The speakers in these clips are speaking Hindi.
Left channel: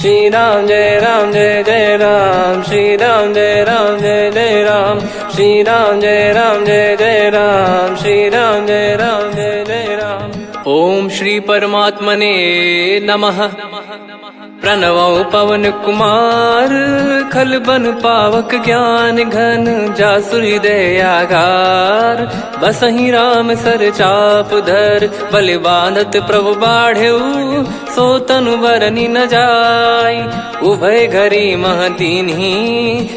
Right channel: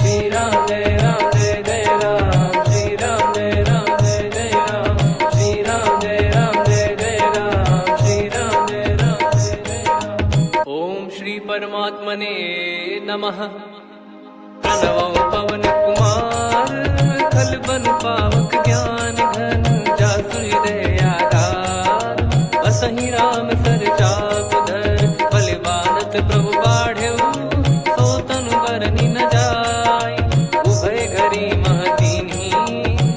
श्री राम जय जय राम, श्री राम जय जय राम, श्री राम जय जय राम, श्री राम जय जय राम। ओम श्री परमात्मने नमः। प्रणवो पवन कुमार, खल बन पावक ज्ञान घन, जासु हृदय आगार। बसहि राम सर चाप धर, बलि बांधत प्रभु बाढ़ेऊ, सो तनु बरनि न जाय। उभय घरी महतीन्ही,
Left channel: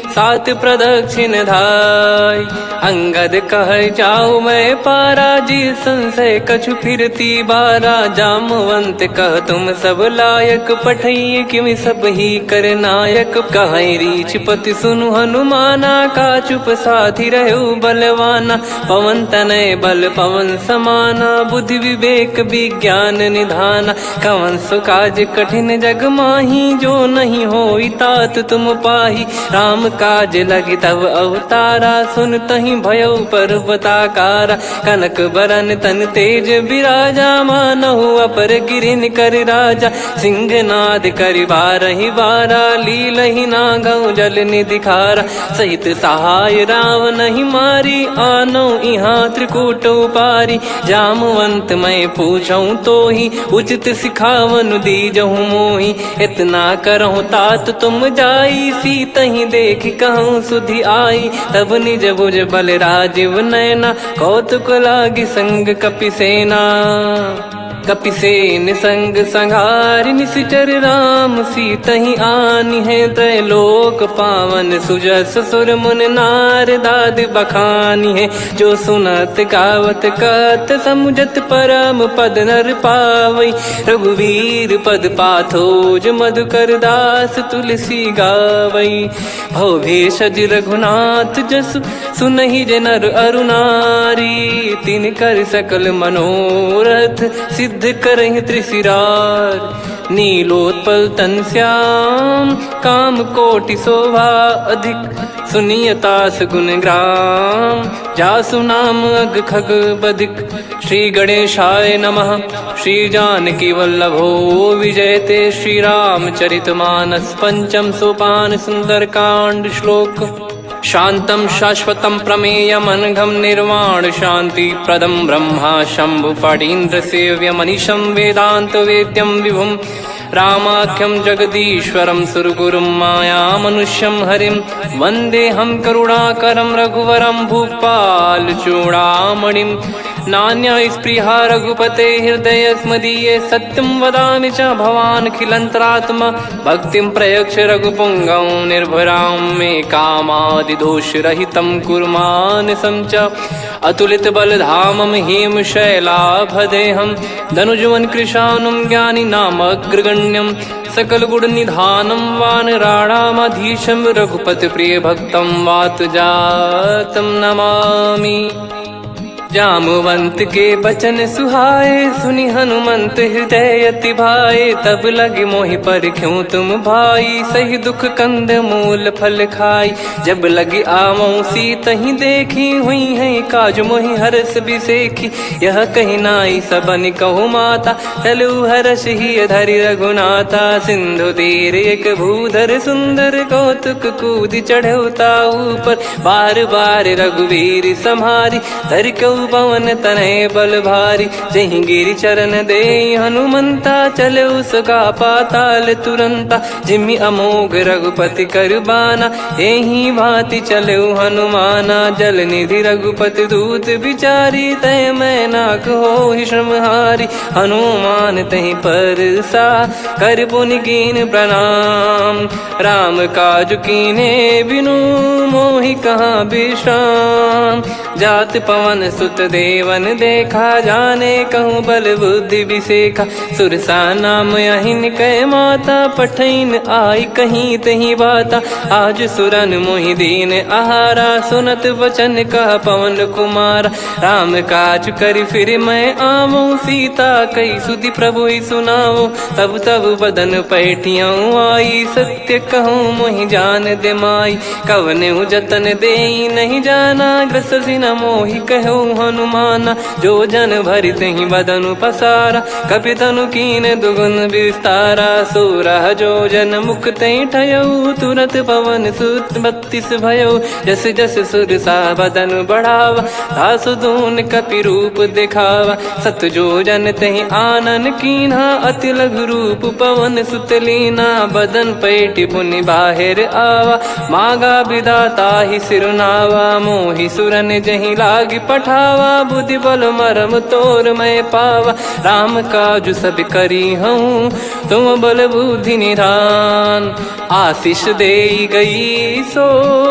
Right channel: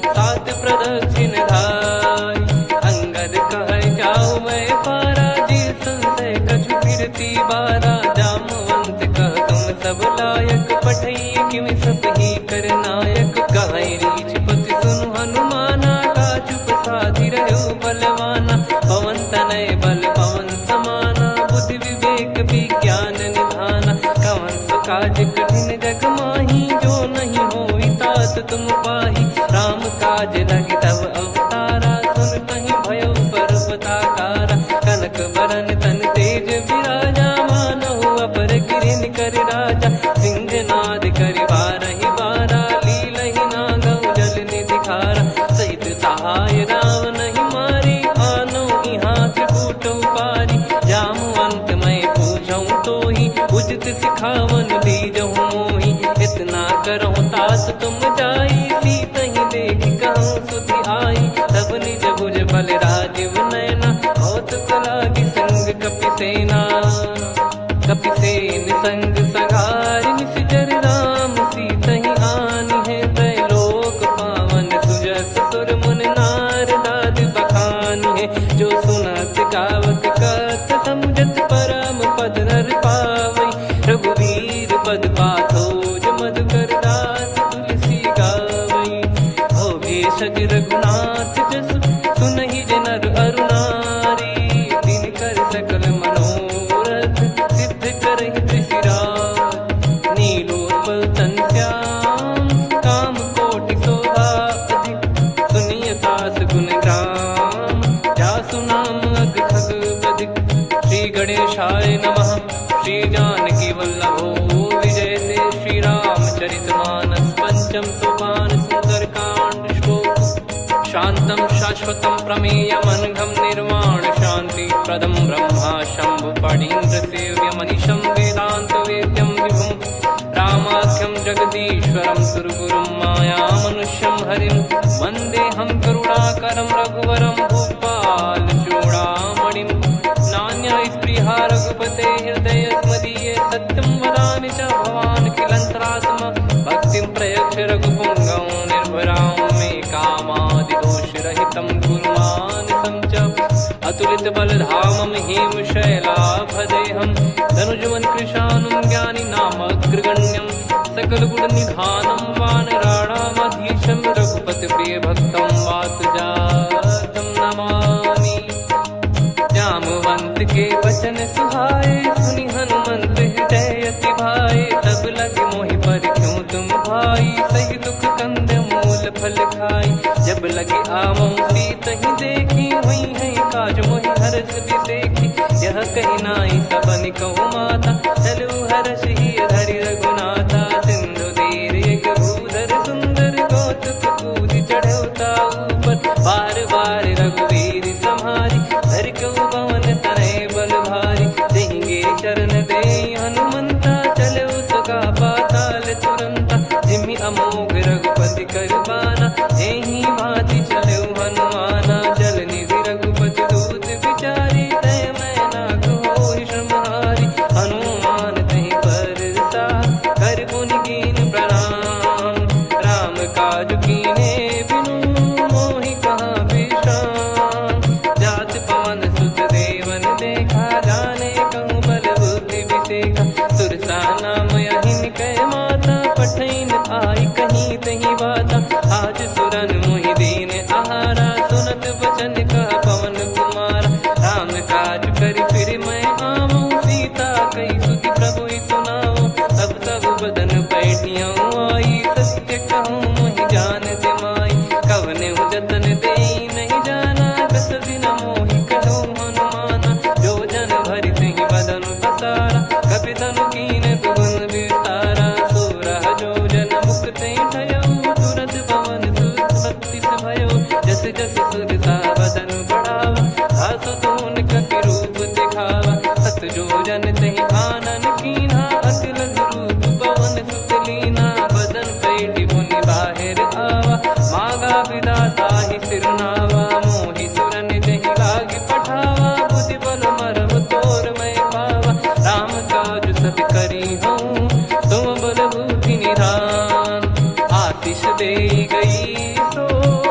सात प्रदक्षिण धाय। अंगद कह जाऊ मैं पारा, जी संशय कछु फिरती बारा। जामवंत कह तुम सब लायक, पठई किमि सब ही कर नायक। कहीं रीछ पति सुनु हनुमाना, का चुप साधि रहु बलवाना। पवन तनय बल पवन समाना, बुद्धि विवेक विज्ञान निधाना। कवन सो काज कठिन जग माही, जो नहीं होई तात तुम पाही। राम काज लगी तब अवतारा, सुन तहि भयउ पर्वताकारा। कनक बरन तन तेज बिराजा, मानहु अपर गिरिन कर राजा। सिंहनाद करि बारहि बारा, लीलहि नागौ जल निधि खारा। सहित सहाय राम नहीं मारी, आनो इहाँ त्रिकूट उपारी। जामवंत मैं पूछऊँ तोहि, उचित सिखावन दीजहु मोहि। इतना करहु तात तुम जाई, सीतहि देख कहूँ सुधि आई। तब निज भुज बल राजीव नयना, कौतुक लागी संग कपिसेना। कपिसेन संग संघारि, निशिचर राम सीतहि आनी है। त्रैलोक पावन सुजस सुर मुन नार, दाद बखानी है। जो सुनत गावत कथ, समुझत परम पद नर पावई। रघुवीर पद पाथोज, मधुकर दास तुलसी गावई। भव भेषज रघुनाथ जसु, सुनहि जे नर अरु नारी। तिन कर सकल मनोरथ, सिद्ध करहि त्रिशिरार। नीलोत्पल तन श्याम, काम कोटि शोभा अधिक। सुनियतास गुण ग्राम, जासु नाम अग खग बदिक। श्री गणेशाय नमः। श्री जानकी वल्लभो विजयते, श्री रामचरित मानस। पंचम सोपान सुंदर कांड श्लोक। शांतं शाश्वतं प्रमेयमनघं, निर्वाण शांति प्रदं ब्रह्मा शंभु फणीन्द्र सेव्यमनिशं। वेदांत वेद्यं विभुं रामाख्यं जगदीश्वरं, सुरगुरुं माया मनुष्यं हरिं। वन्देऽहं करुणाकरं रघुवरं, भूपाल चूडामणिं। नान्या स्पृहा रघुपते हृदय स्मदीये, सत्यं वदामि च भवान् खिलन्तरात्मा। भक्तिं प्रयच्छ रघुपुङ्गं, निर्भरां मे कामादिदोषरहितं कुर्मानिसं च। अतुलित बलधामं हेमशैलाभदेहं, धनुजवन कृशानुं ज्ञानी नामग्रगण्यं। सकल गुण निधानं वानराणामधीशं, रघुपति प्रिय भक्तं वातजातं नमामि। जामवंत के बचन सुहाए, सुनि हनुमंत हृदय अति भाए। तब लगे मोहि पर क्यों तुम भाई, सही दुख कंद मूल फल खाई। जब लगे आवऊं सीतहि देखी, हुई है काज मोहि हरस बिसेखी। यह कही नाई सबन कहु माता, चलु हरष ही धरि रघुनाथा। सिंधु तीर एक भूधर सुंदर, कौतुक कूद चढ़ौता ऊपर। बार बार रघुवीर सम्हारी, धर कऊ पवन तनय बल भारी। जहि गिरि चरण दे हनुमंता, चले उसका पाताल तुरंता। जिमि अमोघ रघुपति कर बाना, एहि भांति चले हनुमाना। जल निधि रघुपति दूत बिचारी, तय मैं नाग होहि श्रमहारी। हनुमान तहि परसा, कर पुनि कीन प्रणाम। राम काज कीने बिनु, मोहि कहाँ विश्राम। जात पवन सुत देवन देखा, जाने कहूँ बल बुद्धि विसेखा। सुरसा नाम अहिन कै माता, पठैन आई कहीं तही बाता। आज सुरन मोहि दीन आहारा, सुनत वचन कह पवन कुमारा। राम काज करि फिर मैं आवऊं, सीता कई सुधि प्रभु ही सुनाओ। तब तब बदन पैठियाँ आई, सत्य कहूँ मोहि जान दे माई। कवने जतन दे नहीं जाना, ग्रसि न मोहि कहो हनुमाना। जो जन भरि तेहि बदनु पसारा, कपि तनु कीन दुगुन विस्तारा। सोरह जो जन मुख तेहि ठयऊ, तुरत पवन सुत 32 भयऊ। जस जस सुरसा बदन बढ़ावा, आसु दून कपि रूप दिखावा। सत जो जन तेहि आनन कीन्हा, अति लघु रूप पवन सुत लीना। बदन पैटि पुनि बाहिर आवा, मागा विधाता ही सिरुनावा। मोहि सुरन जहि लागी पठावा, बुद्धि बल मरम तोर मैं पावा। राम काजु सब करी हूँ, तुम बल बुद्धि निधान। आशीष देई गई सो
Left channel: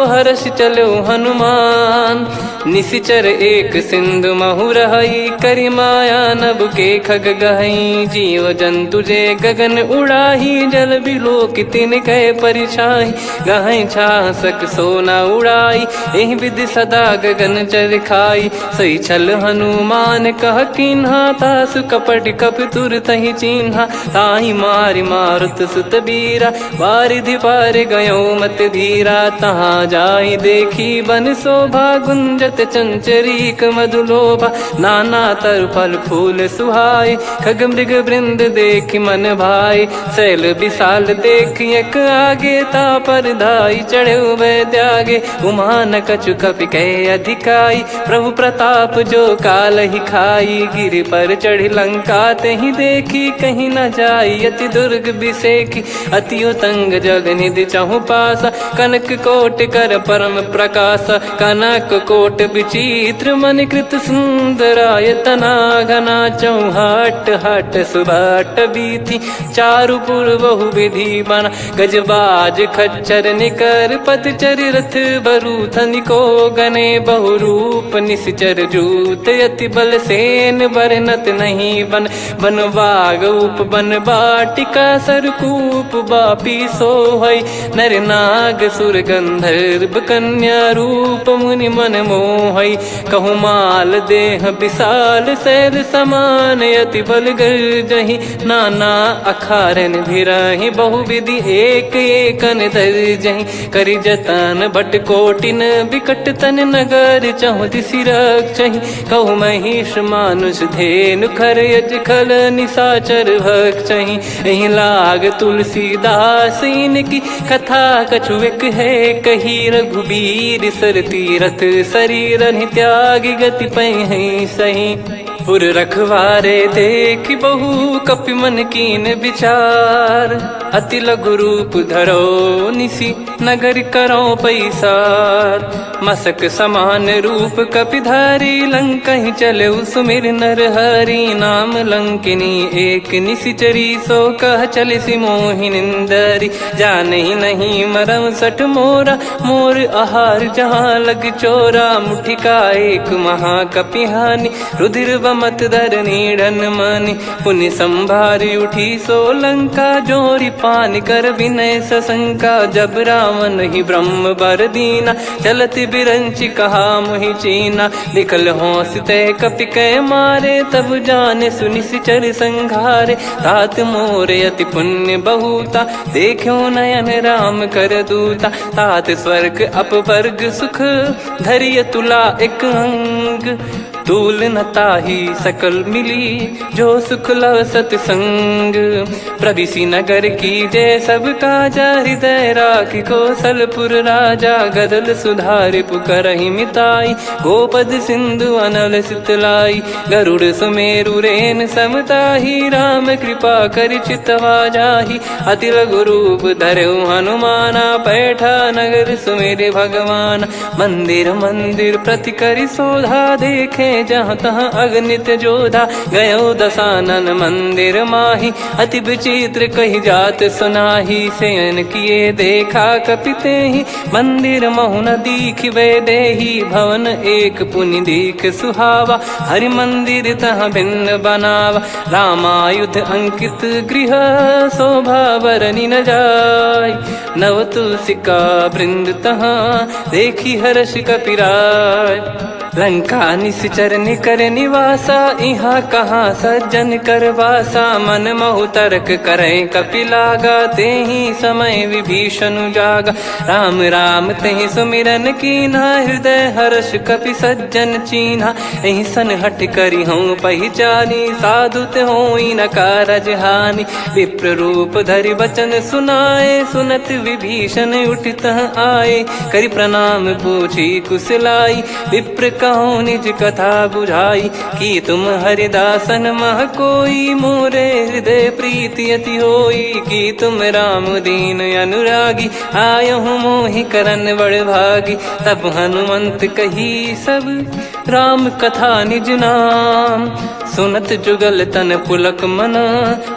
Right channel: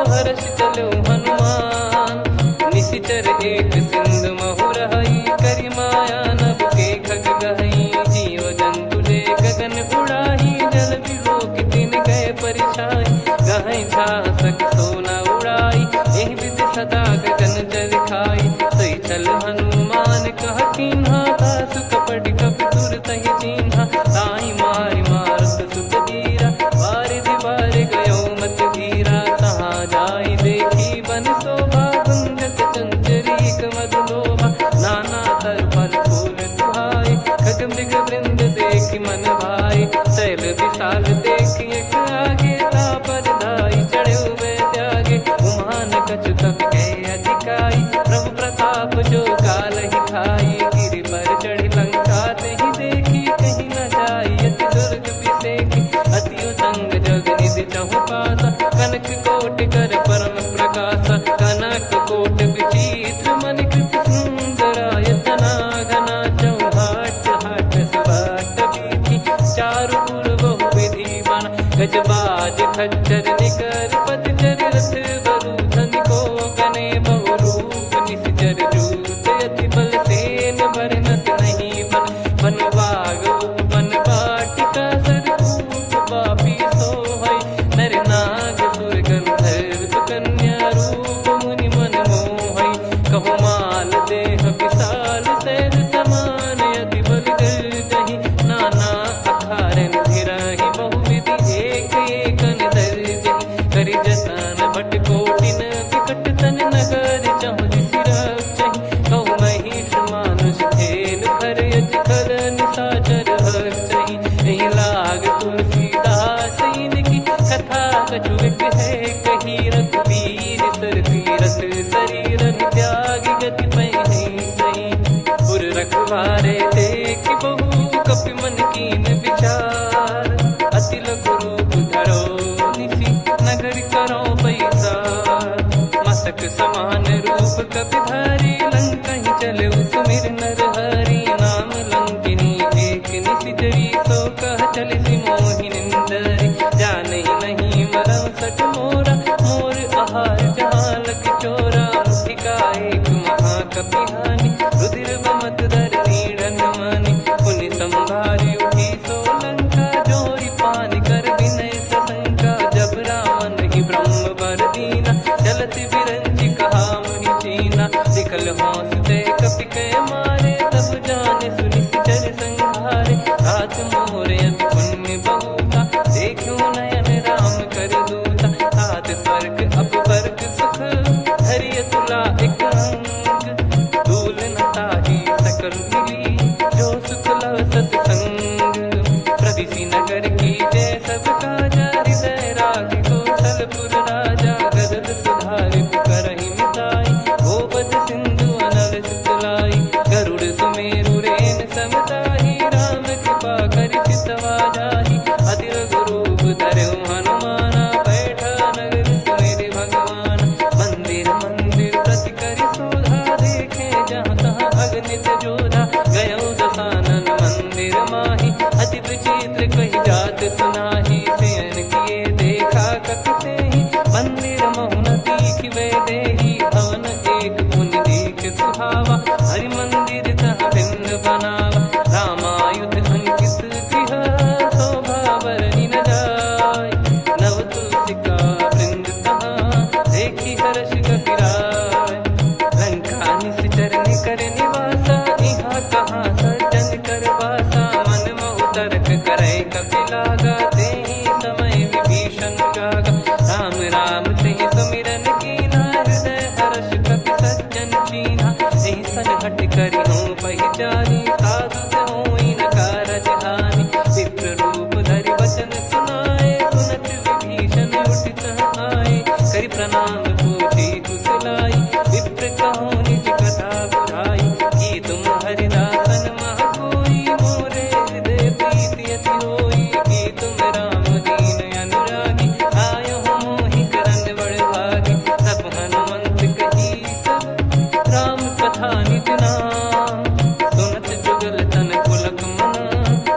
हर्ष चलो हनुमान। निशिचर एक सिंधु महु रहई, करी माया नभ के खग गहई। जीव जंतु जे गगन उड़ाही, जल बिलोक तिन कह परिछाई। गहई छासक सोना उड़ाई, एहि विधि सदा गगन चर खाई। सही छल हनुमान कह कीन्हा, तासु कपट कप तुर तहि चिन्हा। ताहि मारि मारुत सुत बीरा, वारिधि पार गयो मत धीरा। तहाँ जाई देखी बन शोभा, गुंजत चंचरीक मधुलोभा। नाना तर फल फूल सुहाए, खग मृग वृंद देख मन भाई। शैल विशाल देख एक आगे, तापर धाई चढ़े वै त्यागे। उमान कछु कपि कह अधिकाई, प्रभु प्रताप जो काल ही खाई। गिर पर चढ़ी लंका तेहि देखी, कहीं न जाई अति दुर्ग बिसेकी। अति उतंग जग निधि चहु पासा, कनक कोट कर परम प्रकाश। कनक कोट विचित्र मन कृत सुंदरायतना। घना चौहाट हाट सुबाट बीती, चारु पुर बहु विधि बना। गजबाज खच्चर निकर पतचर, रथ बरु धनिको गने। बहु रूप निशिचर जूत, अति बल सेन बरनत नहीं बन। बन बाग उप बन बाटिका, सरकूप बापी सोहई। नर नाग सुर गंधर्व कन्या, रूप मुनि मन मोहई। कहु माल देह विशाल, शैल समान अति बल गर्जहि। नाना अखारन भिरहि, बहु विधि एक एकन दर्जहि। करि जतन बट कोटिन, बिकट तन नगर चहु दिसि रक्षहि। कहु महिष मानुष धेनु, खर यज खल निशाचर भक्षहि। एहि लाग तुलसीदास इनकी, कथा कछु एक है कही। रघुबीर सर तीरथ शरीर, त्यागी गति पै सही। पुर रखवारे देख बहु, कपि मन कीन विचार। अति लघु रूप धरो निसी, नगर करो पैसार। मसक समान रूप कपि धारी, लंकहि चले सुमिर नर हरि। नाम लंकिनी एक निशिचरी, सो कह चलिसि मोहि निंदरी। जानहि नहीं मरम सठ मोरा, मोर आहार जहाँ लग चोरा। मुठिका एक महाकपिहानि, रुधिर बमत धरनी ढन मानि। पुनि संभारी उठी सो लंका, जोरी पान कर विनय सशंका। जब रावण ही ब्रह्म बर दीना, चलत बिरंचि कहा मुहि चीना। लिखल होंस ते कपि कै मारे, तब जाने सुनि सिचर संघारे। तात मोरे अति पुण्य बहुता, देखो नयन राम कर दूता। तात स्वर्ग अपवर्ग सुख, धरिय तुला एक अंग। तूल न ताहि सकल मिली, जो सुख लव सतसंग। प्रविशि नगर की जय सब काजा, हृदय राखि कौशलपुर राजा। गदल सुधारि पुकरहि मिताई, गोपद सिंधु अनल सितलाई। गरुड़ सुमेरु रेन समताहि, राम कृपा करि चितवा जाहि। अति लघु रूप धरऊ हनुमाना, पैठा नगर सुमेरे भगवान। मंदिर मंदिर प्रति करि शोधा, देखे जहाँ तहाँ अगणित जोधा। गयो दशानन मंदिर माही, अति विचित्र कही जात सुनाही। शयन किए देखा कपि तेहि, मंदिर महु न दीख वे देही। भवन एक पुनि दीख सुहावा, हरि मंदिर तहाँ भिन्न बनावा। रामायुध अंकित गृह, शोभा बरनि न जाय। नव तुलसी का वृंद तहाँ, देखी हर्ष कपिराय। लंका निश्चर निकर निवासा, इहाँ कहाँ सज्जन कर वासा। मन महु तर्क करे कपिलागा, तेहि समय विभीषण जागा। राम राम तेहि सुमिरन कीन्हा, हृदय हर्ष कपि सज्जन चीन्हा। एहि सन हट करि हूँ पहिचानी, साधु ते होई न कारज हानि। विप्र रूप धरि वचन सुनाए, सुनत विभीषण उठित आए। करि प्रणाम पूछी कुशलाई, विप्र कहो निज कथा बुझाई। कि तुम हरिदासन मह कोई, मोरे हृदय प्रीति अति होई। कि तुम राम दीन अनुरागी, आयहु मोहि करन बड़ भागी। तब हनुमंत कही सब राम कथा निज नाम, सुनत जुगल तन पुलक मना,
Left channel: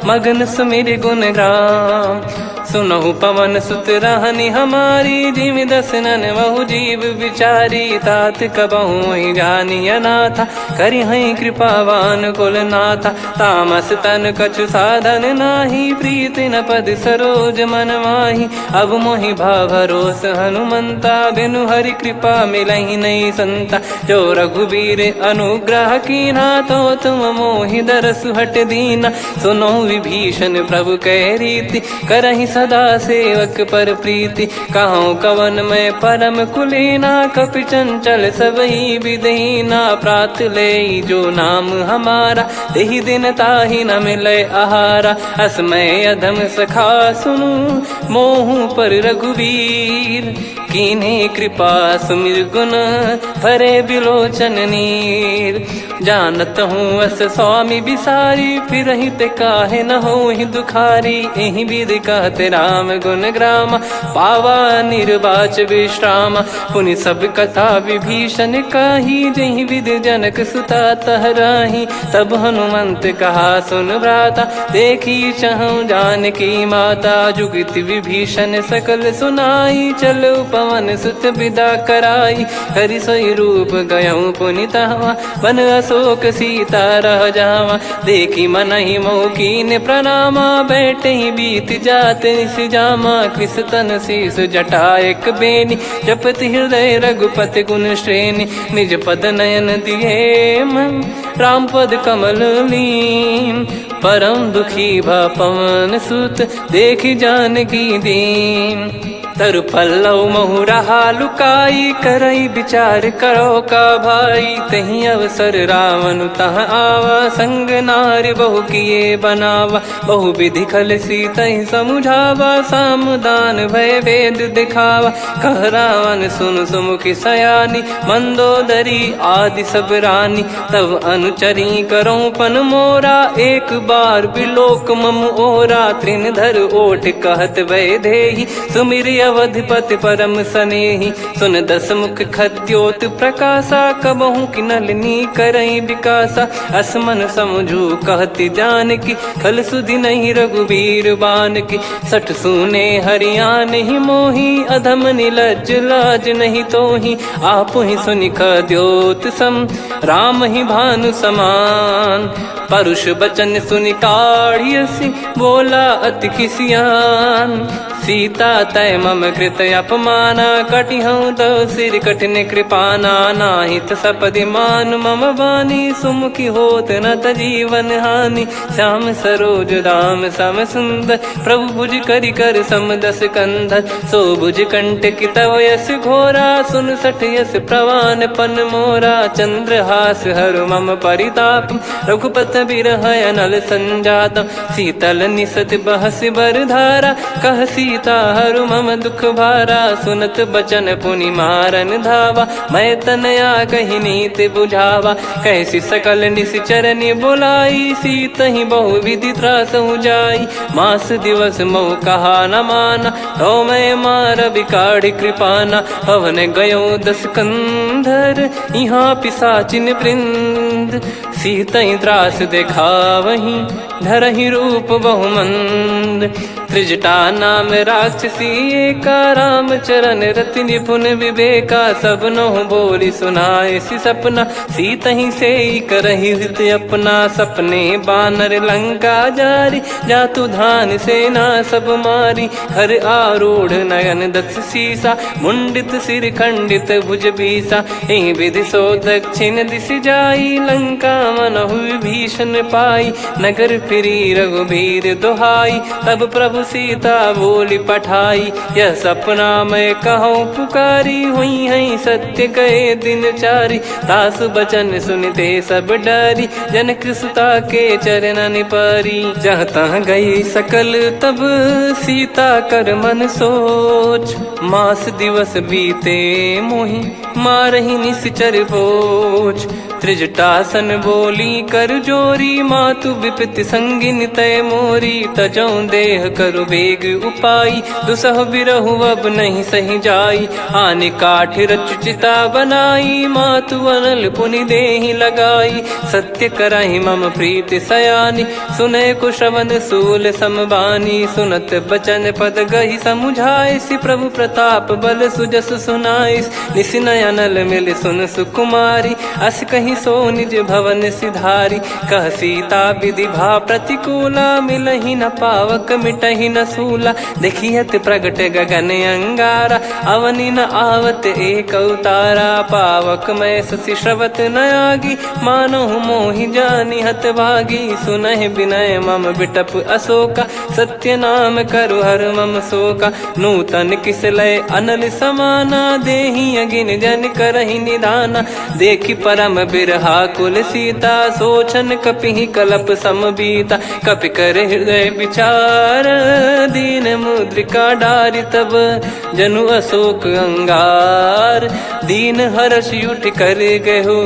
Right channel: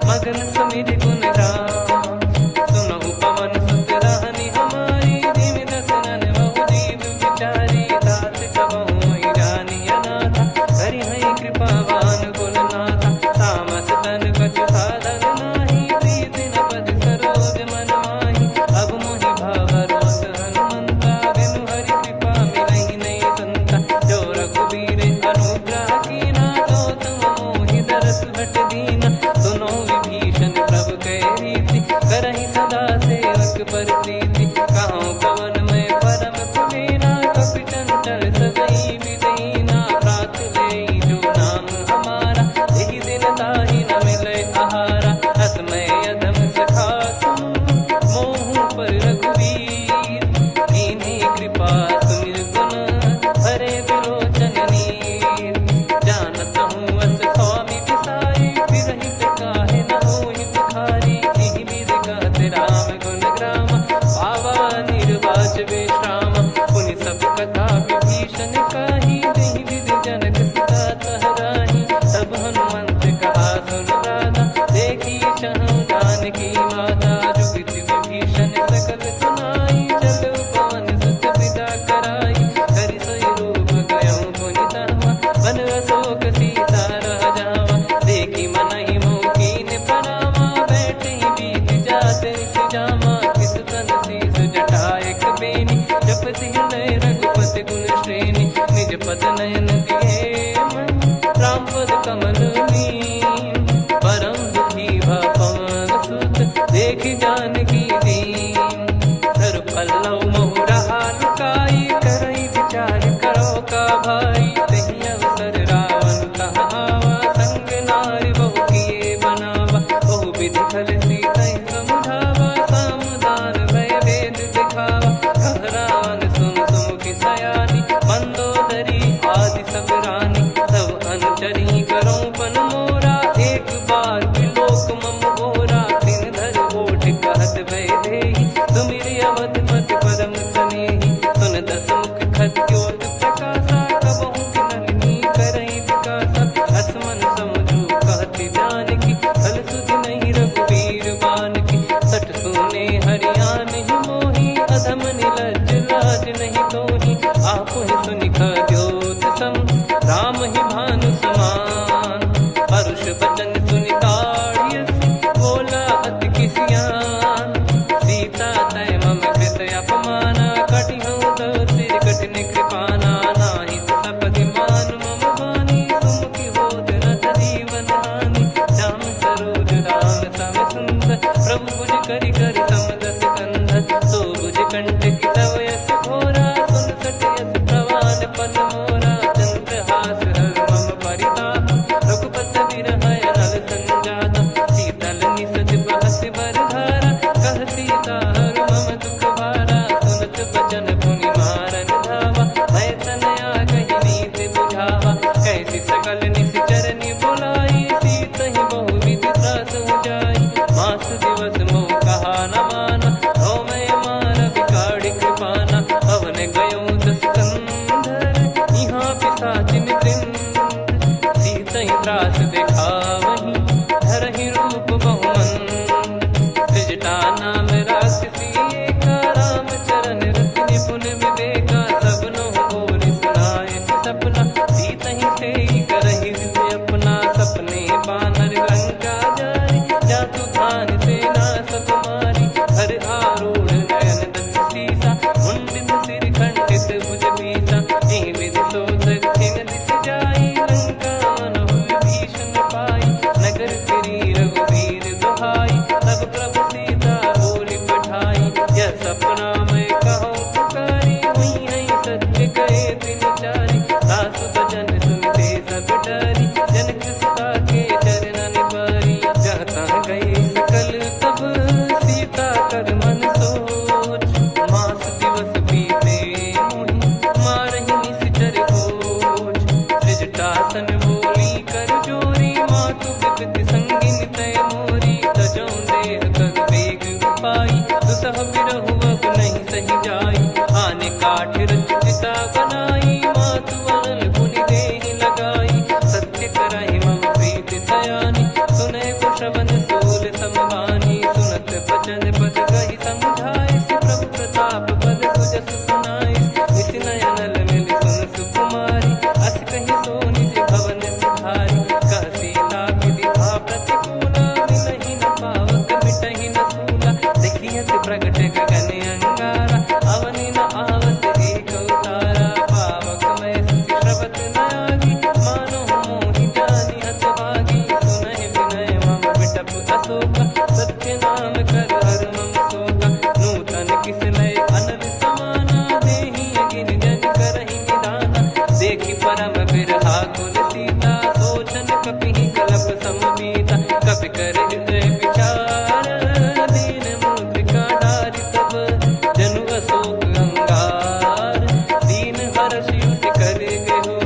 मगन सुमिर गुण राम। सुनहु पवन सुत रहनी हमारी, जिमि दसनन महु जीव विचारी। तात कबहु ही जानी अनाथा, करि हई कृपावान कुल नाथा। तामस तन कछु साधन नाही, प्रीति न पद सरोज मन माही। अब मोहि भाव भरोस हनुमंता, बिनु हरि कृपा मिलहि नहीं संता। जो रघुबीर अनुग्रह कीन्हा, तो तुम मोहि दरसु हट दीना। सुनो विभीषण प्रभु कह रीति, करहि सदा सेवक पर प्रीति। कहूँ कवन में परम कुलीना, कपि चंचल सबही विदहीना। प्रात ले जो नाम हमारा, तेहि दिन ताहि न मिले आहारा। असमय अधम सखा सुनु, मोहु पर रघुवीर। कीन्ही कृपा सुमिर गुण, भरे बिलोचन नीर। जानत हूँ अस स्वामी बिसारी, फिरहि ते काहे न होहि दुखारी। एहि विधि कहते राम गुण ग्राम, पावा निर्वाच विश्राम। पुनि सब कथा विभीषण काही, जहि विधि जनक सुता तहराही। तब हनुमंत कहा सुन भ्राता, देखी चहु जानकी माता। जुगति विभीषण सकल सुनाई, चलो पवन सुत विदा कराई। करि सोई रूप गयऊँ पुनि तहवा, वन अशोक सीता रह जावा। देखी मनहि मोह कीन्ह प्रणामा, बैठे ही बीत जात निस जामा। कृस तन शीस जटा एक बेनी, जपति हृदय रघुपति गुण श्रेणी। निज पद नयन दिए मन, राम पद कमल लीन। परम दुखी भा पवन सुत, देखि जानकी दीन। तरु पल्लव महु रहा लुकाई, करई विचार करो का भाई। तहि अवसर रावण तह आवा, संग नारी बहु किए बनावा। बहु विधि खल सीतहि समुझावा, सामदान भय वेद दिखावा। कह रावण सुन सुमुखि सयानी, मंदोदरी आदि सब रानी। तब अनुचरी करो पन मोरा, एक बार बिलोक मम ओरा। तृण धर ओठ कहत भय देहि, सुमिर अवधिपति परम सनेहि। सुन दस मुख खद्योत प्रकाशा, कबहु कि नलिनी करई विकासा। असमन समझू कहति जानकी, खल सुधि नहीं रघुवीर बानकी। सठ सुने हरियाण ही मोही, अधम निलज्ज लाज नहीं तोही। आप ही सुनि खद्योत सम, राम ही भानु समान। परुष बचन सुनि काढ़ियसि, बोला अति किसियान। सीता तय मम कृत अपमाना, कटिहऊँ तव सिर कठिन कृपाना। नाहित सपदि मान मम बानी, सुमुखी होत न जीवन हानि। श्याम सरोज राम सम सुंदर, प्रभु भुज करि कर सम दस कंधर। सो भुज कंठ की तव यस घोरा, सुन सठ यस प्रवान पन मोरा। चंद्रहास हर मम परिताप, रघुपत बिरह अनल संजातम। शीतल निसत बहस बर धारा, कह सीता हरु मम दुख भारा। सुनत बचन पुनि मारन धावा, मैं तनया कहि नीति बुझावा। कैसी सकल निश्चरनि बुलाई, सीतहि बहु विधि त्रासहु जाई। मास दिवस मोह कहा न माना, तो मैं मार बिकाढ़ि कृपाना। पवन गयो दस कंधर, यहाँ पिशाचिन वृंद। मंद, सीतई त्रास देखावहीं धरहि रूप बहुमंद। त्रिजटा नाम राक्षसी एका, राम चरण रति निपुण विवेका। सबनो बोली सुनाए सि सपना, सीतहि से करहि हृद अपना। सपने बानर लंका जारी, जातु धान सेना सब मारी। हर आरूढ़ नयन दक्ष सीसा, मुंडित सिर खंडित भुज बीसा। एहि विधि सो दक्षिण दिश जाई, लंका मनहु विभीषण पाई। नगर फिरी रघुबीर दुहाई, तब प्रभु सीता बोली पठाई। यह सपना मैं कहूँ पुकारी, हुई है सत्य कहे दिन चारी। दास बचन सुनते सब डरी, जनक सुता के चरण परी। जहाँ तहाँ गई सकल तब सीता कर मन सोच। मास दिवस बीते मोहि मारहि निश्चर बोझ। त्रिजटासन बोली कर जोरी, मातु विपत्ति संगिन तय मोरी। तजौ देह करु बेग उपाई, दुसह बिरहु अब नहीं सही जाई। आने काठ रचिता बनाई, मातु अनल पुनि देहि लगाई। सत्य करहि मम प्रीति सयानी, सुनय को श्रवण सूल समबानी। सुनत बचन पद गहि समुझाए, सि प्रभु प्रताप बल सुजस सुनाइस। निस नयनल मिल सुन सुकुमारी, अस कहि सो निज भवन सिधारी। कह सीता विधि भा प्रतिकूला, मिलहि न पावक मिटहि न सूला। देखियत प्रगट गगन अंगारा, अवनि न आवत एक अवतारा। पावक मैं शशि श्रवत न आगी, मानो मोहि जानि हत भागी। सुनहि विनय मम बिटप अशोका, सत्य नाम करु हर मम शोका। नूतन किस लय अनल समाना, देहि अगिन जन करहि निदाना। देखि परम बिरहा कुल सीता, सोचन कपिहि कलप समबीता। कपि कर हृदय विचार, दीन मुद्रिका डारि तब जनु अशोक अंगार। दीन हर्ष उठ कर गहु,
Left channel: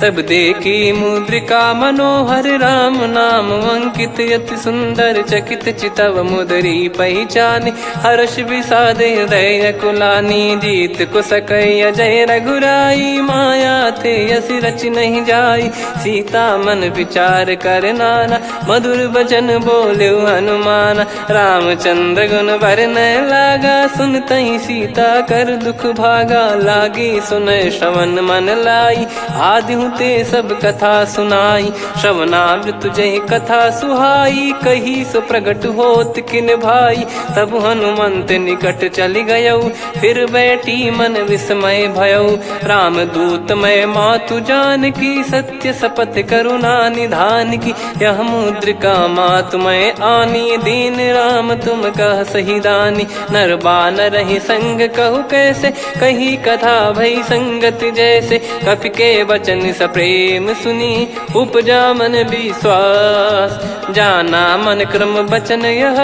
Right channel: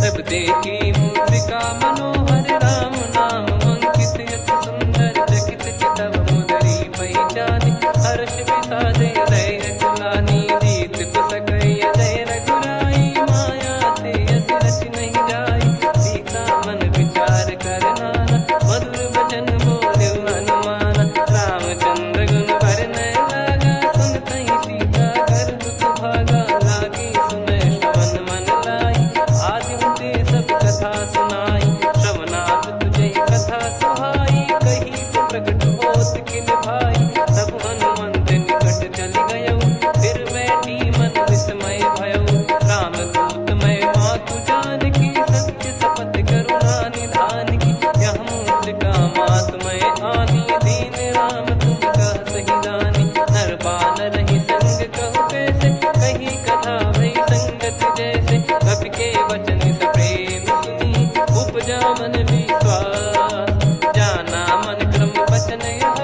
तब देखी मुद्रिका मनोहर। राम नाम अंकित अति सुंदर, चकित चितव मुदरी पहचान। हर्ष विषाद हृदय कुलानी, जीत को सकय जय रघुराई। माया थे यस रच नहीं जाई, सीता मन विचार कर नाना। मधुर बचन बोले हनुमान, रामचंद्र गुण बरनै लागा। सुनतहि सीता कर दुख भागा, लागी सुनय श्रवण मन लाई। आदि ते सब कथा सुनाई, श्रवणामृत जय कथा सुहाई। कही सो प्रगट होत किन भाई, तब हनुमंत निकट चली गयौ। फिर बैठी मन विस्मय भयौ, राम दूत मैं मातु जानकी। सत्य शपथ करुणा निधान की, यह मुद्रिका मातु मैं आनी। दीन राम तुम कह सही दानी, नर बानर ही संग कहु कैसे। कही कथा भई संगति जैसे, कपि के वचन सप्रेम सुनी। उपजा मन विश्वास, जाना मन क्रम बचन यह।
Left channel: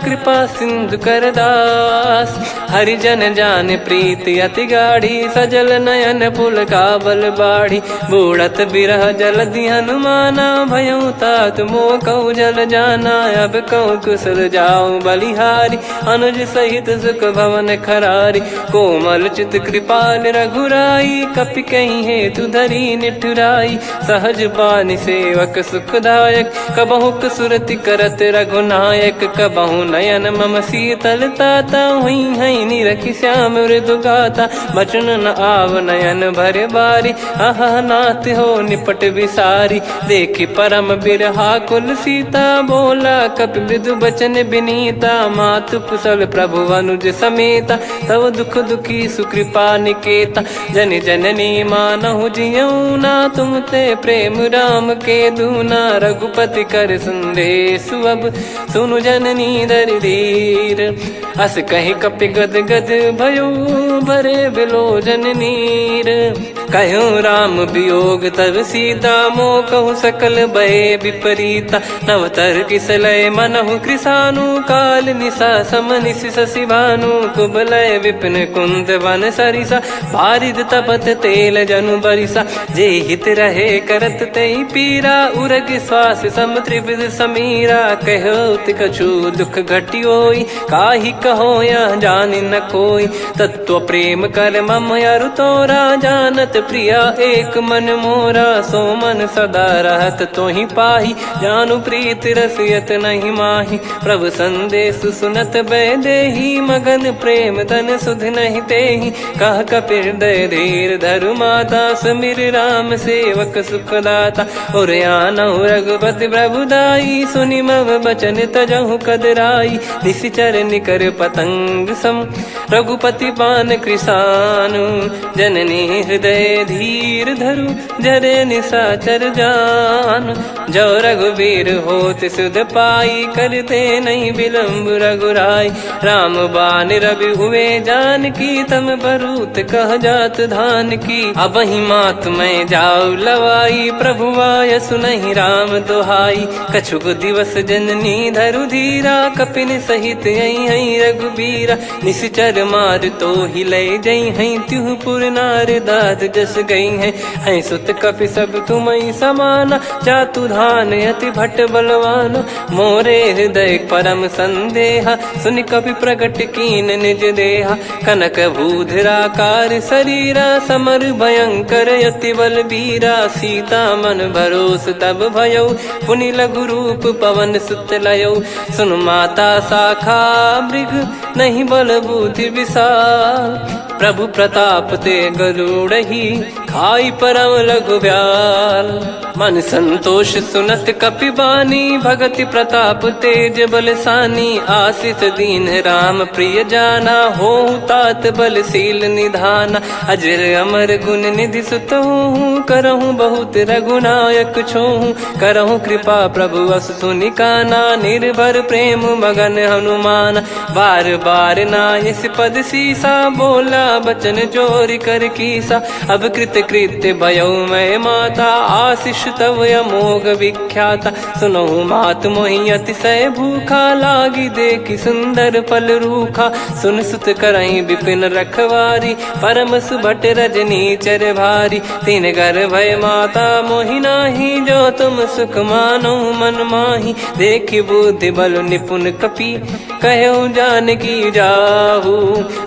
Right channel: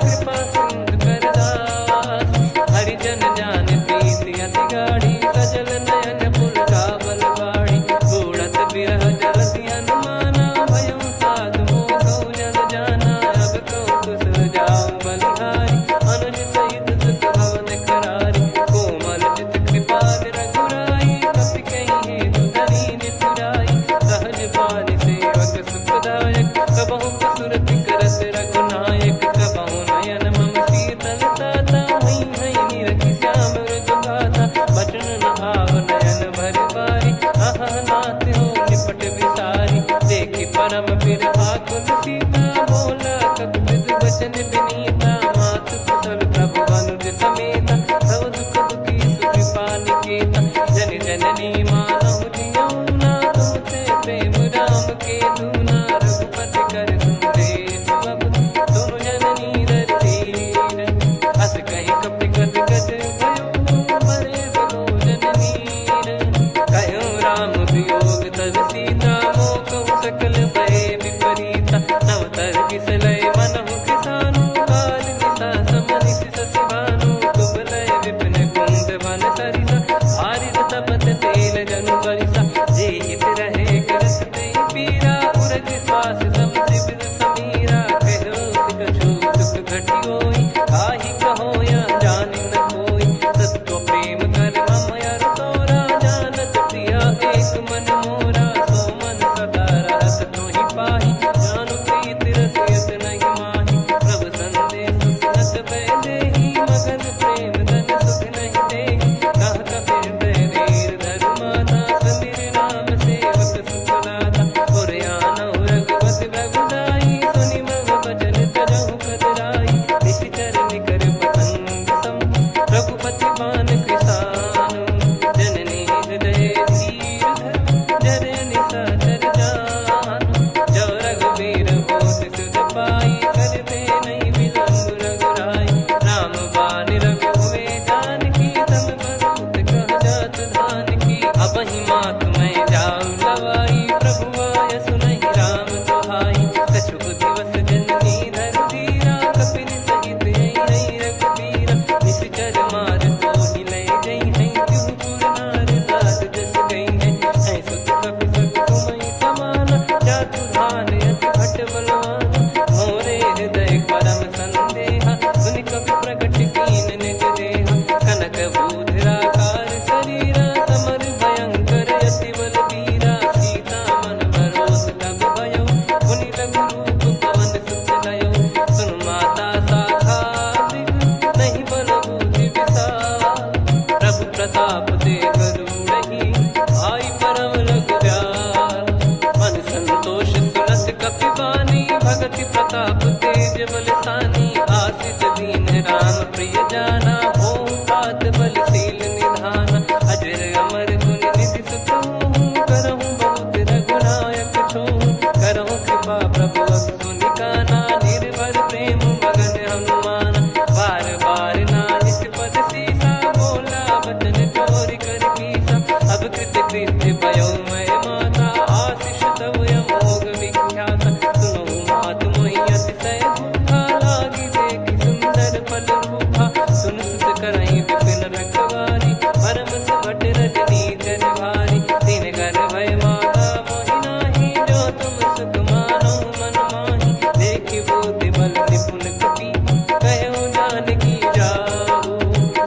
कृपा सिंधु कर दास, हरिजन जान प्रीति अति गाढ़ी। सजल नयन पुल का बल बाढ़ी, बूढ़त बिरह जल दी हनुमाना। भयउ तात मोह कहु जल जाना, अब कहु कुशल जाऊं बलिहारी। अनुज सहित सुख भवन खरारी, कोमल चित कृपाल रघुराई। कपि कहीं हेतु धरी निठुराई, सहज पानि सेवक सुखदायक। कबहु सुरति करत रघुनायक, कबहु नयन मम शीतल ताता। हुई है निरखि श्याम मृदु गाता, बचन न आव नयन भर बारी। आहा नाथ हो निपट विसारी, देखि परम बिरहा कुल सीता। बोला कपि मृदु बचन बिनीता, मातु कुशल प्रभु अनुज समेता। तव दुख दुखी सुकृपा निकेता, जन जननी मानहु जियऊ ना। तुम ते प्रेम राम के दूना, रघुपति कर संदेश अब सुनु जननी दर धीर। अस कहि कपि गद गद भयो, भरे बिलोचन नीर। कहो राम वियोग तब सीता, मोह कहु सकल भय विपरीता। नवतर किसलय मनहु कृसानु, काल निशा समनिशि शशि भानु। कुबलय विपिन कुंद वन सरिसा, पारिद तपत तेल जनु बरिसा। जे हित रहे करत तेहि पीरा, उरग श्वास सम त्रिविध समीरा। कहो कछु दुख घटियोई, काहि कहो या जान न कोई। तत्व प्रेम कर मम अरु तोरा, जानत प्रिया एक मन मोरा। सो मन सदा रहत तो ही पाही, जानु प्रीत रसियत नहीं माही। प्रभु संदेश सुनत बैदेही, मगन प्रेम धन सुध नहीं तेही। कह कपिर दय धीर धरु माता, समिर राम सेवक सुखदाता। और आनौ रघुपति प्रभुदाई, सुनि मव बचन तजहु कदराई। निशिचर निकर पतंग सम, रघुपति पान कृसानु। जननी हृदय धीर धरु, जरे निशाचर जान। जो रघुवीर होत सुध पाई, करते नहीं विलम्ब रघुराई। राम बान रवि हुए जानकी, तम बरूत कह जात धान की। अब ही मात मैं जाऊ लवाई, प्रभु आय सुनहि राम दोहाई। कछुक दिवस जननी धरु धीरा, कपिन सहित यही रघुबीरा। निशिचर मार तो ही ले जई हैं, त्युह पुर नार दाद जस गई हैं। सुत कपि सब तुमहि समाना, जातु धान अति भट बलवान। मोरे हृदय परम संदेहा, सुनि कपि प्रकट कीन निज देहा। कनक भूधराकार शरीरा, समर भयंकर अति बलबीरा। सीता मन भरोस तब भयउ, पुनि लघु रूप पवन सुत लयउ। सुन माता शाखा मृग, नहीं बल बुद्धि विशाल। प्रभु प्रताप ते गरुड़ही, खाई परम लघु ब्याल। मन संतोष सुनत कपि बानी, भगति प्रताप तेज बलसानी। आशीष दीन राम प्रिय जाना, होहु तात बलशील निधाना। अजर अमर गुण निधि सुतहु, करहु बहुत रघुनायक छोहु। करहु कृपा प्रभु अस सुनि काना, निर्भर प्रेम मगन हनुमान। बार बार नायस पद सीसा, बोला बचन चोरी कर कीसा। अब कृत कृत्य भयउ मैं माता, आशीष तव अमोघ विख्याता। सुनहु मात मोहि अतिशय भूखा, लागी देखि सुंदर फल रूखा। सुन सुत करहि विपिन रखवारी, परम सुभट रजनी चर भारी। तीन घर भय माता मोहि नाही, जो तुम सुख मानो मन माही। देखि बुद्धि बल निपुण कपि, कहु जानकी जाहु।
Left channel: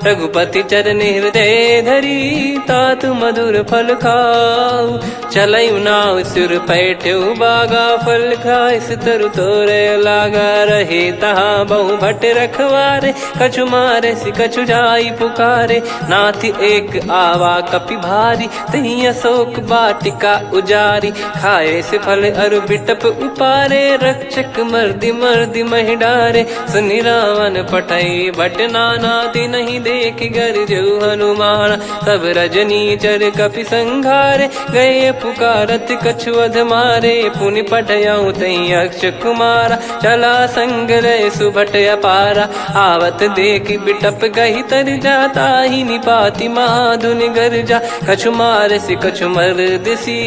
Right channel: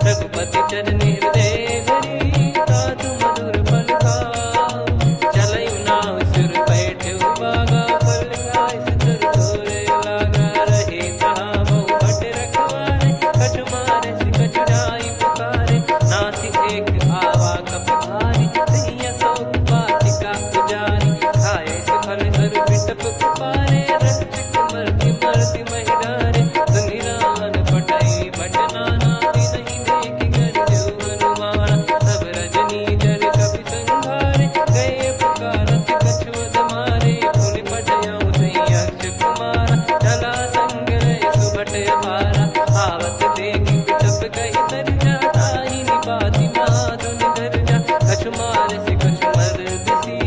रघुपति चरण हृदय धरी, तात मधुर फल खाऊ। चलयु नाव सुर पैठ्यु बागा, फल खाइस तरु तोरे लागा। रहे तहाँ बहु भट रखवारे, कछु मारे सि कछु जाई पुकारे। नाथ एक आवा कपि भारी, तही अशोक वाटिका उजारी। खाए से फल अरु बिटप उपारे, रक्षक मर्दि मर्दि महि डारे। सुनि रावण पटई भट नाना, तिनहि देखि गरजउ हनुमान। तब रजनी चर कपि संघारे, गए पुकारत कछु अध मारे। पुनि पठयउ तई अक्ष कुमारा, चला संग रहे सुभट अपारा। आवत देखि बिटप गही तर जाता, ही निपाति महाधुनि गर्जा। कछु मार से कछु मर्दिसी,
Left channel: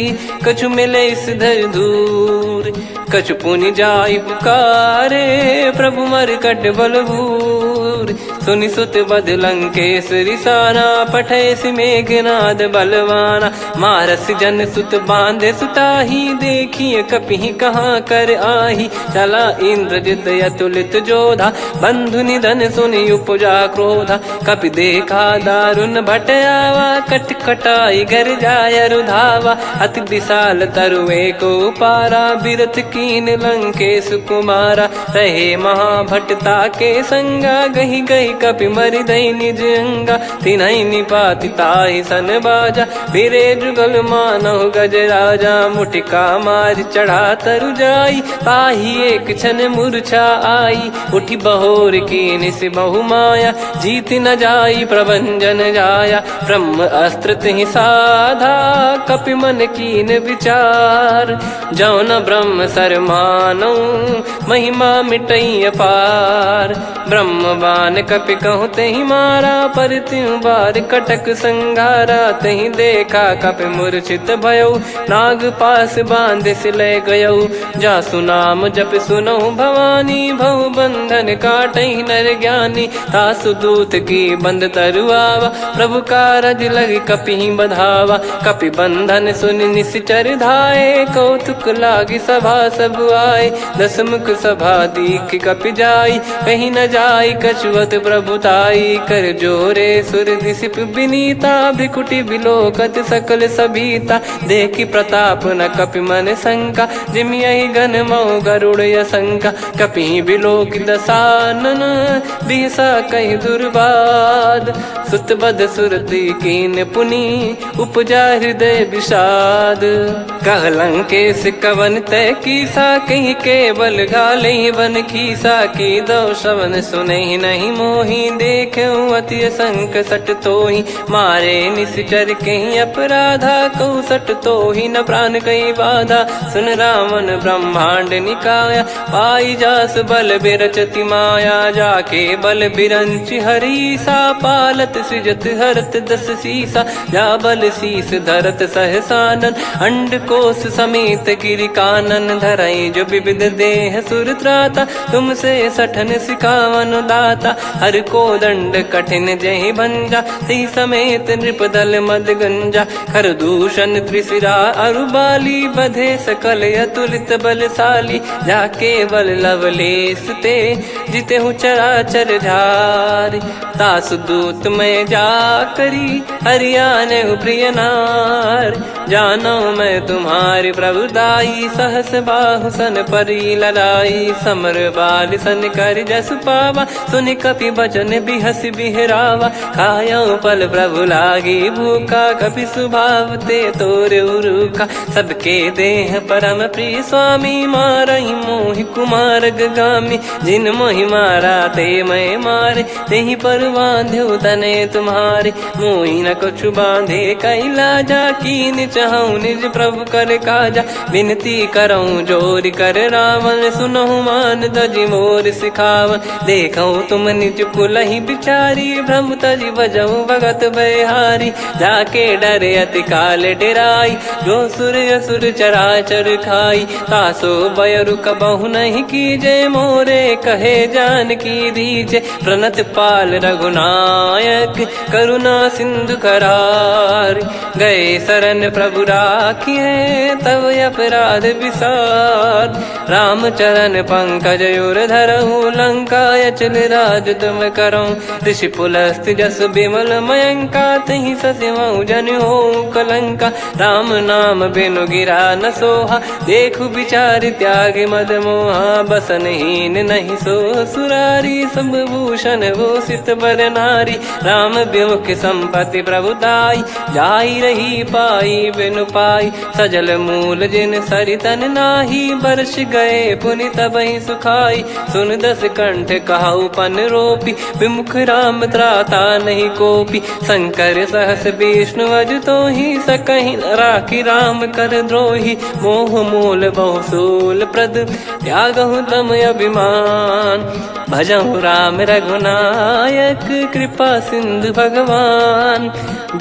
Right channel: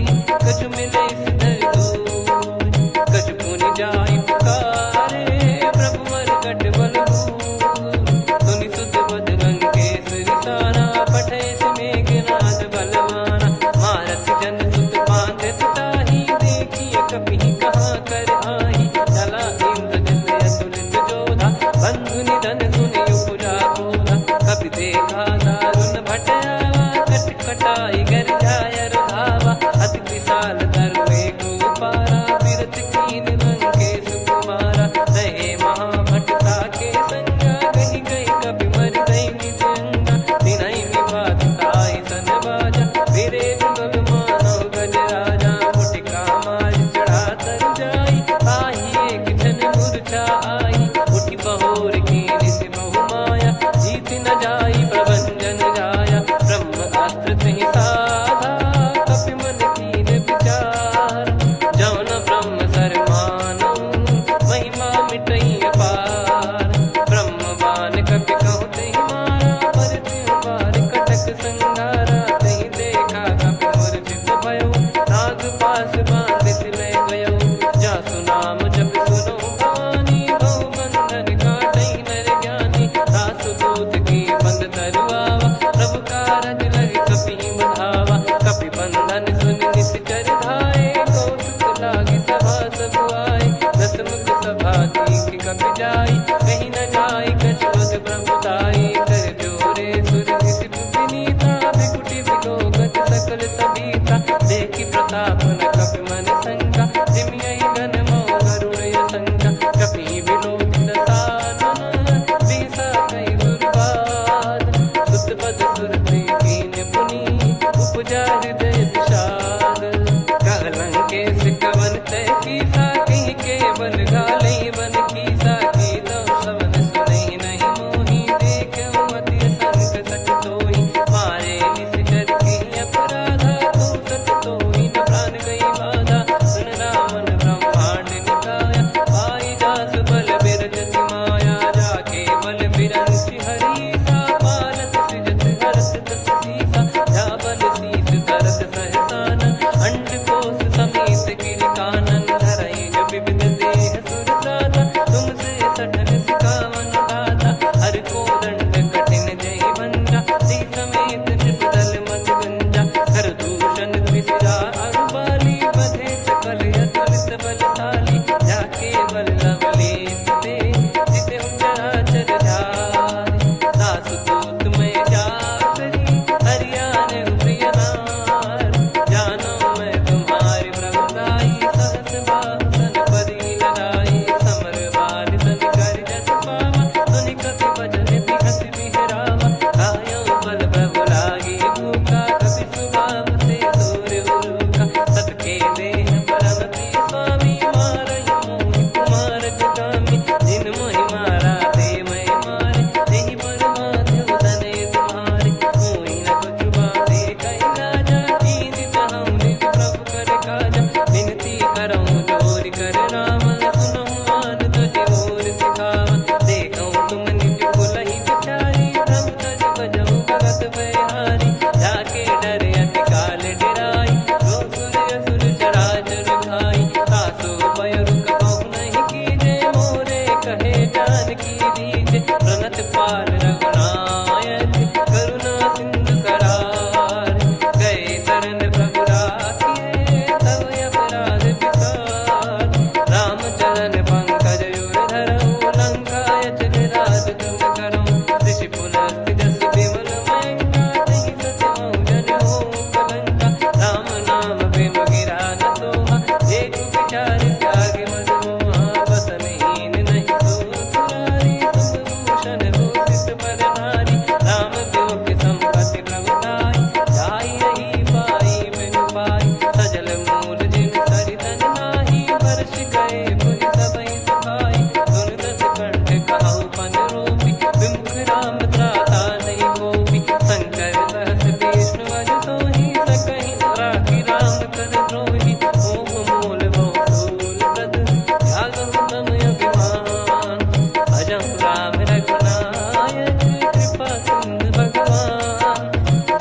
कछु मिले इस धर दूर। कछु पुनि जाई पुकारे, प्रभु मरकट बलभूर। सुनि सुत बद लंकेश्वरी साना, पठय मेघनाद बलवाना। मारस जन सुत बांधे सुताही, देखिए कपि कहाँ कर आही। चला इंद्रजित अतुलित जोधा, बंधु निधन सुनि उपजा क्रोधा। कपि देखा दारुण भट आवा, कट कटाई गर जाय रुधावा। अति विशाल तरुए को पारा, बिरत कीन लंकेश कुमारा। रहे महाभटता के संगा, गही गही कपि मरि दई निज अंगा। तिन्हि निपाति ताहि सन बाजा, फिरे जुगल मानव गज राजा। मुटिका मार चढ़ा तरु जाई, ताहि एक क्षण मूर्छा आई। उठि बहोर कीन से बहु माया, जीत न जाई प्रभंजन जाया। ब्रह्म अस्त्र तिहि साधा, कपि मन कीन विचार। जौ न ब्रह्म सर मानौ, महिमा मिटई अपार। ब्रह्म बान कपि कहु तहि मारा, पर त्यों बार कटक संगारा। तहि देखा कपि मूर्छित भयउ, नाग पास बांध सिले गयउ। जासु नाम जप सुनहु भवानी, भव बंधन काटहि नर ज्ञानी। तासु दूत की बंद तरुआवा, प्रभु कारज लग कपि बधावा। कपि बंधन सुनि निश्चर धाये, कौतुक लागी सभा सब आए। दस मुख सभा दीख कपि जाई, कहीं न जाई कछुवत प्रभुताई। कर जोरे सुर दिसिप विनीता, भ्रिकुटि बिलोकत सकल सबीता। देखि प्रताप न कपि मन शंका, जिमियहि गन मऊ गरुड़ असंका। कपि बिलोक दसानन, बिहसा कहि दुर्वाद। सुत बध सुरति कीन पुनि, उपजा हृदय विषाद। कहलंकेश कवन तय कीसा, कहीं केवल गाले बन खीसा। की दो श्रवण सुने नहीं मोही, देखे अति संक सट तोही। मारे निश्चर कहीं अपराधा, कहूँ सट तोही न प्राण कहीं बाधा। सुन रावण ब्रह्मांड निकाया, पाई जास बल बिरचति माया। जाके बल बिरंच हरीसा, पालत सृजत हरत दस सीसा। जा बल शीस धरत सहसानन, अंड कोश समेत गिरि कानन। धरई जो विविध देह सुर त्राता, तुमसे सठन सिखावन दाता। हर को दंड कठिन जहि भंजा, ती समेत नृप दल मद गंजा। खर दूषण त्रिशिरा अरुबाली, बधे सकल अतुलित बलशाली। जाके बल लवलेश ते, जिते हूँ चराचर धारी। दास दूत में जा करी, हरियाने प्रिय नार। जानो मैं तुम्हारी प्रभुताई, सहस बाहु सन परी लड़ाई। समर बाल सन कर जस पावा, सुनि कपि भजन बिहस बिहरावा। खायो पल प्रभु लागी भूखा, कपि स्वभाव ते तोर उरुखा। सबके देह परम प्रिय स्वामी, मारई मोहि कुमार गगामी। जिन मोहि मारा ते मैं मारे, तेहि पर बांधो तने तुम्हारे। मोहि न कुछ बांधे कैलाजा, कीन चाहूँ निज प्रभु कर काजा। विनती करऊँ जोर कर रावण, सुनहु मान तजि मोर सिखावन। देखऊँ तुम निज पुलहि बिचारी, भ्रम तजि बजऊँ भगत बहारी। जाके डरे अति काल डेराई, जो सुर असुर चराचर खाई। तासो बयरु कबहु नहीं कीजे, मोरे कहे जान की दीजे। प्रणत पाल रघुनायक, करुणा सिंधु करार। गए शरण प्रभु राखिए, तब अपराध विसार। राम चरण पंकज उर धरऊँ, लंका अचल राज तुम करऊँ। ऋषि पुलस्त जस विमल मयंका, तहि सत्यमऊ जन हो कलंका। राम नाम बिनु गिरा न सोहा, देखु विचार त्याग मद मोहा। बसनहीन नहीं सो सुरारी, सब भूषण भूषित बर नारी। राम विमुख संपत्ति प्रभुताई, जाई रही पाई बिनु पाई। सजल मूल जिन सरितन नाही, वर्ष गए पुनि तबहि सुखाई। सुन दस कंठ कहाऊ पन रोपी, विमुख राम त्राता नहीं कोपी। शंकर सहस विष्णु अज तोहि, सकहि न राखी राम कर द्रोही। मोह मूल बहु सूल प्रद, त्यागहु तम अभिमान। भजहु राम रघुनायक, कृपा सिंधु भगवान।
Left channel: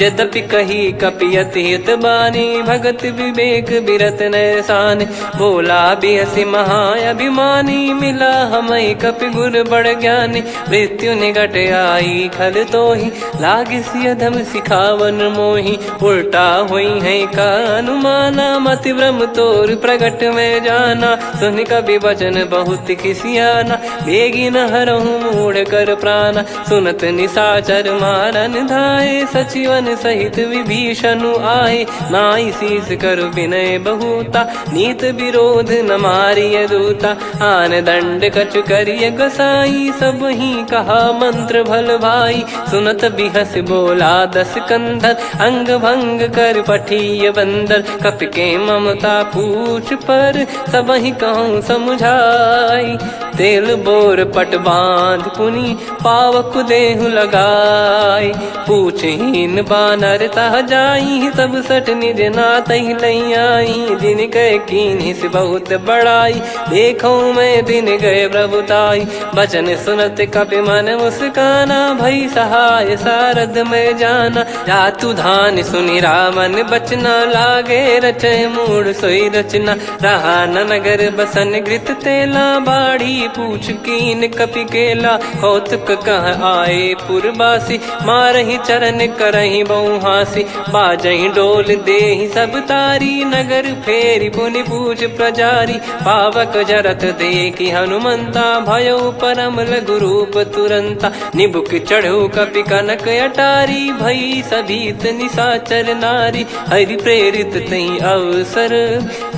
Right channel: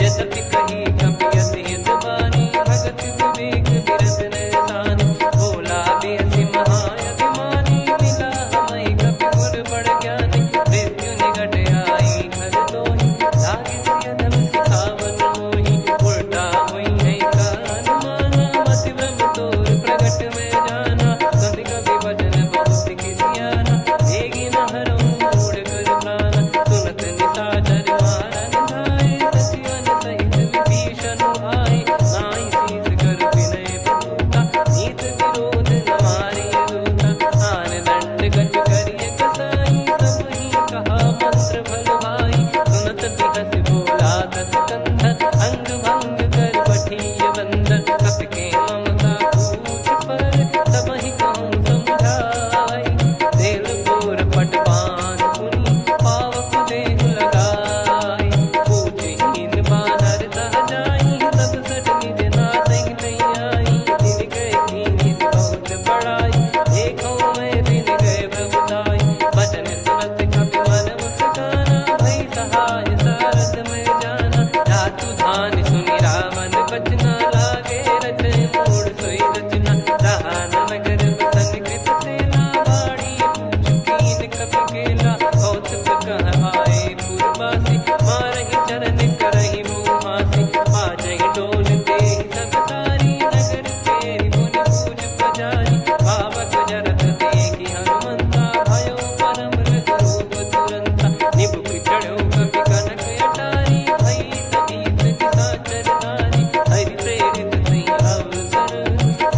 यद्यपि कही कपियति हित बानी, भगत विवेक बिरत नैसान। बोला बिहसि महाअभिमानी, मिला हमई कपि गुर बड़ ज्ञानी। मृत्यु निकट आई खल तोहि, लागिसि अधम सिखावन मोहि। उल्टा हुई है का अनुमाना, मति भ्रम तोर प्रगट में जाना। सुन कवि वचन बहुत खिसियाना, बेगी न हरहु मूढ़ कर प्राणा। सुनत निशाचर मारन धाये, सचिवन सहित विभीषणु आए। नाई शीस कर विनय बहुता, नीत विरोध न मारिय दूता। आन दंड कछु करिय गसाई, सब ही कहा मंत्र भल भाई। सुनत बिहस बोला दस कंधर, अंग भंग कर पठिय बंदर। कपि के ममता पूछ पर, सब ही कहूँ समुझाई। तेल बोर पट बांध पुनि, पावक देहु लगाई। पूछहीन बानर तह जाई, सब सट निज नातहि लई आई। दिन गए कीन्ही से बहुत बड़ाई, देखो मैं दिन गए प्रभुताई। बचन सुनत कपि मन मुस्काना, भई सहाय सारद में जाना। जातु धान सुनि रावण बचना, लागे रचय मूढ़ सोई रचना। रहा न नगर बसन घृत तेला, बाढ़ी पूछ कीन कपि केला कौतुक कह आए पुरबासी मारही चरण करही बहु हासी बाजही डोल देहि सब तारी नगर फेरी पुनि पूज प्रजारी पावक जरत देखी हनुमंता भयो परम लघु रूप तुरंता निबुक चढ़ू कपि कनक अटारी भई सभीत निशाचर नारी हरि प्रेरित तई अवसर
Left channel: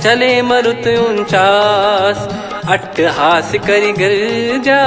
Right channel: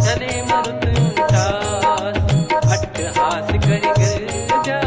चले मरुत 49 अट्टहास करि गिरजा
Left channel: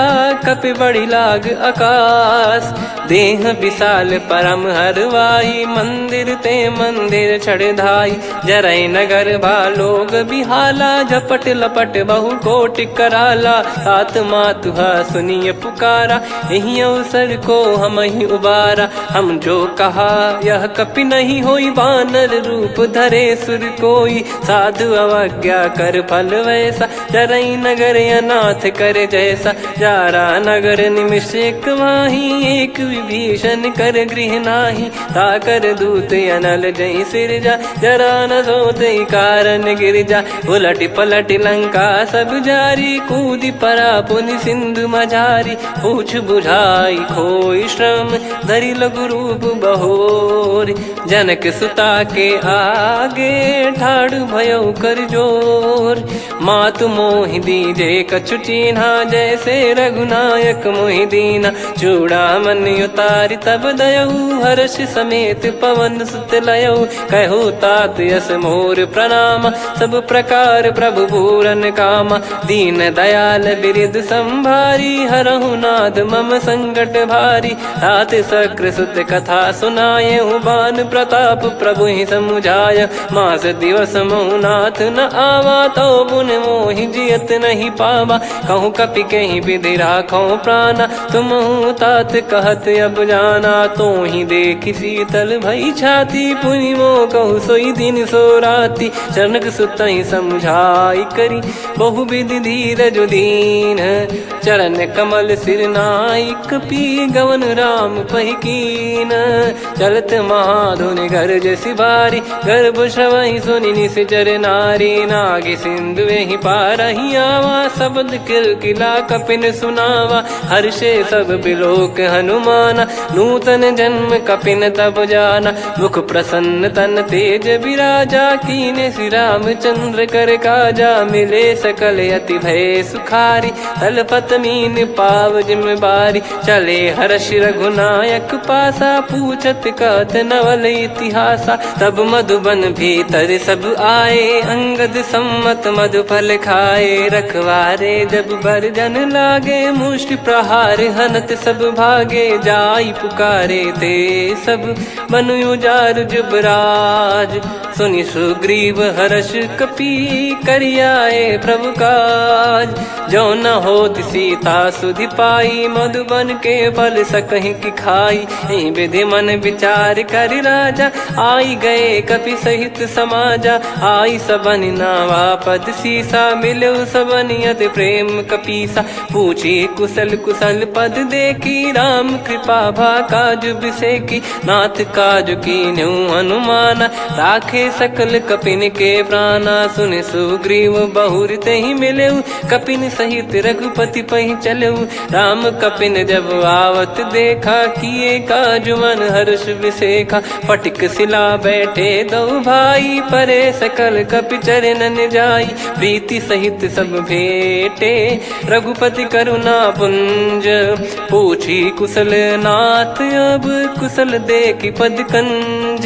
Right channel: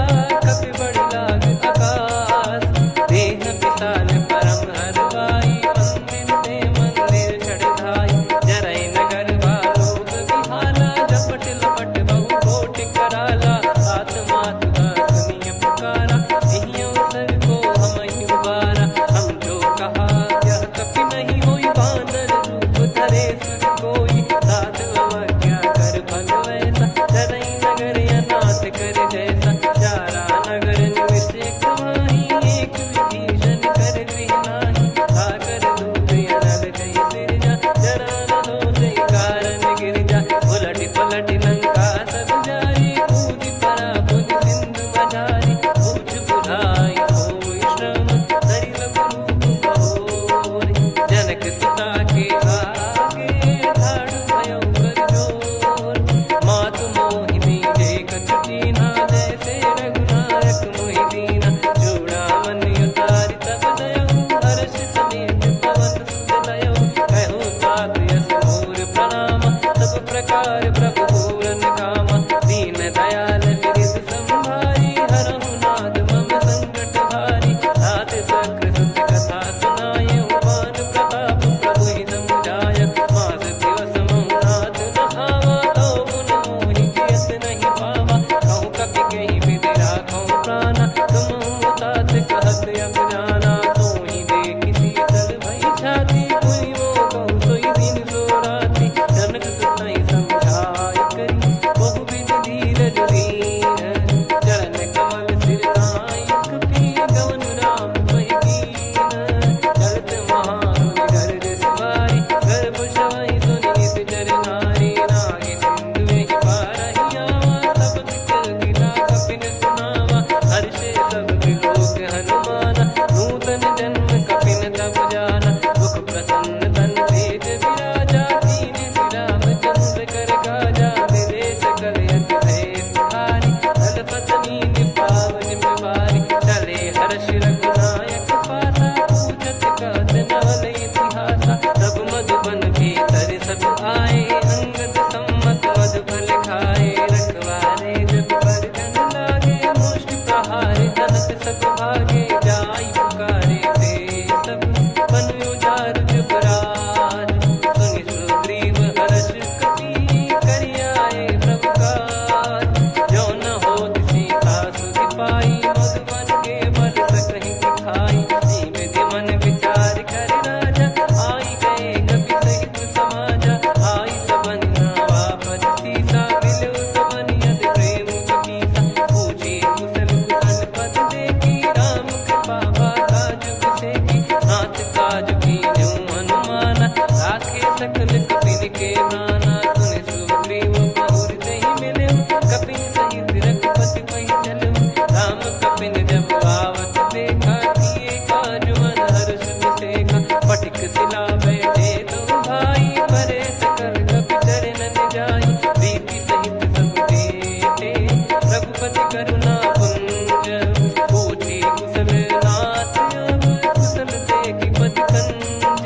कपि बड़ी लाग आकाश देह विशाल परम हरवाई मंदिर ते मंदिर चढ़ाई जरई नगर बालोग बिहाला झपट लपट बहु कोट कराला सात मातुहा सुनिय पुकारा यही अवसर को हम ही उबारा हम जो कहा यह कपि नहीं होई बानर रूप धरे सुर कोई साधु अवज्ञा कर फल वैसा जरई नगर अनाथ कर जैसा जारा नगर निमिष एक माही एक विभीषण कर गृह नाही ताकर दूत अनल जय सिरजा जरा न सोते कारण गिरजा उलट पलट लंका सब जारी कूदी परा पुनि सिंधु मझारी पूछ बुझाई खोई श्रम धरि लघु रूप बहोरी जनक सुता के आगे ठाड़ भयो कर जोर मातु मोहि दीजे कछु चीन्हा जैसे रघुनायक मोहि दीना चूड़ामन उतारि तब दयऊ हर्ष समेत पवन सुत लयऊ कहु तात यस मोर प्रणाम सब प्रकार प्रभु पूरन कामा दीन दयाल बिरिद संभारी हरहु नाद मम संकट भारी तात सक्र सुत कथा सुनाये बान प्रताप प्रभु ही समुझाय मास दिवस महु नाथ न आवा तो पुन मोहि जियत नहीं पावा कहूँ कपि कहीं विधि राखो प्राणा तुम तात कहत अब जाना तो ही देख शीतल भई छाती पुनि मो कहु सोई दिन सो राती जनक सुतई समझाई करी बहु विधि धीरज दीन चरण कमल सिर नाइक पी गवन राम पहिकीन चलत महाधुनि गर्ज सिबारी गर्भ श्रवहि सुनि निश्चर नारी नागे सिंधु ही पारही आवा शब्द किलकिला कपिन सुनावा हर्षे सब बिलोक हनुमाना नूतन जन्म कपिन तब जाना मुख प्रसन्न तन तेज विराजा कीने श्री रामचंद्र कर काजा मिले सकल अति भय सुखारी तलपत मीन पाव जिम्मेवारी चले हर्ष रघुनायक पासा पूछत कहत नवल इतिहासा तब मधुबन भीतर सब आए अंगद सम्मत मधुफल खाए रखवारे जब बरजन लागे मुष्टि प्रहार हनत सब भागे जाई पुकारे ते सब मनु उजार जुबराज सुनि सुग्रीव हर्ष कपि करियाए प्रभु काज जो न हो सीता सुधि पाई मधुबन के फल सकहि की खाई विधि मन विचार कर राजा आई गए कपि सहित समाजा आई सबन नावा पद सीसा मिलो सबनियत प्रेम कपीसा पूछी कुशल कुशल पद देखी राम कृपा भा काज बिसेकी नाथ काज की न्यू हनुमाना राखे सकल कपिन के प्राणा सुन सुग्रीव बहुर ते ही मिले कपिन सहित रघुपति पहि चले राम कपिन जब आवत देखा किए काज मन हर्ष विसेखा पटिक सिला बैठे दो भाई परे सकल कपि चरणन जाई प्रीति सहित सब भेटे रघुपति करुणा पुंज पूछी कुशल नाथ अब कुशल देखी पद कंज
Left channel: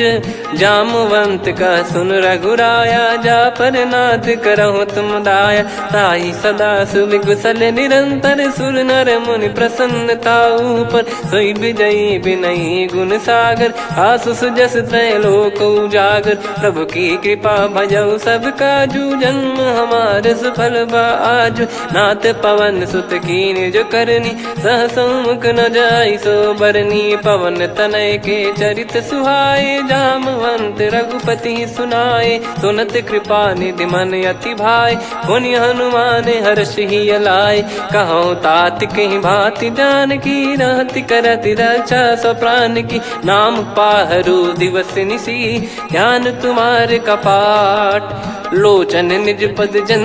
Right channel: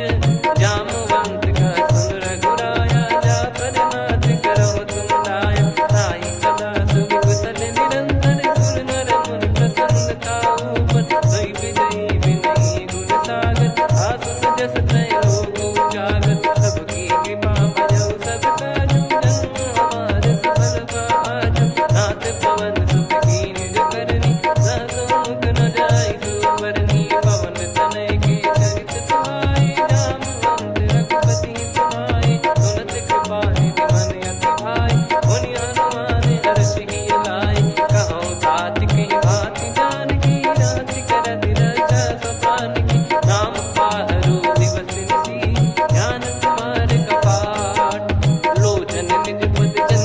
जामवंत का सुन रघुराया जा पर नाथ करहु तुम दाया ताई सदा सुभि कुशल निरंतर सुर नर मुनि प्रसन्नता ऊपर सोई विजयी विनयी गुण सागर आसु सुजस त्रैलोक उजागर प्रभु की कृपा भजऊ सब काजू जन्म हमार सफल बाजू नाथ पवन सुत कीन जो करनी सहसो मुख न जाई सो बरनी पवन तनय के चरित सुहाए जामवंत रघुपति सुनाए सुनत कृपा निधि मन अति भाई पुनि हनुमान हर्ष ही लाए कहो तात कहीं भांति जान की रहति करति रक्षा सो प्राण की नाम पाहरू दिवस निसी ध्यान तुम्हारे कपाट लोचन निज पद जन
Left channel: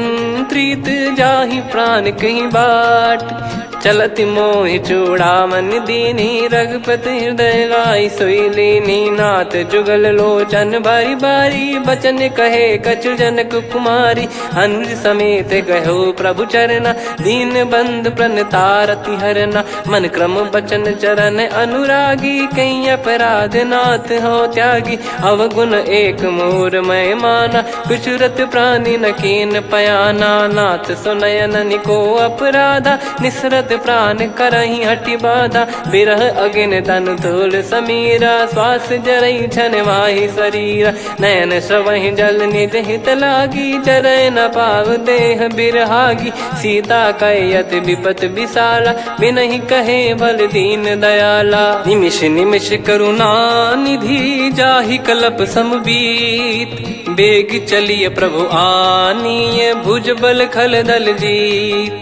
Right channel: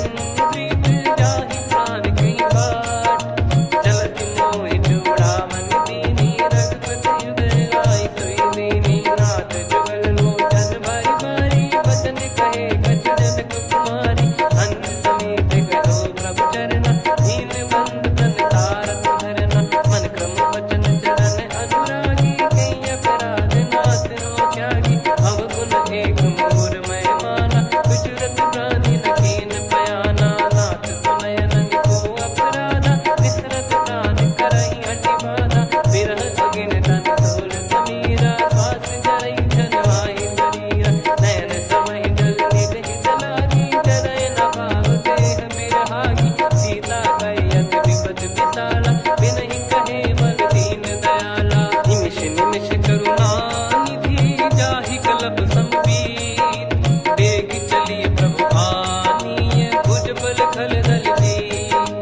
प्रीत जाहि प्राण कहीं बाट। चलत मोहि चूड़ामन दीनी रघुपति हृदय लाई सोई लीनी। नाथ जुगल लोचन बारी बारी बचन कहे कछु जनक कुमारी। हंस समेत गहो प्रभु चरना दीन बंद प्रणतारति हरना। मन क्रम बचन चरण अनुरागी कहीं अपराध नाथ हो त्यागी। अवगुण एक मोर मैं माना विचुरत प्राणी न कीन पयाना। नाथ सुनयन निको अपराधा निसरत प्राण करही हटि बाधा। बिरह अगिन तन तोल समीरा श्वास जरई छन वाहि शरीरा। नयन सवहि जल निज हित लागी चरय न पाव देह बिरहागी। सीता कयत विपत विशाला बिनहि कहे बल दीन दयाला। निमिष निमिष करुणा निधि जाहि कलप समबीत। बेग चलिए प्रभु आनीय भुज बल खल दल जीत।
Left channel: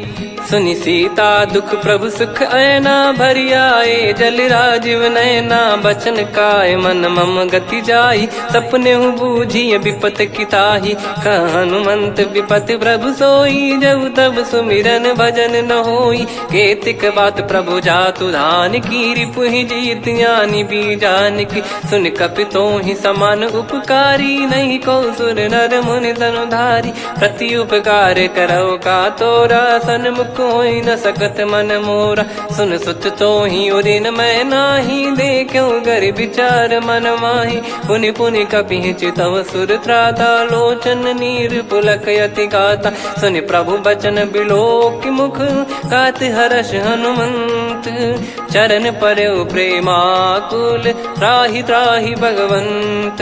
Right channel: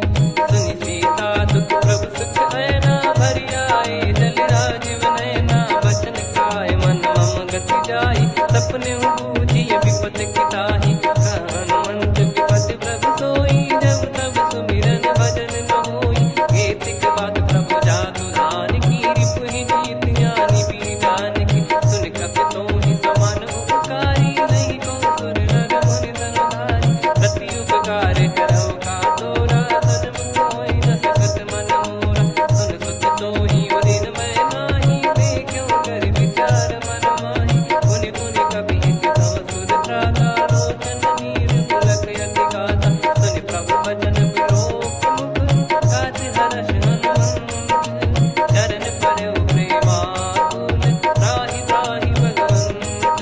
सुनि सीता दुख प्रभु सुख ऐना भरि आए जल राजीव नैना। बचन काय मन मम गति जाई सपने बूझी विपत किताही। हनुमंत विपत प्रभु सोई जब तब सुमिरन भजन न होई। केतिक बात प्रभु जातु धान की रिपुहि जीत ज्ञानी बीजान की। सुन कपितो ही समान उपकारी नहीं को सुर नर मुनि तनुधारी। प्रति उपकार करो का तोरा सन्मुख कोई न सकत मन मोरा। सुन सुत तो ही उदिन मैं नाही देखो गर विचार मन माही। पुनि पुनि कपि चितव सुर त्राता लोचन नीर पुलक यति गाता। सुनि प्रभु बचन बिलोक मुख गात हर्ष हनुमंत। चरण परयो प्रेमाकुल त्राहि त्राहि भगवंत।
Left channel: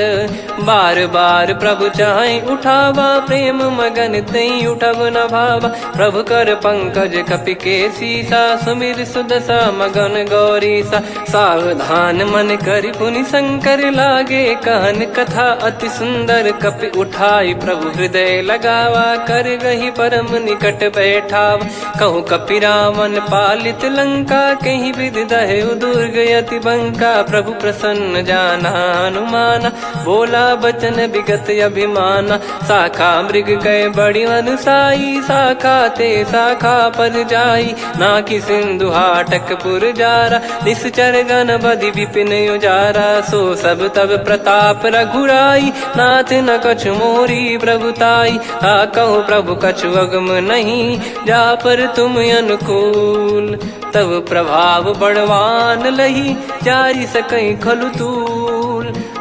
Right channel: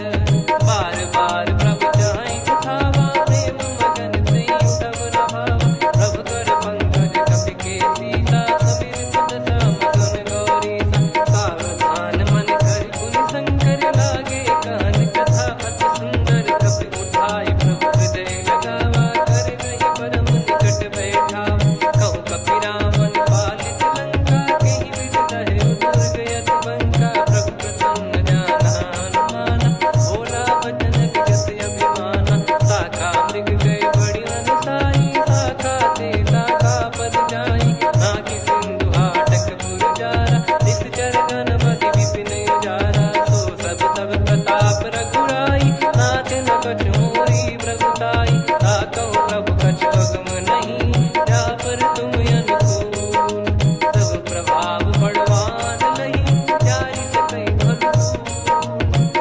बार बार प्रभु चाहि उठावा प्रेम मगन तई उठब न भावा। प्रभु कर पंकज कपि के सीसा सुमिर सुदशा मगन गौरीसा। सावधान मन करि पुनि शंकर लागे कहन कथा अति सुंदर। कपि उठाई प्रभु हृदय लगावा कर गही परम निकट बैठावा। कहूँ कपि रावण पालित लंका कहीं विधि दहु दुर्ग यति बंका। प्रभु प्रसन्न जाना हनुमाना बोला बचन विगत अभिमाना। शाखा मृग गए बड़ी अनुसाई शाखा ते शाखा पर जाई। ना कि सिंधु हाटक पुर जारा निश्चर गण बदि विपिन उजारा। सो सब तब प्रताप रघुराई नाथ न कछु मोरी प्रभुताई। कहूँ प्रभु कछु अगम नहीं जा पर तुम अनुकूल। तब प्रभाव बड़वान लही जारी सकई खलु तूल।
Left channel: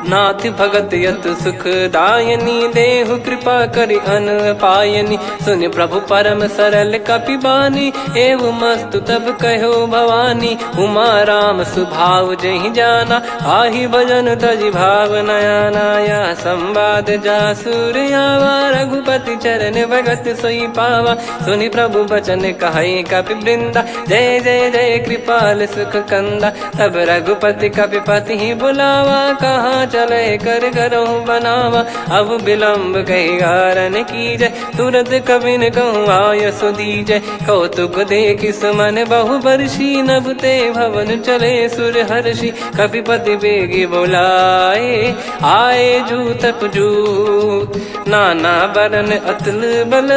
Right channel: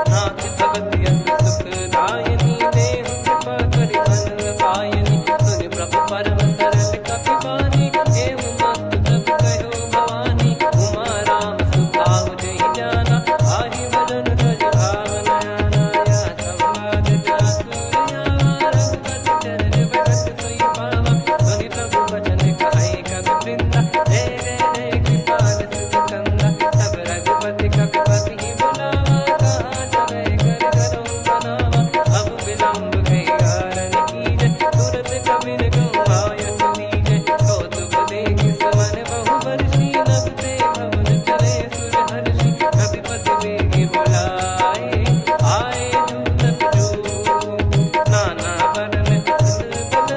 नाथ भगत यत सुख दायनी देहु कृपा करि अन पायनी। सुन प्रभु परम सरल कपि बानी एवं मस्तु तब कहो भवानी। उमा राम सुभाव जहि जाना आहि भजन तजि भाव नयाना। या संवाद जासुर आवा रघुपति चरण भगत सोई पावा। सुनि प्रभु बचन कहै कपि वृंदा जय जय जय कृपाल सुख कंदा। तब रघुपति कपि पति बुलावा कहाँ चले कर करहु बनावा। अब विलम्ब कही कारण कीजय तुरत कबिन कहूँ आयस दीजय। कौतुक देख सुमन बहु बरसी नभ ते भवन चले सुर हर्षि। कपिपति बेगी बोलाए आए जूतक जूत। नाना बरन अतुल बल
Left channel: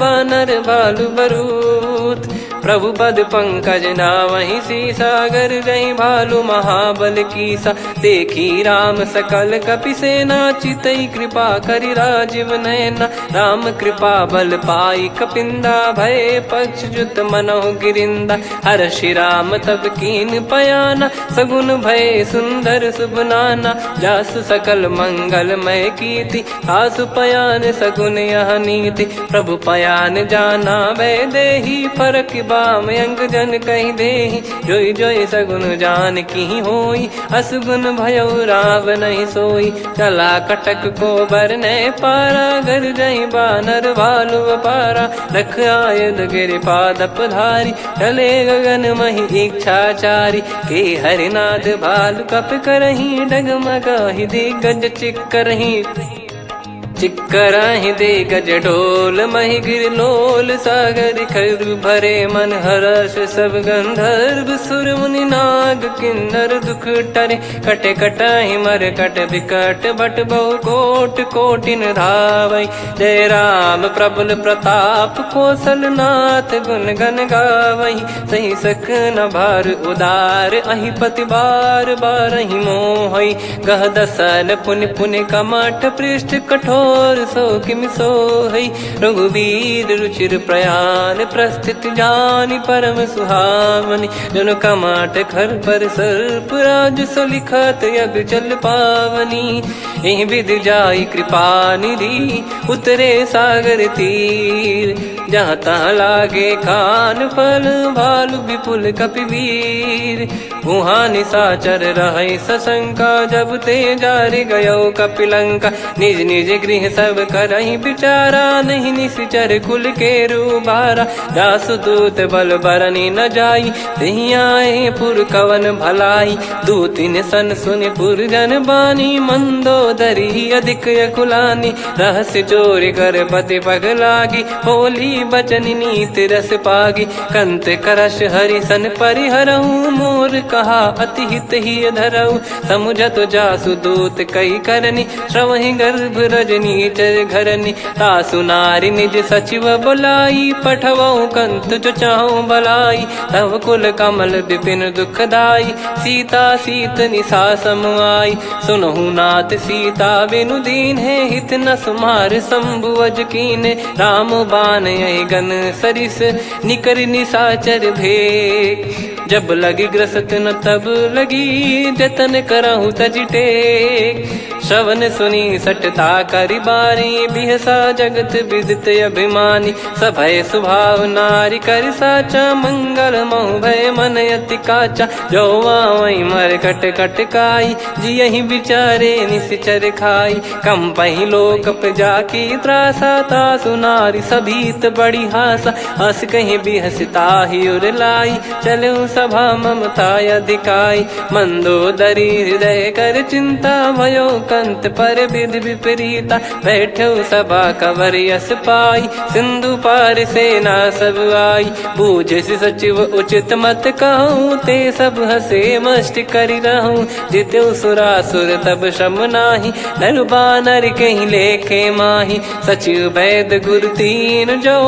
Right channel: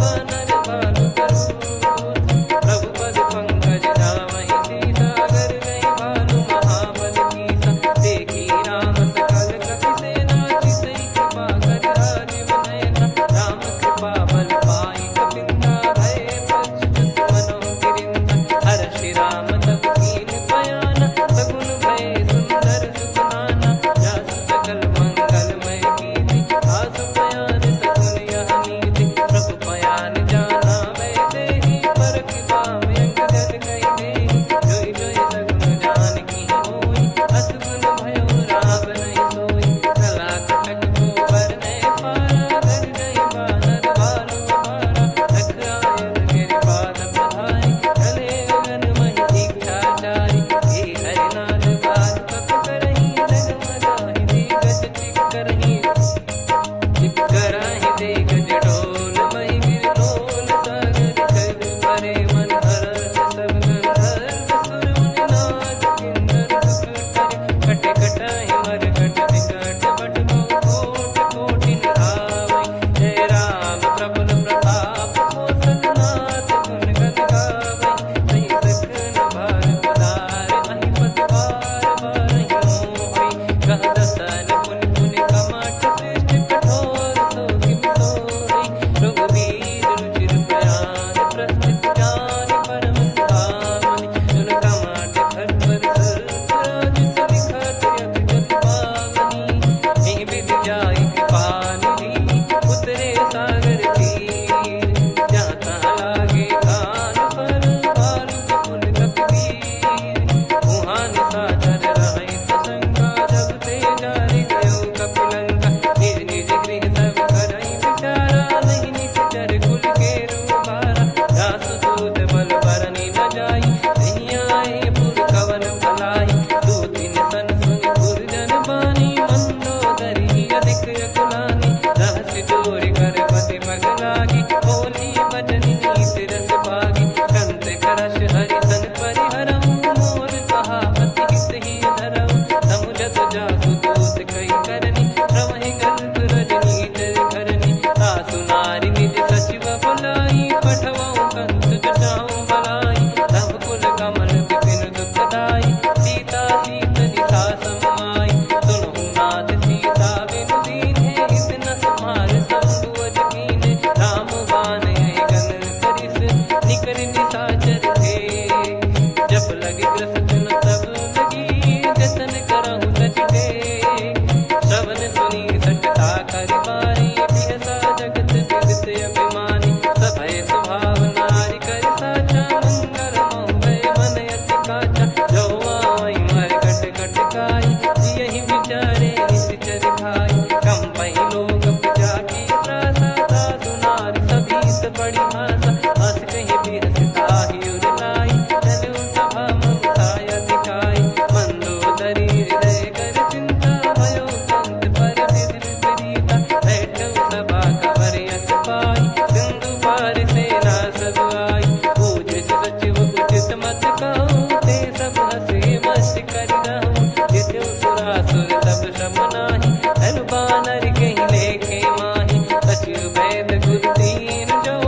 बानर बालु बरूत। प्रभु पद पंकज नावहि सीसागर गई भालु महाबल कीसा। देखी राम सकल कपि सेना चितई कृपा करि राजीव नयना। राम कृपा बल पाई कपिंदा भय पक्ष जुत मनो गिरिंदा। हर्षि राम तब कीन पयाना सगुन भय सुंदर शुभ नाना। जासु सकल मंगलमय कीर्ति आसु पयान सगुन यह नीति। प्रभु पयान जाना वै देहि फरक बाम अंग जन कहीं देहि। जोई जोई सगुन जान की होई असगुन भयो राव नहीं सोई। चला कटक को बरने पारा घर जई बानर भालु पारा। रख आयद गिरि पाद पधारी चले गगन मही इच्छाचारी। के हरिनाथ भालु कप करही डगमगाहि दिग्गज चिक्करही। चिक्कराहि दे गज डोल महि गिर लोल सागर खर भरे मन हर्ष सब गंधर्व सुर मुनि नार। नाग किन्नर दुख टरे, कटे कटहि मर कट विकट बट बहु कोट कोटिन धावै। जय राम प्रबल प्रताप कौशलनाथ गुण गण गावै। सही सकन भार उदार अहि पति बार बारहि मोहै। गह दसन पुन पुन कमठ पृष्ठ कठोर सो किमि सोहै। रघुवीर रुचिर प्रयाण प्रस्थित जानि परम सुहावनि। जन कमठ खर पर सर्प राज सलिखत यग जल पावनी। एहि विधि जाई कृपा निधि उतरे सागर तीर। जहाँ तहाँ लागे खान फल भालु विपुल कपिवीर। वहाँ निशाचर रहै सशंका जब ते जारि गयो कपिलंका। निज निज गृह सब करहि विचारा नहीं निश्चर कुल के रूबारा। जासु दूत बल बरनि न जाई तेहि आए पुर कवन भलाई। दूतिन सन सुनि पुर जन बानी मंदोदरी अधिक यकुलानी। रहस्य चोरी कर पति पगलागी होली बचन नीति रस पागी। कंत करश हरिसन परिहरहु मोर कहा अति हित ही धरऊ। समुझत जासु दूत कई करनी श्रवहि गर्भ रजनी चर घरनी। तासु नारी निज सचिव बुलाई पठवऊ कंत जो चाहूं बलाई। तव कुल कमल विपिन दुखदाई सीता सीत निशा समाई। सुनहु नाथ सीता बिनु दीन है हित न सुमार शंभु अज कीने। राम बाण गन सरिस निकर निशाचर भेग। जब लगी ग्रसत न तब लगी जतन करहु तज टेक। श्रवण सुनी सटता करि बारी बिहसा जगत विदित अभिमानी। सभय स्वभाव नारी कर साचा मंगल महु भय मन अति काचा। जो आवै मर कट कट काई जियहि विचारे निश्चर खाई। कम पहि लोक जाकी त्रासा तासु नारी सभीत बड़ी हासा। हस कहीं बिहसता ही उर लाई चलऊ सभा ममता अधिकाई। मंदोदरी हृदय कर चिंता भयो कंत पर विधि विपरीता। बैठो सभा कवर यस पाई सिंधु पार सेना सब आई। पूज्य सचिव उचित मत कहूँ ते सब हसे मष्ट करि रहूँ। जित्यु सुरासुर तब श्रम नाही नर बानर कहीं लेखे माही। सचिव वैद गुरु तीन जो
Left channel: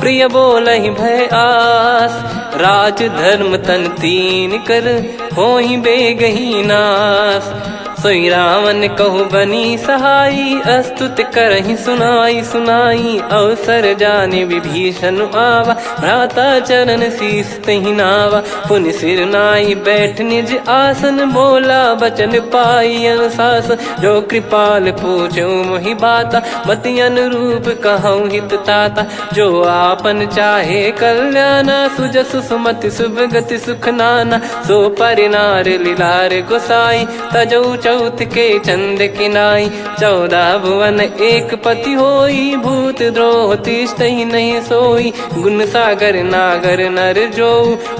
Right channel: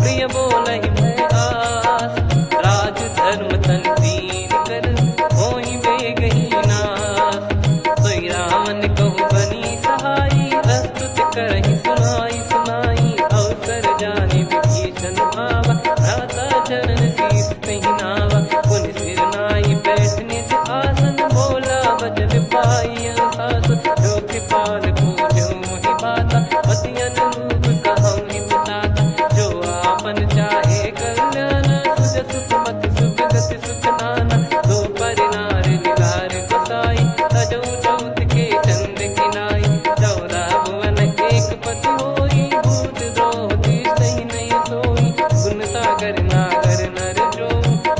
प्रिय बोलहि भय आस। राज धर्म तन तीन कर होई बेगही नास। सोई रावण कहु बनी सहाई अस्तुत करहि सुनाई सुनाई। अवसर जाने विभीषण आवा भ्राता चरण शीस तहि नावा। पुनि सिर नाई बैठ निज आसन बोला बचन पाई अनुशासन। जो कृपाल पूछो मोहि बाता मति अनुरूप कहूँ हित ताता। जो आपन चाहे कल्याणा सुजसु सुमति सुभगति सुख नाना। सो परिनार लीलार गोसाई तजौ चौथ के चंद किनाई। 14 भुवन एक पति होई भूत द्रोह तिष्ठहि नहीं सोई। गुण सागर नागर नर जो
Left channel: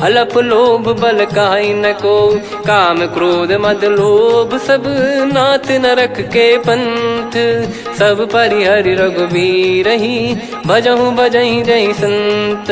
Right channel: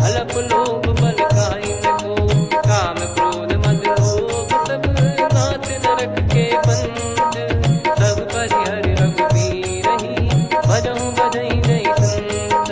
अलप लोभ बल काई न को। काम क्रोध मद लोभ सब नाथ नरक के पंथ। सब परिहरि रघुबीर ही भजहु भजहि जय संत।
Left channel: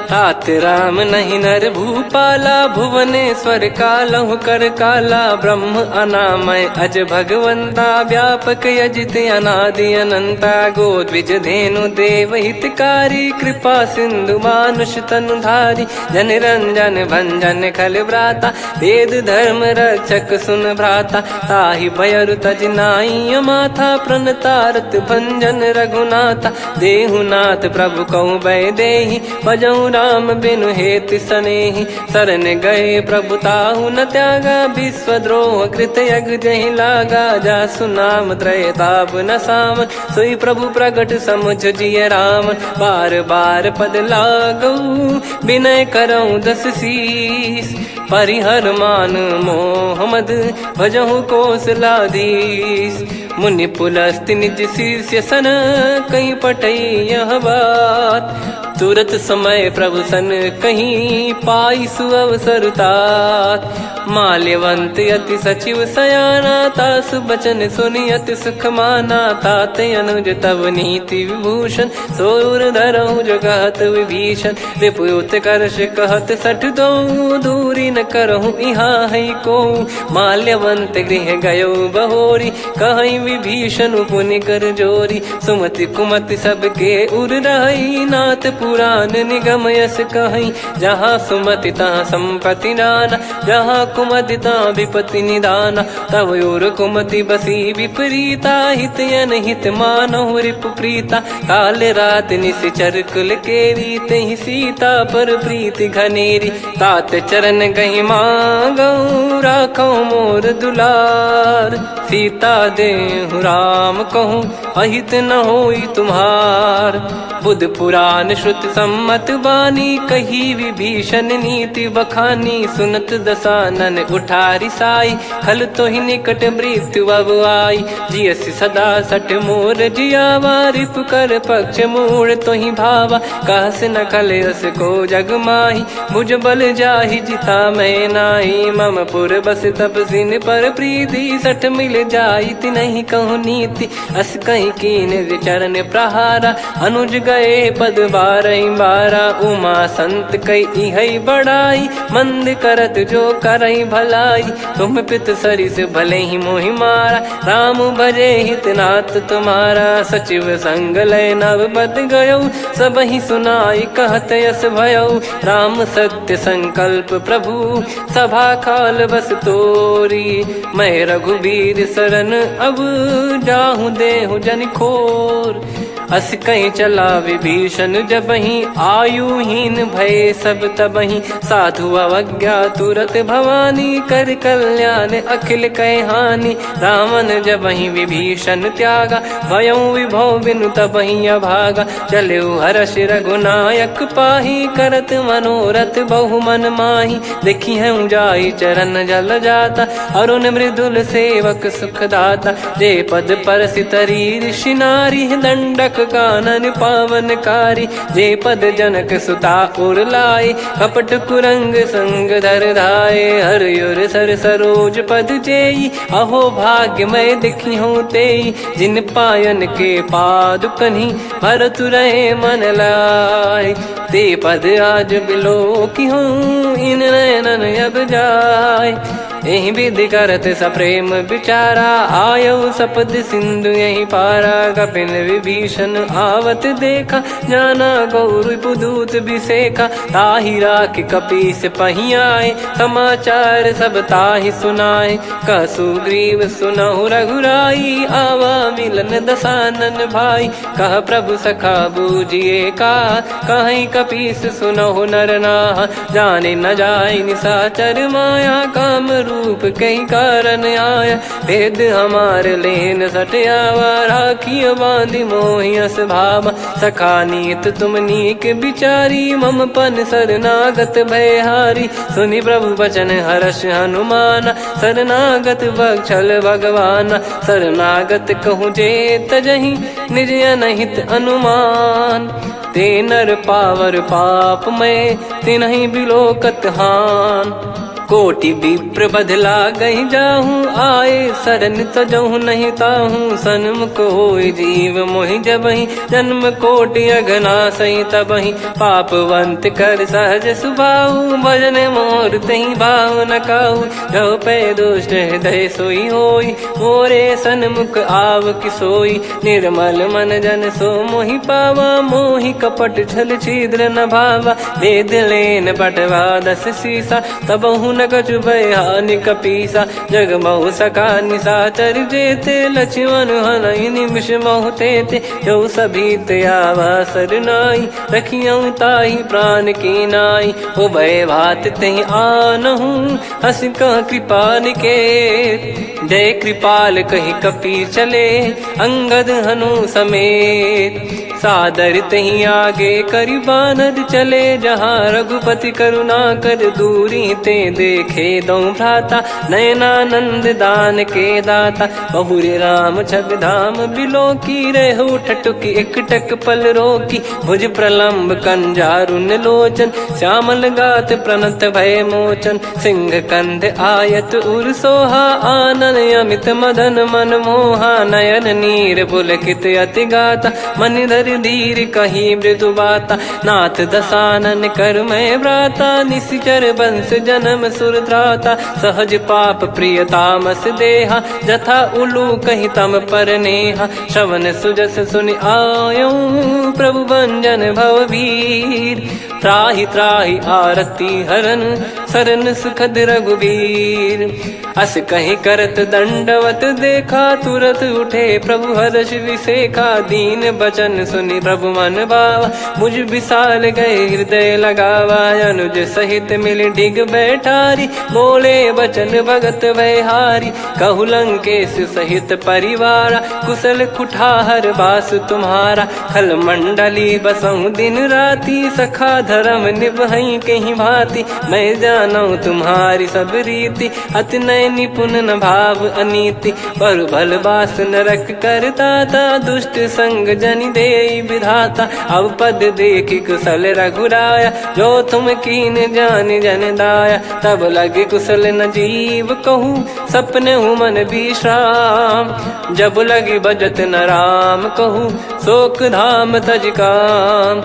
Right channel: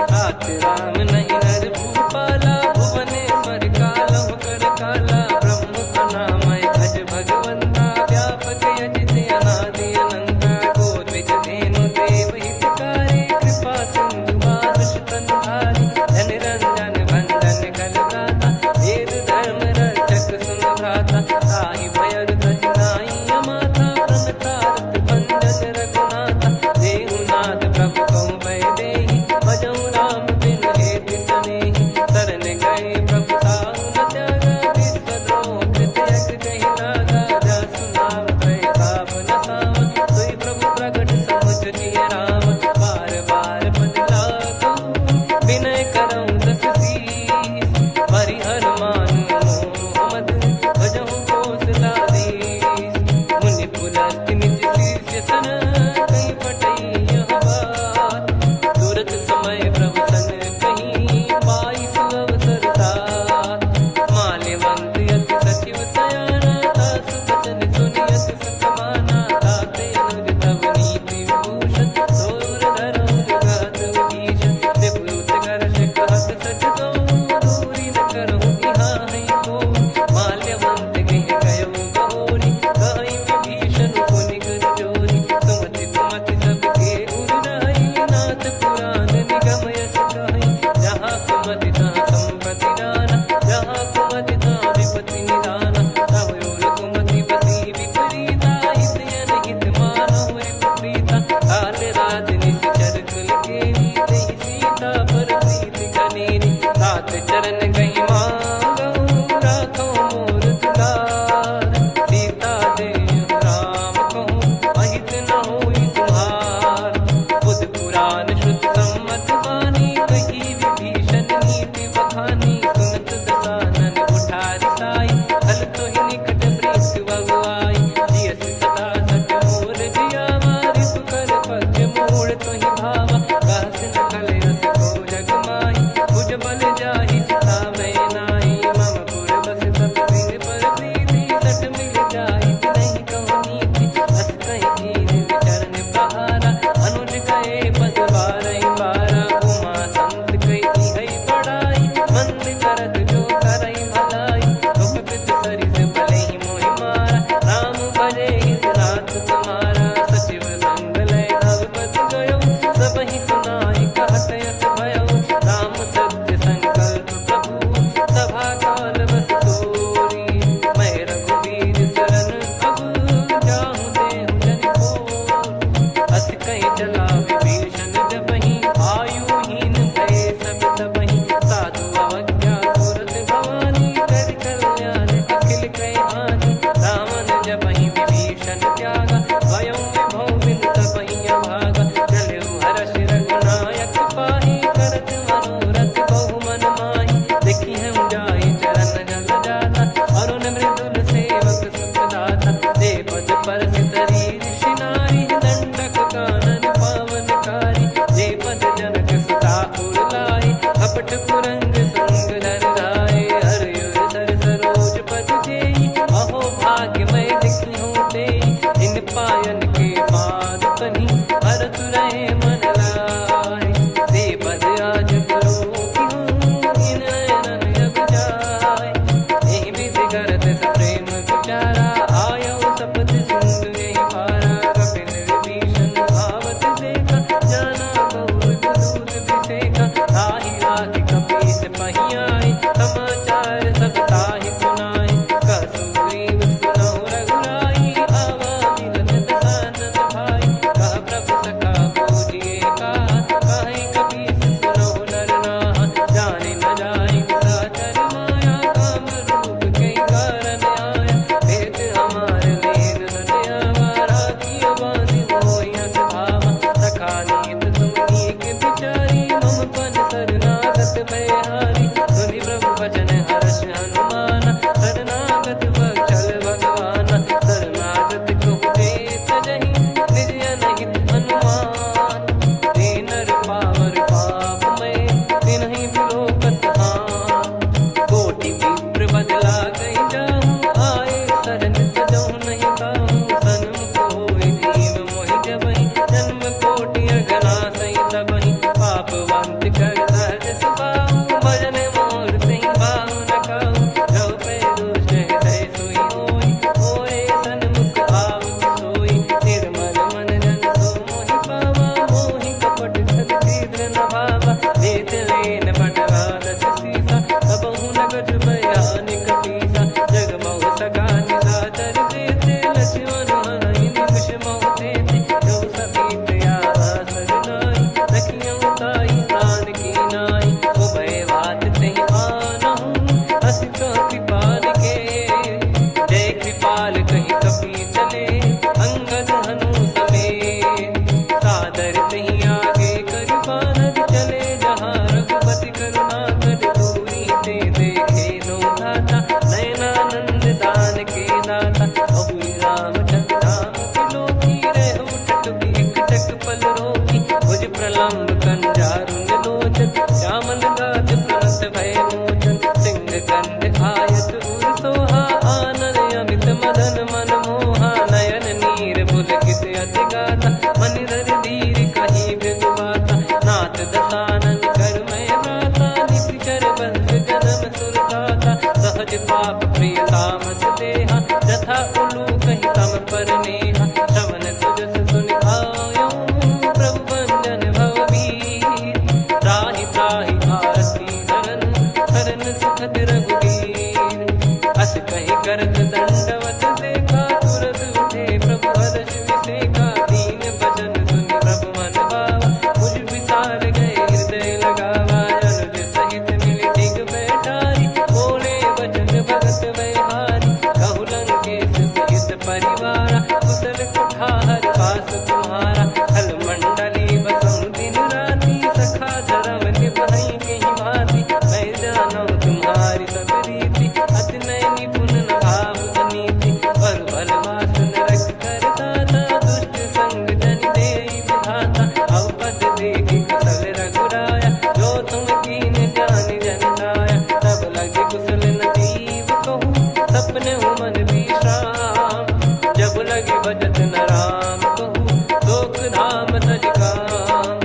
तात राम नहीं नर भूपाला भुवनेश्वर कालहु कर काला। ब्रह्म अनामय अज भगवंता व्यापक यजित अनादि अनंता। गोद्विज धेनु देव हितकारी कृपा सिंधु मानुष तनुधारी। जन रंजन भंजन खल भ्राता वेद धर्म रक्षक सुन भ्राता। ताहि भयरु तज नाई माथा प्रणतारत भंजन रघुनाथा। देहुनाथ प्रभु कहु भय देहि भजहु राम बिनु हेतु सनेहि। शरण गए प्रभु ताहु न त्यागा विश्वद्रोह कृत यज्ञ जहि लागा। जासु नाम त्रय ताप न सावन सोई प्रभु प्रगट समुझ जिय राम। बार बार पद लागऊ विनय करऊँ 10 शीस। परिहर मान मोह मद भजहु कौशलाधीश। मुनि पुलस्त्य निज शिष्य सन कहीं पठई यह बात। तुरत समय प्रभु सन कहीं पाई सुअवसर तात। माल्यवंत अति सचिव सयाना तासु बचन सुनि अति सुख माना। ताते अनुज तव नीति विभूषण सोर धरऊ जगत विभीषण। विपुत करश कहत सठ दो दूरी न करहु यहाँ है को। माल्यवंत गृह गयो बहोरी, कहीं विभीषण पुनि कर जोरी। सुमति कुमति सबके उर रही, नाथ पुराण निगम यस कहीं। जहाँ सुमति तहाँ संपत्ति नाना, जहाँ कुमति तहाँ विपत्ति निदाना। तब और कुमति बसी विपरीता, हित अनहित मानहु रिपु प्रीता। काल रात निश्चर कुल केरी, तहि सीता पर प्रीति घनेरी। तात चरण गही मांगऊ, राखो मोर दुलार। सीता देहु राम कहूँ, अहित न होई तुम्हार। बुध पुराण श्रुत सम्मत बानी, कही विभीषण नीति बखानी। सुनत दसानन उठारी साई, खल तो ही निकट मृत्यु अब आई। जियसि सदा सठ मोर जियावा, रिप कर पक्ष मूड़ तो ही भावा। कहस न खल रस को जग माही, मुझ बल जाहि जिता मैं नाई। मम पुर बस तपसिन पर प्रीति, सठ मिल जाई नहीं कहूँ नीति। अस कहीं कीन चरण प्रहारा, अनुज गए पद बारई बारा। उमा संत कई है बड़ाई, मंद करत जो करई भलाई। तुम पित सरिस भले ही मोहि मारा, राम भजे हित नाथ तुम्हारा। सचिव संग लय नव बद गयो, सब ही सुनाई कहत यस भयो। राम सत्य संकल्प प्रभु, सभा काल बस तोरी। मैं रघुबीर शरण अब, जाहूँ देहु जन खोर। अस कहीं चला विभीषण जबहि, आयुहीन भय सब तबहि। साधु अवज्ञा तुरत भवानी, कर कल्याण अखिल कह हानि। रावण जबहि विभीषण त्यागा, भयउ विभव बिनु तबहि अभागा। चलऊ हर्ष रघुनायक पाही, करत मनोरथ बहु मन माही। देखी है जाई चरण जल जाता, अरुण मृदुल सेवक सुखदाता। जे पद पर सितरी ऋषि नारी, दंडक कानन पावनकारी। जे पद जनक सुता उर लाए, कपट कुरंग संग धर धाये। हरियुर सर सरोज पद जेई, अहो भाग्य मैं दिखी हूँ तेई। जिन पायन के पाद कन्ही, भरत रहे मन लाए। ते पद आज बिलो की हूँ, इन नयनन अब जाय। यही विधि करत सप्रेम विचारा, आयऊ सपद सिंधु यही पारा। कपिन विभीषण आवत देखा, जाना गौर बुदूत बिसेखा। ताहि राख कपीस पही आए, समाचार सब ताहि सुनाए। कह सुग्रीव सुनहु रघुराई, आवा मिलन दसानन भाई। कह प्रभु सखा बूझिए का, कहीं कपीस सुनहु नर नाहा। जाने न जाय निशाचर माया, काम रूप कई कारण आया। भेद हमार लेन सटयावा, राखियो बांधि मोहियस भावा। सखा नीत तुम नीक बिचारी, मम पन शरणागत भयहारी। सुनि प्रभु वचन हर्ष हनुमाना, शरणागत बक्षल भगवाना। शरणागत कहूँ जे तजहि, निज अनहित अनुमान। ते नर पावर पाप में, तिन्हि बिलोकत हान। कोटि विप्र बदला गई जाहूँ, आए शरण तजहु नहीं ताहूँ। सन्मुख होय जीव मोहि जबहि, जन्म कोटि अगना सही तबहि। पापवंत कर सहज सुभाऊ, भजन मोर तहि भाव न काहू। जो पै दुष्ट हृदय सोई होई, मोरे सन्मुख आव किसोई। निर्मल मन जन सो मोहि पावा, मोहि कपट छल छिद्र न भावा। वेद लेन बटवा दस सीसा, तबहु न कछु भयानि कपीसा। जग महु सखा निशाचर जेते, लक्ष्मण हनहि निमिष महु तेते। जो सभी त्यावा सरनाई, रखियऊ ताहि प्राण की नाई। उभय भात तहि आनहु, हस कह कृपाल के। जय कृपाल कहि कपी चले, अंगद हनु समेत। सादर तही आगे करि बानर चले, जहाँ रघुपति करुणा कर दूरी ते देखे दो भ्राता। नयनानंद दान के दाता, बहुरी राम छग धाम बिलो की। रेहु ठटुकी एकटक पल रोकी, भुज प्रलम्ब कंजारुन लोचन। श्यामल गात प्रणत भय मोचन, सिंह कंध आयत उर सोहा। आनन अमित मदन मन मोहा, नयन नीर पुलकित अति गाता। मनिधर कर धीर कहीं मृदु बाता, नाथ दसानन कर मैं व्राता, निशिचर बंस जन्म सुर त्राता, सहज पाप प्रिय तामस देहा, जथा उलू कही तम पर नेहा, श्रवण सुजस सुनि आयो प्रभु भंजन भववीर, त्राहि त्राहि आरती हरन सरन सुखद रघुवीर, अस कहीं करत दंडवत देखा, तुरत उठे प्रभु हर्ष विसेखा, दीन बचन सुनि प्रभु मन भावा, मुझ विशाल गए हृदय लगावा, अनुज सहित मिल डिग बैठारी, बोले बचन भगत वैहारी, कहु लंकेश सहित परिवारा, कुशल कुठार बास तुम्हारा, खल मंडली बसऊं दिन राती, सखा धर्म निभई कहीं भांति, मैं जानू तुम्हारी सब रीति, अति नय निपुण न भाव अनीति, पर भल बास नरक करता था, दुष्ट संग जन दे विधाता, अब पद देखी कुशल रघुराया, जो तुम कीन जान जन दाया, तब लगे कुशल न जीव कहूँ, सपने हूँ मन विश्राम, जब लगी बजत न राम कहूँ, शोक धाम तज काम,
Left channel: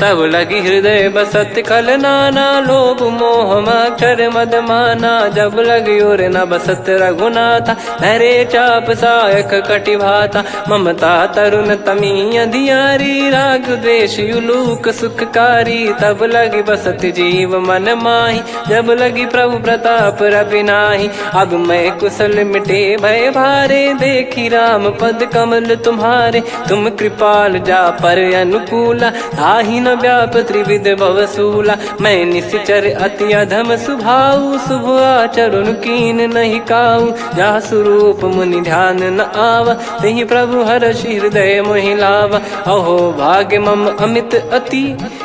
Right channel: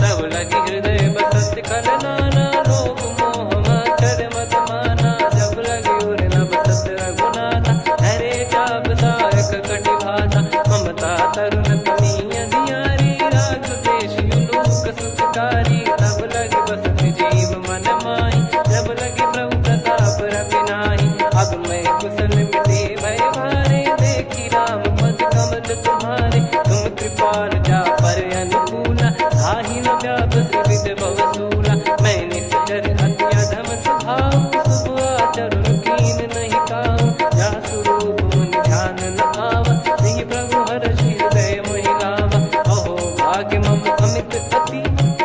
तब लगी हृदय बसत खल नाना, लोभ मोह मक्षर मद माना, जब लगी और न बसत रघुनाथा, धरे चाप सायक कटि भाता, ममता तरुण तमी अधियारी, राग द्वेष युलूक सुखकारी, तब लगी बसत जीव मन माही, जब लगी प्रभु प्रताप रवि नाही, अब मैं कुशल मिटे भय भारे, देखी राम पद कमल तुम्हारे, तुम कृपाल जा पर अनुकूला, ताहि न व्याप त्रिविध भवसूला, मैं निश्चर अति अधम सुभाऊ, शुभ आचरण कीन नहीं काऊ, जा स्वरूप मुनि ध्यान न आवा, तेहि प्रभु हर्ष हृदय मोहि लावा, अहो भाग्य मम अमित अति,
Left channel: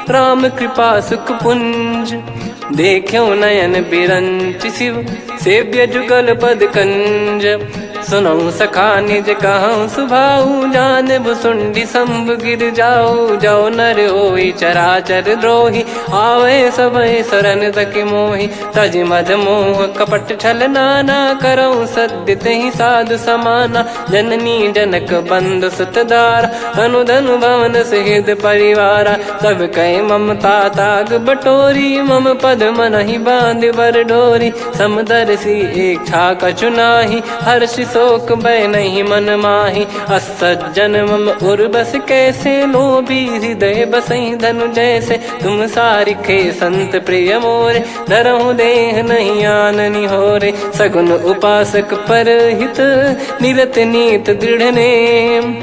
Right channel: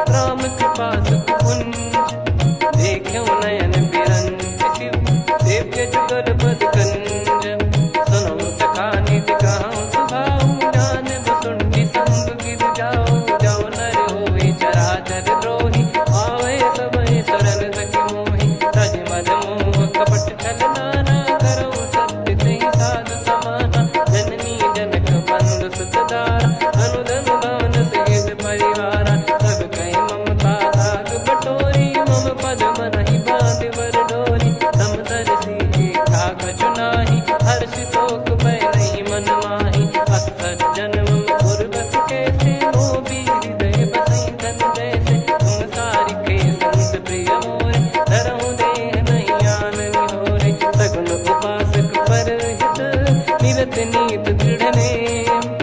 राम कृपा सुख पुंज, देखो नयन बिरंच शिव, सेव्य जुगल पद कंज, सुनऊ सखा निज कहूँ सुभाऊ, जान भुसुंडी संभ गिर जाओ, जाओ नर होई चराचर द्रोही, आवे सबय शरण तक मोहि, तज मद मोह कपट छल नाना, करऊँ सत्य तेहि साधु समाना, जननी जनक बंधु सुतदारा, अनु धनु भवन सहित परिवारा, सब कहे ममता ताग बटोरी, मम पद मनहि बांध बर डोरी, समदर्शी इच्छा कछु नाही, हर्ष शोक भय नहीं मन माही, असज्जन मम उर्वश कैसे, लोभी हृदय बसई धनु जैसे, तुम सारिखे संत प्रिय मोरे, धरहु देह नहीं आननि होरे, सगुन उपासक पर हित, निरत नीत दृढ़ नेम,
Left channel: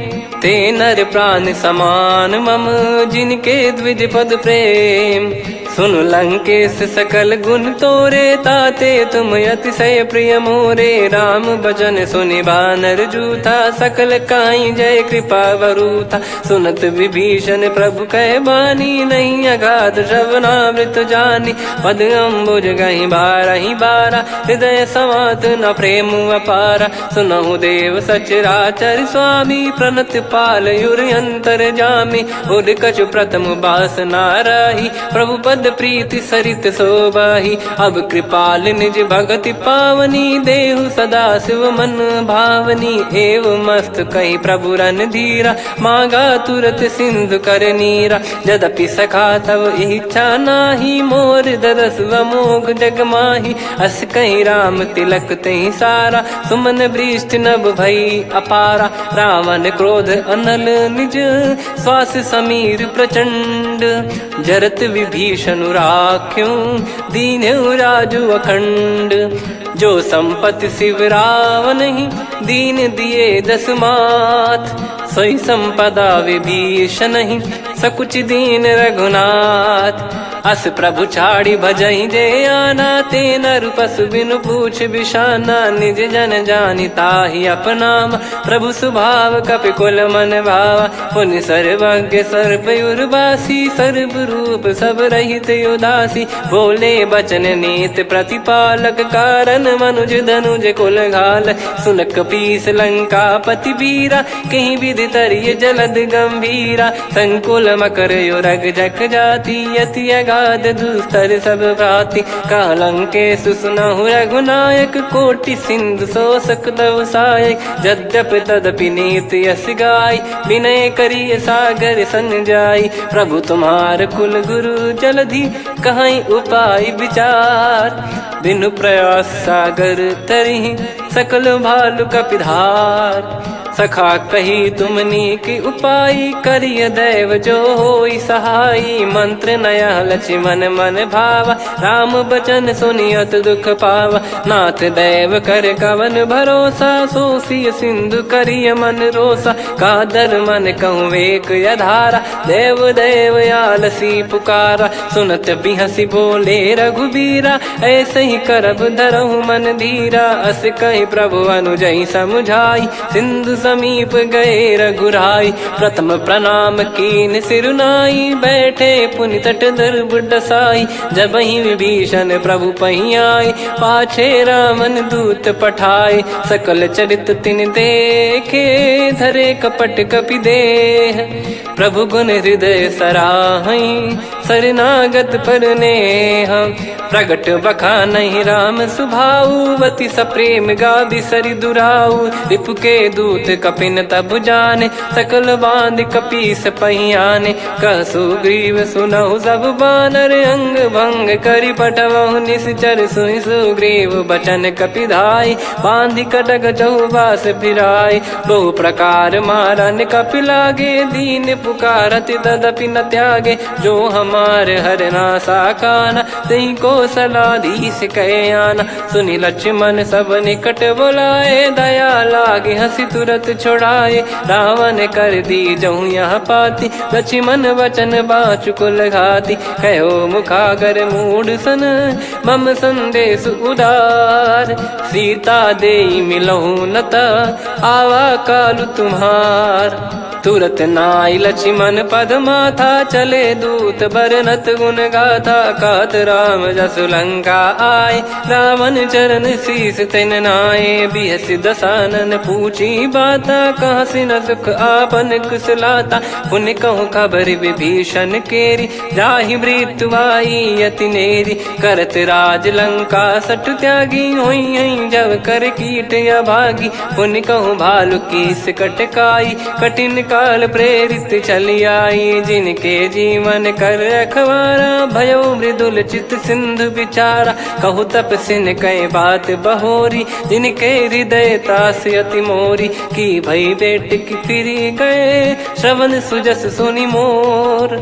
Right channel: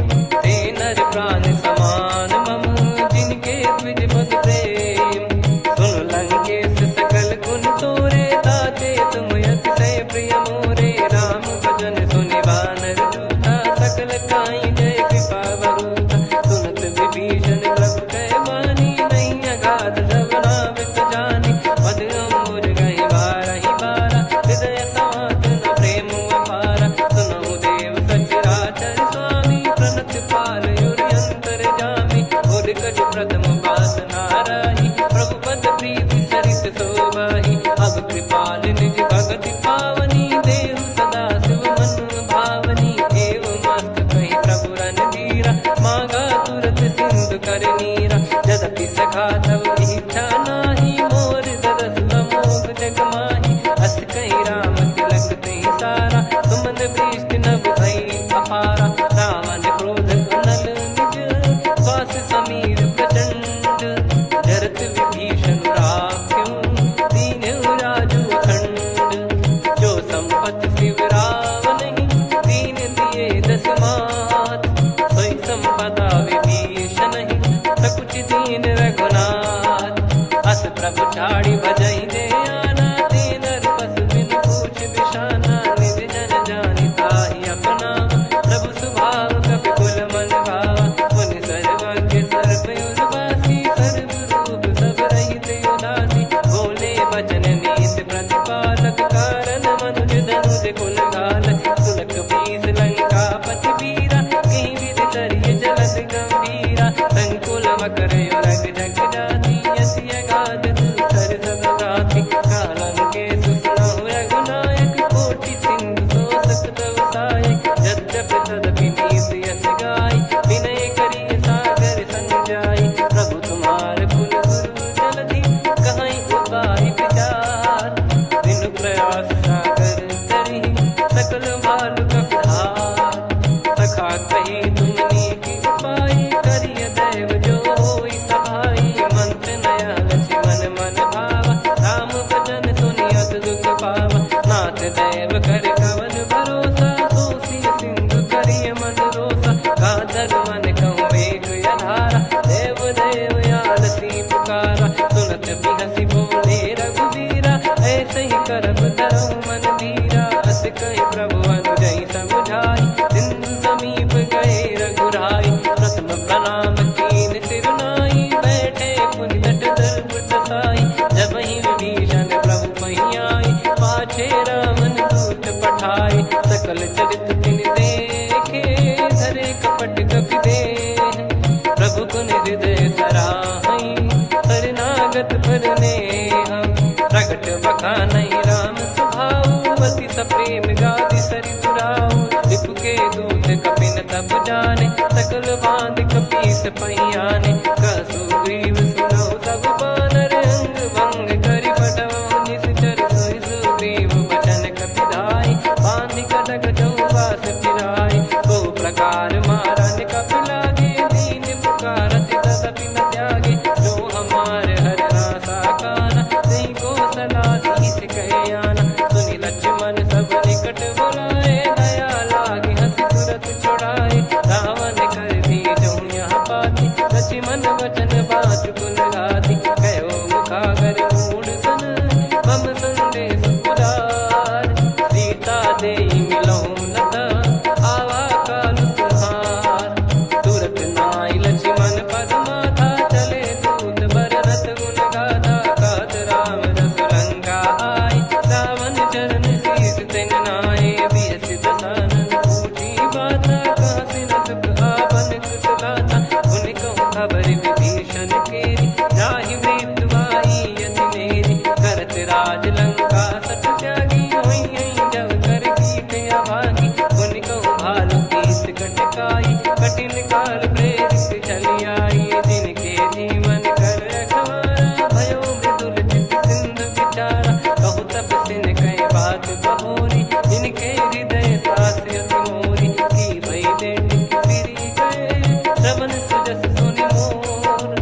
ते नर प्राण समान मम, जिनके द्विज पद प्रेम, सुन लंकेश सकल गुण तोरे, ताते तुम अतिशय प्रिय मोरे, राम भजन सुनि बानर जूथा, सकल काई जय कृपा वरूथा, सुनत विभीषण प्रभु कह बानी, नहीं अगाध श्रवणामृत जानी, पद अम्बुज गहि बारहि बारा, हृदय समात न प्रेम अपारा, सुनहु देव सचराचर स्वामी, प्रणत पाल युर अंतर जामी, उद कछु प्रथम बास नाराही, प्रभु पद प्रीति सरित शोभाही, अब कृपाल निज भगति पावनी, देहु सदा शिव मन भावनी, एव मस्त कही प्रभु रन धीरा, मांगा तुरत सिंधु कर नीरा, यद्यपि सखा तब इच्छा नाही, मोर दरस अमोघ जग माही, अस कहीं राम तिलक तहि सारा, सुमन वृष्ट नभ भई अपारा, रावण क्रोध अनल निज, श्वास समीर प्रचंड, जरत विभीषण राख्यों, दीन्हु राजु अखंड, जो संपत्ति शिव रावण ही, दीन दिए दस मात, सोई संपदा विभीषण ही, सकुच दीन रघुनाथ, अस प्रभु छाड़ी भजई जे आना, ते नर पशु बिनु पूछ बिशाना, निज जन जानि ताहि अपनाम, प्रभु स्वभाव कपि कुल मन भावा, मुनि सर्वज्ञ सर्वयुर्वासी, सर्व रूप सब रहित उदासी, बोले बचन नीत प्रतिपालक, कारण मनुज धनुज कुल घाल, सुन कपीस लंका पति वीरा, कहीं विधि तरिय जलद गंभीरा, संकुल मकर युरग जख जाति, यति गाद दुस्तर सब भांति कालंके सुसुनाहु रघुनायक कोटि सिंधु शोषक तव सहायक यद्यपि तदपि नीत यस गाय विनय करिय सागर सन जाई प्रभु तुम्हार कुल गुरु जलधि कहीं उपाय विचार बिनु प्रयास सागर तरिहि सकल भालु कपिधार सखा कही तुमनी की उपाय करिय दैव जो होई सहाई मंत्र नया लक्ष्मण मन भावा राम बचन सुनियत दुख पावा नाथ दैव कर कवन भरोसा सोसिय सिंधु करिय मन रोसा कादर मन कहूँ वेक यधारा देव देव आलसी पुकारा सुनत बिहसी बोले रघुबीरा ऐसे ही करब धरहु मन धीरा अस कही प्रभु अनुजई समुझाई सिंधु समीप गए रघुराई प्रथम प्रणाम कीन सिरुनाई बैठे पुनि तट दर्भ डसाई जब ही विभीषण प्रभु पही आए पाछे रामन दूत पठाए सकल चरित तिन देखे धरे कपट कपि देह प्रभु गुण हृदय सराहई शरणागत पर नेह प्रगट बखानहि राम सुभाऊ वति सप्रेम गादि सरि दुराऊ रिपु के दूत कपिन तब जाने सकल बांध कपीस पहियाने कह सुग्रीव सुनहु सब बानर अंग भंग करि पटवहु निश्चर सुनि सुग्रीव बचन कपिधाई बांधि कटक चहुबास फिराई बहु प्रकार मारन कपि लागे दीन पुकारति तदपि न त्यागे जो हमार हरना साकाना तई को सलाधीश कहे आना सुनि लक्ष्मण सब निकट बुलाए दया लागे हंसी तुरत छोड़ाए रावण कर दी जहूँ यहाँ पाती लक्ष्मण वचन बाचु कुल घाती कहो मुखागर मूड सन मम संदेश उदार सीता देई मिलहु नता आवा कालु तुम्हार तुरत नाई लक्ष्मण पद माथा चले दूत बरनत गुण गाथा कात राम जसु लंका आए रावण चरण शीस तिन नाये बिहसि दसानन पूछी बाता कहाँ से न सुख आपन कुशलाता पुन कहूँ खबर विभीषण केरी जाहि मृत्यु आई यति नेरी करत राज लंका सठ त्यागी होई जब कर कीट अभागी पुन कहूँ भालु कीस कटकाई कठिन काल प्रेरित चली आई जिनके जीवन कर रखवारा भयो मृदुल चित सिंधु विचारा कहु तप सिन कई बात बहोरी जिनके हृदय तास अति मोरी की भई बेट की फिरी गए श्रवण सुजस सुनि मोर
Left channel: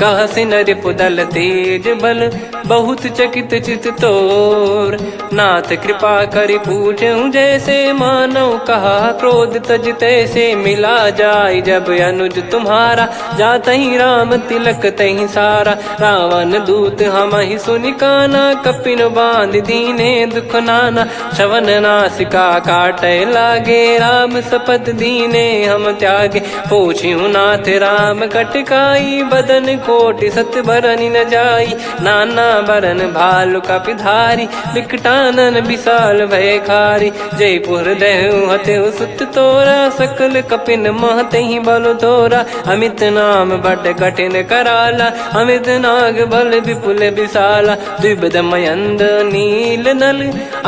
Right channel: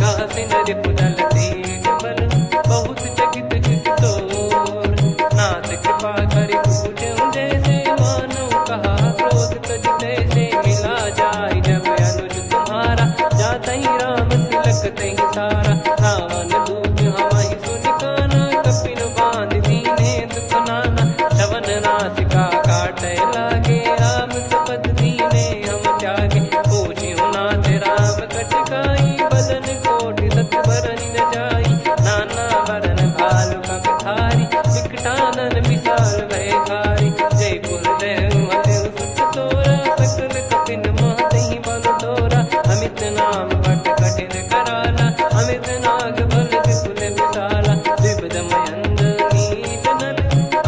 कह सिन रिपुदल तेज बल बहुत चकित चित तोर नाथ कृपा करि पूछूं जैसे मानव कहा क्रोध तज तैसे मिला जाय जब अनुज तुम्हारा जात ही राम तिलक तही सारा रावण दूत हम ही सुनि काना कपिन बांध दीने दुख नाना श्रवण नासिका काटे लागे राम सपत दीने हम त्यागे पूछ्यू नाथ राम कटकाई बदन कोटि सत बरनि न जाई नाना बरन भालु कपिधारी विकटानन विशाल भय खारी जयपुर देहु हतेउ सुत तोरा सकल कपिन महतहि बल तोरा अमित नाम बट कठिन कराला अमित नाग बल विपुल विशाला द्विपद मयंद नील नल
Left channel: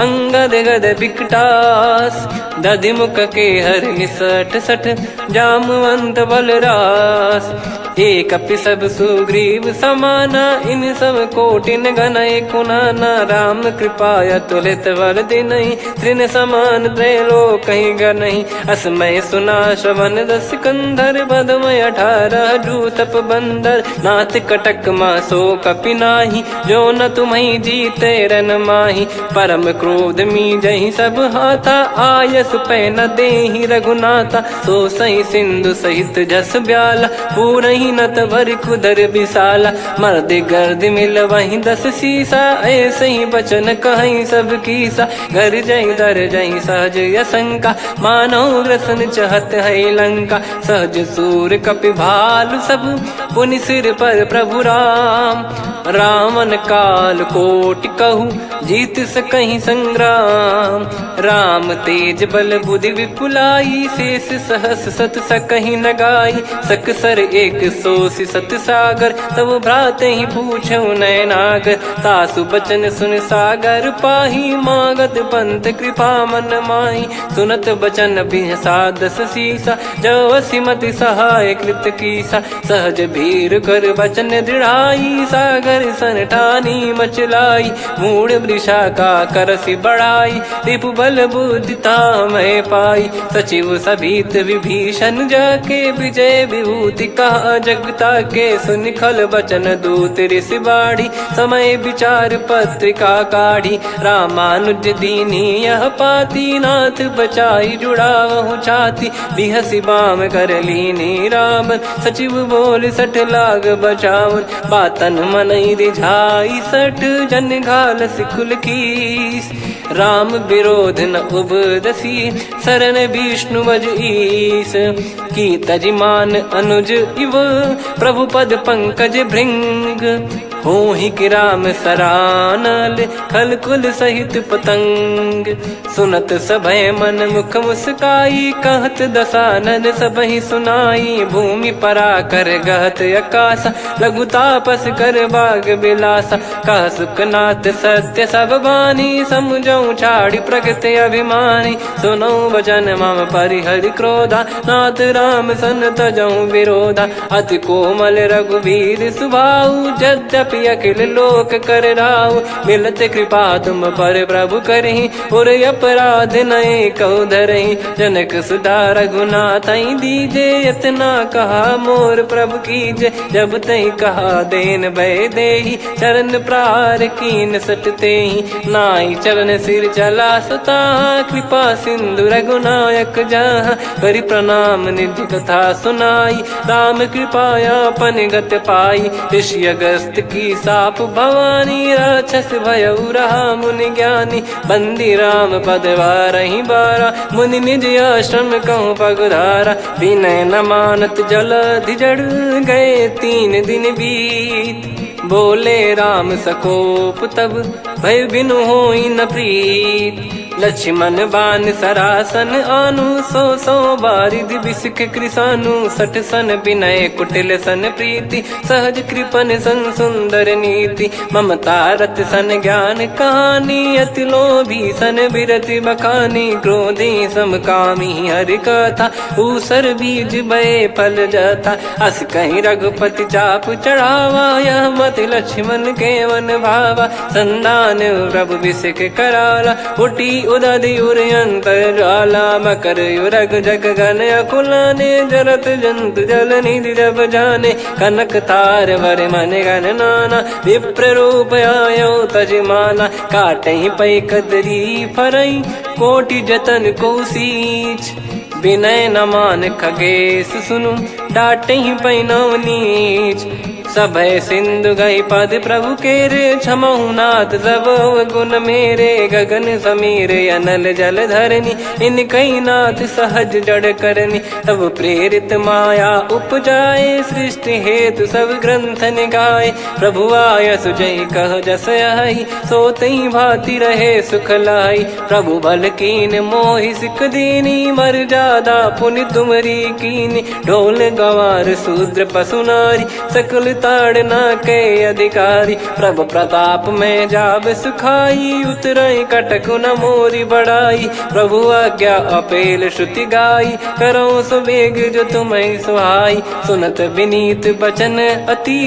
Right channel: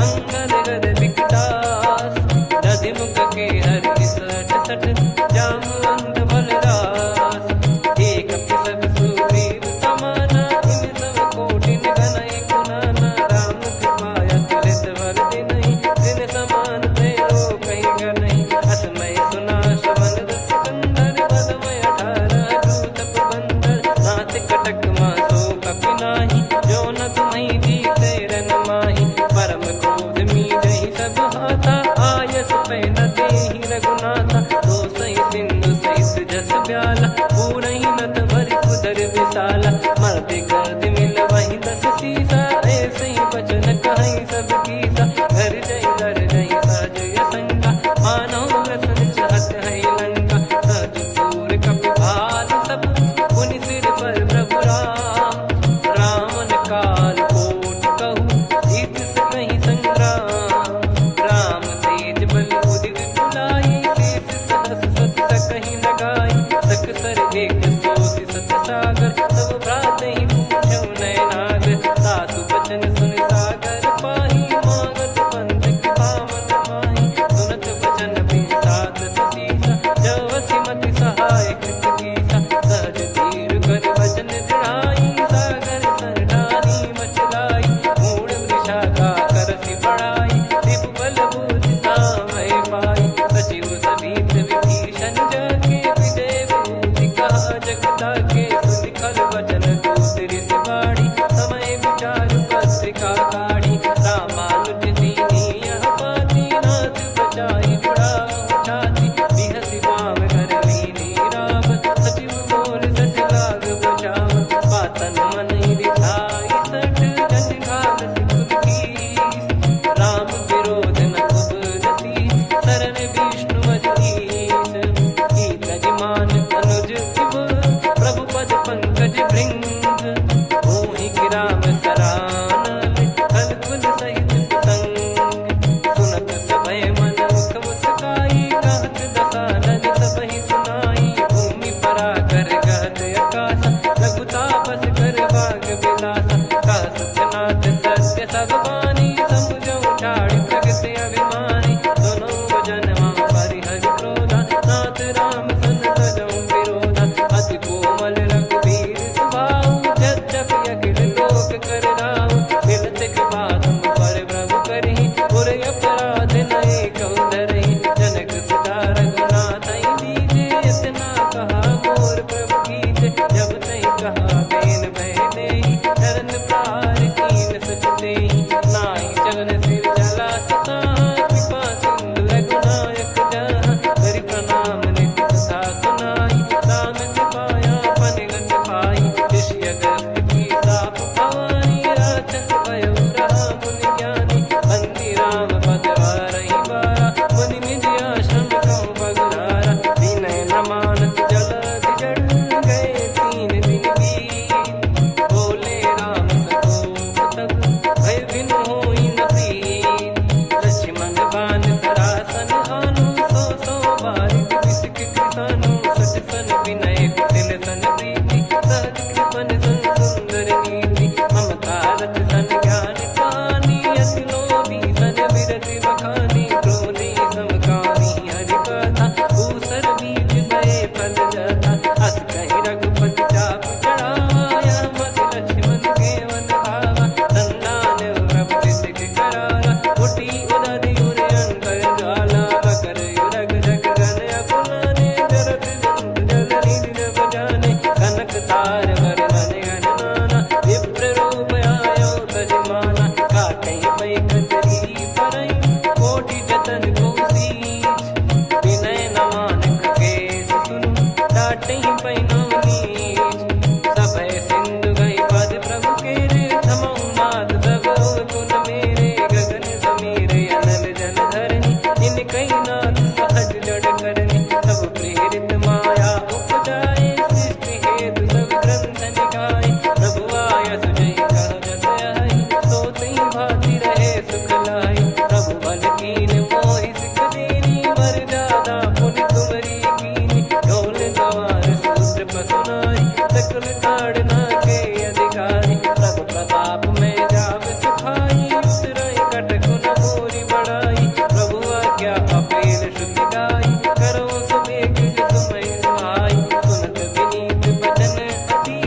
अंगद गद विकटास दधि मुख के हर निसठ सठ जामवंत बलरास एक अपि सब सुग्रीव समाना इन सब कोटिन गनय कुनाना राम कृपा अतुलित बल दिनहि त्रिन समान त्रैलोक कहीं गनहि असमय सुना श्रवण दस कंधर बदमय 18 जूतप बंदर नाथ कटक मासो कपि नाही जो न तुम्हि जीते रन माही परम क्रोध मी जहि सब हाथा आयस पै न देहि रघुनाथा सो सही सिंधु सहित जस ब्याला पूरहि नत भरि कुदर विशाला मर्द गर्द मिल वहीं 10 सीसा ऐसे ही बचन कहीं सब कीसा घर जहि दर जहि सहज यसंका मानव रसन चहत है लंका सहज सूर कपि भालु सब पुनि सिर पर प्रभु राम रावण काल कोटि कहु जीत सकहीं संग्राम। राम तेज बल बुद्धि विपुलाई, शेष सहस सत सकहीं न गाई। सकसर एक सोसी सत सागर, तब भ्रात ही पूछो नयनागर। तासु बचन सुन सागर पाही, मागत पंथ कृपा मन माही। सुनत बचन बिहसादस सीसा, जव सिमति सहाय कृत कीसा। सहज भीर कर बचन दृढ़ाई, सागर सन ठानी मचलाई। मूढ़ वृषा का करसि बढ़ाई, रिपु बल बुद्धि तामय पाई। सचिव सभीत विभीषण जाके, विजय विभूति कहा जगता के। सुनि खल बचन दूत ऋषि बाड़ी, समय विचार पत्रिका काढ़ी। रामानुज दीनी यह पाती, नाथ बचाई जुड़ावहु छाती। बिहसि बाम कर लीनी रावण, सचिव बोल सठ लाग बचावन। बातन मनई रिझाई सठ, जन घाल सिकुल कीस। राम विरोध न उपदसी, शरण विष्णु बज ईस। की तजिमान अनुज इव, प्रभु पद पंकज भृंग। होहि कि राम सरानल, खल कुल सहित पतंग। सुनत सभय मन मुख मुस्काई, कहत दसानन सबहि सुनाई। भूमि परा कर गहत आकाशा, लघु तापस कर बाग बिलासा। कह सुखनाथ सत्य सब बानी, समुझौ छाड़ी प्रगति अभिमानी। सुनो भजन मम परिहरि क्रोधा, नाथ राम सन तजौ विरोधा। अति कोमल रघुवीर सुभाऊ, यद्यपि अखिल लोक कर राऊ। मिलत कृपा तुम पर प्रभु करहि, पुर अपराध नए कौ धरहि। जनक सुधा रघुनाथ दीजे, इतना कहा मोर प्रभु कीजे। जब तई कहा देन भय देहि, चरण प्रार कीन सट तेहि। नाई चरण सिर चला सता, कृपा सिंधु रघुनायक जहाँ। करि प्रणाम निधि कथा सुनाई, राम कृपाया पन गत पाई। ऋषि अगस्त की साप भवानी, राक्षस भयउ रहा मुनि ज्ञानी। बंदी राम पद वारहि बारा, मुनि निज आश्रम कहूँ पगुधारा। विनय न मानत जलधि जड़, गए 3 दिन बीत। बोले राम सकोप तब, भय बिनु होई न प्रीत। लक्ष्मण बान सरासन आनु, 100 बारिधि बिसक कृसानु। 60 सन विनय कुटिल सन प्रीति, सहज कृपन सन सुंदर नीति। ममता रत सन ज्ञान कहानी, अति लोभी सन बिरति बखानी। क्रोधी समकामी हरि कथा, ऊसर बीज बये फल जथा। अस कहीं रघुपति चाप चढ़ावा, यह मत लक्ष्मण के वन भावा। संदान प्रभु बिसक कराला, उठी उदधि उर अंतर ज्वाला। मकर युरग जग गण अकुलाने, जरत जंतु जल निधि जब जाने। कनक तार वर मन गण नाना, विप्र रूप आयो तजमाना। काटहि पै कदरी फरई, कोटि जतन को सींच। विनय न मान खगेश सुनु, डांटहि पै नव नीच। सभय सिंधु गई पद प्रभु केरे, क्षमहु नाथ सब गुण मेरे। गगन समीरे अनल जल धरनी, इन कई नाथ सहज जड़ करनी। तब प्रेरित माया उपजाए, सृष्टि हेतु सब ग्रंथ निगाए। प्रभु आय सुजई कह जस आई, सोतई भांति रहे सुख लाई। प्रभु बल कीन मोहि सिख दीनी, मर्यादा पुनि तुमरी कीनी। ढोल गवार शूद्र पशु नारी, सकल ताड़ना के अधिकारी। प्रभु प्रताप में जाब सुखाई, उतरई कटक न मोरी बढ़ाई। प्रभु आज्ञा अपेल श्रुति गाई, करो सुबेग जो तुम्हें सुहाई। सुनत विनीत बचन अति,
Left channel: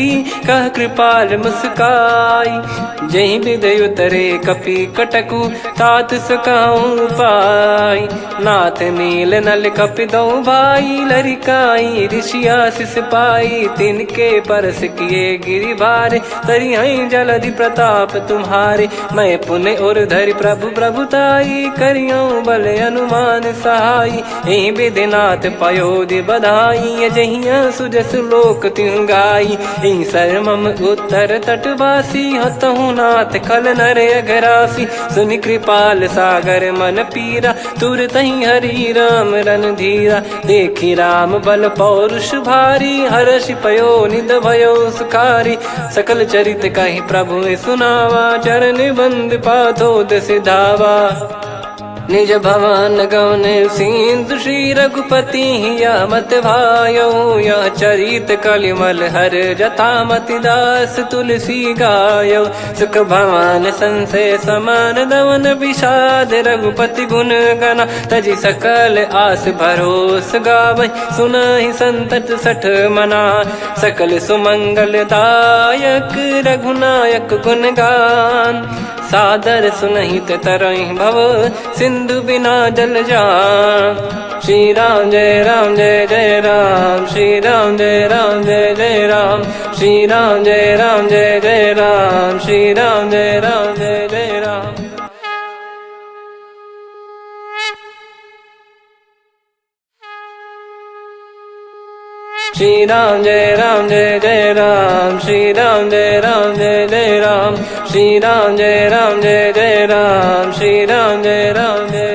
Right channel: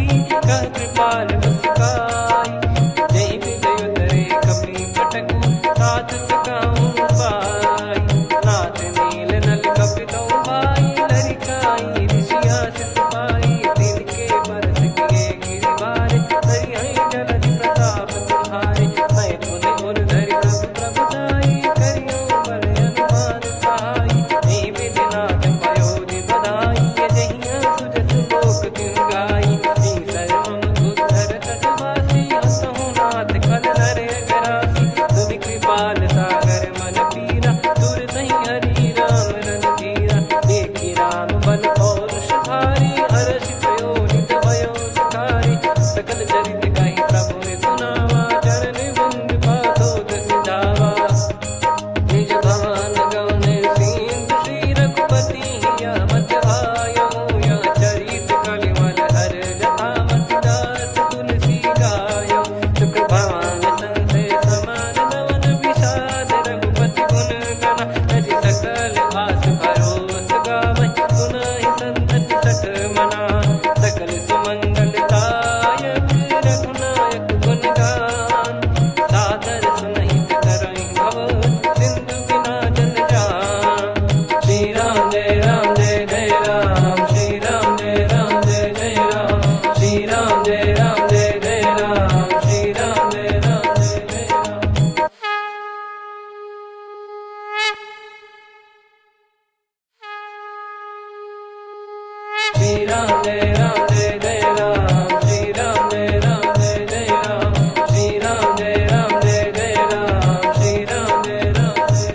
कह कृपाल मुस्काई। जहि हृदय उतरे कपि कटकु, तात सकाऊं पाई। नाथ नील नल कपि दो भाई, लरिकाई ऋषि आशीष पाई। तिनके परस किए गिरि भारे, तरिहै जलधि प्रताप तुम्हारे। मैं पुन और धरि प्रभु प्रभुताई, करियौ बल अनुमान सहाई। एहि विधिनाथ पयोधि बधाई, जहिया सुजस लोक तिहुँ गाई। एहि सरमम उत्तर तटवासी, हतहु रघुनाथ खल नर अघरासी, सुनि कृपाल सागर मन पीरा, तुरतहि हरि राम रणधीरा। देखि राम बल पौरुष भारी, हर्षि पयो निध भयो सुखारी। सकल चरित कहि प्रभु सुनावा, चरण बंद पादोद सिधावा। निज भवन गौन सिंधु श्री रघुपति हिया मत भायो, यह चरित कलिमल हर जथा मति दास तुलसी गायो। सुख भवन संशय समान दवन विषाद, रघुपति गुण गना तजि सकल आस भरोस गावै। सुनहि संतत सठ मना, सकल सुमंगल दायक रघुनायक गुण गान। सादर सुनहित तरहि भव, सिंधु बिना जल जान। श्री राम जय जय राम, श्री राम जय जय राम, श्री राम जय जय राम, श्री राम जय जय राम। श्री राम जय जय राम, श्री राम जय जय राम, श्री राम जय जय राम, श्री राम जय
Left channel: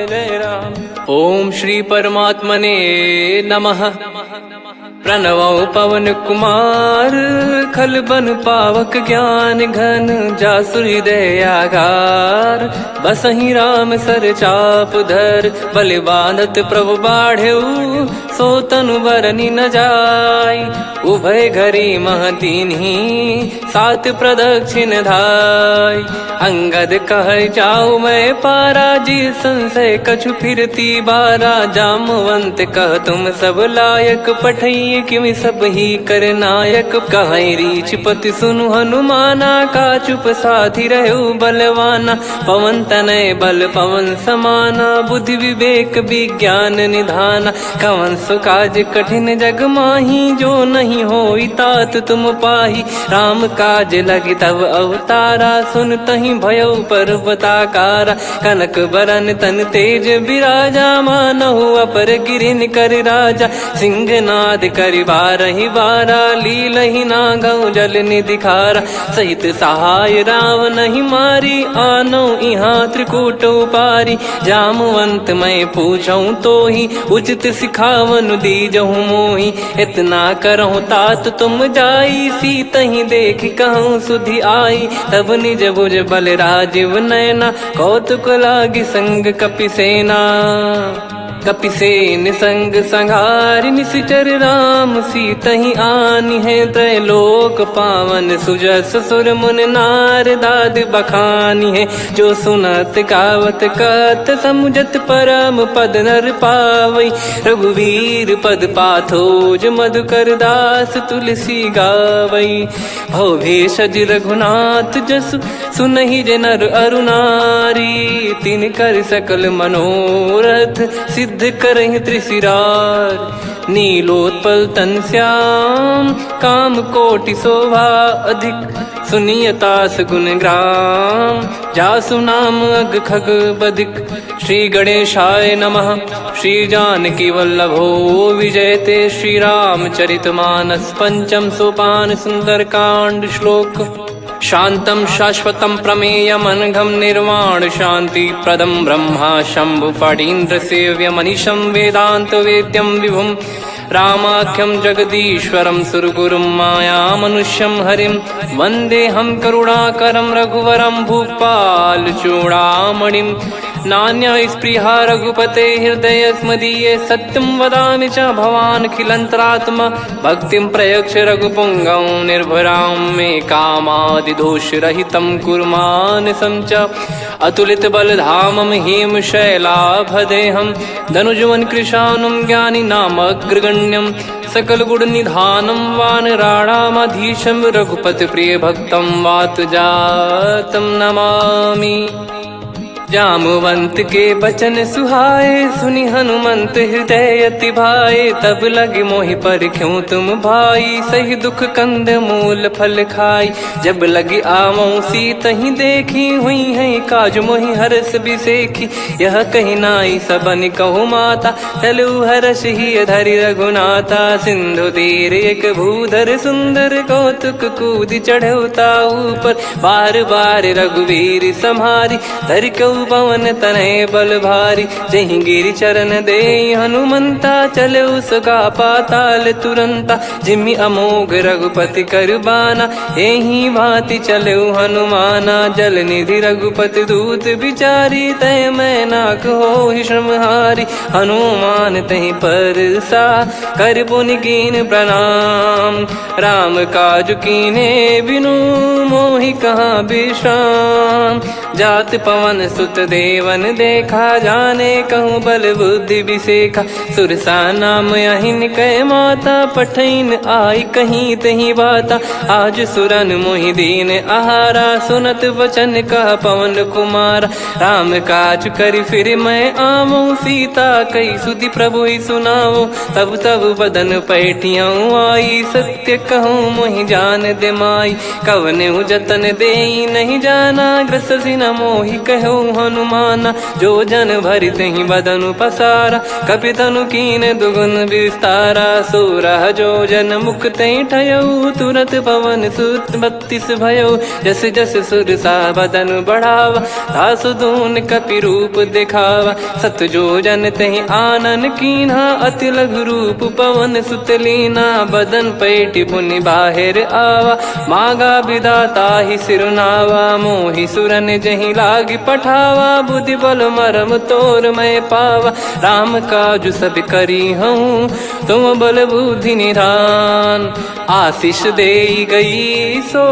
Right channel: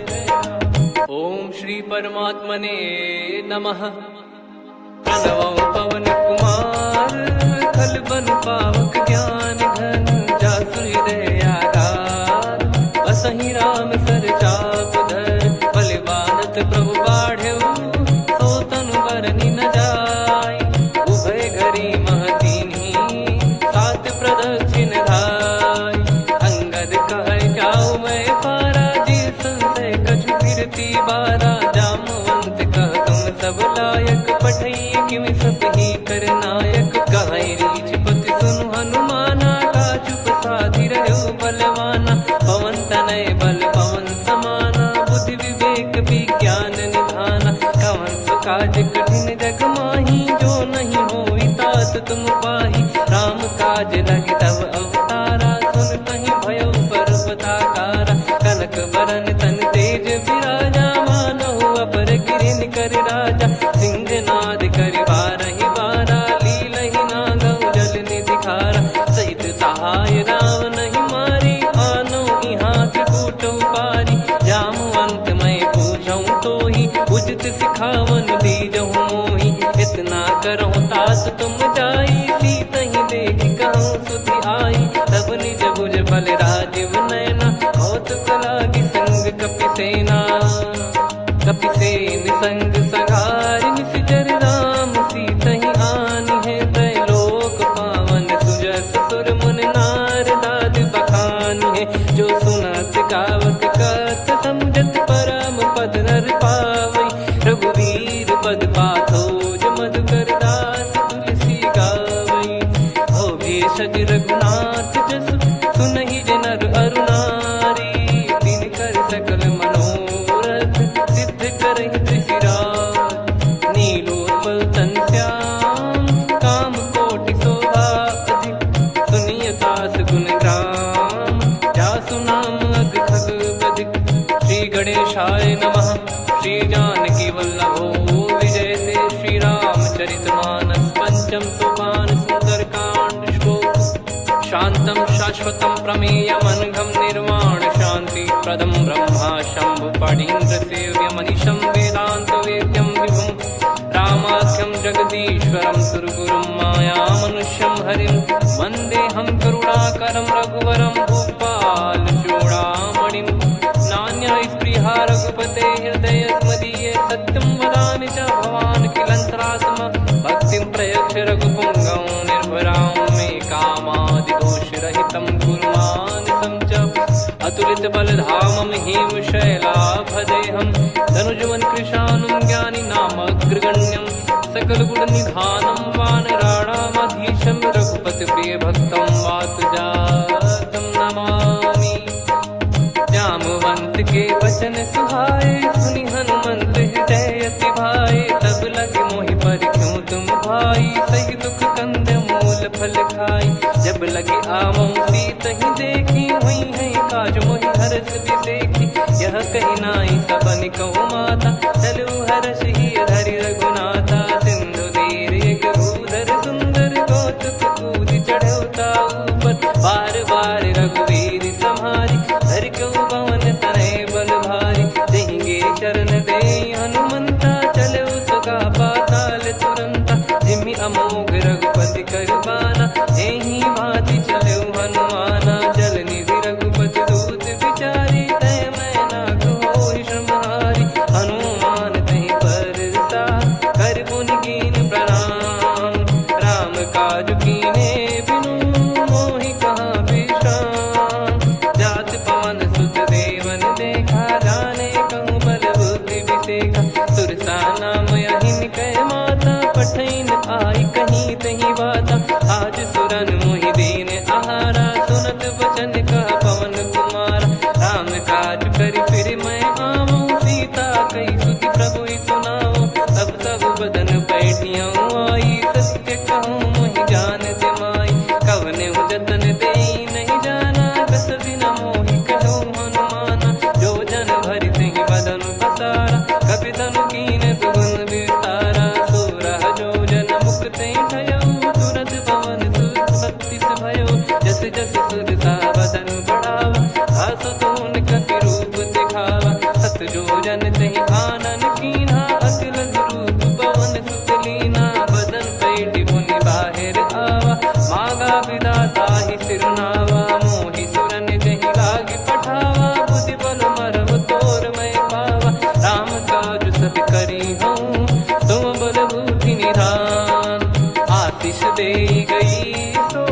जय राम। ओम श्री परमात्मने नमः। प्रणवो पवन कुमार, खल बन पावक ज्ञान घन, जासु हृदय आगार। बसहि राम सर चाप धर, बलि बांधत प्रभु बाढ़ऊ, सो तनु बरनि न जाय। उभय घरी महतीन्ही, सात प्रदक्षिण धाय। अंगद कह जाऊ मैं पारा, जी संशय कछु फिरती बारा। जामवंत कह तुम सब लायक, पठई किमि सब ही कर नायक। कहै रीछ पति सुनु हनुमाना, का चुप साधि रहु बलवाना। पवन तनय बल पवन समाना, बुद्धि विवेक विज्ञान निधाना। कवन सो काज कठिन जग माही, जो नहीं होई तात तुम पाही। राम काज लगी तब अवतारा, सुन तहि भयउ पर्वताकारा। कनक बरन तन तेज बिराजा, मानहु अपर गिरिन कर राजा। सिंहनाद करि बारहि बारा, लीलहि नागौ जल निधि खारा। सहित सहाय राम नहीं मारी, आनो इहाँ त्रिकूट उपारी। जामवंत मैं पूछऊँ तोहि, उचित सिखावन दीजहु मोहि। इतना करहु तात तुम जाई, सीतहि देख कहूँ सुधि आई। तब निज भुज बल राजीव नयना, कौतुक लागी संग कपिसेना। कपिसेन संग संघारि निशिचर राम, सीतहि आनि है त्रैलोक पावन। सुजस सुर मुन नार दाद बखानी है, जो सुनत गावत कथ समुझत परम पद नर पावै। रघुवीर पद पाथोज मधुकर दास तुलसी गावै। भव भेषज रघुनाथ जसु, सुनहि जे नर अरु नारी। तिन कर सकल मनोरथ, सिद्ध करहि त्रिशिरार। नीलोत्पल तन श्याम, काम कोटि शोभा अधिक। सुनियतास गुण ग्राम, जासु नाम अग खग बधिक। श्री गणेशाय नमः। श्री जानकी वल्लभो विजयते, श्री रामचरित मानस पंचम सोपान सुंदरकांड श्लोक। शांतं शाश्वतं प्रमेयमनघं निर्वाण शांति प्रदं ब्रह्मा शंभु फणीन्द्र सेव्य मनीषं वेदांत वेद्यं विभुं। रामाख्यं जगदीश्वरं सुरगुरुं माया मनुष्यं हरिं। वन्देऽहं करुणाकरं रघुवरं भूपाल चूडामणिं। नान्या स्पृहा रघुपते हृदय स्मदीये, सत्यं वदामि च भवान् खिलन्तरात्मा। भक्तिं प्रयच्छ रघुपुङ्गं निर्भरां मे कामादिदोषरहितं कुर्मानसं च। अतुलित बलधामं हेमशैलाभदेहं, धनुजवन कृशानुं ज्ञानिनामग्रगण्यं। सकल गुण निधानं वानराणामधीशं, रघुपति प्रिय भक्तं वातजातं नमामि। जामवंत के बचन सुहाए, सुनि हनुमंत हृदय अति भाए। तब लगे मोहि पर क्यों तुम भाई, सही दुख कंद मूल फल खाई। जब लगी आवऊं सीत ही देखी, हुई है काज मोहि हरस बिसेखी। यह कही नाई सबन कहु माता, चलू हरष ही धरि रघुनाथा। सिंधु तीर एक भूधर सुंदर, कौतुक कूद चढ़ौता ऊपर। बार बार रघुवीर सम्हारी, धरि कहु पवन तनय बल भारी। जहि गिरि चरण दे हनुमंता, चलो सगा पाताल तुरंता। जिमि अमोघ रघुपति कर बाना, एहि भांति चलो हनुमाना। जल निधि रघुपति दूत बिचारी, तय मैं नाग होहि श्रमहारी। हनुमान तहि परसा, कर पुनि कीन प्रणाम। राम काज कीने बिनु, मोहि कहाँ विश्राम। जात पवन सुत देवन देखा, जाने कहूँ बल बुद्धि विसेखा। सुरसा नाम अहिन कै माता, पठैन आई कहीं तहीं बाता। आज सुरन मोहि दीन आहारा, सुनत वचन कह पवन कुमारा। राम काज करि फिर मैं आवऊं, सीता कई सुधि प्रभु ही सुनाओ। तब तब बदन पैठियाँ आई, सत्य कहूँ मोहि जान दे माई। कवने जतन देई नहीं जाना, ग्रसि न मोहि कहूँ हनुमाना। जो जन भरि तहि बदनु पसारा, कपि तनु कीन दुगुन विस्तारा। सोरह जो जन मुख तहि ठयऊ, तुरत पवन सुत 32 भयऊ। जस जस सुरसा बदन बढ़ावा, आसु दून कपि रूप दिखावा। सत जो जन तहि आनन कीन्हा, अति लघु रूप पवन सुत लीना। बदन पैठि पुनि बाहिर आवा, मांगा विधाता ही सिरुनावा। मोहि सुरन जहि लागी पठावा, बुद्धि बल मरम तोर मैं पावा। राम काज सब करी हूँ, तुम बल बुद्धि निधान। आशीष देई गई सो,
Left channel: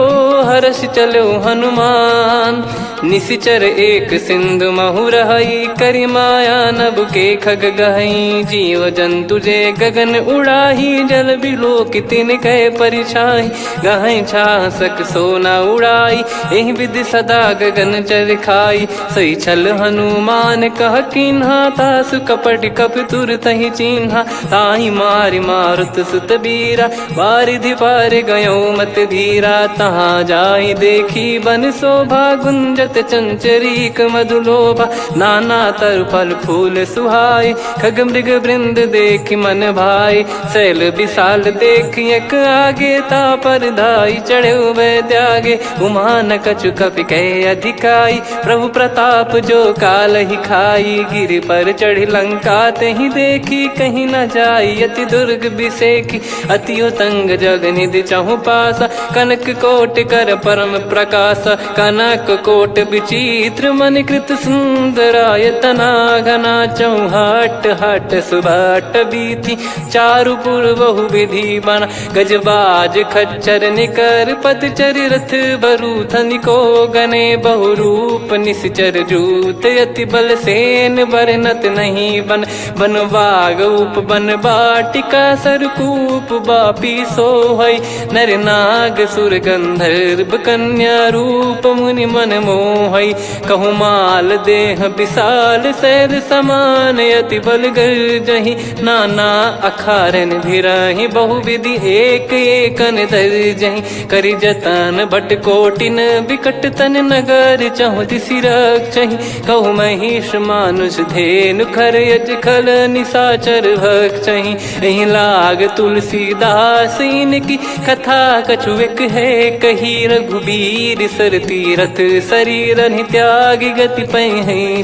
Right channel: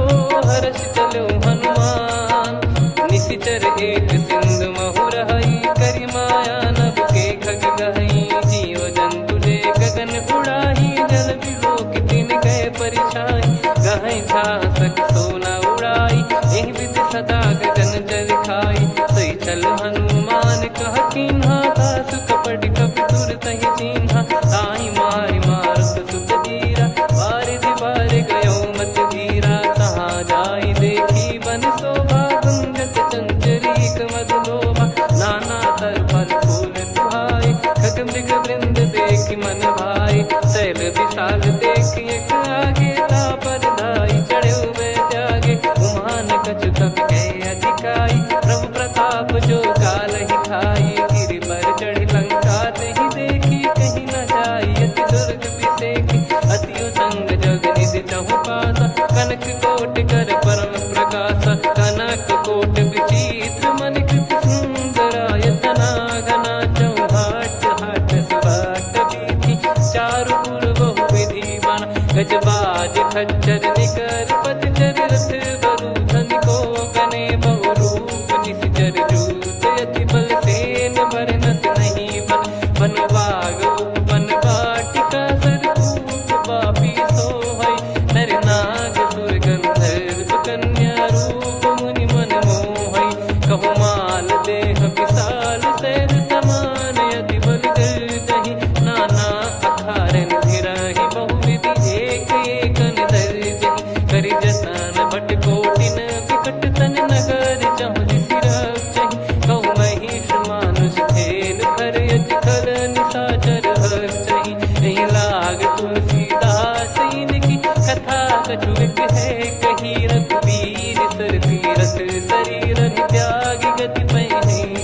हर्ष चलो हनुमान। निशिचर एक सिंधु महु रहई, करि माया नभ के खग गहई। जीव जंतु जे गगन उड़ाही, जल बिलोक तिन कह परिछाई। गहई छासक सोना उड़ाई, एहि विधि सदा गगन चर खाई। सही छल हनुमान कह कीन्हा, तासु कपट कपि तुर तहि चिन्हा। ताहि मारि मारुत सुत बीरा, बारिधि पार गयो मत धीरा। तहाँ जाई देखी बन शोभा, गुंजत चंचरीक मधुलोभा। नाना तरु फल फूल सुहाए, खग मृग वृंद देख मन भाई। शैल विशाल देख एक आगे, तापर धाई चढ़े वै त्यागे। उमान कछु कपि कह अधिकाई, प्रभु प्रताप जो काल ही खाई। गिर पर चढ़ी लंका तहि देखी, कहीं न जाई अति दुर्ग बिसेखी। अति उतंग जग निधि चहु पासा, कनक कोट कर परम प्रकाशा। कनक कोट विचित्र मन कृत सुंदरायतना। घना चौहाट हाट सुबाट बीथी, चारु पुर बहु विधि बना। गजबाज खच्चर निकर पतचर, रथ बरु धनिको गने। बहु रूप निश्चर जूत, अति बल सेन बरनत नहीं बन। बन बाग उप बन बाटिका, सरकूप बापी सोहई। नर नाग सुर गंधर्व कन्या, रूप मुनि मन मोहई। कहु माल देह विशाल, शैल समान अति बल गर्जहि। नाना अखारन भिराहि, बहु विधि एक एकन दर्जहि। करि जतन भट कोटिन, विकट तन नगर चहु दिसि रक्षहि। कहु महिष मानुष धेनु, खर यज खल निशाचर भक्षहि। एहि लाग तुलसीदास इनकी, कथा कछु एक है कही। रघुबीर सर तीरथ शरीर, त्यागी गति पै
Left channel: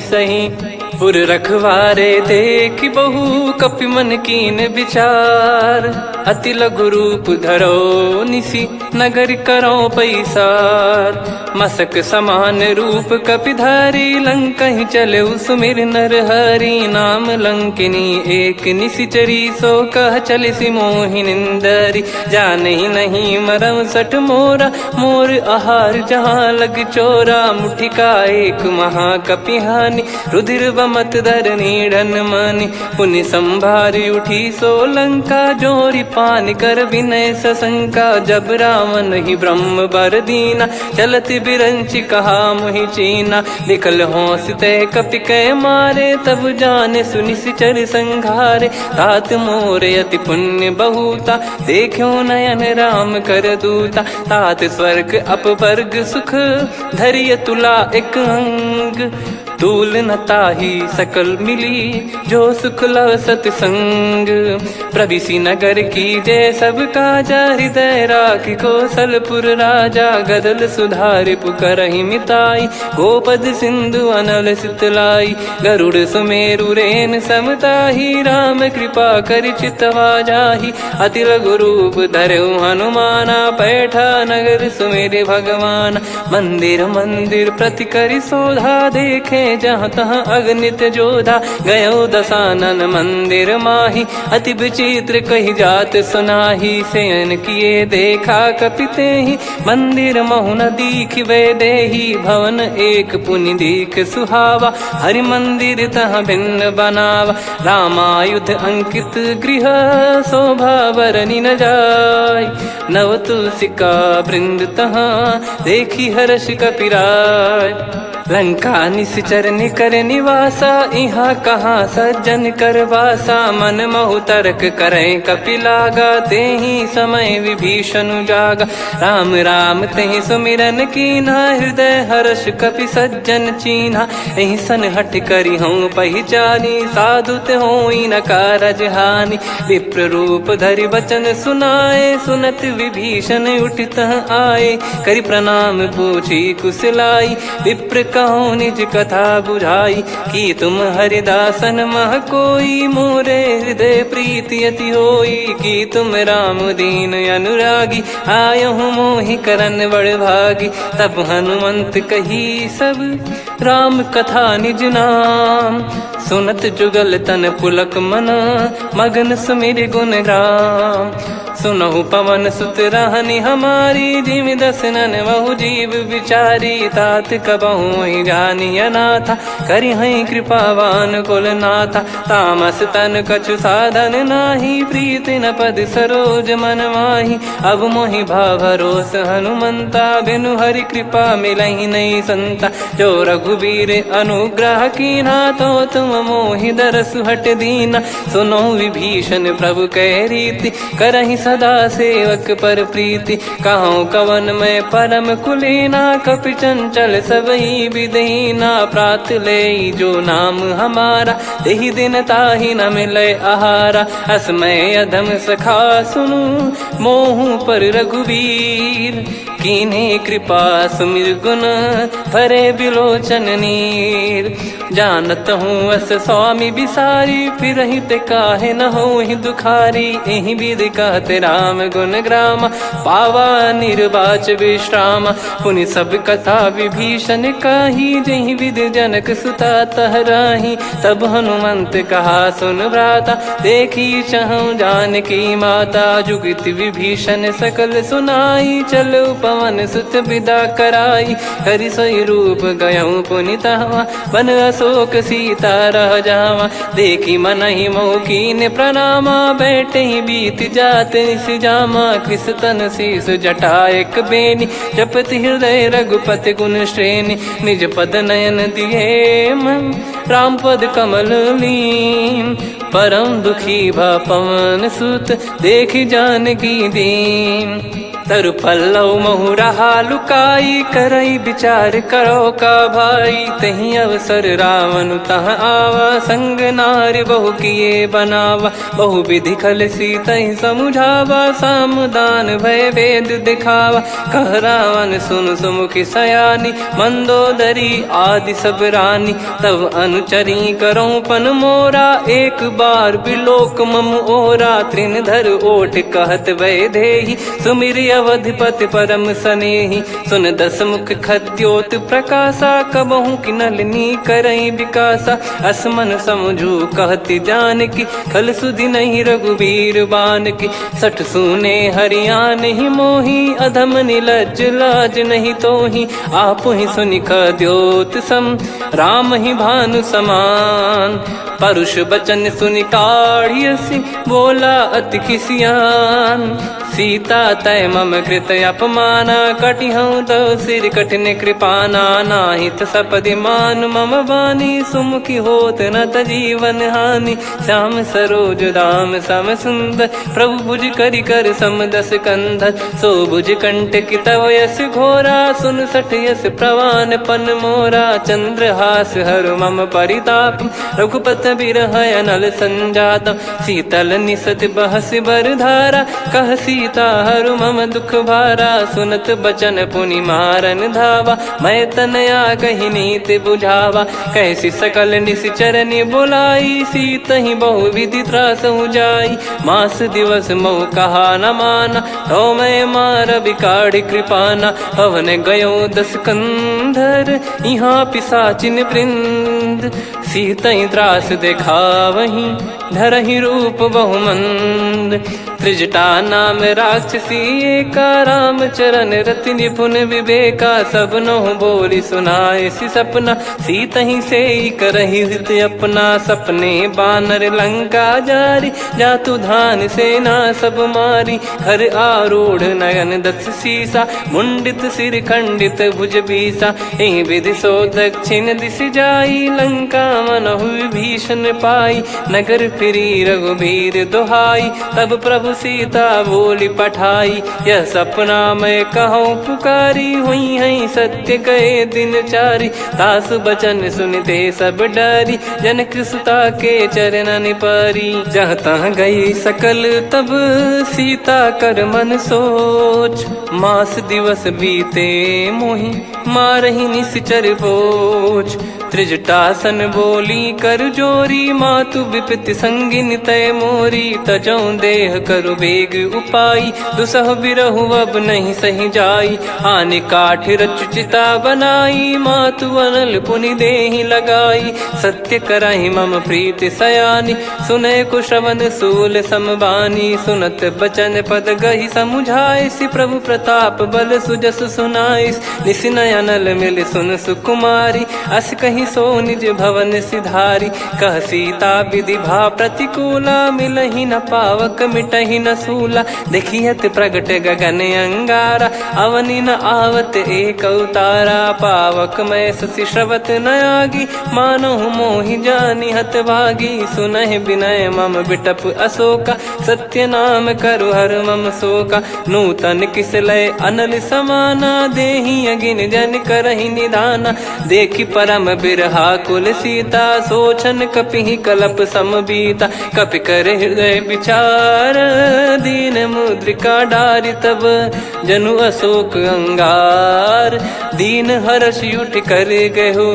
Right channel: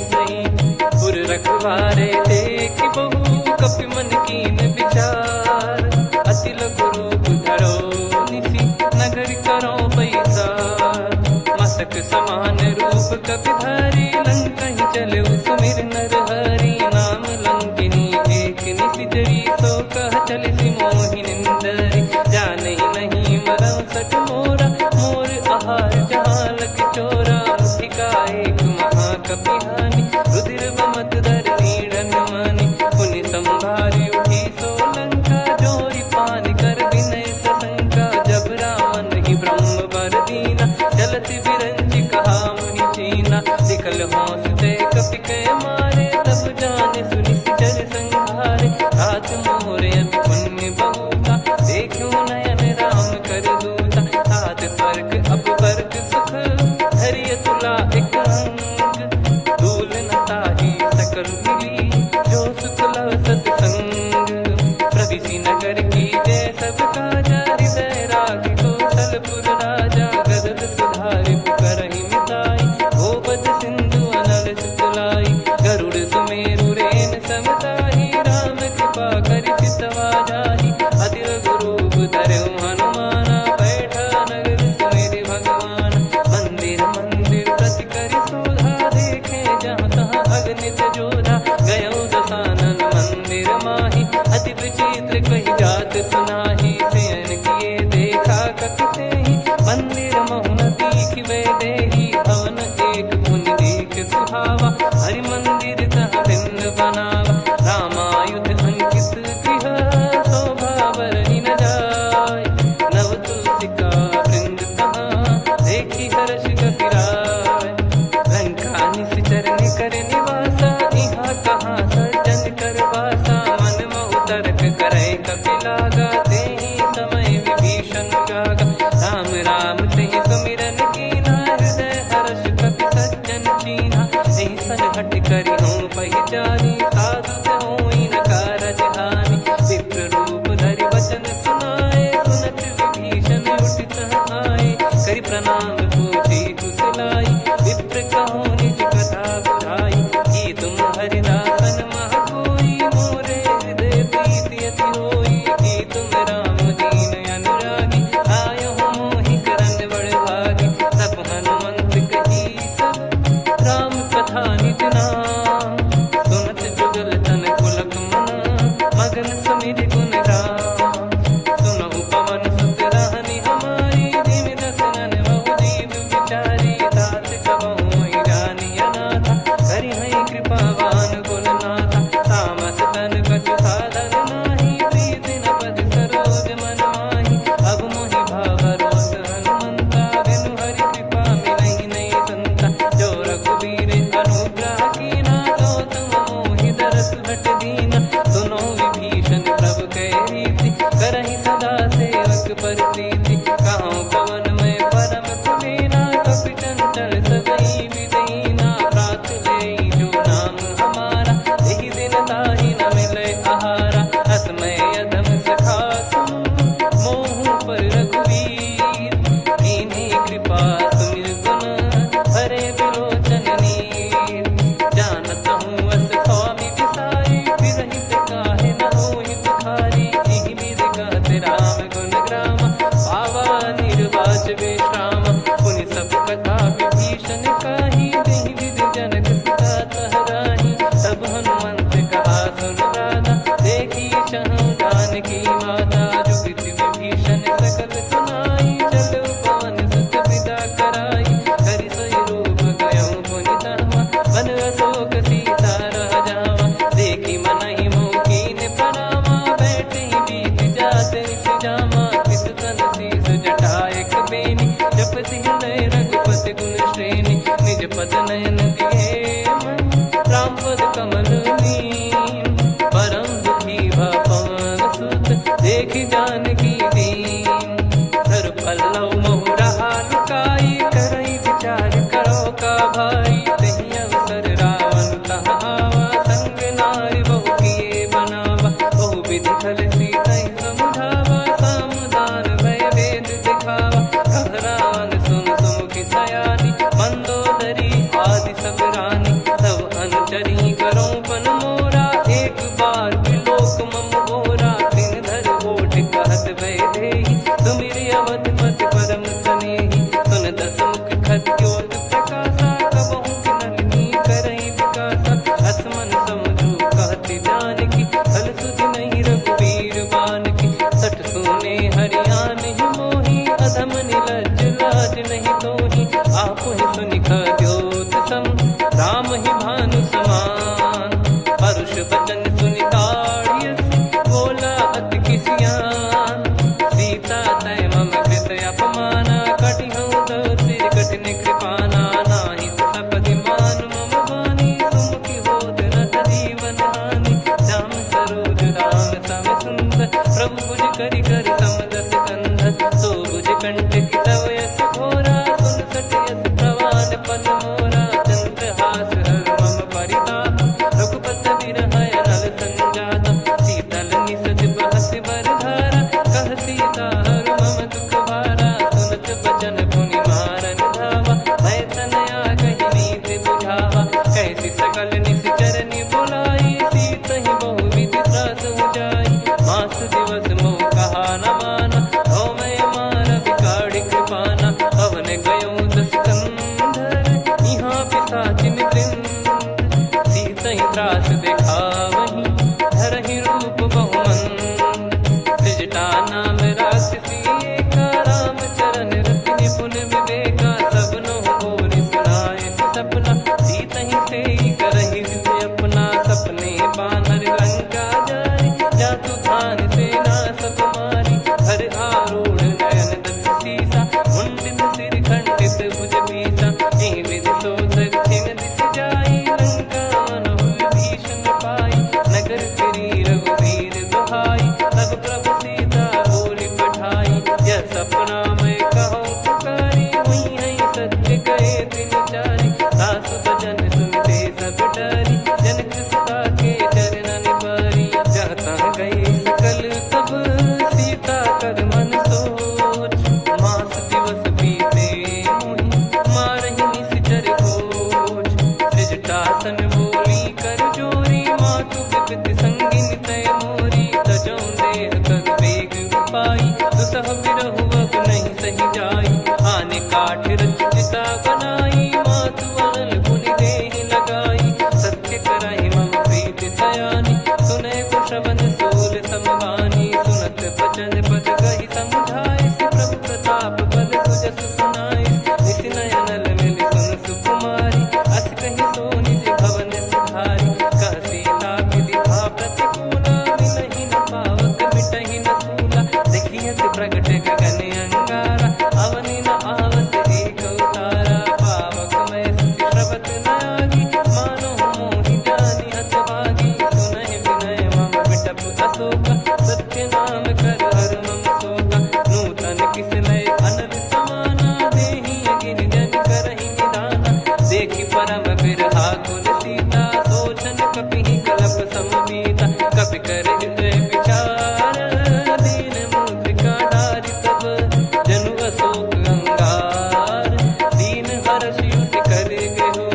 सही। पुर रखवारे देख बहु, कपि मन कीन विचार। अति लघु रूप धरो निसी, नगर करो पैसार। मसक समान रूप कपि धारी, लंकहि चले सुमिर नर हरि। नाम लंकिनी एक निशिचरी, सो कह चलिसि मोहि निंदरी। जानहि नहीं मरम सठ मोरा, मोर आहार जहाँ लग चोरा। मुठिका एक महाकपि हानि, रुधिर बमत धरनी ढन मनि पुनि संभारी उठी सोलंका जोरी पानी कर विनय सशंका जब रावण ही ब्रह्म बर दीना चलत बिरंची कहा मुहि चीना निकल होंस ते कपि कै मारे तब जाने सुनि सिचर संघारे तात मोरे अति पुण्य बहुता देखो नयन राम कर दूता तात स्वर्ग अपवर्ग सुख धरिय तुला एक अंग तूल न ताही सकल मिली जो सुख लव सतसंग प्रविसी नगर की जय सब काजा हृदय राखी कौशलपुर राजा गदल सुधारि पुकरहि मिताई गोपद सिंधु अनल सितलाई गरुड़ सुमेरु रेन समताही राम कृपा कर चितवा जाही अति लघु रूप धरऊ हनुमाना बैठा नगर सुमेरे भगवान मंदिर मंदिर प्रति करि शोधा देखे जहाँ तहाँ अगणित जोधा गयो दशानन मंदिर माही अति विचित्र कही जात सुनाही सेन किए देखा कपिते ही मंदिर महु न दीख वे देही भवन एक पुनि दीख सुहावा हरि मंदिर तहाँ भिन्न बनावा रामायुध अंकित गृह शोभा बरनी न जाय नव तुलसी का वृंद तहाँ देखी हर्ष कपिराय लंका निश्चर निकर निवासा यहाँ कहाँ सज्जन कर वासा मन महु तर्क करे कपिलागा ते ही समय विभीषण जागा राम राम ते सुमिरन कीना हृदय हर्ष कपि सज्जन चीन्हा यही सन हट करी हूँ पहचानी साधु ते होई न कारज हानि विप्र रूप धरि वचन सुनाए सुनत विभीषण उठित आए करि प्रणाम पूछी कुशलाई विप्र कहो निज कथा बुझाई कि तुम हरिदासन मह कोई मोरे हृदय प्रीति अति होई कि तुम राम दीन अनुरागी आयहु मोहि करन बड़ भागी तब हनुमंत कही सब राम कथा निज नाम सुनत जुगल तन पुलक मन मगन सुमिर गुण राम सुनहु पवन सुत रहनी हमारी जिमि दसनन बहु जीव विचारी तात कबहु ही जानी अनाथा करि हई कृपावान कुल नाथा तामस तन कछु साधन नाही प्रीति न पद सरोज मन माही अब मोहि भाव भरोस हनुमंता बिनु हरि कृपा मिलहि नहीं संता जो रघुबीर अनुग्रह कीना तो तुम मोहि दरस हट दीना सुनो विभीषण प्रभु कह रीति करहि सदा सेवक पर प्रीति कहूँ कवन में परम कुलीना कपि चंचल सबही विदहीना प्रात ले जो नाम हमारा तेहि दिन ताहि न मिले आहारा असमय अधम सखा सुनु मोहु पर रघुवीर कीन्हे कृपा सुमिर गुण भरे बिलोचन नीर जानत हूँ अस स्वामी बिसारी फिर हित काहे न हो ही दुखारी एहि विध कहते राम गुण ग्राम पावा निर्वाच विश्राम पुनि सब कथा विभीषण काही जहि विध जनक सुता तहराही तब हनुमंत कहा सुन भ्राता देखी चहु जानकी माता जुगित विभीषण सकल सुनाई चलो पवन सुत विदा कराई करि सोई रूप गयऊँ पुनि तहवा बन अशोक सीता रह जावा देखी मन ही मौकीन प्रणामा बैठे ही बीत जाते जामा कृष तन शीस जटा एक बेनी जपति हृदय रघुपति गुण श्रेणी निज पद नयन दिए मन राम पद कमल लीन परम दुखी भा पवन सुत देखी जानकी दीन तरु पल्लव महु रहा लुकाई करई विचार करो का भाई तही अवसर रावण तह आवा संग नारी बहु किए बनावा बहु विधि खल सीतहि समुझावा सामदान भय वेद दिखावा कह रावण सुन सुमुखी सयानी मंदोदरी आदि सब रानी तब अनुचरी करो पन मोरा एक बार बिलोक मम ओरा तृण धर ओट कहत वै देहि सुमिर अवधिपति परम सनेही। सुन दस मुख खद्योत प्रकाशा, कबहू की नलिनी करई विकासा। असमन समझू कहती जान की, फल सुधि नहीं रघुबीर बान की। सठ सुने हरियाण ही मोही, अधम निलज लाज नहीं तोही। आप ही सुनि खद्योत सम, राम ही भानु समान। परुष बचन सुनि काढ़ियसि, बोला अति किसियान। सीता तय मम कृत अपमाना, कटिहऊँ तो सिर कठिन कृपाना। नाहित सपदि मान मम बानी, सुमुखी होत न जीवन हानि। श्याम सरोज राम सम सुंदर, प्रभु भुज करि कर सम दस कंधर। सो भुज कंठ की तव यस घोरा, सुन सठ यस प्रवान पन मोरा। चंद्रहास हर मम परिताप, रघुपत बिरह अनल संजात। शीतल निसत बहस बर धारा, कह सीता हरु मम दुख भारा। सुनत बचन पुनि मारन धावा, मैं तनया कही नीति बुझावा। कैसी सकल निश्चरनि बुलाई, सीत ही बहु विधि त्रास जाई। मास दिवस मोह कहा न माना, तो मैं मार बिकाढ़ी कृपाना। पवन गयो दस कंधर, यहाँ पिशाचिन वृंद। सीतहि त्रास देखावहीं, धरहि रूप बहुमंद। त्रिजटा नाम राक्षसी एका, राम चरण रति निपुण विवेका। सबनो बोली सुनाए सि सपना, सीतहि सेई करहि हृद अपना। सपने बानर लंका जारी, जातु धान सेना सब मारी। हर आरूढ़ नयन दस सीसा, मुंडित सिर खंडित भुज बीसा। एहि विधि सो दक्षिण दिश जाई, लंका मनहु भीषण पाई। नगर फिरी रघुबीर दुहाई, तब प्रभु सीता बोली पठाई। यह सपना मैं कहूँ पुकारी, हुई है सत्य कहे दिन चारी। सासु बचन सुनते सब डरी, जनक सुता के चरण परी। जहाँ तहाँ गई सकल तब, सीता कर मन सोच। मास दिवस बीते मोहि, मारहि निश्चर बोझ। त्रिजटासन बोली कर जोरी, मातु विपति संगिन तय मोरी। तजौ देह करु बेग उपाई, दुसह बिरहु अब नहीं सही जाई। आने काठ रचु चिता बनाई, मातु अनल पुनि देहि लगाई। सत्य करहि मम प्रीति सयानी, सुनय को श्रवण सूल समबानी। सुनत बचन पद गहि समुझाइसि, प्रभु प्रताप बल सुजस सुनाइस। निसिनय अनल मिल सुन सुकुमारी, अस कहि सो निज भवन सिधारी। कह सीता विधि भा प्रतिकूला, मिलहि न पावक मिटहि न सूला। देखियत प्रगट गगन अंगारा, अवनि न आवत एक अवतारा। पावक मैं ससि श्रवत न आगी, मानो मोहि जानि हत भागी। सुनहि विनय मम बिटप अशोका, सत्य नाम करु हर मम शोका। नूतन किस लय अनल समाना, देहि अगिन जन करहि निधाना। देखि परम बिरहा कुल सीता, सोचन कपिहि कलप समबीता। कपि कर हृदय विचार, दीन मुद्रिका डारि तब। जनु अशोक अंगार, दीन हर्ष उठ कर गहो।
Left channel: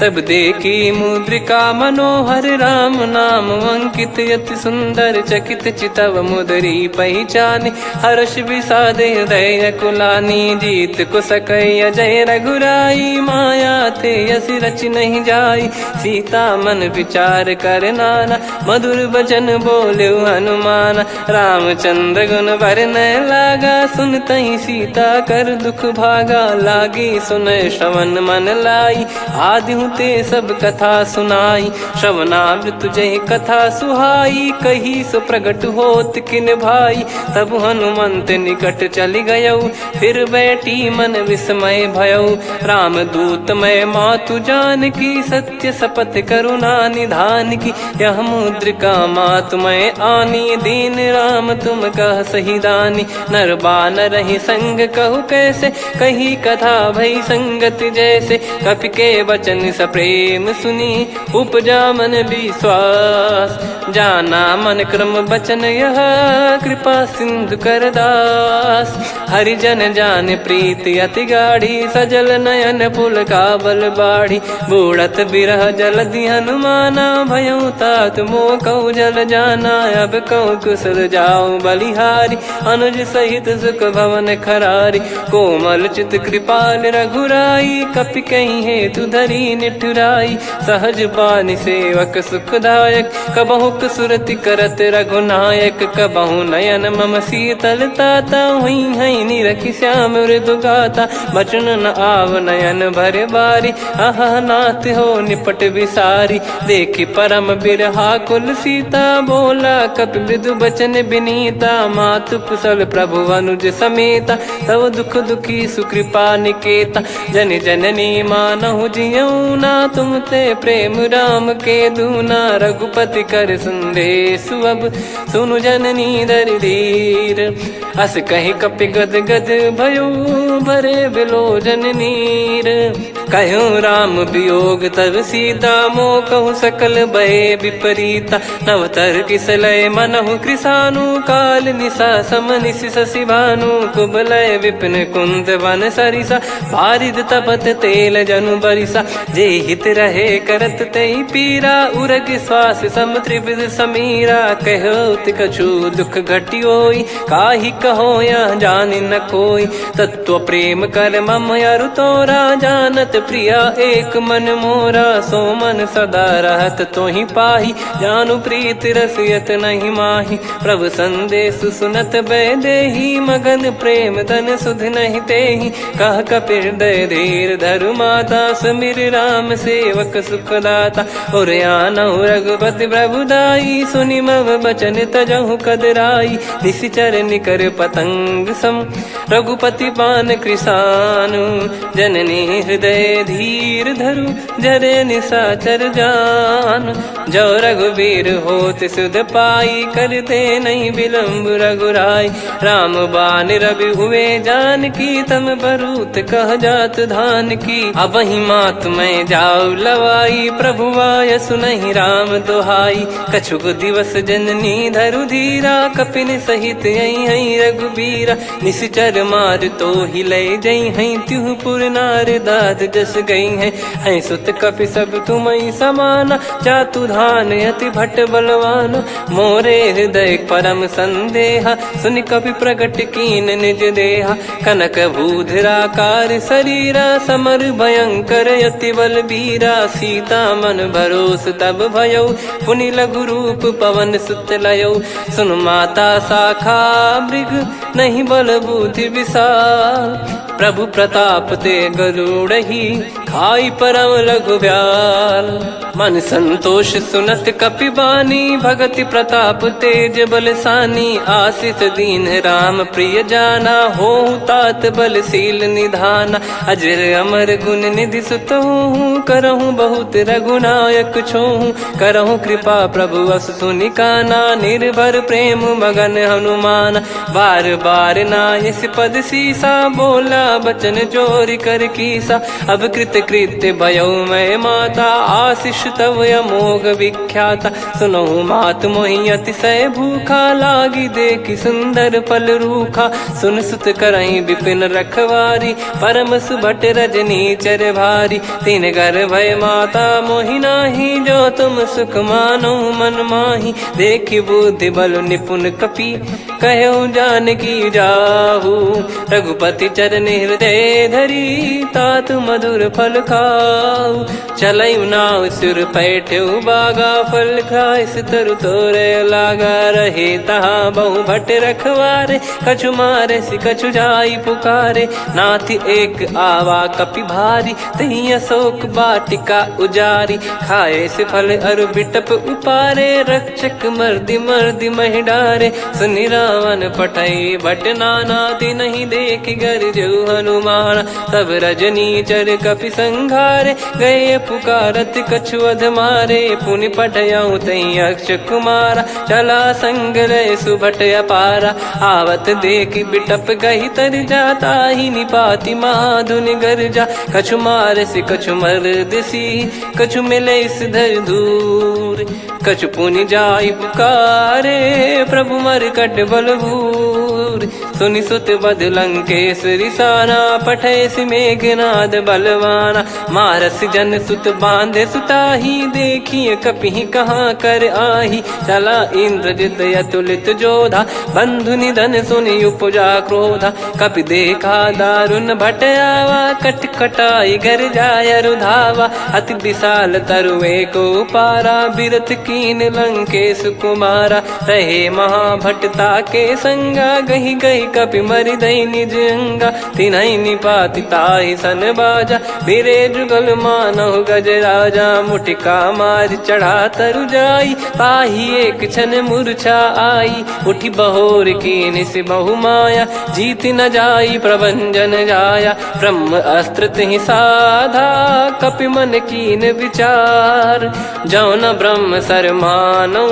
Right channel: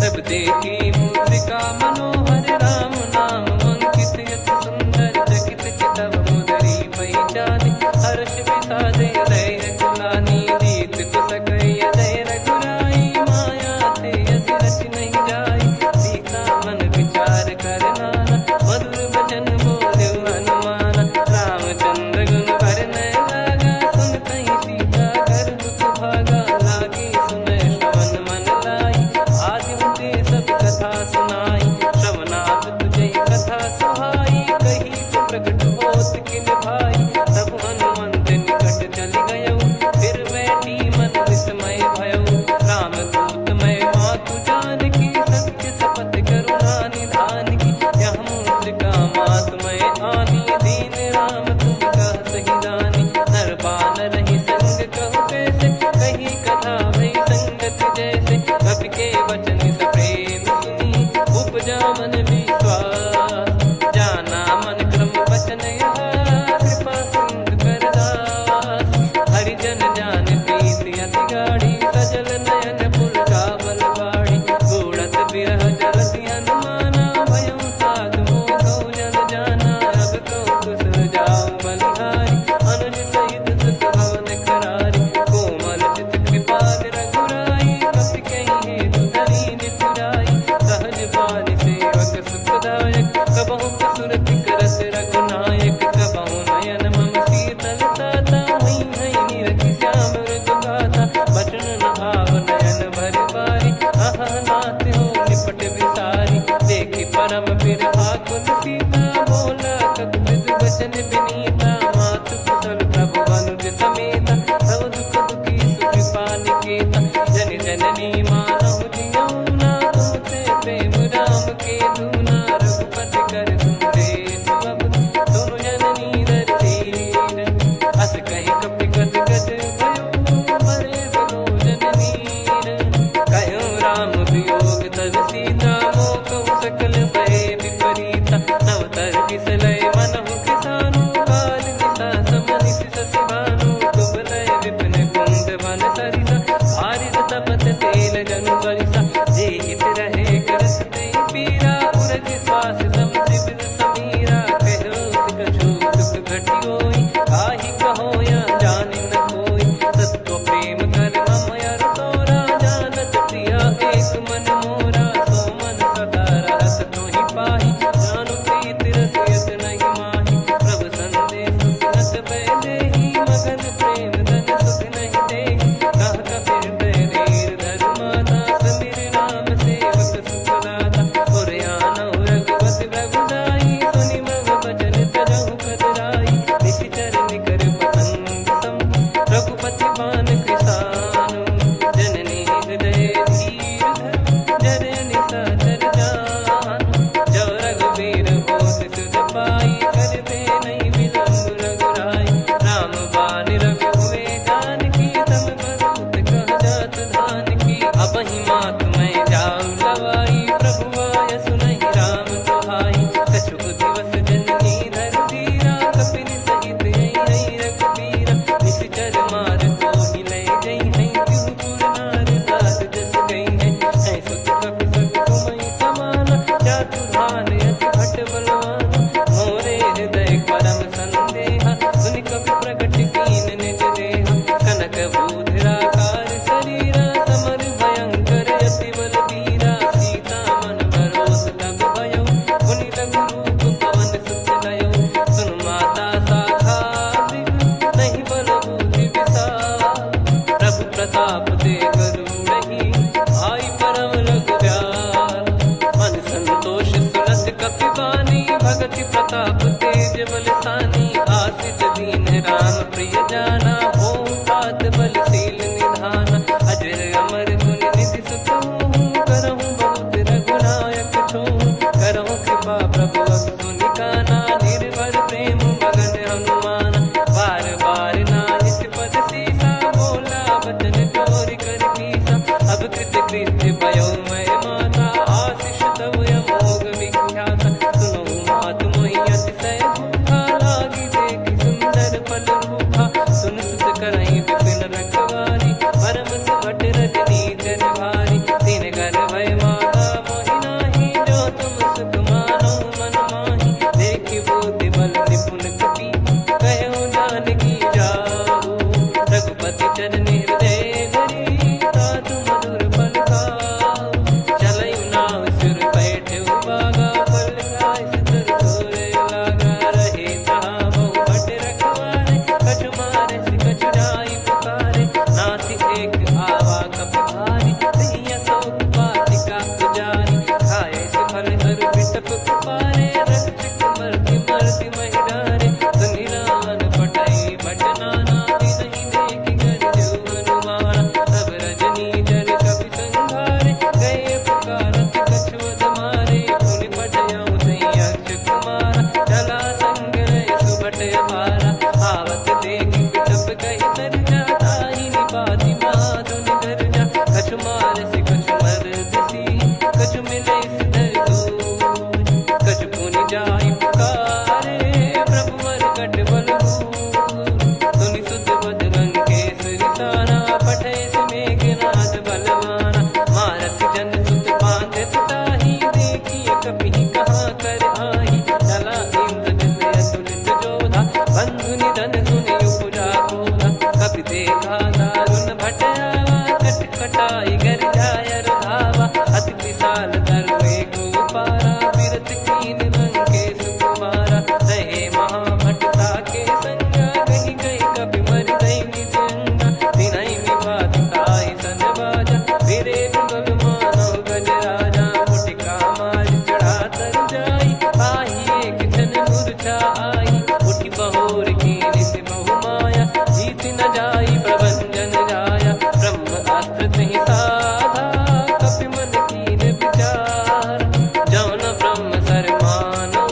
तब देखी मुद्रिका मनोहर, राम नाम अंकित अति सुंदर। चकित चितव मुदरी पहचानी, हर्ष विषाद हृदय कुलानी। जीत को सकय जय रघुराई, माया थे यस रच नहीं जाई। सीता मन विचार कर नाना, मधुर बचन बोले हनुमान। रामचंद्र गुण बरनय लागा, सुनतहि सीता कर दुख भागा। लागी सुनय श्रवण मन लाई, आदिहु ते सब कथा सुनाई। श्रवणाब तुझे कथा सुहाई, कही सो प्रगट होत किन भाई। तब हनुमंत निकट चली गयऊ, फिर बैठी मन विस्मय भयऊ। राम दूत मैं मातु जान की, सत्य शपथ करुणा निधान की। यह मुद्रिका मातु मैं आनी, दीन राम तुम कह सही दानी। नर बानर ही संग कहु कैसे, कही कथा भई संगति जैसे। कपि के वचन सप्रेम सुनी, उपजा मन विश्वास। जाना मन क्रम बचन यह, कृपा सिंधु कर दास। हरिजन जान प्रीति अति गाढ़ी, सजल नयन पुल काबल बाढ़ी। बूढ़त बिरह जलधि हनुमाना, भयउ तात मोह कहु जल जाना। अब कहु कुशल जाऊं बलिहारी, अनुज सहित सुख भवन खरारी। कोमल चित कृपाल रघुराई, कपि कहीं हेतु धरी निठुराई। सहज पानि सेवक सुखदायक, कबहु सुरति करत रघुनायक। कबहु नयन मम शीतलता, हुई हई निरखि श्याम मृदु गाता। बचन न आव नयन भर बारी, आहा नाथ हो निपट विसारी। देखि परम बिरहा कुल सीता, बोला कपि मृदु बचन बिनीता। मातु कुशल प्रभु अनुज समेता, तव दुख दुखी सुकृपा निकेता। जन जननी मानहु जियऊ ना, तुम ते प्रेम राम के दूना। रघुपति कर संदेशु अब, सुनु जननी दर धीर। अस कहि कपि गद गद भयो, भरे बिलोचन नीर। कहूँ राम वियोग तब सीता, मोह कहूँ सकल भय विपरीता। नवतर किसलय मनहु कृसानु, काल निशा समनिशि शशि भानु। कुबलय विपिन कुंद वन सरिसा, पारिद तपत तेल जनु बरिसा। जे हित रहे करत तेहि पीरा, उरग श्वास सम त्रिविध समीरा। कहत कछु दुख घटियोई, काहि कहो या जानि न कोई। तत्व प्रेम कर मम अरु तोरा, जानत प्रिया एक मन मोरा। सो मन सदा रहत तोहि पाही, जानु प्रीत रसियत नहीं माही। प्रभु संदेश सुनत बैदेही, मगन प्रेम धन सुध नहीं तेहि। कह कपिर दय धीर धरु माता, सुमिर राम सेवक सुखदाता। और आनहु रघुपति प्रभु दाई, सुनि मव बचन तजहु कदराई। निशिचर निकर पतंग सम, रघुपति पान कृसानु। जननी हृदय धीर धरु, जरे निशाचर जान। जो रघुवीर होत सुध पाई, कर दे नहीं विलम्ब रघुराई। राम बान रवि हुए जानकी, तम बरूत कह जात धान की। अब ही मात मैं जाऊ लवाई, प्रभु आय सुनहि राम दोहाई। कछुक दिवस जननी धरु धीरा, कपिन सहित यही रघुबीरा। निशिचर मार तो ही ले जई हैं, त्यों पुर नार दाद जस गई हैं। सुत कपि सब तुमहि समाना, चातुधान अति भट्ट बलवान। मोरे हृदय परम संदेहा, सुन कपि प्रकट कीन निज देहा। कनक भूधराकार शरीरा, समर भयंकर अति बलबीरा। सीता मन भरोस तब भयउ, पुनि लघु रूप पवन सुत लयउ। सुन माता शाखा मृग, नहीं बल बुद्धि विशाल। प्रभु प्रताप ते गरुड़हि, खाई परम लघु ब्याल। मन संतोष सुनत कपि बानी, भगति प्रताप तेज बलसानी। आशीष दीन राम प्रिय जाना, होहु तात बलशील निधाना। अजर अमर गुण निधि सुतहु, करहु बहुत रघुनायक छोहु। करहु कृपा प्रभु अस सुनि काना, निर्भर प्रेम मगन हनुमान। बार बार नायस पद सीसा, बोला बचन चोरी कर कीसा। अब कृत कृत्य भयो मैं माता, आशीष तव अमोघ विख्याता। सुनहु मात मोहि अतिशय भूखा, लागी देखि सुंदर फल रूखा। सुन सुत करहि विपिन रखवारी, परम सुभट रजनी चर भारी। तीन घर भय माता मोहि नाही, जो तुम सुख मानो मन माही। देखि बुद्धि बल निपुण कपि, कहु जानकी जाहु। रघुपति चरण हृदय धरी, तात मधुर फल खाऊ। चलऊ नाव सुर पैठऊ बागा, फल खाइस तरु तोरे लागा। रहे तहाँ बहु भट रखवारे, कछु मारे सि कछु जाई पुकारे। नाथ एक आवा कपि भारी, तही अशोक वाटिका उजारी। खाए से फल अरु बिटप उपारे, रक्षक मर्दि मर्दि महि डारे। सुनि रावण पटई भट नाना, तिनहि देखि गरजऊ हनुमान। तब रजनी चर कपि संघारे, गए पुकारत कछु अध मारे। पुनि पटयऊ तई अक्ष कुमारा, चला संग रहे सुभट अपारा। आवत देखि बिटप गही तर जाता, ही निपाति माधुन गर्जा। कछु मार से कछु मर्द सी, कछु मिले इस धर दूर। कछु पुनि जाई पुकारे, प्रभु मर कट बलभूर। सुनि सुत बद लंकेश्वरी साना, पठैसि मेघनाद बलवाना। मारस जन सुत बांधे सुताही, देखिए कपिहि कहाँ कर आही। चला इंद्रजित अतुलित जोधा, बंधु निधन सुनि उपजा क्रोधा। कपि देखा दारुण भट आवा, कट कटाई घर जाय रुधावा। अति विशाल तरुए को पारा, बिरत कीन लंकेश कुमारा। रहे महाभटता के संगा, गही गही कपि मरि दई निज अंगा। तिन्है निपाति ताहि सन बाजा, बिरे जुगल मानव गज राजा। मुटिका मार चढ़ा तरु जाई, पाही एक क्षण मूर्छा आई। उठी बहोर कीन से बहु माया, जीत न जाई प्रभंजन जाया। ब्रह्म अस्त्र तिहि साधा, कपि मन कीन विचार। जौ न ब्रह्म सर मानौ,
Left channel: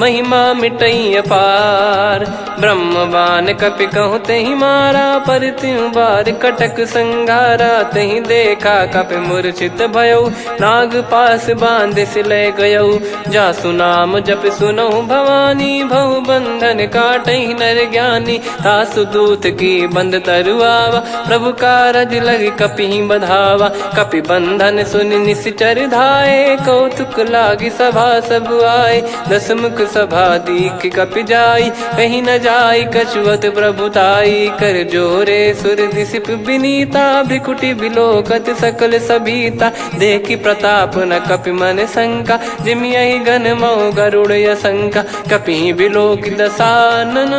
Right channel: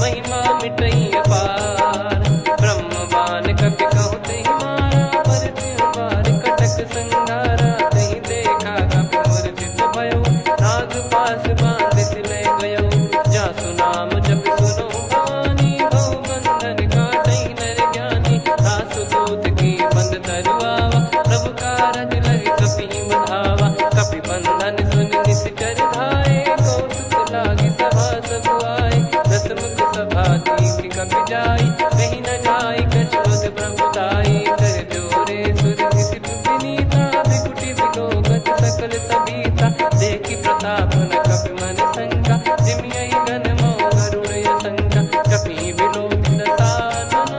महिमा मिटई अपार। ब्रह्म बान कपि कहु तेहि मारा, पर त्यों बार कटक संगारा। तेहि देखा कपि मूर्छित भयौ, नाग पास बांध सिले गयौ। जासु नाम जप सुनौ भवानी, भव बंधन काटहि नर ज्ञानी। तासु दूत की बंद तरुआवा, प्रभु कारज लग कपि बधावा। कपि बंधन सुनि निश्चर धाये, कौतुक लागी सभा सब आए। दसमुख सभा दीख कपि जाई, कहीं न जाई कछुवत प्रभुताई। कर जोरे सुर दिसिप विनीता, भ्रिकुटि बिलोकत सकल सबीता। देखि प्रताप न कपि मन शंका, जिमियहि घन मऊ गरुड़ असंका। कपि बिलोक दसानन,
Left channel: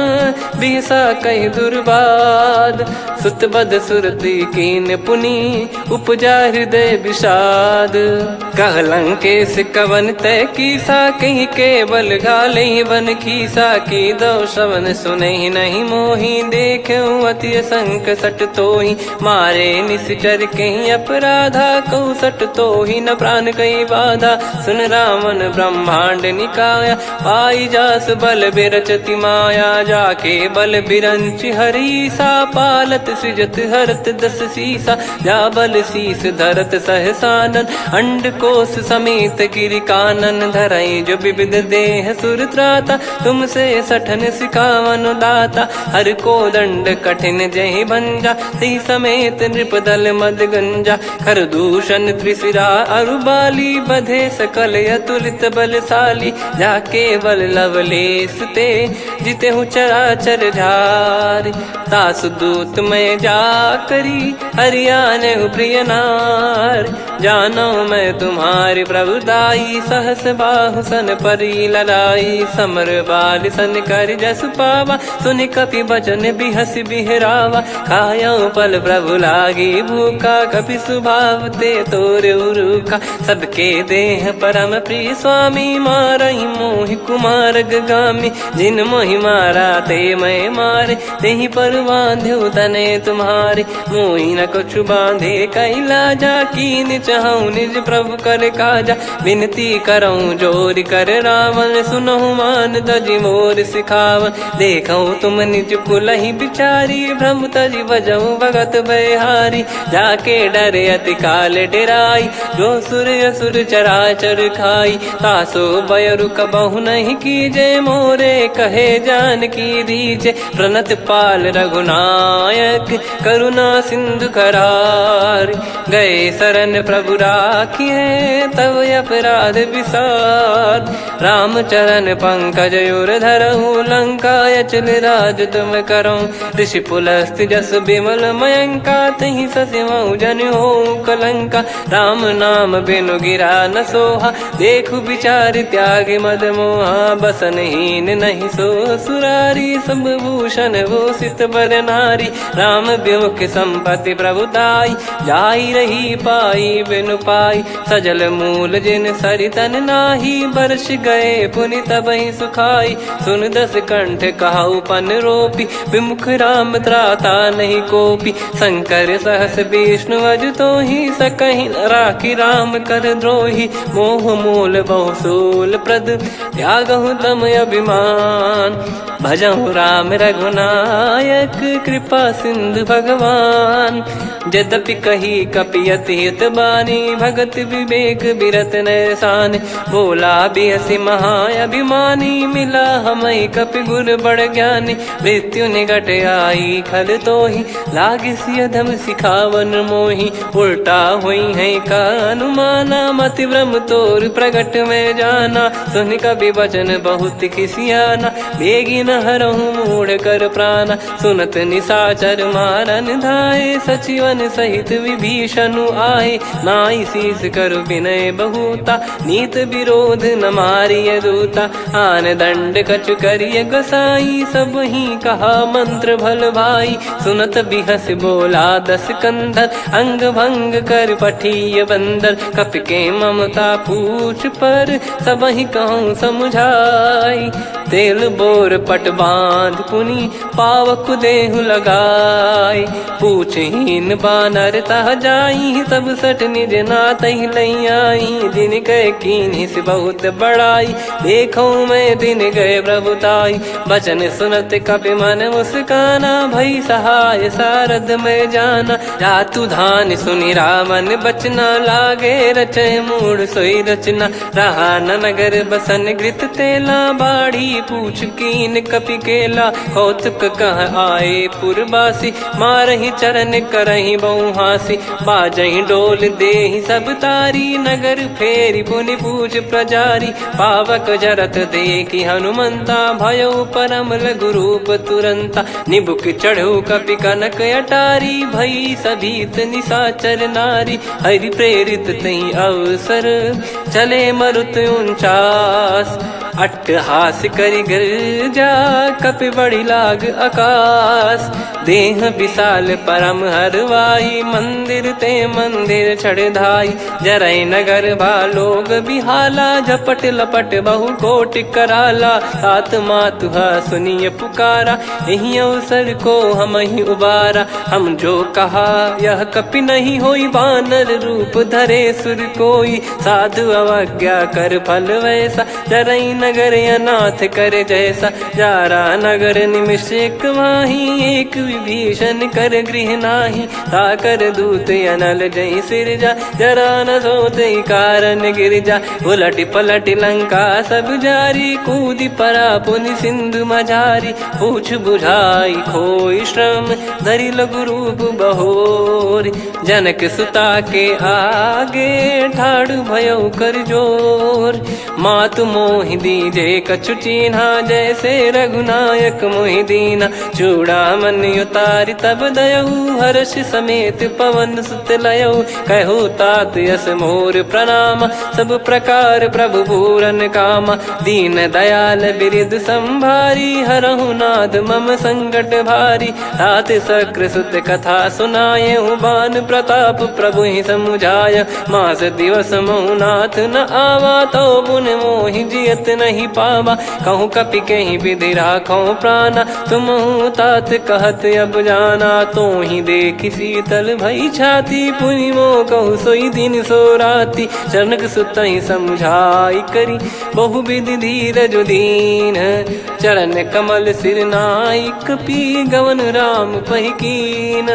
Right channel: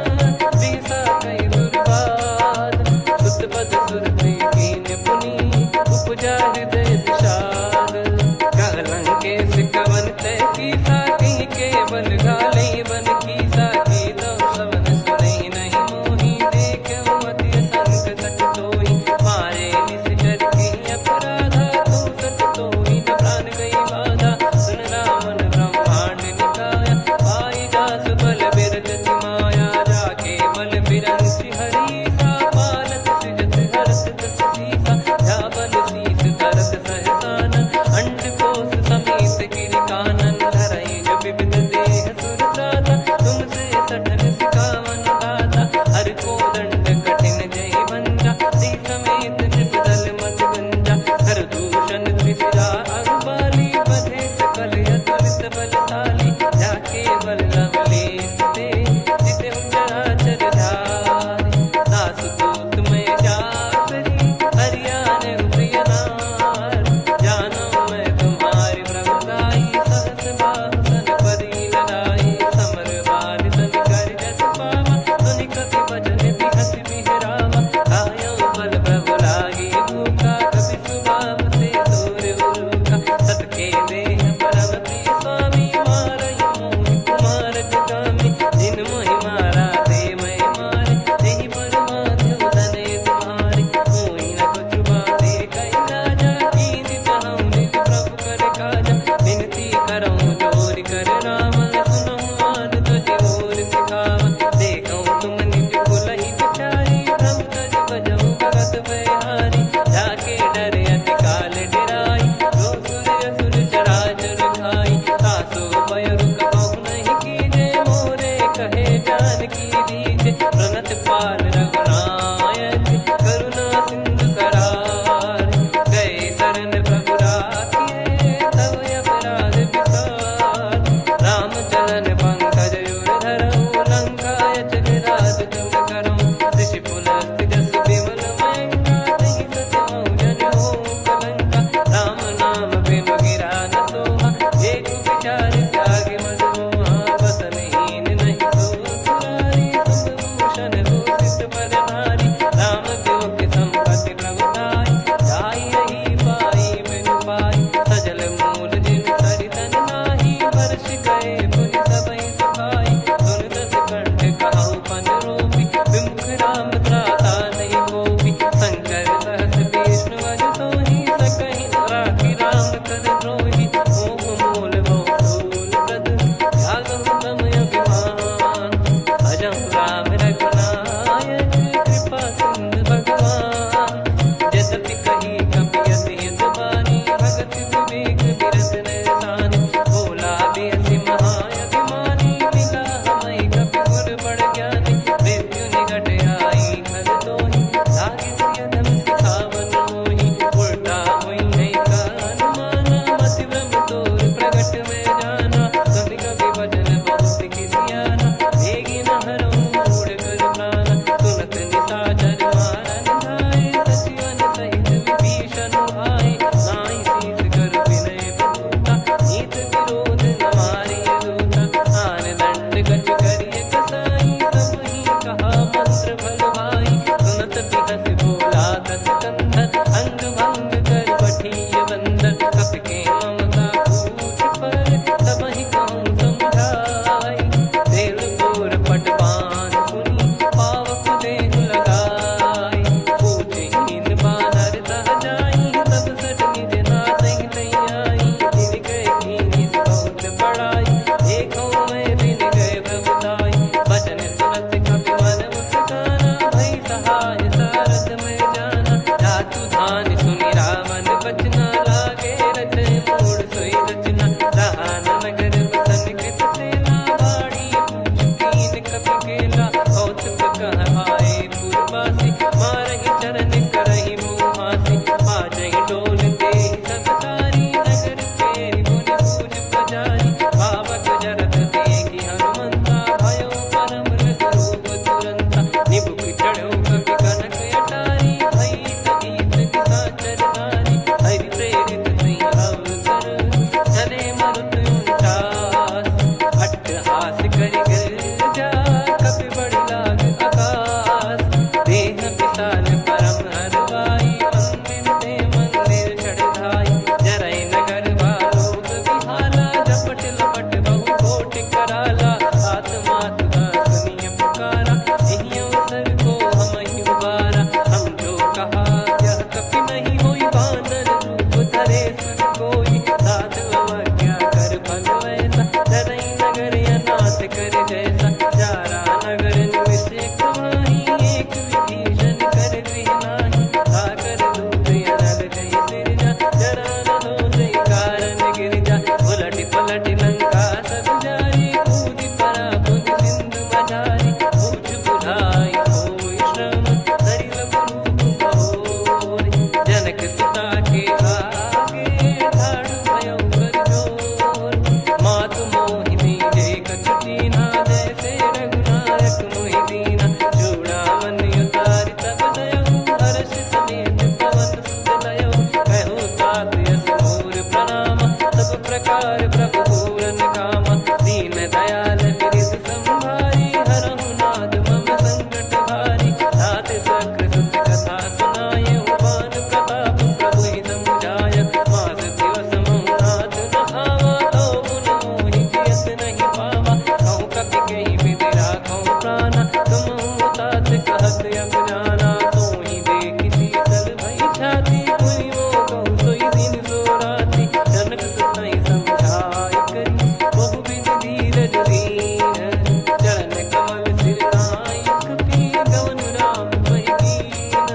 बिहसा कहि दुर्बाद। सुत बद सुरति कीन पुनि, उपजा हृदय विषाद। कह लंकेश कवन तय कीसा, कहीं केवल घाले बन खीसा। की दो श्रवण सुनहि नहीं मोही, देखऊं अति संक सट तोहि। मारे निश्चर कहीं अपराधा, कहूँ सट तोहि न प्राण कहीं बाधा। सुन रावण ब्रह्मांड निकाया, पाई जास बल बिरचति माया। जाके बल बिरंच हरीसा, पालत सृजत हरत दस सीसा। जा बल शीस धरत सहसानन, अंड कोश समेत गिरि कानन। धरई जो विविध देह सुर त्राता, तुमसे सठन सिखावन दाता। हर को दंड कठिन जहि भंजा, ती समेत नृप दल मद गंजा। कर दूषण त्रिशिरा अरुबाली, बधे सकल अतुलित बलशाली। जाके बल लवलेस ते, जिते हूँ चराचर झारी। दास दूत में जा करी, हरियाने प्रिय नार। जानो मैं तुम्हारी प्रभुताई, सहस बाहु सन परी लड़ाई। समर बाल सन कर जस पावा, सुनि कपि बचन बिहस बिहरावा। खायो पल प्रभु लागी भूखा, कपि स्वभाव ते तोर उरुखा। सबके देह परम प्रिय स्वामी, मारहि मोहि कुमार गगामी। जिन मोहि मारा ते मैं मारे, तेहि पर बांधो तने तुम्हारे। मोहि न कछु बांधे कैलाजा, कीन चाहूं निज प्रभु कर काजा। विनती करऊं जोरि कर रावण, सुनहु मान तजि मोर सिखावन। देखऊं तुम निज कुलहि बिचारी, भ्रम तजि बजऊं भगत बयहारी। जाके डरे अति काल डेराई, जो सुर असुर चराचर खाई। तासो बयरु कबहु नहीं कीजे, मोरे कहे जान की दीजे। प्रणत पाल रघुनायक, करुणा सिंधु करार। गए शरण प्रभु राखिए, तब अपराध विसार। राम चरण पंकज उर धरऊं, लंका अचल राज तुम करऊं। ऋषि पुलस्त्य जस विमल मयंका, तहि ससिमऊ जन होऊं कलंका। राम नाम बिनु गिरा न सोहा, देखु विचार त्याग मद मोहा। बसनहीन नहीं सो सुरारी, सब भूषण भूषित बर नारी। राम विमुख संपत्ति प्रभुताई, जाई रही पाई बिनु पाई। सजल मूल जिन सरितन नाही, बरस गए पुनि तबहि सुखाई। सुन दस कंठ कहाऊ पन रोपी, विमुख राम त्राता नहीं कोपी। शंकर सहस विष्णु अज तोहि, सकहि न राखी राम कर द्रोही। मोह मूल बहु सूल प्रद, त्यागहु तम अभिमान। भजहु राम रघुनायक, कृपा सिंधु भगवान। यद्यपि कही कपियत हित बानी भगत विवेक बिरत नैसान बोला बियसि महाअभिमानी मिला हमई कपि गुर बड़ ज्ञानी मृत्यु निकट आई खल तो ही लागिस अधम सिखावन मोही उल्टा हुई है का अनुमाना मति भ्रम तोर प्रगट में जाना सुन कवि वचन बहुत खिसियाना बेगी न हरहु मूढ़ कर प्राण सुनत निशाचर मारन धाये सचिवन सहित विभीषण आए नाई शीस कर विनय बहुता नीत विरोध न मारिय दूता आन दंड कछु करिय गोसाई सब ही कहा मंत्र भल भाई सुनत बिहस बोला दस कंधर अंग भंग कर पठिय बंदर कपि के ममता पूछ पर सब ही कहूँ समझाई तेल बोर पट बांध पुनी पावक देहु लगाई पूछहीन बानर तह जाई तब सट निज नाथ लई आई दिन गए कीनी से बहुत बड़ाई देखो मैं दिन गए प्रभुताई बचन सुनत कपि मन मुस्काना भई सहाय सारद में जाना जातु धान सुनि रामन बचना लागे रचय मूड सोई रचना रहा न नगर बसन कृत तेला बाड़ी पूछ कीन कपि केला कौतुक कह आए पुरबासी मारहि चरण करहि बहुहासी बाजहि डोल देहि सब तारी नगर फेरी पुनि पूज प्रजारी पावक जरत देखि हनुमंता भयो परम लघु रूप तुरंता निबुक चढ़ऊ कपि कनक अटारी भई सभीत निशाचर नारी हरि प्रेरित तई अवसर चले मरुत 49 अट्टहास करि गिरजा कपि बड़ी लाग आकाश देह विशाल परम हरवाई मंदिर ते मंदिर चढ़ाई जरई नगर लोग बिहाला झपट लपट बहु कोट कराला सात मातुहा सुनिय पुकारा यही अवसर को हम ही उबारा हम जो कहा यह कपि नहीं होई बानर रूप धरे सुर कोई साधु अवज्ञा कर फल वैसा जरई नगर अनाथ कर जैसा जारा नगर निमिष एक माही एक विभीषण कर गृह नाही ताकर दूत अनल जय सिरजा जरा न सोते कारण गिरजा उलट पलट लंका सब जारी कूदी परा पुनि सिंधु मझारी पूछ बुझाई खोई श्रम धरि लघु रूप बहोरी जनक सुता के आगे ठाड़ भयो कर जोर मातु मोहि दीजे कछु चिन्हा जैसे रघुनायक मोहि दीना चूड़ामन उतारि तब दयऊ हर्ष समेत पवन सुत लयऊ कहु तात यस मोर प्रणाम सब प्रकार प्रभु पूरन कामा दीन दयाल बिरिद संभारी हरहु नाद मम संकट भारी तात सक्र सुत कथा सुनाये बान प्रताप प्रभु ही समुझाय मास दिवस मौनाथ न आवा तो पुन मोहि जियत नहीं पावा कहूँ कपि कहीं विधि राखो प्राणा तुम तात कहत अब जाना तो ही देख शीतल भई छाती पुनि मो कहु सोई दिन सो राती जनक सुतई समझाई करी बहु विधि धीरज दीन चरण कमल सिर नाइक पी गवन राम पहिकीन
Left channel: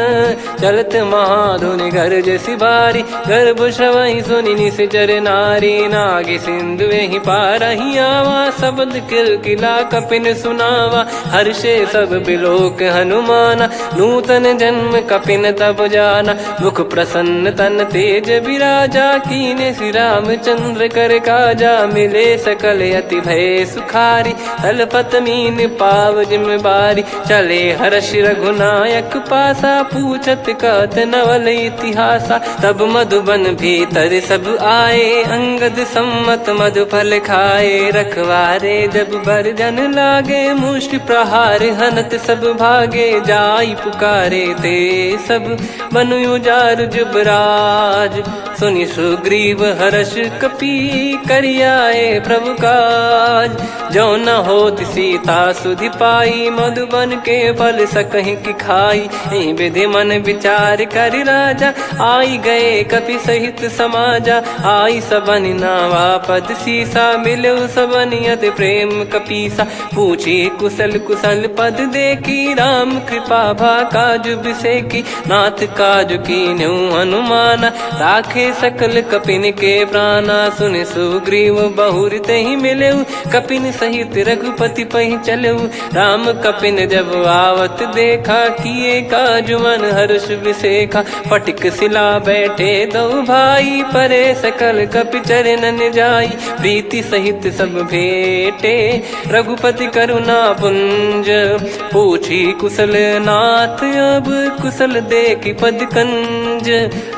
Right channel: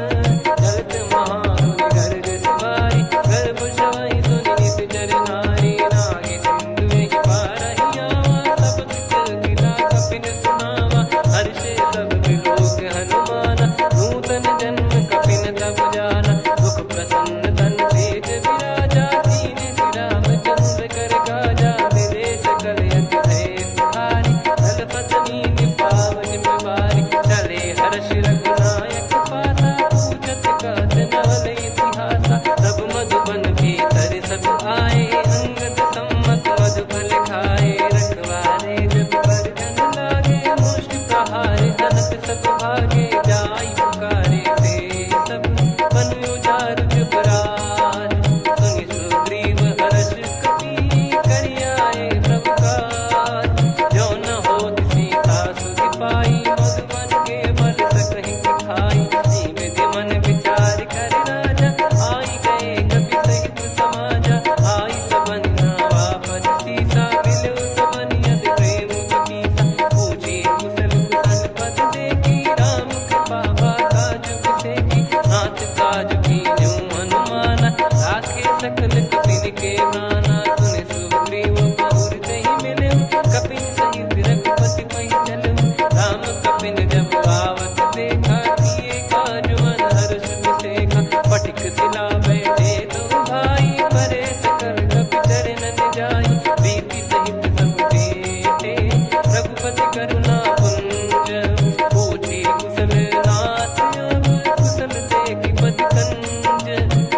चलत महाधुनि गर्ज सिबारी गर्भ श्रवई सुनि निश्चर नारी नागे सिंधु ही पारही आवा शब्द किलकिला कपिन सुनावा हर्षे सब बिलोक हनुमाना नूतन जन्म कपिन तब जाना मुख प्रसन्न तन तेज विराजा कीने श्री रामचंद्र कर काजा मिले सकल अति भय सुखारी तलपत मीन पाव जिम्मेवारी चले हर्ष रघुनायक पासा पूछत कहत नवल इतिहासा तब मधुबन भीतर सब आए अंगद सम्मत मधुफल खाए रखवारे जब बरजन लागे मुष्टि प्रहार हनत सब भागे जाई पुकारे ते सब बनु उजार जुबराज सुनि सुग्रीव हर्ष कपि करियाए प्रभु काज जो न होत सीता सुधि पाई मधुबन के फल सकहि की खाई विधि मन विचार कर राजा आई गए कपि सहित समाजा आई सबन नावा पद सीसा मिलो सबन करत प्रेम कपीसा। पूछी कुशल कुशल पद देखी राम कृपा भा काज बिसेकी। नाथ काज कीन्हु हनुमाना राखे सकल कपिन के प्राणा। सुन सुग्रीव बहुर तेहि मिलेउ कपिन सहित रघुपति पहि चलेउ। राम कपिन जब आवत देखा किए काज मन हर्ष विसेखा। फटिक सिला बैठे दो भाई परे सकल कपि चरणन जाई। प्रीति सहित सब भेटे रघुपति करुणा पुंज। पूछी कुशल नाथ अब कुशल देखी पद कंज।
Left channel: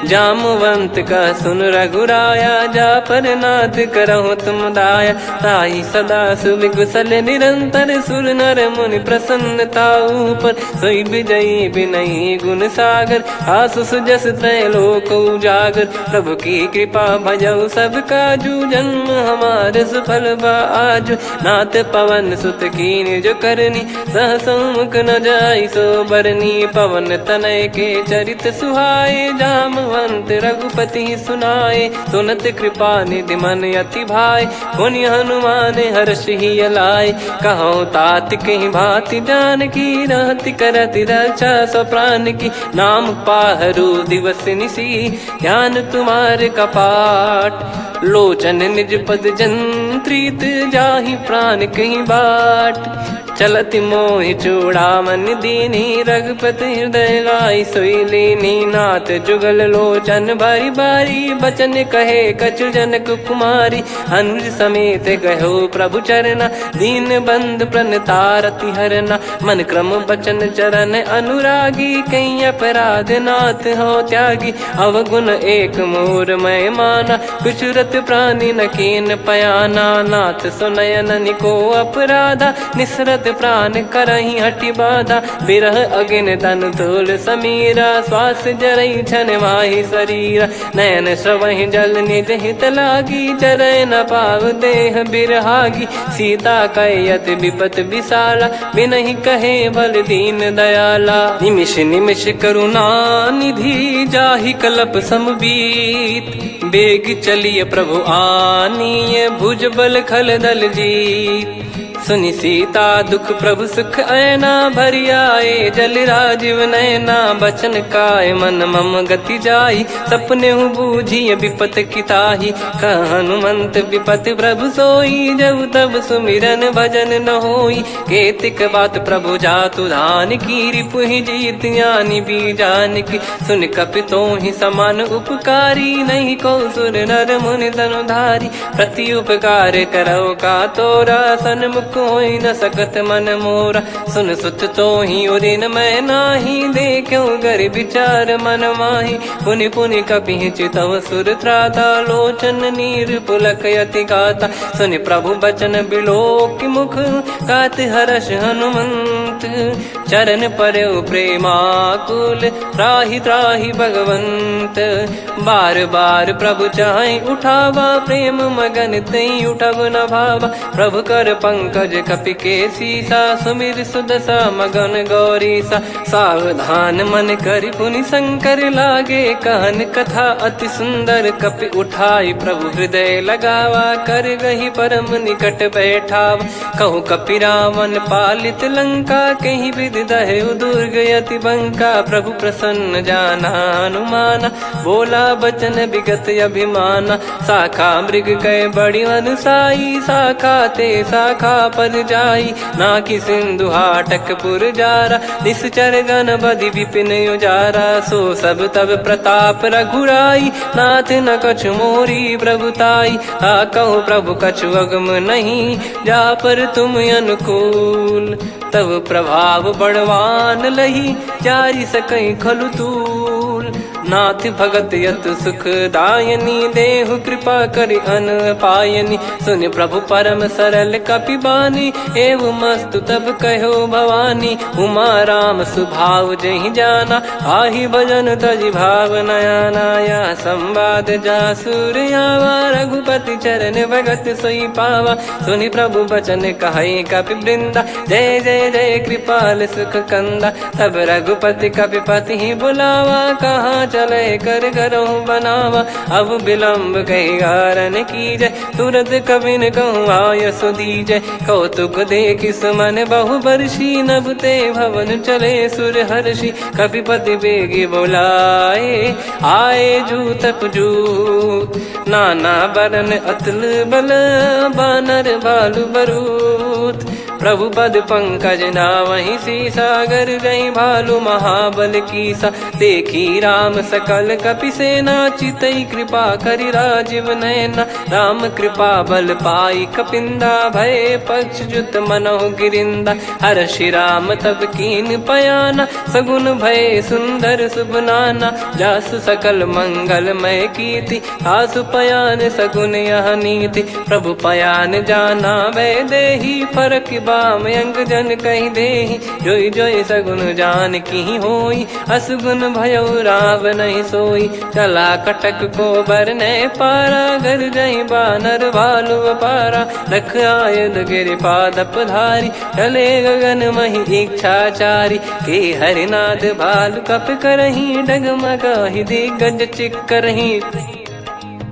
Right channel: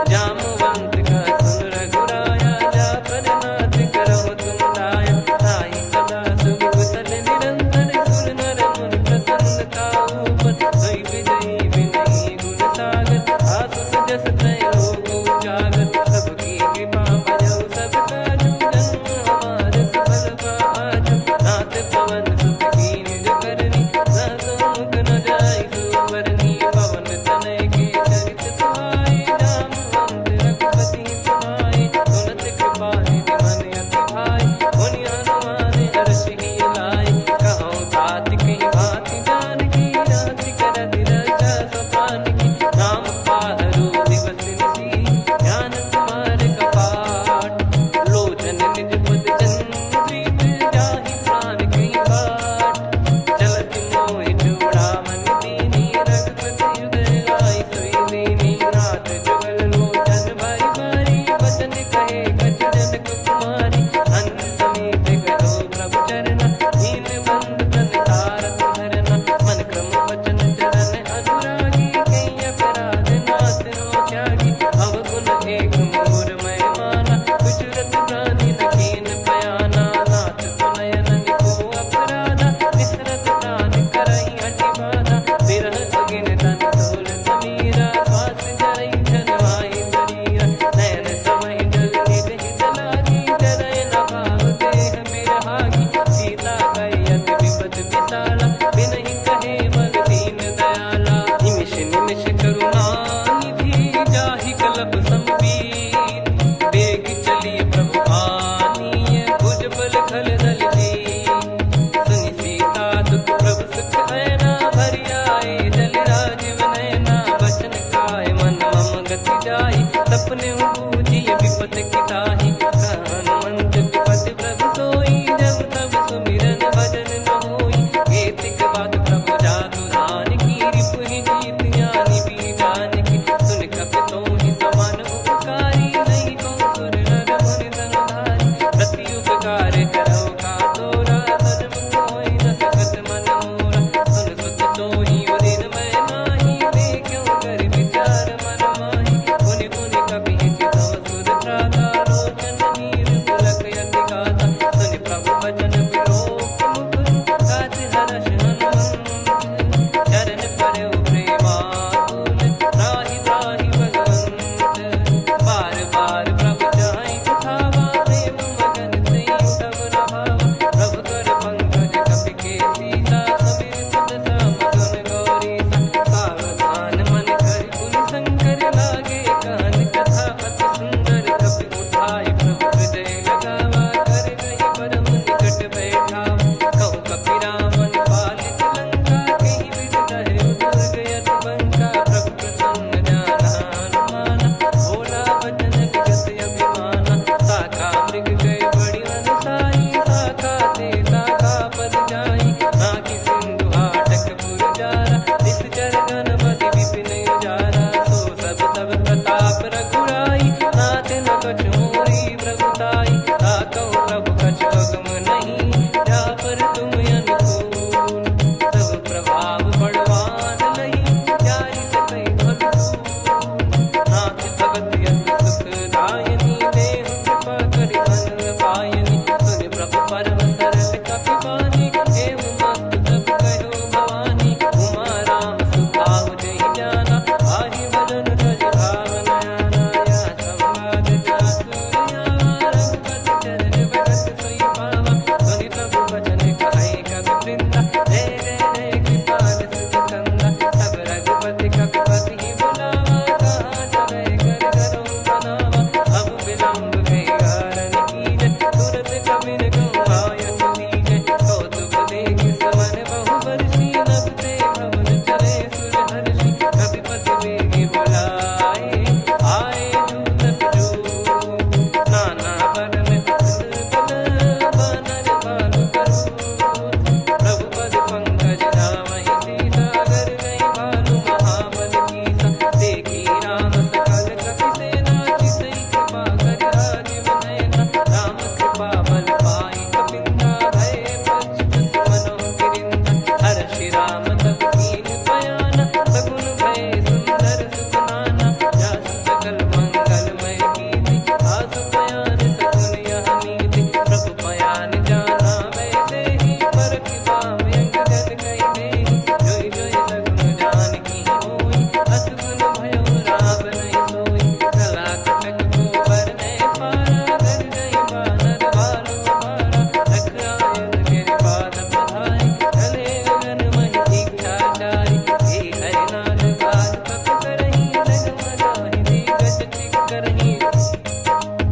जामवंत का सुन रघुराया जा पर नाथ करहु तुम दाया। ताई सदा सुविकुशल निरंतर सुर नर मुनि प्रसन्नता ऊपर। सोई विजयी विनयी गुण सागर आसु सुजस त्रैलोक उजागर। प्रभु की कृपा भजऊ सब काजू जन्म हमारे सफल बा आजु। नाथ पवन सुत कीन्ह जो करनी सहसो मुख न जाई सो बरनी। पवन तनय के चरित सुहाए जामवंत रघुपति सुनाए। सुनत कृपा निधि मन अति भाई पुनि हनुमान हर्ष ही लाए। कहो तात कहीं भांति जान की रहति करति रक्षा सो प्राण की। नाम पाहरु दिवस निसी ध्यान तुम्हारे कपाट। लोचन निज पद जंत्रित जाहि प्राण कहीं बाट। चलति मोहि चूड़ामन दीनी रघुपति हृदय लाई सोई लीनी। नाथ जुगल लोचन बारी बारी बचन कहे कछु जनक कुमारी। अनुज समेत गहो प्रभु चरना दीन बंद प्रणतारति हरना। मन क्रम बचन चरण अनुरागी कहीं अपराध नाथ हो त्यागी। अवगुण एक मोर मैं माना कुछुरत प्राणी न कीन पयाना। नाथ सुनयन निको अपराधा निसरत प्राण करही हटि बाधा। बिरह अगिन तन तोल समीरा श्वास जरई छन वाहि शरीरा। नयन श्रवहि जल निज हित लागी चरय न पाव देह बिरहागी। सीता कयत विपत विशाला बिनहि कहे बल दीन दयाला। निमिष निमिष करुणा निधि जाहि कलप समबीत। बेग चलिए प्रभु आनीय भुज बल खल दल जीत। सुनि सीता दुख प्रभु सुख ऐना भरि आए। जल राजीव नयना बचन काय मन मम गति जाई। सपने हूँ बूझिए विपत किताही हनुमंत विपत प्रभु सोई। जब तब सुमिरन भजन न होई केतिक बात प्रभु जातु धान की। रिपु ही जीत ज्ञानी बीजान की सुन कपि तो ही समान उपकारी। नहीं को सुर नर मुनि धनुधारी प्रति उपकार करो का तोरा। सन्मुख कोई न सकत मन मोरा सुन सुत तो ही उदिन मैं नाही। देखो गर विचार मन माही पुनि पुनि कपि चितव सुर त्राता। लोचन नीर पुलक यति गाता सुनि प्रभु बचन बिलोक मुख। गात हर्ष हनुमंत चरण परउ प्रेमाकुल। त्राहि त्राहि भगवंत बार बार प्रभु चाहि उठावा। प्रेम मगन तई उठब न भावा। प्रभु कर पंकज कपि के सीसा सुमिर सुदशा मगन गौरीसा। सावधान मन करि पुनि शंकर लागे कहन कथा अति सुंदर। कपि उठाई प्रभु हृदय लगावा कर गही परम निकट बैठावा। कहु कपि रावण पालित लंका कहीं विधि दहु दुर्ग यति बंका। प्रभु प्रसन्न जाना हनुमाना बोला बचन विगत अभिमाना। शाखा मृग कय बड़ी अनुसाई शाखा ते शाखा पर जाई। नाकि सिंधु हाटक पुर जारा निश्चर गण बदि विपिन उजारा। सो सब तब प्रताप रघुराई नाथ न कछु मोरी प्रभुताई। कहो प्रभु कछु अगम नहीं जा पर तुम अनुकूल। तब प्रभाव बड़वान लही जारी सकई खलु तूल। नाथ भगत यतु सुख दायनी देहु कृपा करि अन पायनी। सुन प्रभु परम सरल कपि बानी एवं मस्तु तब कहो भवानी। उमा राम सुभाव जहि जाना आहि भजन तजि भाव नयाना। या संवाद जासुर आवा रघुपति चरण भगत सोई पावा। सुनि प्रभु बचन कहै कपि वृंदा जय जय जय कृपाल सुख कंदा। तब रघुपति कपिपति बुलावा कहाँ चले कर करहु बनावा। अब विलम्ब कही कारण कीजय, तुरत कबिन कहूँ आयस दीजय। कौतुक देखिस मन बहु बरसी, नभ ते भवन चले सुर हर्षि। कपिपति बेगी बोलाए, आए जूतक जूत। नाना बरन अतुल बल, बानर भालु बरूत। प्रभु पद पंकज नावहि सीसा, गर गई भालु महाबल कीसा। देखी राम सकल कपि सेना, चितई कृपा करि राजीव नयना। राम कृपा बल पाई कपिंदा, भय पक्ष जुत मनोह गिरिंदा। हर्षि राम तब कीन पयाना, सगुन भय सुंदर शुभ नाना। जासु सकल मंगलमय कीर्ति, आसु पयान सगुन यह नीति। प्रभु पयान जाना वै देहि, फरक बाम अंग जन कहि देहि। जोई जोई सगुन जान की होई, असगुन भयो राव नहीं सोई। चला कटक को बरने पारा, घर जई बानर भालु अपारा। रख आयद गिरिपाद पधारी, चले गगन महि इच्छाचारी। के हरिनाथ भालु कप करही, डगमगाहि दिग्गज चिक्करही।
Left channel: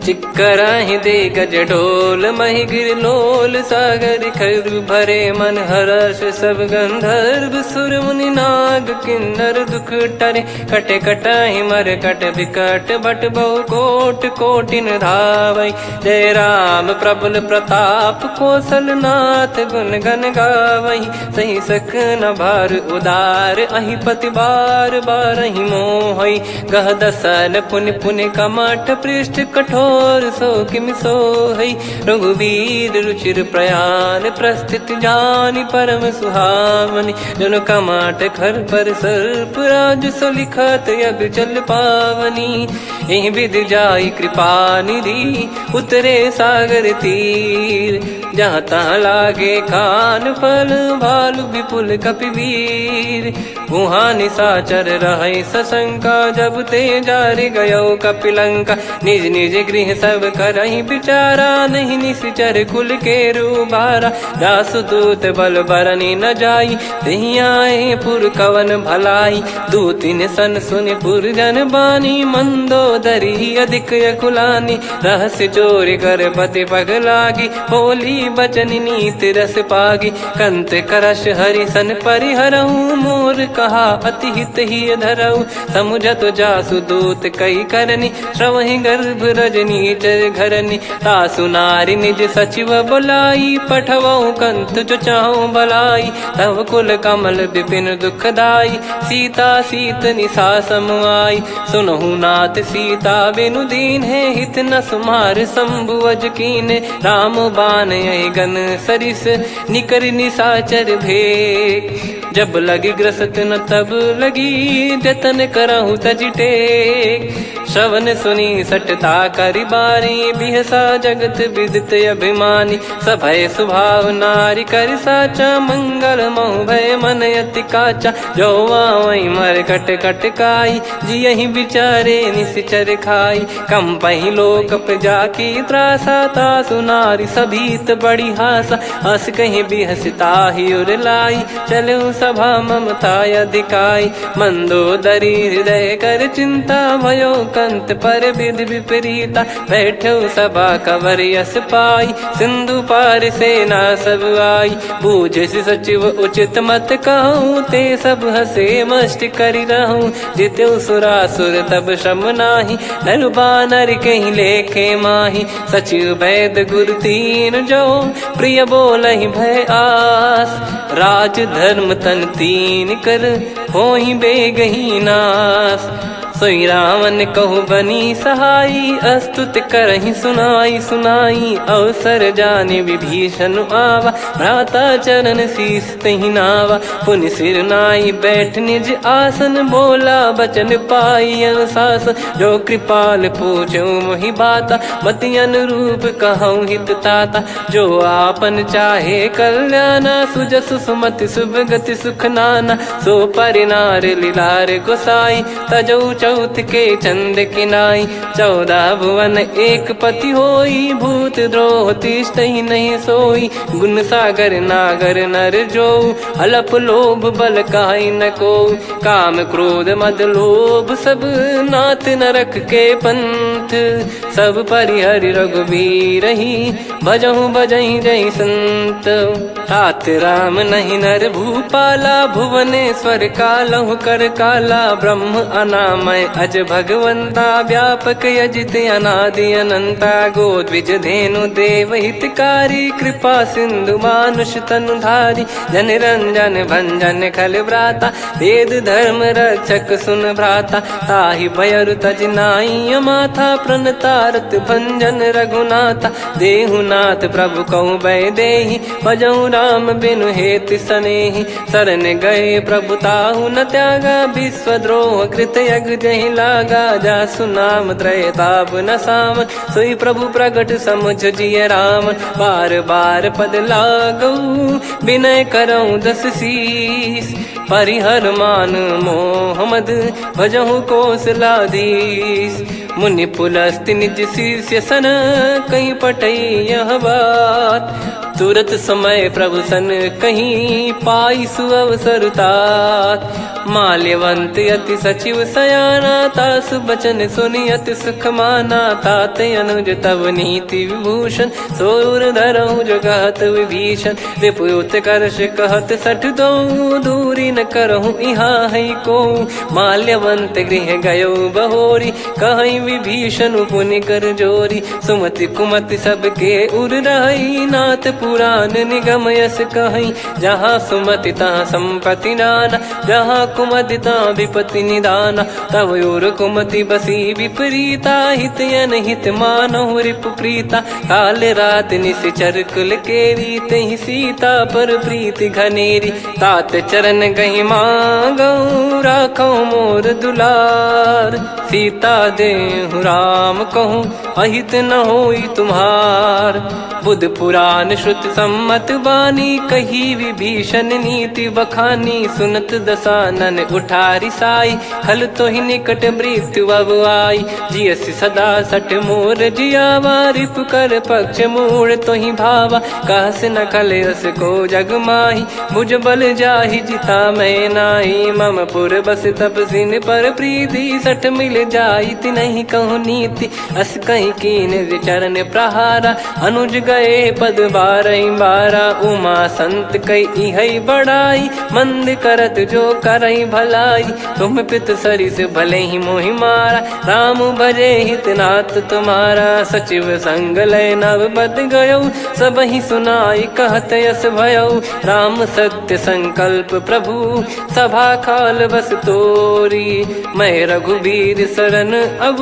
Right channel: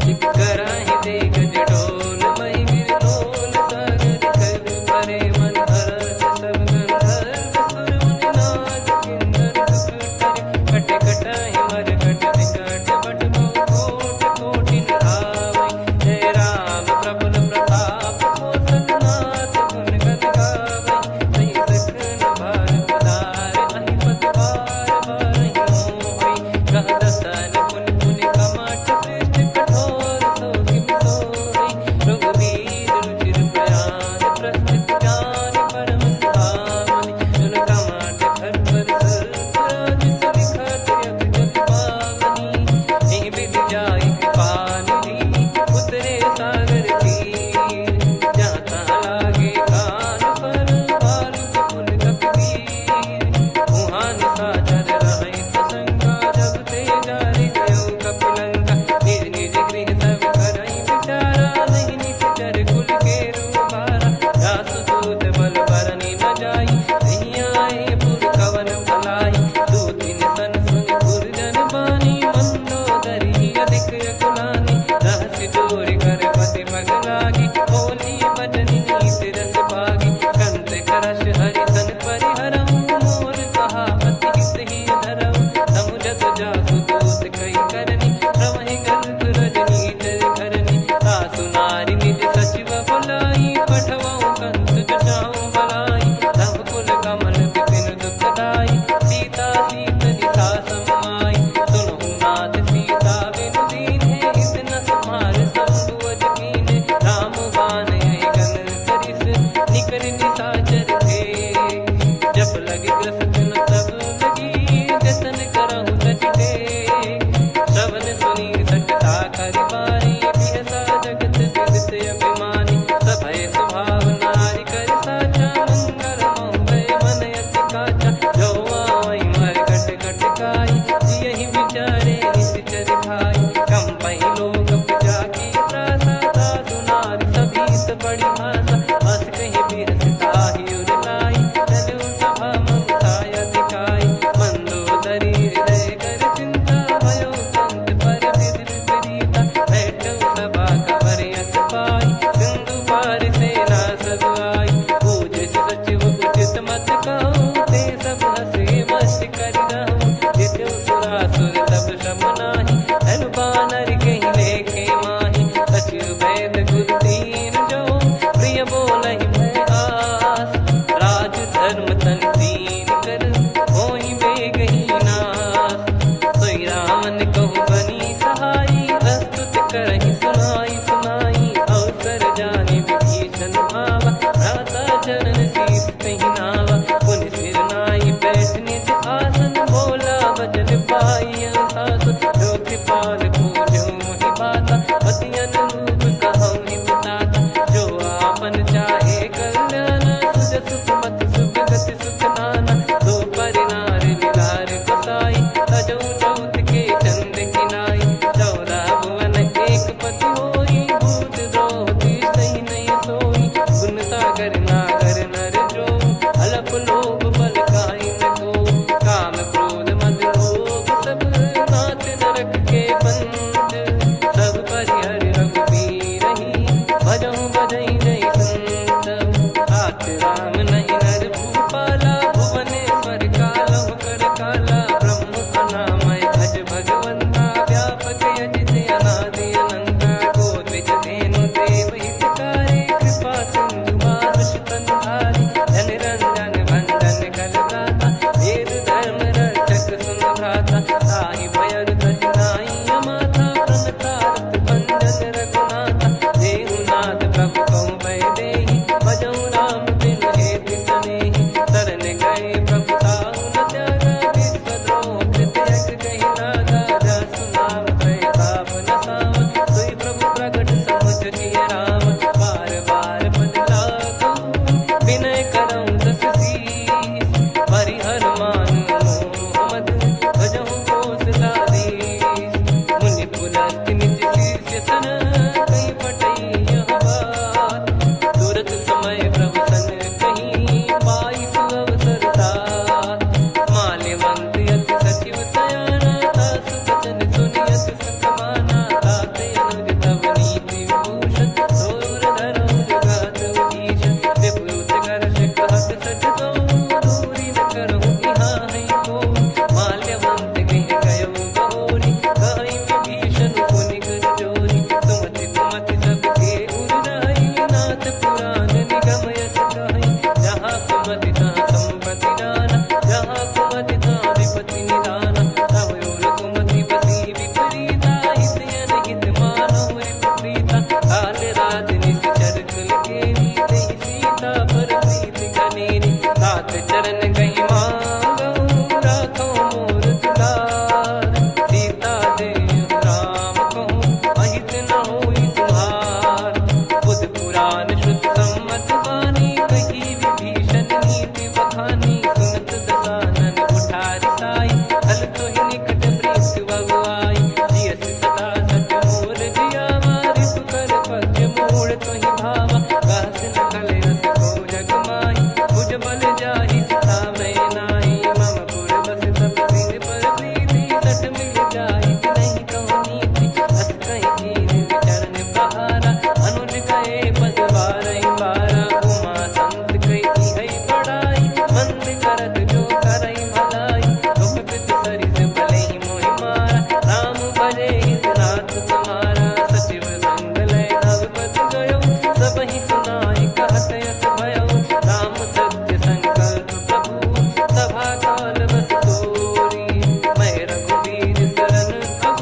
चिक्कराहि दे गज ढोल, महि गिर लोल। सागर खर भरे मन हर्ष, सब गंधर्व सुर मुनि नाग किन्नर दुख टरे। कटे कटाहि मर कट विकट, बट बहु कोट कोटिन धावै। जय राम प्रबल प्रताप, कौशल नाथ गुण गन गावै। सही सकन भार उदार, अहि पति बार बारहि मोहै। गह दसन पुन पुन कमठ, पृष्ठ कठोर सो किमि सोहै। रघुवीर रुचिर प्रयाण, प्रस्थित जानि परम सुहावनि। जन कमाट खर पर सर्प, राज सलिखत यग जल पावनी। एहि विधि जाई कृपा निधि, उतरे सागर तीर। जहाँ तहाँ लागे खान फल, भालु विपुल कपिवीर। गुहा निशाचर रहै सशंका, जब ते जारि गयो कपिलंका। निज निज गृह सब करहि विचारा, नहीं निश्चर कुल के रूबारा। जासुदूत बल बरनि न जाई, तेहि आए पुर कवन भलाई। दूतिन सन सुनि पुर जन बानी, मंदोदरी अधिक यकुलानी। रहस्य चोरी कर पति पग लागी, होली बचन नीत रस पागी। कंत करश हरिसन परिहरहु, मोर कहा अति हित ही धरऊ। समुझत जासुदूत कई करनी, श्रवहि गर्भ रजनी चर घरनी। तासु नारी निज सचिव बोलाई, पठवऊ कंत जो चाहूं बलाई। तव कुल कमल विपिन दुखदाई, सीता सीत निशा समाई। सुनहु नाथ सीता बिनु दीन है, हित न सुमार शंभु अज कीने। राम बान गन सरिस, निकर निशाचर भेग। जब लगी ग्रसत न तब लगी, जतन करहु तज टेक। श्रवण सुनी सटता करि बारी, बिहसा जगत विदित अभिमानी। सभय स्वभाव नारी कर साचा, मंगल महु भय मन अति काचा। जो आवै मर कट कट काई, जियहि विचारे निश्चर खाई। कम पहि लोक जाकी त्रासा, तासु नारी सभीत बड़ी हासा। हस कहीं बिहसता ही उर लाई, चलऊ सभा ममता अधिकाई। मंदोदरी हृदय कर चिंता, भयो कंत पर विधि विपरीता। बैठो सभा कवर यस पाई, सिंधु पार सेना सब आई। पूज्य सचिव उचित मत कहूँ, ते सब हसे मस्त करि रहूं। जित्यु सुरासुर तब श्रम नाही, नर बानर कहीं लेखे माही। सचिव वैद गुरु तीन जो, प्रिय बोलहि भय आस। राज धर्म तन तीन कर, होहि बेगहि नास। सोई रावण कहु बनी सहाई, अस्तुत करहि सुनाई सुनाई। अवसर जाने विभीषण आवा, भ्राता चरण शीस तहि नावा। पुनि सिर नाई बैठ निज आसन, बोला बचन पाई अनुशासन। जो कृपाल पूछो मोहि बाता, मति अनुरूप कहूँ हित ताता। जो आपन चाहे कल्याणा, सुजसु सुमति शुभ गति सुख नाना। सो परिनार लीलार गोसाई, तजौ चौथ के चंद किनाई 14 भुवन एक पति होई भूत द्रोह तिष्ठ ही नहीं सोई गुण सागर नागर नर जो अलप लोभ बल काई न को काम क्रोध मद लोभ सब नाथ नरक के पंथ सब परिहरि रघुबीर ही भजहु भजहि जय संत तात राम नहीं नर भूपाला भुवनेश्वर कालहु कर काला ब्रह्म अनामय अज भगवंता व्यापक यजित अनादि अनंता गोद्विज धेनु देव हितकारी कृपा सिंधु मानुष तनुधारी जन रंजन भंजन खल भ्राता वेद धर्म रक्षक सुन भ्राता ताहि भयर तज नाई माथा प्रणतारत भंजन रघुनाथा देहुनाथ प्रभु कहु बै देहि भजहु राम बिनु हेत सनेहि शरण गए प्रभु ताहु न त्यागा विश्वद्रोह कृत यज्ञ जहि लागा जासु नाम त्रय ताप न साम सोई प्रभु प्रगट समुझ जिय राम बार बार पद लागऊ विनय करऊँ दस शीस परिहर मान मोह मद भजहु कौशलाधीश मुनि पुलस्ति निज शीर्ष सन कहीं पटई यह बात तुरत समय प्रभु सन कहीं पाई सुअवसर तात माल्यवंत अति सचिव सयाना तासु बचन सुनि अति सुख माना तात अनुज तव नीति विभूषण सोर धरहु जगत विभीषण विपुत करश कहत सठ दो दूरी न करहु इहाँ है को माल्यवंत गृह गयो बहोरी कहीं विभीषण पुनि कर जोरी सुमति कुमति सबके उर रही नाथ पुराण निगम यस कहीं जहाँ सुमति तहाँ संपत्ति नाना जहाँ कुमति तहाँ विपत्ति निदाना तव और कुमति बसी विपरीता हित अनहित मानहु रिपु प्रीता काल रात निश्चर कुल केरी तहि सीता पर प्रीति घनेरी तात चरण गही मांगऊ राखो मोर दुलार सीता देहु राम कहूँ अहित न होई तुम्हार बुध पुराण श्रुत सम्मत बानी कही विभीषण नीति बखानी सुनत दसानन उठारी साई खल तो ही निकट मृत्यु अब आई जियस सदा सठ मोर जियावा रिप कर पक्ष मूड़ तो ही भावा कहस न खल रस को जग माही मुझ बल जाहि जिता मैं नाई मम पुर बस तप सिन पर प्रीति सठ मिल जाई नहीं कहूँ नीति अस कहीं कीन विचरण प्रहारा अनुज गए पद बारा उमा संत कई है बड़ाई मंद करत जो करई भलाई तुम पित सरी से भले ही मोहि मारा राम भजे हितनाथ तुम्हारा सचिव संग लय नव बद गयो सब ही सुनाई कहत यस भयो राम सत्य संकल्प प्रभु सभा काल बस तोरी मैं रघुबीर शरण अब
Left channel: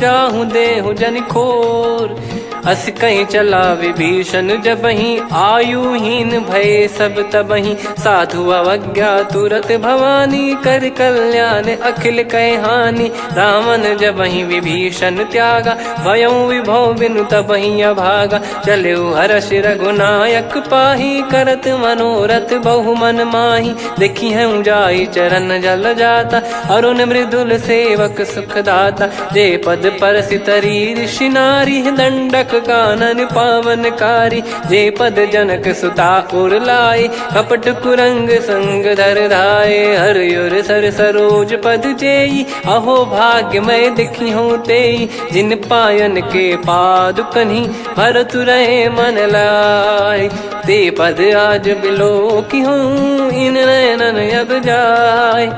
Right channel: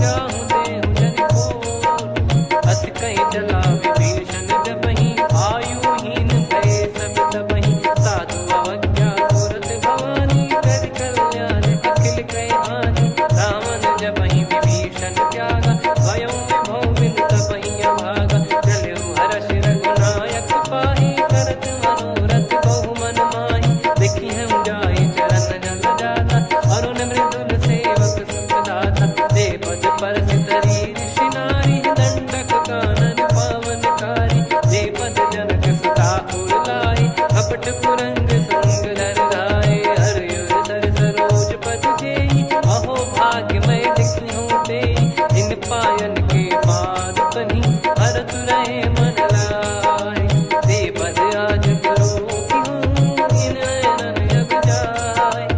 जाहूँ देहु जन खोर अस कहीं चला विभीषण जब ही आयुहीन भय सब तबही साधु अवज्ञा तुरत भवानी कर कल्याण अखिल कह हानि रावण जब ही विभीषण त्यागा भयं विभव बिनु तबही अभागा चले हर्ष रघुनायक पाही करत मनोरथ बहु मन माही देखी है जाई चरण जल जाता अरुण मृदुल सेवक सुखदाता जे पद पर सितरी ऋषि नारी दंडक कानन पावनकारी जे पद जनक सुता उर लाए कपट कुरंग संग धर धाये हरियुर सर सरोज पद जेई अहो भाग्य मैं दिखी हूँ तेई जिन पायन के पाद कन्ही भरत रहे मन लाए ते पद आज बिलो की हूँ इन नयनन अब जाय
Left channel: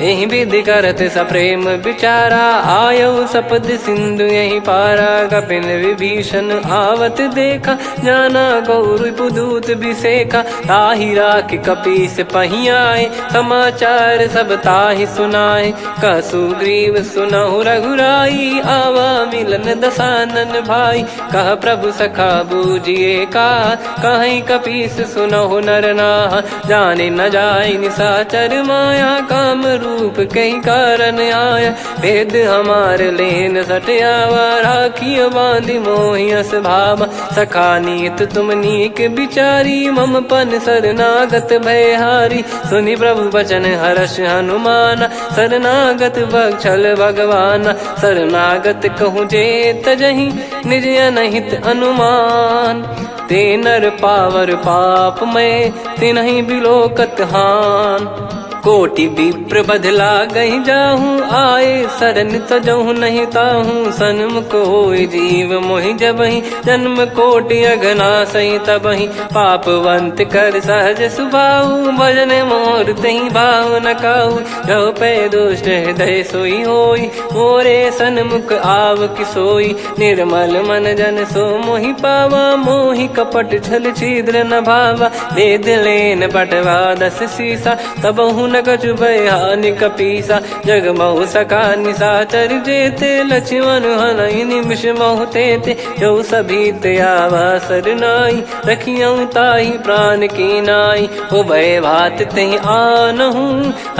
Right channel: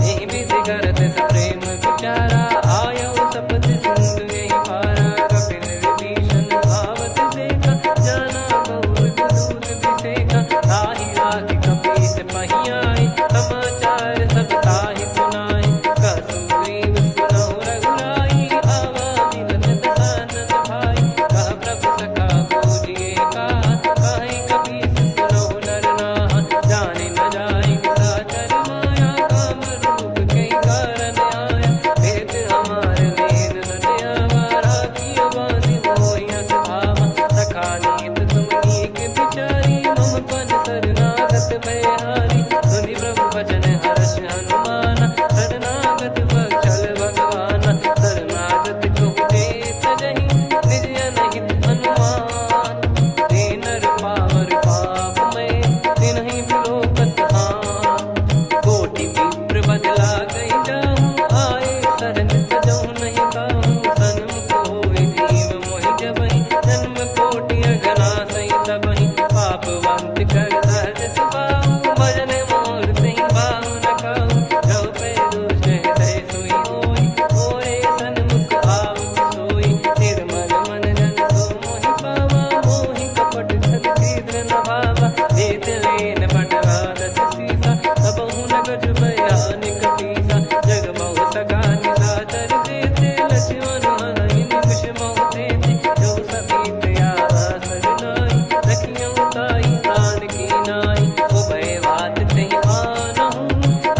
यही विधि करत सप्रेम विचारा आयो सपद सिंधु यही पारा कपिन विभीषण आवत देखा जाना गौर बुदूत विसेखा ताहि राख कपीस पहियाए समाचार सब ताहि सुनाए कह सुग्रीव सुनहु रघुराई आवा मिलन दसानन भाई कह प्रभु सखा बूझिए का कहीं कपीस सुनहु नर नाहा जाने न जाय निशाचर माया काम रूप कई कारण आया। भेद हमार लेन सटयावा, राखियो बांधि मोहियस भावा। सखा नीत तुम नीक बिचारी, मम पन शरणागत भयहारी। सुनि प्रभु वचन हर्ष हनुमाना, शरणागत बक्षल भगवाना। शरणागत कहूँ जे तजहि, निज अनहित अनुमान। ते नर पावर पाप में, तिन्हि बिलोकत हान। कोटि विप्र बदला गई जाहूँ, आए शरण तजहु नहीं ताहूँ। सन्मुख होय जीव मोहि जबहि, जन्म कोटि अगना सही तबहि। पापवंत कर सहज सुभाऊ, भजन मोर तहि भाव न काऊ। जो पै दुष्ट हृदय सोई होई, मोरे सन्मुख आव किसोई। निर्मल मन जन सो मोहि पावा, मोहि कपट छल छिद्र न भावा। भेद लेन बटवा 10 सीसा, तबहु न कछु भयानि कपीसा। जग महु सका निशाचर जेते, लक्ष्मण हनहि निमिष महु तेते। जो सभी त्यावा सरनाई, रखियऊ ताहि प्राण की नाई। उभय भात तेहि आनहु,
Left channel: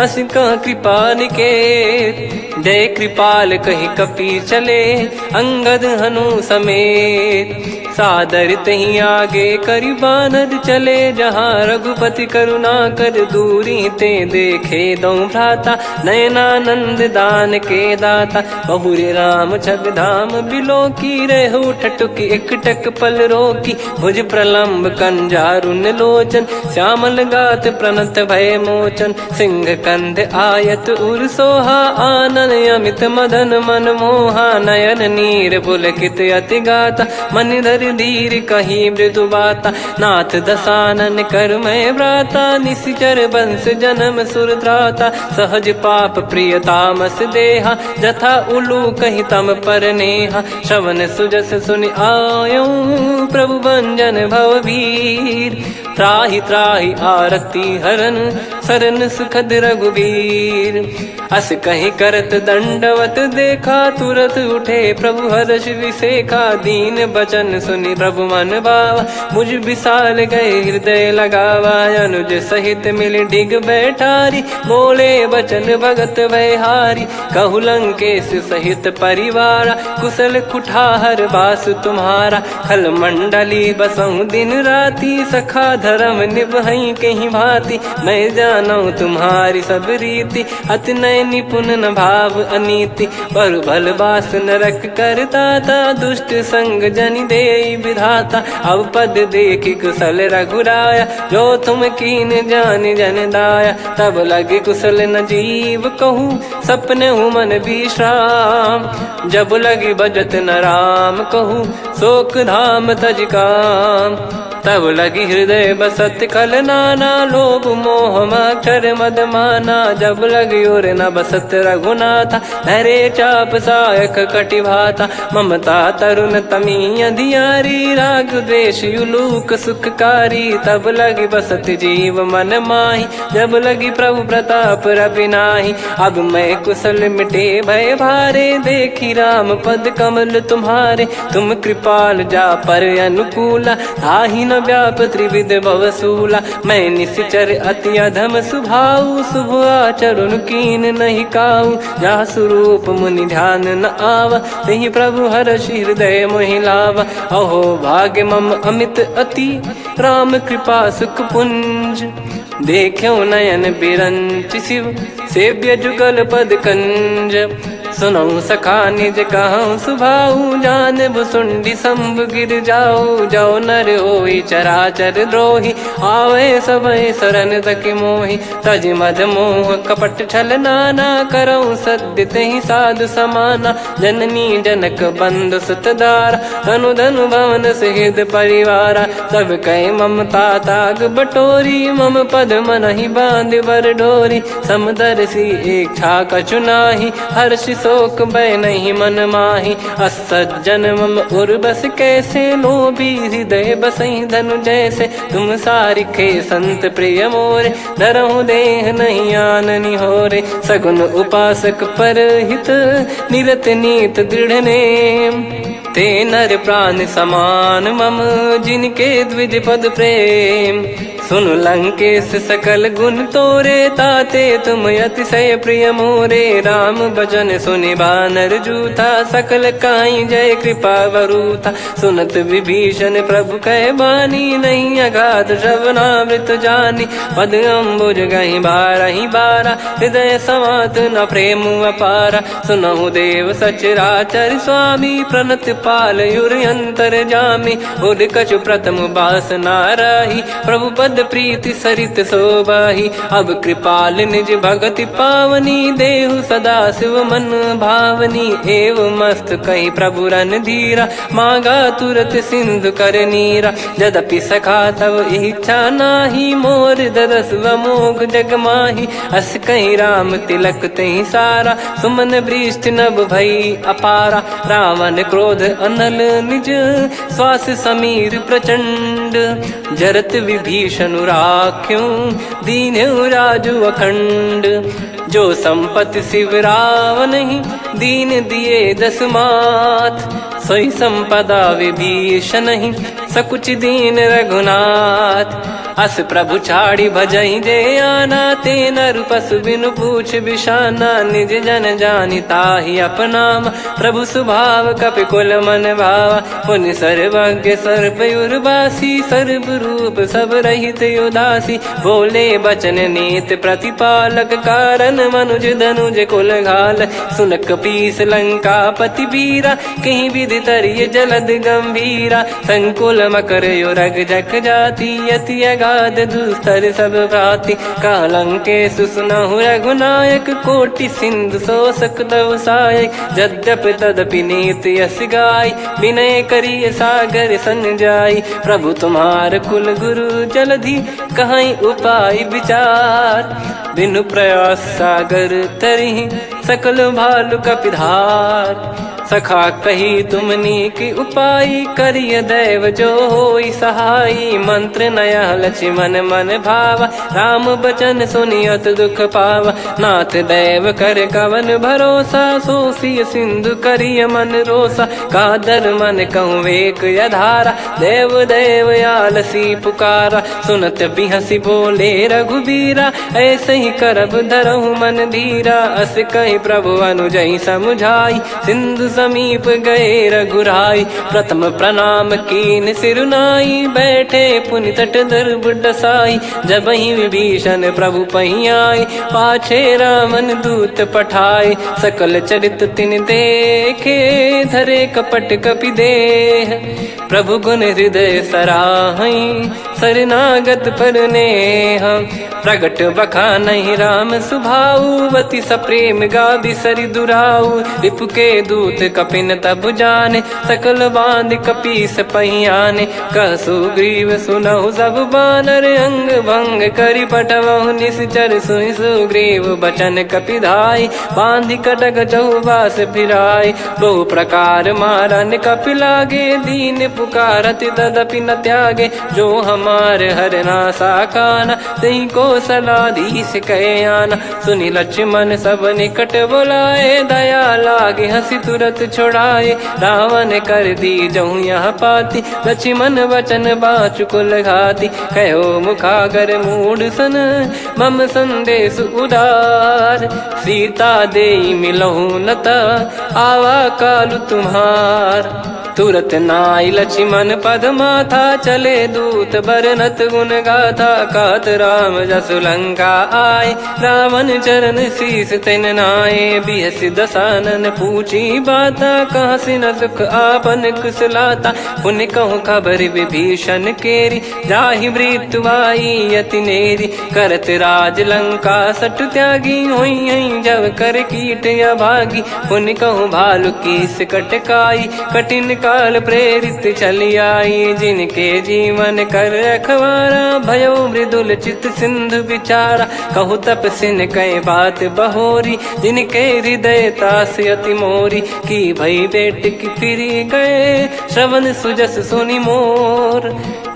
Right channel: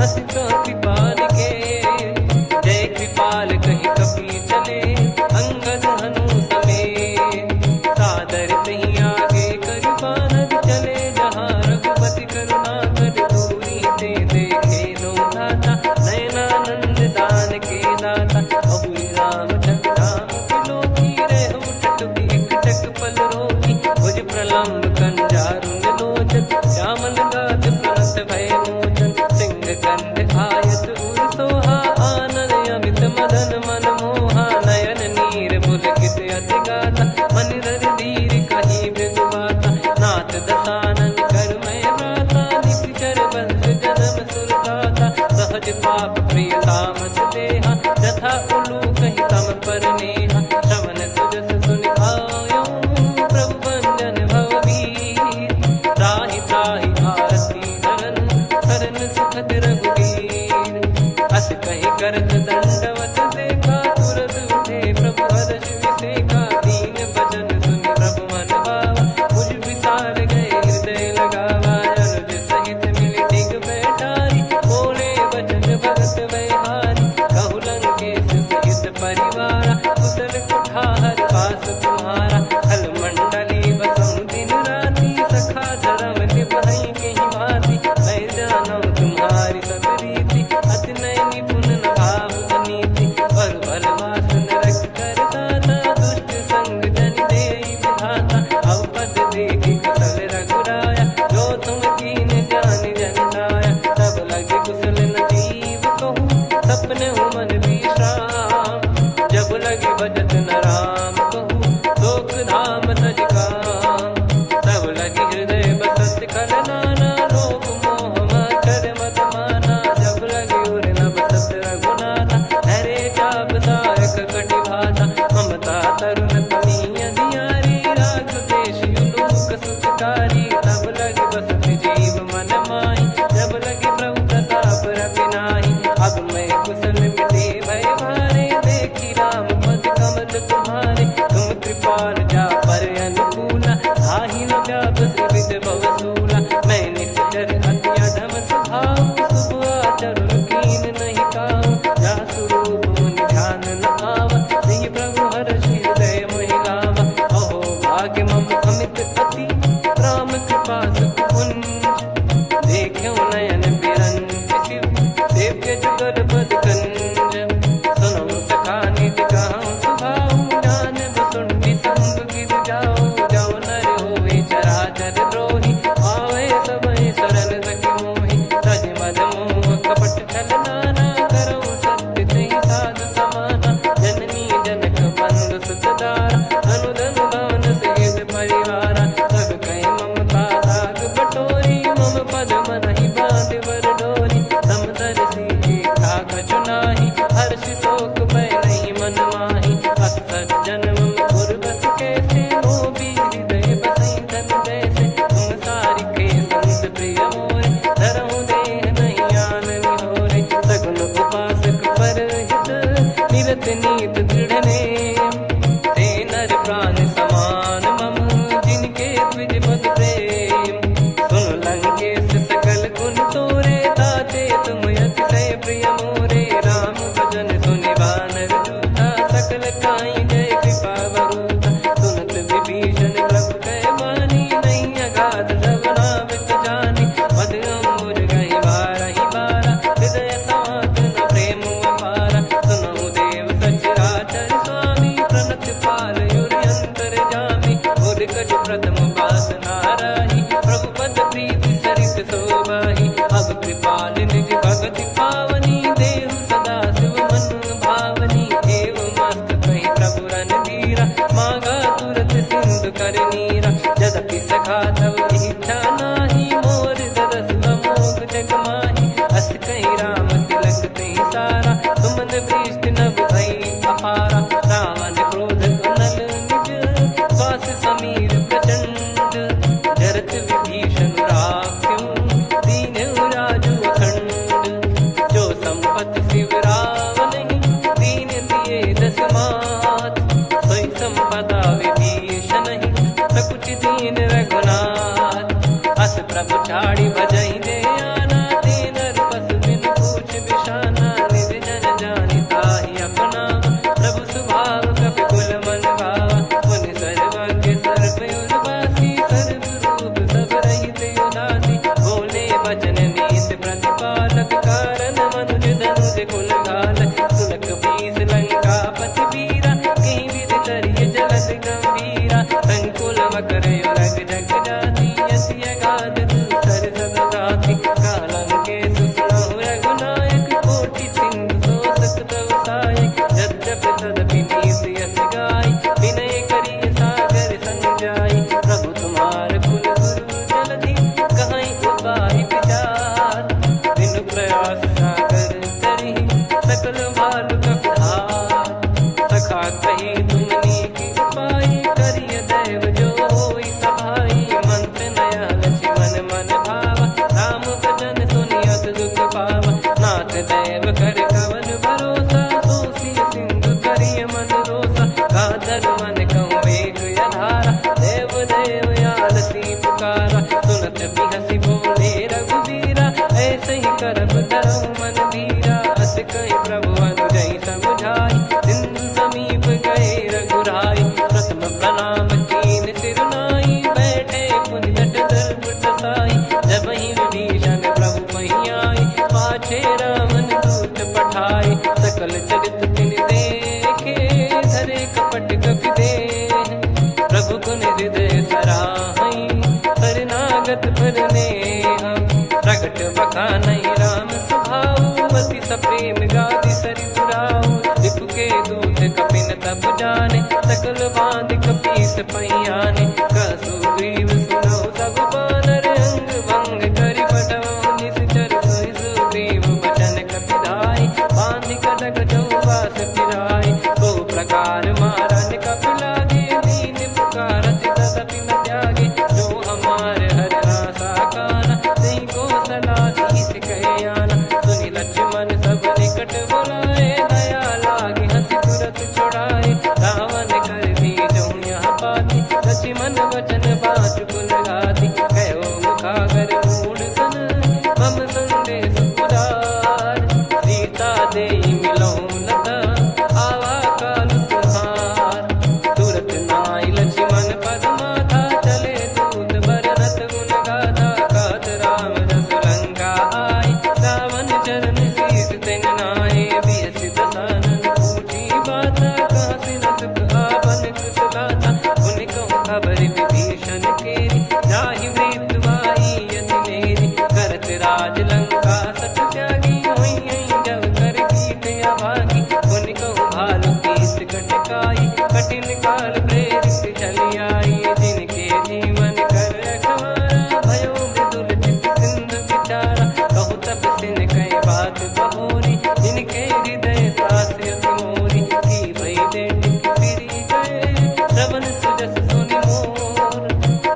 हस कह कृपाल के। जय कृपाल कहि कपि चले, अंगद हनु समेत। सादर तही आगे करि बानर चले, जहाँ रघुपति करुणा कर दूरी ते देखे दो भ्राता। नयनानंद दान के दाता, बहुरी राम छग धाम बिलो की। रेहु ठटुकी एकटक पल रोकी, भुज प्रलम्ब कंजारुन लोचन। श्यामल गात प्रणत भय मोचन, सिंह कंध आयत उर सोहा। आनन अमित मदन मन मोहा, नयन नीर पुलकित अति गाता। मन धर धीर कहीं मृदु बाता, नाथ दसानन कर मैं व्राता। निशिचर वंश जन्म सुर त्राता, सहज पाप प्रिय तामस देहा। जथा उलू कही तम पर नेहा, श्रवण सुजस सुनि आयो। प्रभु भंजन भवभीर, त्राहि त्राहि आरती हरन। शरण सुखद रघुवीर, अस कहीं करत दंडवत देखा। तुरत उठे प्रभु हर्ष विसेखा, दीन बचन सुनि प्रभु मन भावा। मुझ विसार गए हृदय लगावा, अनुज सहित मिल डिग बैठारी। बोले वचन भगत भयहारी, कहु लंकेश सहित परिवारा। कुशल कुठार बास तुम्हारा, खल मंडली बसऊं दिन राती। सखा धर्म निभई कहीं भांति, मैं जानू तुम्हारी सब रीति। अति नय निपुण न भाव अनीति, पर भल बास नरक करता था। दुष्ट संग जन देई विधाता, अब पद देखी कुशल रघुराया। जो तुम कीन जान जन दाया, तब लगे कुशल न जीव कहूँ। सपने हूँ मन विश्राम, जब लगी बजत न राम कहूँ। शोक धाम तज काम, तब लगी हृदय बसत खल नाना। लोभ मोह मक्षर मद माना, जब लगी उर न बसत रघुनाथा। धरे चाप सायक कटि भाता, ममता तरुण तमी अधियारी। राग द्वेष युलूक सुखकारी, तब लगी बसत जीव मन माही। जब लगी प्रभु प्रताप रवि नाही, अब मैं कुशल मिटे भय भारे। देखी राम पद कमल तुम्हारे, तुम कृपाल जा पर अनुकूला। आही न व्याप त्रिविध भवसूला, मैं निश्चर अति अधम सुभाऊ। शुभ आचरण कीन नहीं काऊ, जा स्वरूप मुनि ध्यान न आवा। तेहि प्रभु हर्ष हृदय मोहि लावा। अहो भाग्य मम अमित अति, राम कृपा सुख पुंज। देखो नयन बिरंच शिव, सेव्य जुगल पद कंज। सुनऊ सखा निज कहूँ सुभाऊ, जान भुसुंडी शंभ गिर जाओ। जाओ नर होई चराचर द्रोही, आवे सबय शरण तक मोहि। तज मद मोह कपट छल नाना, करऊँ सत्य तेहि साधु समाना। जननी जनक बंधु सुतदारा, धनु धनु भवन सहित परिवारा। सब कहे ममता ताग बटोरी, मम पद मनहि बांध बर डोरी। समदर्शी इच्छा कछु नाही, हर्षि शोक भय नहीं मन माही। असज्जन मम उर बस कैसे, लोभी हृदय बसई धनु जैसे। तुम सारिखे संत प्रिय मोरे, धरहु देह नहीं आननि होरे। सगुन उपासक पर हित, निरत नीत दृढ़ नेम। ते नर प्राण समान मम, जिनके द्विज पद प्रेम। सुन लंकेश सकल गुण तोरे, ताते तुम अतिशय प्रिय मोरे। राम भजन सुनि बानर जूथा, सकल काई जय कृपा वरूथा। सुनत विभीषण प्रभु कह बानी, नहीं अगाध श्रवणामृत जानी। पद अम्बुज गहि बारहि बारा, हृदय समात न प्रेम अपारा। सुनहु देव सचराचर स्वामी, प्रणत पाल युर अंतर जामी। उद कछु प्रथम बास नाराही, प्रभु पद प्रीति सरित शोभाही। अब कृपाल निज भगति पावनी, देहु सदा शिव मन भावनी। एव मस्त कही प्रभु रन धीरा, मांगा तुरत सिंधु कर नीरा। यद्यपि सखा तब इच्छा नाही, मोर दरस मोग जग माही। अस कहीं राम तिलक तही सारा, सुमन वृष्ट नभ भई अपारा। रावण क्रोध अनल निज, श्वास समीर प्रचंड। जरत विभीषण राख्यों, दीन्हु राजु अखंड। जो संपत्ति शिव रावण ही, दीन दिए दस मात। सोई संपदा विभीषण ही, सकुच दीन रघुनाथ। अस प्रभु छाड़ी भजहि जे आना, ते नर पशु बिनु पूछ बिशाना। निज जन जानि ताहि अपनाम, प्रभु स्वभाव कपि कुल मन भावा। मुनि सर्वज्ञ सर्वयुर्वासी, सर्व रूप सब रहित उदासी। बोले बचन नीत प्रतिपालक, कारण मनुज धनुज कुल घाल। सुन कपीस लंका पति वीरा, कहीं विधि तरिय जलद गंभीरा। संकुल मकर युरग जख जाति, यति अगाध दुस्तर सब भांति। कालंकेश सुनहु रघुनायक, कोटि सिंधु शोषक तव सहायक। यद्यपि तदपि नीति यस गाय, विनय करिय सागर सन जाई। प्रभु तुम्हार कुल गुरु जलधि, कहीं उपाय विचार। बिनु प्रयास सागर तरिहि, सकल भालु कपिधार। सखा कही तुमनी की उपाय, करिय दैव जो होई सहाई। मंत्र नया लक्ष्मण मन भावा, राम बचन सुनियत दुख पावा। नाथ दैव कर कवन भरोसा, सोसिय सिंधु करिय मन रोसा। कादर मन कहूँ वेक यधारा, देव देव आलसी पुकारा। सुनत बिहसी बोले रघुबीरा, ऐसे ही करब धरहु मन धीरा। अस कही प्रभु अनुजहि समुझाई, सिंधु समीप गए रघुराई। प्रथम प्रणाम कीन सिरुनाई, बैठे पुनि तट दर्भ डसाई। जब ही विभीषण प्रभु पही आए, पाछे रावण दूत पठाए। सकल चरित तिन देखे, धरे कपट कपि देह। प्रभु गुण हृदय सराहई, शरणागत पर नेह। प्रगट बखानहि राम सुभाऊ, बति सप्रेम गादि सरि दुराऊ। रिपु के दूत कपिन तब जाने, सकल बांध कपीस पहियाने। कह सुग्रीव सुनहु सब बानर, अंग भंग करि पठवहु निश्चर। सुनि सुग्रीव बचन कपिधाई, बांधि कटक चहुबास फिराई। बहु प्रकार मारन कपि लागे, दीन पुकारत तदपि न त्यागे। जो हमार हरनासा काना, तही को सलाधीश कहे आना। सुनि लक्ष्मण सब निकट बोलाए, दया लागे हंसी तुरत छोड़ाए। रावण कर दी जहु यहाँ पाती, लक्ष्मण वचन बाचु कुल घाती। कहो मुखागर मूढ़ सन, मम संदेश उदार। सीता देई मिलहु नता, आवा कालु तुम्हार। तुरत नाई लक्ष्मण पद माथा, चले दूत बरनत गुण गाथा। कात राम जसु लंका आए, रावण चरण शीस तिन नाए। बिहस दसानन पूछी बाता, कहाँ से न सुख आपन कुशलाता। पुन कहूँ खबर विभीषण केरी, जाहि मृत्यु आई यति नेरी। करत राज लंका सट त्यागी, हुई जब कर कीट अभागी। पुन कहूँ भालु कीस कटकाई, कठिन काल प्रेरित चली आई। जिनके जीवन कर रखवारा, भयो मृदुल चित सिंधु विचारा। कहु तप सिन कह बात बहोरी, जिनके हृदय तास अति मोरी। की भई बेट की फिरी गए, श्रवण सुजस सुनि मोर।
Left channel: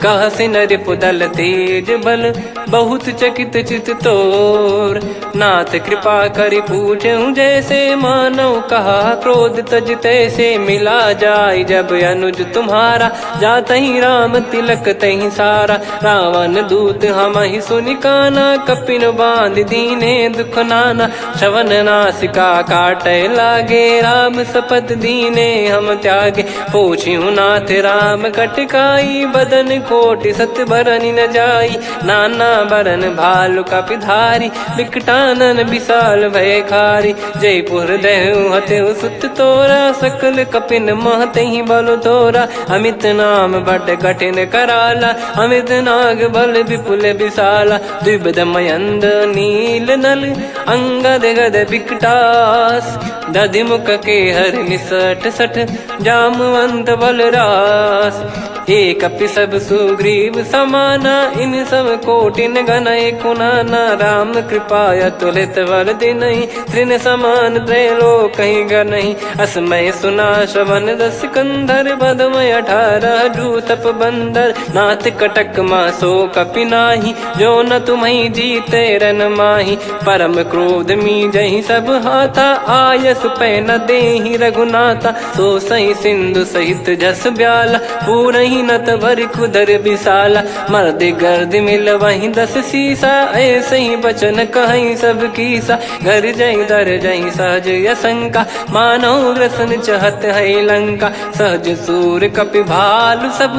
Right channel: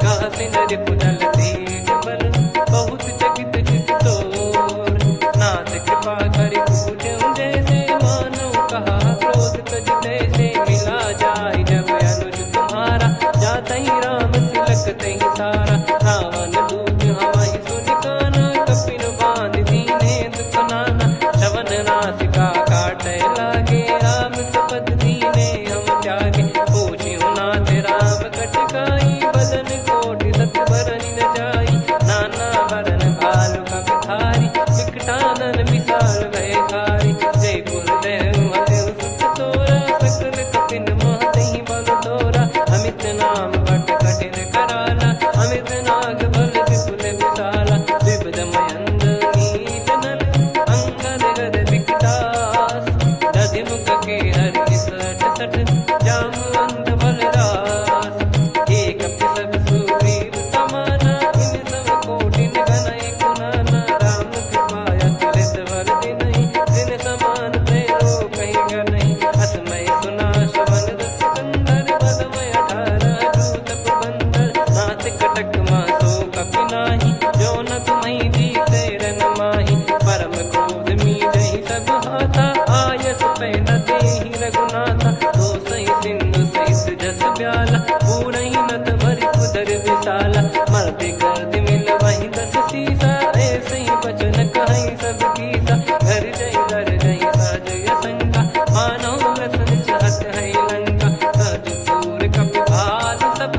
कह से नरिपुदल तेज बल बहुत चकित चित तोर। नाथ कृपा करि पूछूं जैसे मानव कहा क्रोध तज तैसे मिला जाय जब अनुज तुम्हारा। जातहि राम तिलक तहि सारा रावण दूत हमहि सुनि काना। कपिन बांध दीने दुख नाना श्रवण नासिका काटे लागे। राम शपथ दीने हम त्यागे पूछ्यु नाथ राम कटकाई। बदन कोटि सत बरनि न जाई नाना बरन भालु कपिधारी। विकटानन विशाल भयकारी जयपुर देहु हतेउ सुत तोरा। सकल कपिन महतहि बल तोरा अमित नाम बट कठिन कराला। अमित नाग बल विपुल विशाला द्विविध मयंद नील नल अंगद गद विकटास। दधिमुख के हर निसठ सठ जामवंत बलरास। एक कपि सब सुग्रीव समाना इन सब कोटिन गणय कुनाना। राम कृपा अतुलित बल दिनहि त्रिन समान त्रैलोक गणहि। असमय सुना श्रवण दस कंधर बदमय 18 जूतप बंदर। नाथ कटक मासो कपि नाही जो न तुम्हि जीते रन माही। परम क्रोध मी जहि सब हाथा आयस पै न देहि रघुनाथा। तो सही सिंधु सहित जस ब्याला पूरहि नत भरि कुदर विशाला। मर्द गर्द मिल वहीं 10 सीसा ऐसे ही बचन कहीं सब कीसा। घर जय दर जय सहज यसंका मानव रसन चहत है लंका। सहज सूर कपि भालु सब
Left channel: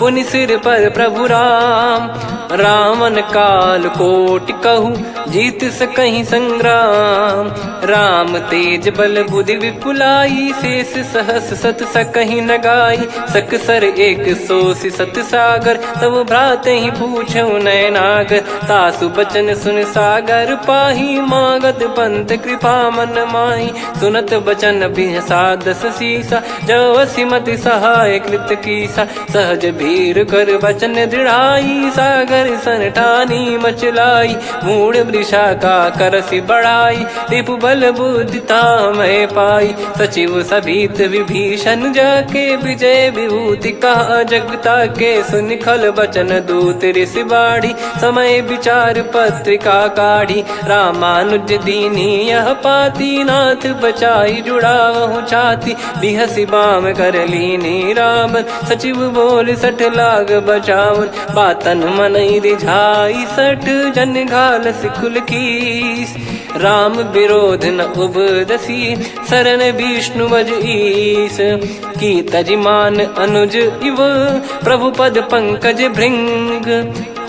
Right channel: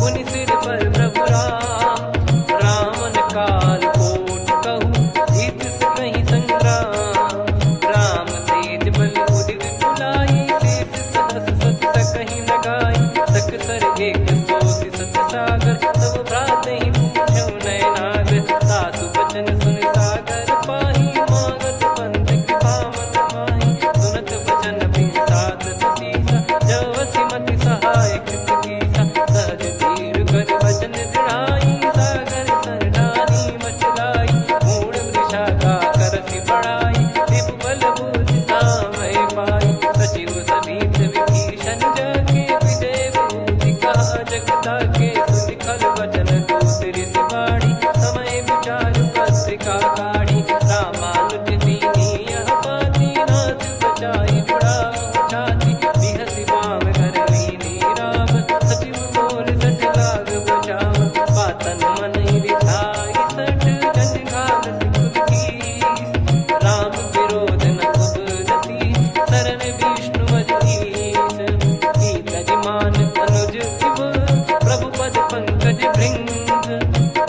पुनि सिर पर प्रभु राम। रावण काल कोटि कहु जीत सकहि संग्राम। राम तेज बल बुद्धि विपुलाई शेष सहस सत सकहि न गाई। सकसर एक सोसी सत सागर तब भ्रात ही पूछो नयनाग। तासु बचन सुन सागर पाही मागत पंथ कृपा मन माही। सुनत बचन बिहसा 10 सीसा जो सिमति सहाय कृत कीसा। सहज भीर कर बचन दृढ़ाई सागर सन ठानी मचलाई। मूढ़ वृषा का करसि बढ़ाई रिपु बल बुद्धि तामय पाई। सचिव सभीत विभीषण जाके विजय विभूति कहा जगता के। सुनि खल बचन दूत ऋषि बाड़ी समय विचार पत्रिका काढ़ी। रामानुज दीनी यह पाती नाथ बचाई जुड़ावहु छाती। बिहसि बाम कर लीनी राम सचिव बोल 60 लाग बचावन। बातन मन रिझाई 60 जन घाल सिकुल कीस। राम विरोध न उपजसी शरण विष्णु बज ईस। की तजिमान अनुज इव प्रभु पद पंकज भृंग।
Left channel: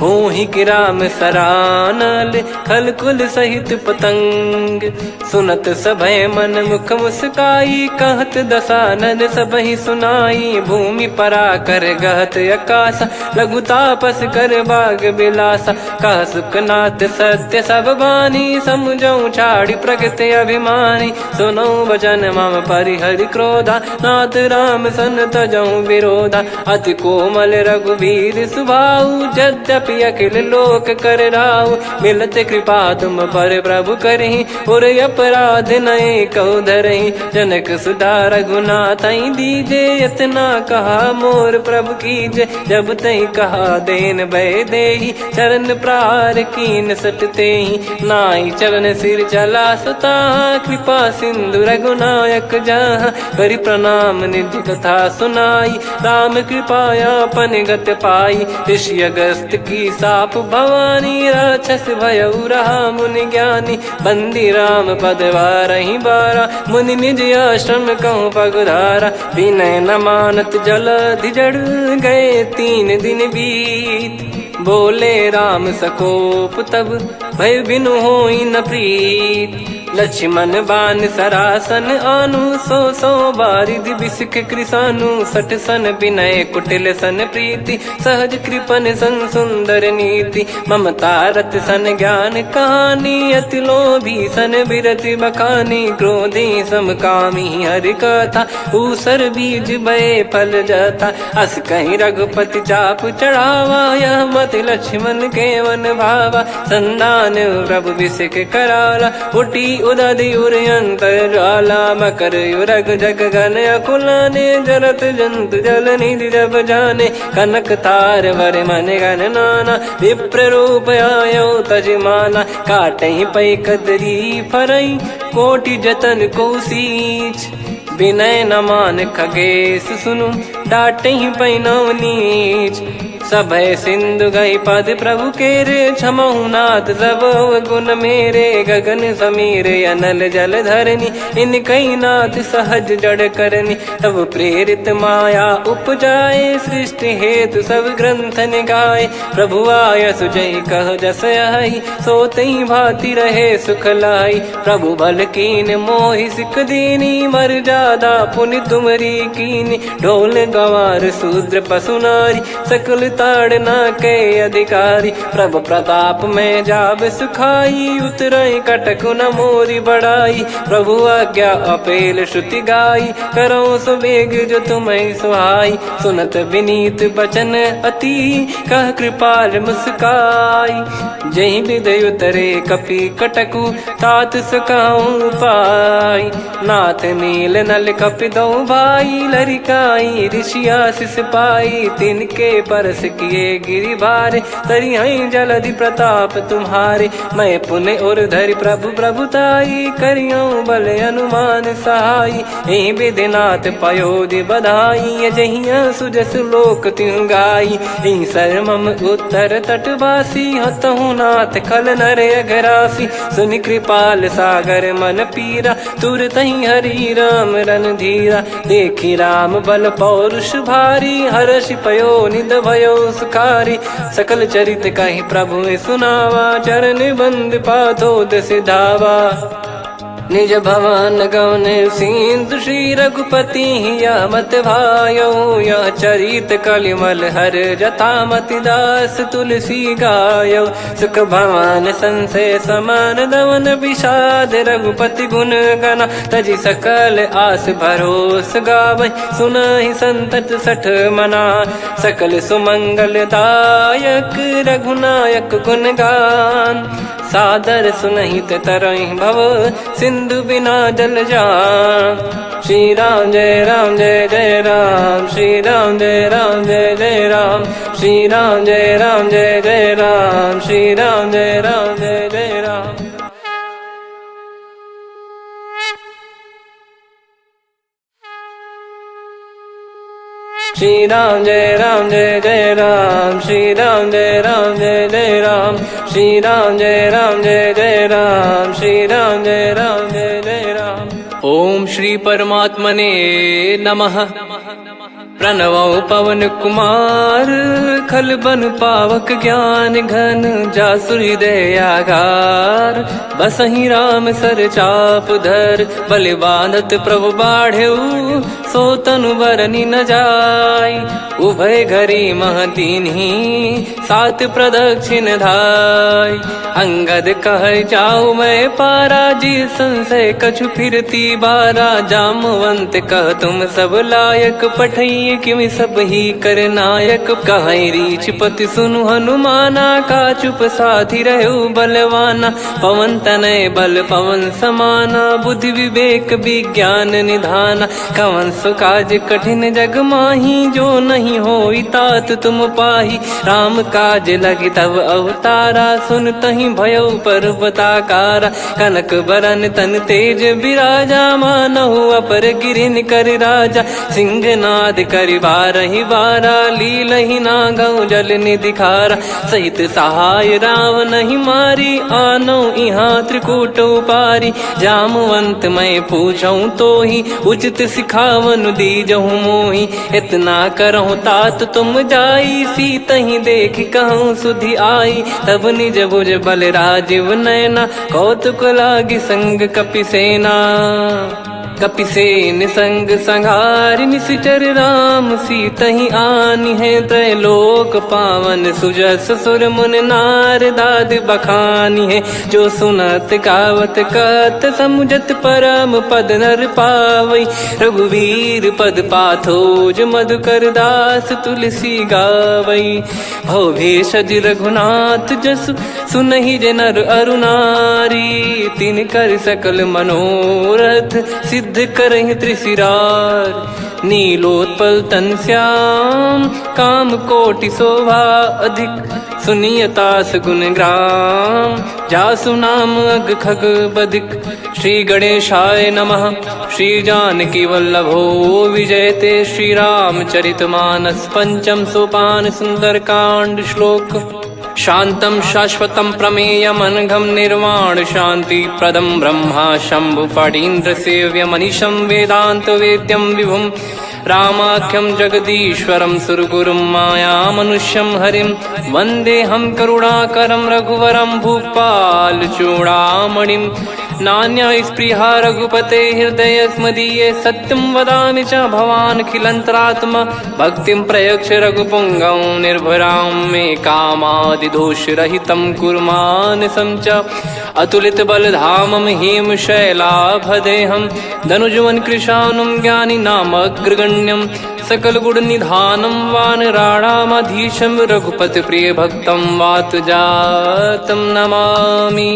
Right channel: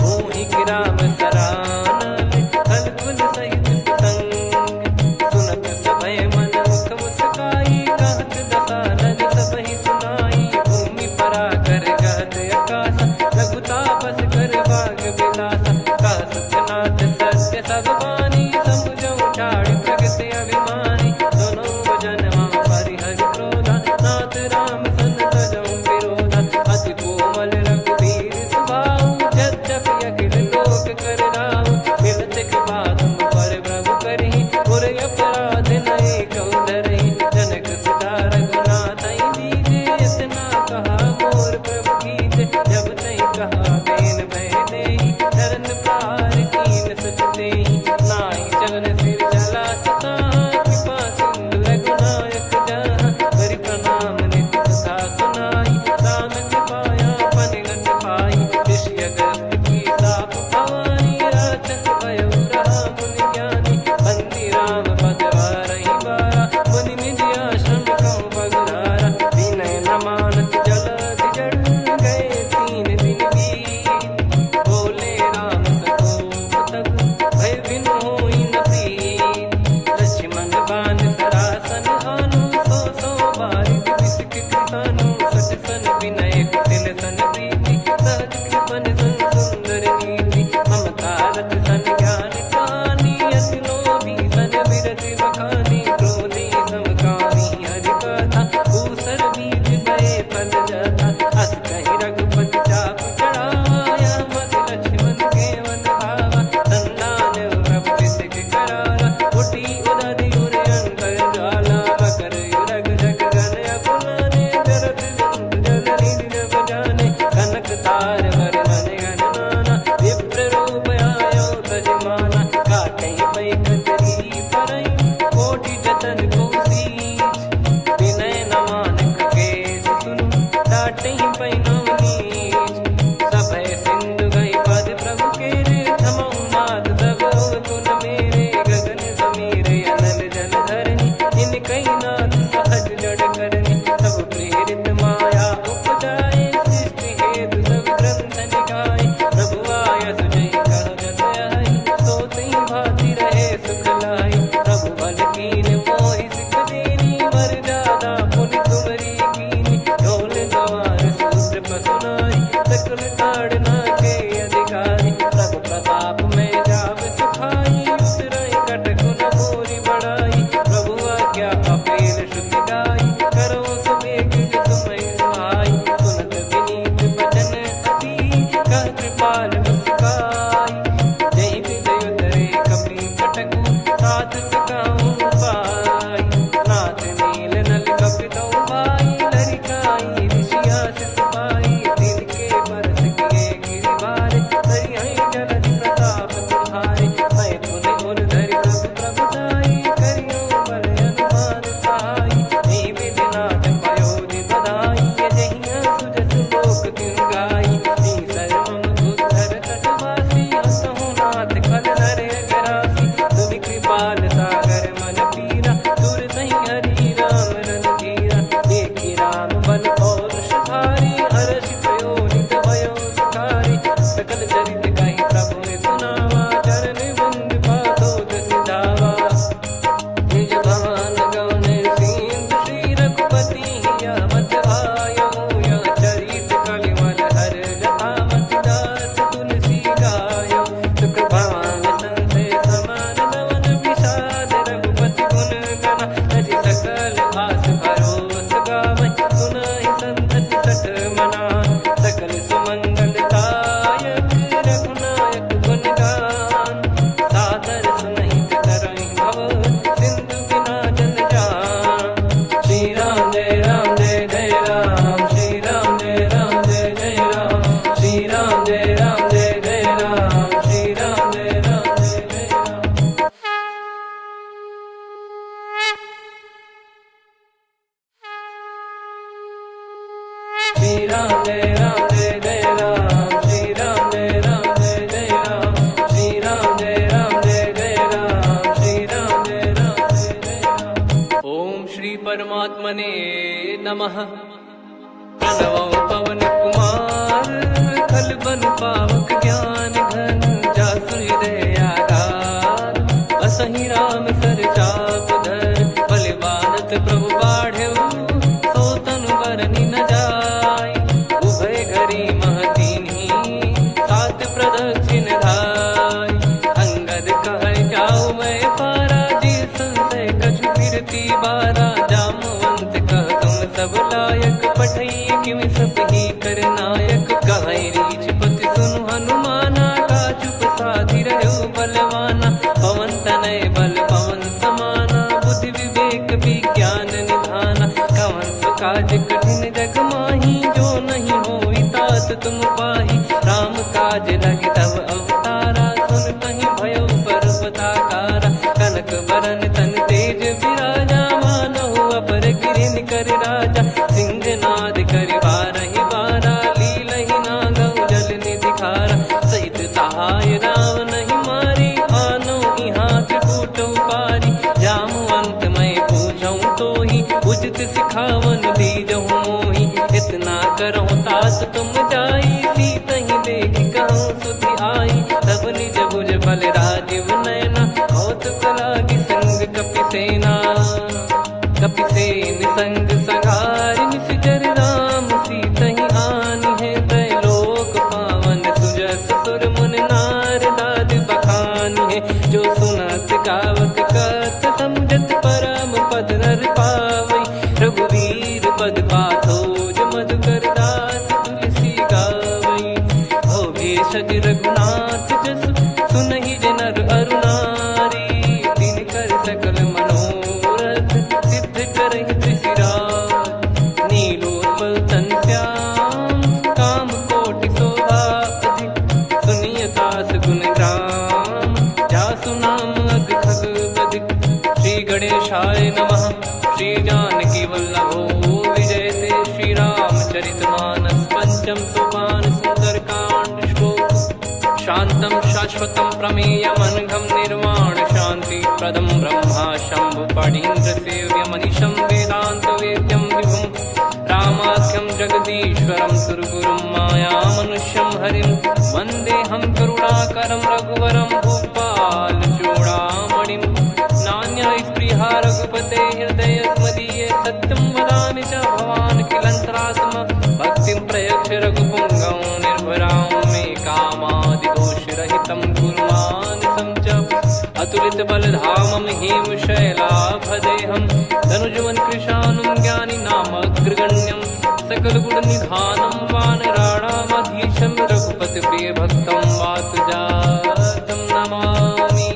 होहि गिराम सरानल खल कुल सहित पतंग। सुनत सभय मन मुख मुस्काई कहत दसानन सबहि सुनाई। भूमि परा कर गहत आकाश लघु तापस कर बाग बिलासा। कह सुखनाथ सत्य सब बानी समुझौ छाड़ी प्रगति अभिमानी। सुनो भजन मम परिहरि क्रोधा नाथ राम सन तजौ विरोधा। अति कोमल रघुवीर सुभाऊ यद्यपि अखिल लोक कर राऊ। मिलत कृपा तुम पर प्रभु करहि पुर अपराध नए कहु धरहि। जनक सुधा रघुनाथ दीजे इतना कहा मोर प्रभु कीजे। जब तई कहा देन भय देहि चरण प्रार कीन सटतेहि। नाई चरण सिर चला सता कृपा सिंधु रघुनायक जहाँ। करि प्रणाम नित्य कथा सुनाई राम कृपाया अपन गत पाई। ऋषि अगस्त की साप भवानी राक्षस भयउ रहा मुनि ज्ञानी। बंदी राम पद वारहि बारा मुनि निज आश्रम कहूँ पगधारा। विनय न मानत जलधि जड़ गए 3 दिन बीत। बोले राम सकोप तब भय बिनु होई न प्रीत। लक्ष्मण बान सरासन आनु 100 बारिधि बिसक कृसानु। 60 सन विनय कुटिल सन प्रीति सहज कृपन सन सुंदर नीति। ममता रत सन ज्ञान कहानी अति लोभी सन बिरति बखानी। क्रोधी समकामी हरि कथा ऊसर बीज भय फल जथा। अस कहीं रघुपति चाप चढ़ावा यह मत लक्ष्मण के वन भावा। संदान प्रभु बिसक कराला उठी उदधि उरयंतर ज्वाला मकर युरग जग गण अकुलाने जरत जंत जल निधि जब जाने कनक तार वर मन गण नाना विप्र रूप आयो तजमाना काटहि पै कदरी फरई कोटि जतन को सींच विनय न मान खगेश सुनु डाटहि पै नव नीच सभय सिंधु गई पद प्रभु केरे क्षमहु नाथ सब गुण मेरे गगन समीरे अनल जल धरनी इन कई नाथ सहज जड़ करनी तब प्रेरित माया उपजाए सृष्टि हेतु सब ग्रंथ निगाए प्रभु आय सुजय कह जस आई सो तई भांति रहे सुख लाई प्रभु बल कीन मोहि सिख दीनी मर जादा पुनि तुमरी कीनी ढोल गवार शूद्र पशु नारी सकल ताड़ना के अधिकारी प्रभु प्रताप में जाब सुखाई उतरई कटक न मोरी बढ़ाई प्रभु आज्ञा अपेल श्रुति गाई करो सुबेग जो तुम्हें सुहाई सुनत विनीत बचन अति कह कृपाल मुस्काई जय विदय उतरे कपि कटकु तात सकाऊं पाई नाथ नील नल कपि दो भाई लरिकाई ऋषिया शिष पाई तिनके परस किए गिरि भारे तरियाई जलधि प्रताप तुम्हारे मैं पुण्य और धरि प्रभु प्रभुताई करियो बल अनुमान सहाई ए विधिनाथ पयोधि बधाई जहिया सुजस लोक तिहु गाई सरमम उत्तर तटवासी हतहु नाथ खल नर अघरासी सुनि कृपाल सागर मन पीरा तुरत ही हरि राम रन धीरा देखी राम बल पौरुष भारी हर्षि पयो निध भयो सुखारी सकल चरित कहीं प्रभु सुनावा चरण बंद पादोद सिधावा निज भवन गौन सिंधु श्री रघुपति या मत भायो या चरित कलिमल हर जता मति दास तुलसी गायो सुख भवन संशय समान दवन विषाद रघुपति गुण गना तजि सकल आस भरोस गावै सुनहि संतत सठ मना सकल सुमंगल दायक रघुनायक गुण गान सादर सुनहित तरहि भव सिंधु बिना जल जान श्री राम जय जय राम श्री राम जय जय राम श्री राम जय जय राम श्री राम जय जय राम श्री राम जय जय राम श्री राम जय जय राम श्री राम जय जय राम श्री राम जय जय राम। ओम श्री परमात्मने नमः। प्रणवो पवन कुमार खल बन पावक ज्ञान घन जासुर हृदय आगार बसहि राम सर चाप धर बलि बांधत प्रभु बाढ़ेऊ सो तनु बरनि न जाय उभय घरी महतीन्ही सात प्रदक्षिण धाय अंगद कह जाऊ मैं पारा जी संशय कछु फिरती बारा जामवंत कह तुम सब लायक पठई किमि सब ही कर नायक कहीं रीछ पति सुनु हनुमाना का चुप साधि रहो बलवाना पवन तनय बल पवन समाना बुद्धि विवेक विज्ञान निधाना कवन सो काज कठिन जग माही जो नहीं होई तात तुम पाही राम काज लगी तब अवतारा सुन तहि भयो पर्वताकारा कनक बरन तन तेज विराजा मानहु अपर गिरिन कर राजा सिंहनाद कर बारहि बारा लीलहि नागौ जल निधि खारा सहित सहाय राव नहीं मारी आनो इहाँ त्रिकूट पारी जामवंत मैं पूछऊं तो ही उचित सिखावन दीजहु मोही इतना करहु तात तुम जाई सीतहि देख कहूँ सुधि आई तब निज भुज बल राजीव नैना कौतुक लागी संग कपिसेना कपिसेन संग संहारि निश्चर राम सीतहि आनि है त्रैलोक पावन सुजस सुर मुन नार दाद बखानी है जो सुनत गावत कत समुझत परम पद नर पावई रघुवीर पद पाथोज मधुकर दास तुलसी गावई हो भेषज रघुनाथ जसु सुनहि जे नर अरु नारी। तिन कर सकल मनोरथ सिद्ध करहि त्रिशिरार। नीलोत्पल तन श्याम काम कोटि शोभा अधिक। सुनियतास गुण ग्राम जासु नाम अग खग बधिक। श्री गणेशाय नमः। श्री जानकी वल्लभो विजयते। श्री रामचरितमानस पंचम सोपान सुंदरकांड श्लोक। शांतं शाश्वतं प्रमेयमनघं निर्वाण शांति प्रदं ब्रह्मा शंभु फणीन्द्र सेव्य मनीषं वेदांत वेद्यं विभुं। रामाख्यं जगदीश्वरं सुरगुरुं माया मनुष्यं हरिं। वन्देऽहं करुणाकरं रघुवरं भूपाल चूडामणिं। नान्या स्पृहा रघुपते हृदय स्मदीये। सत्यं वदामि च भवान् खिलन्तरात्मा। भक्तिं प्रयच्छ रघुपुङ्गं निर्भरां मे कामादिदोषरहितं कुर्मानसं च। अतुलित बलधामं हेमशैलाभदेहं। धनुजवन कृशानुं ज्ञानी नामग्रगण्यं। सकल गुण निधानं वानराणामधीशं। रघुपति प्रिय भक्तं वातजातं नमामि।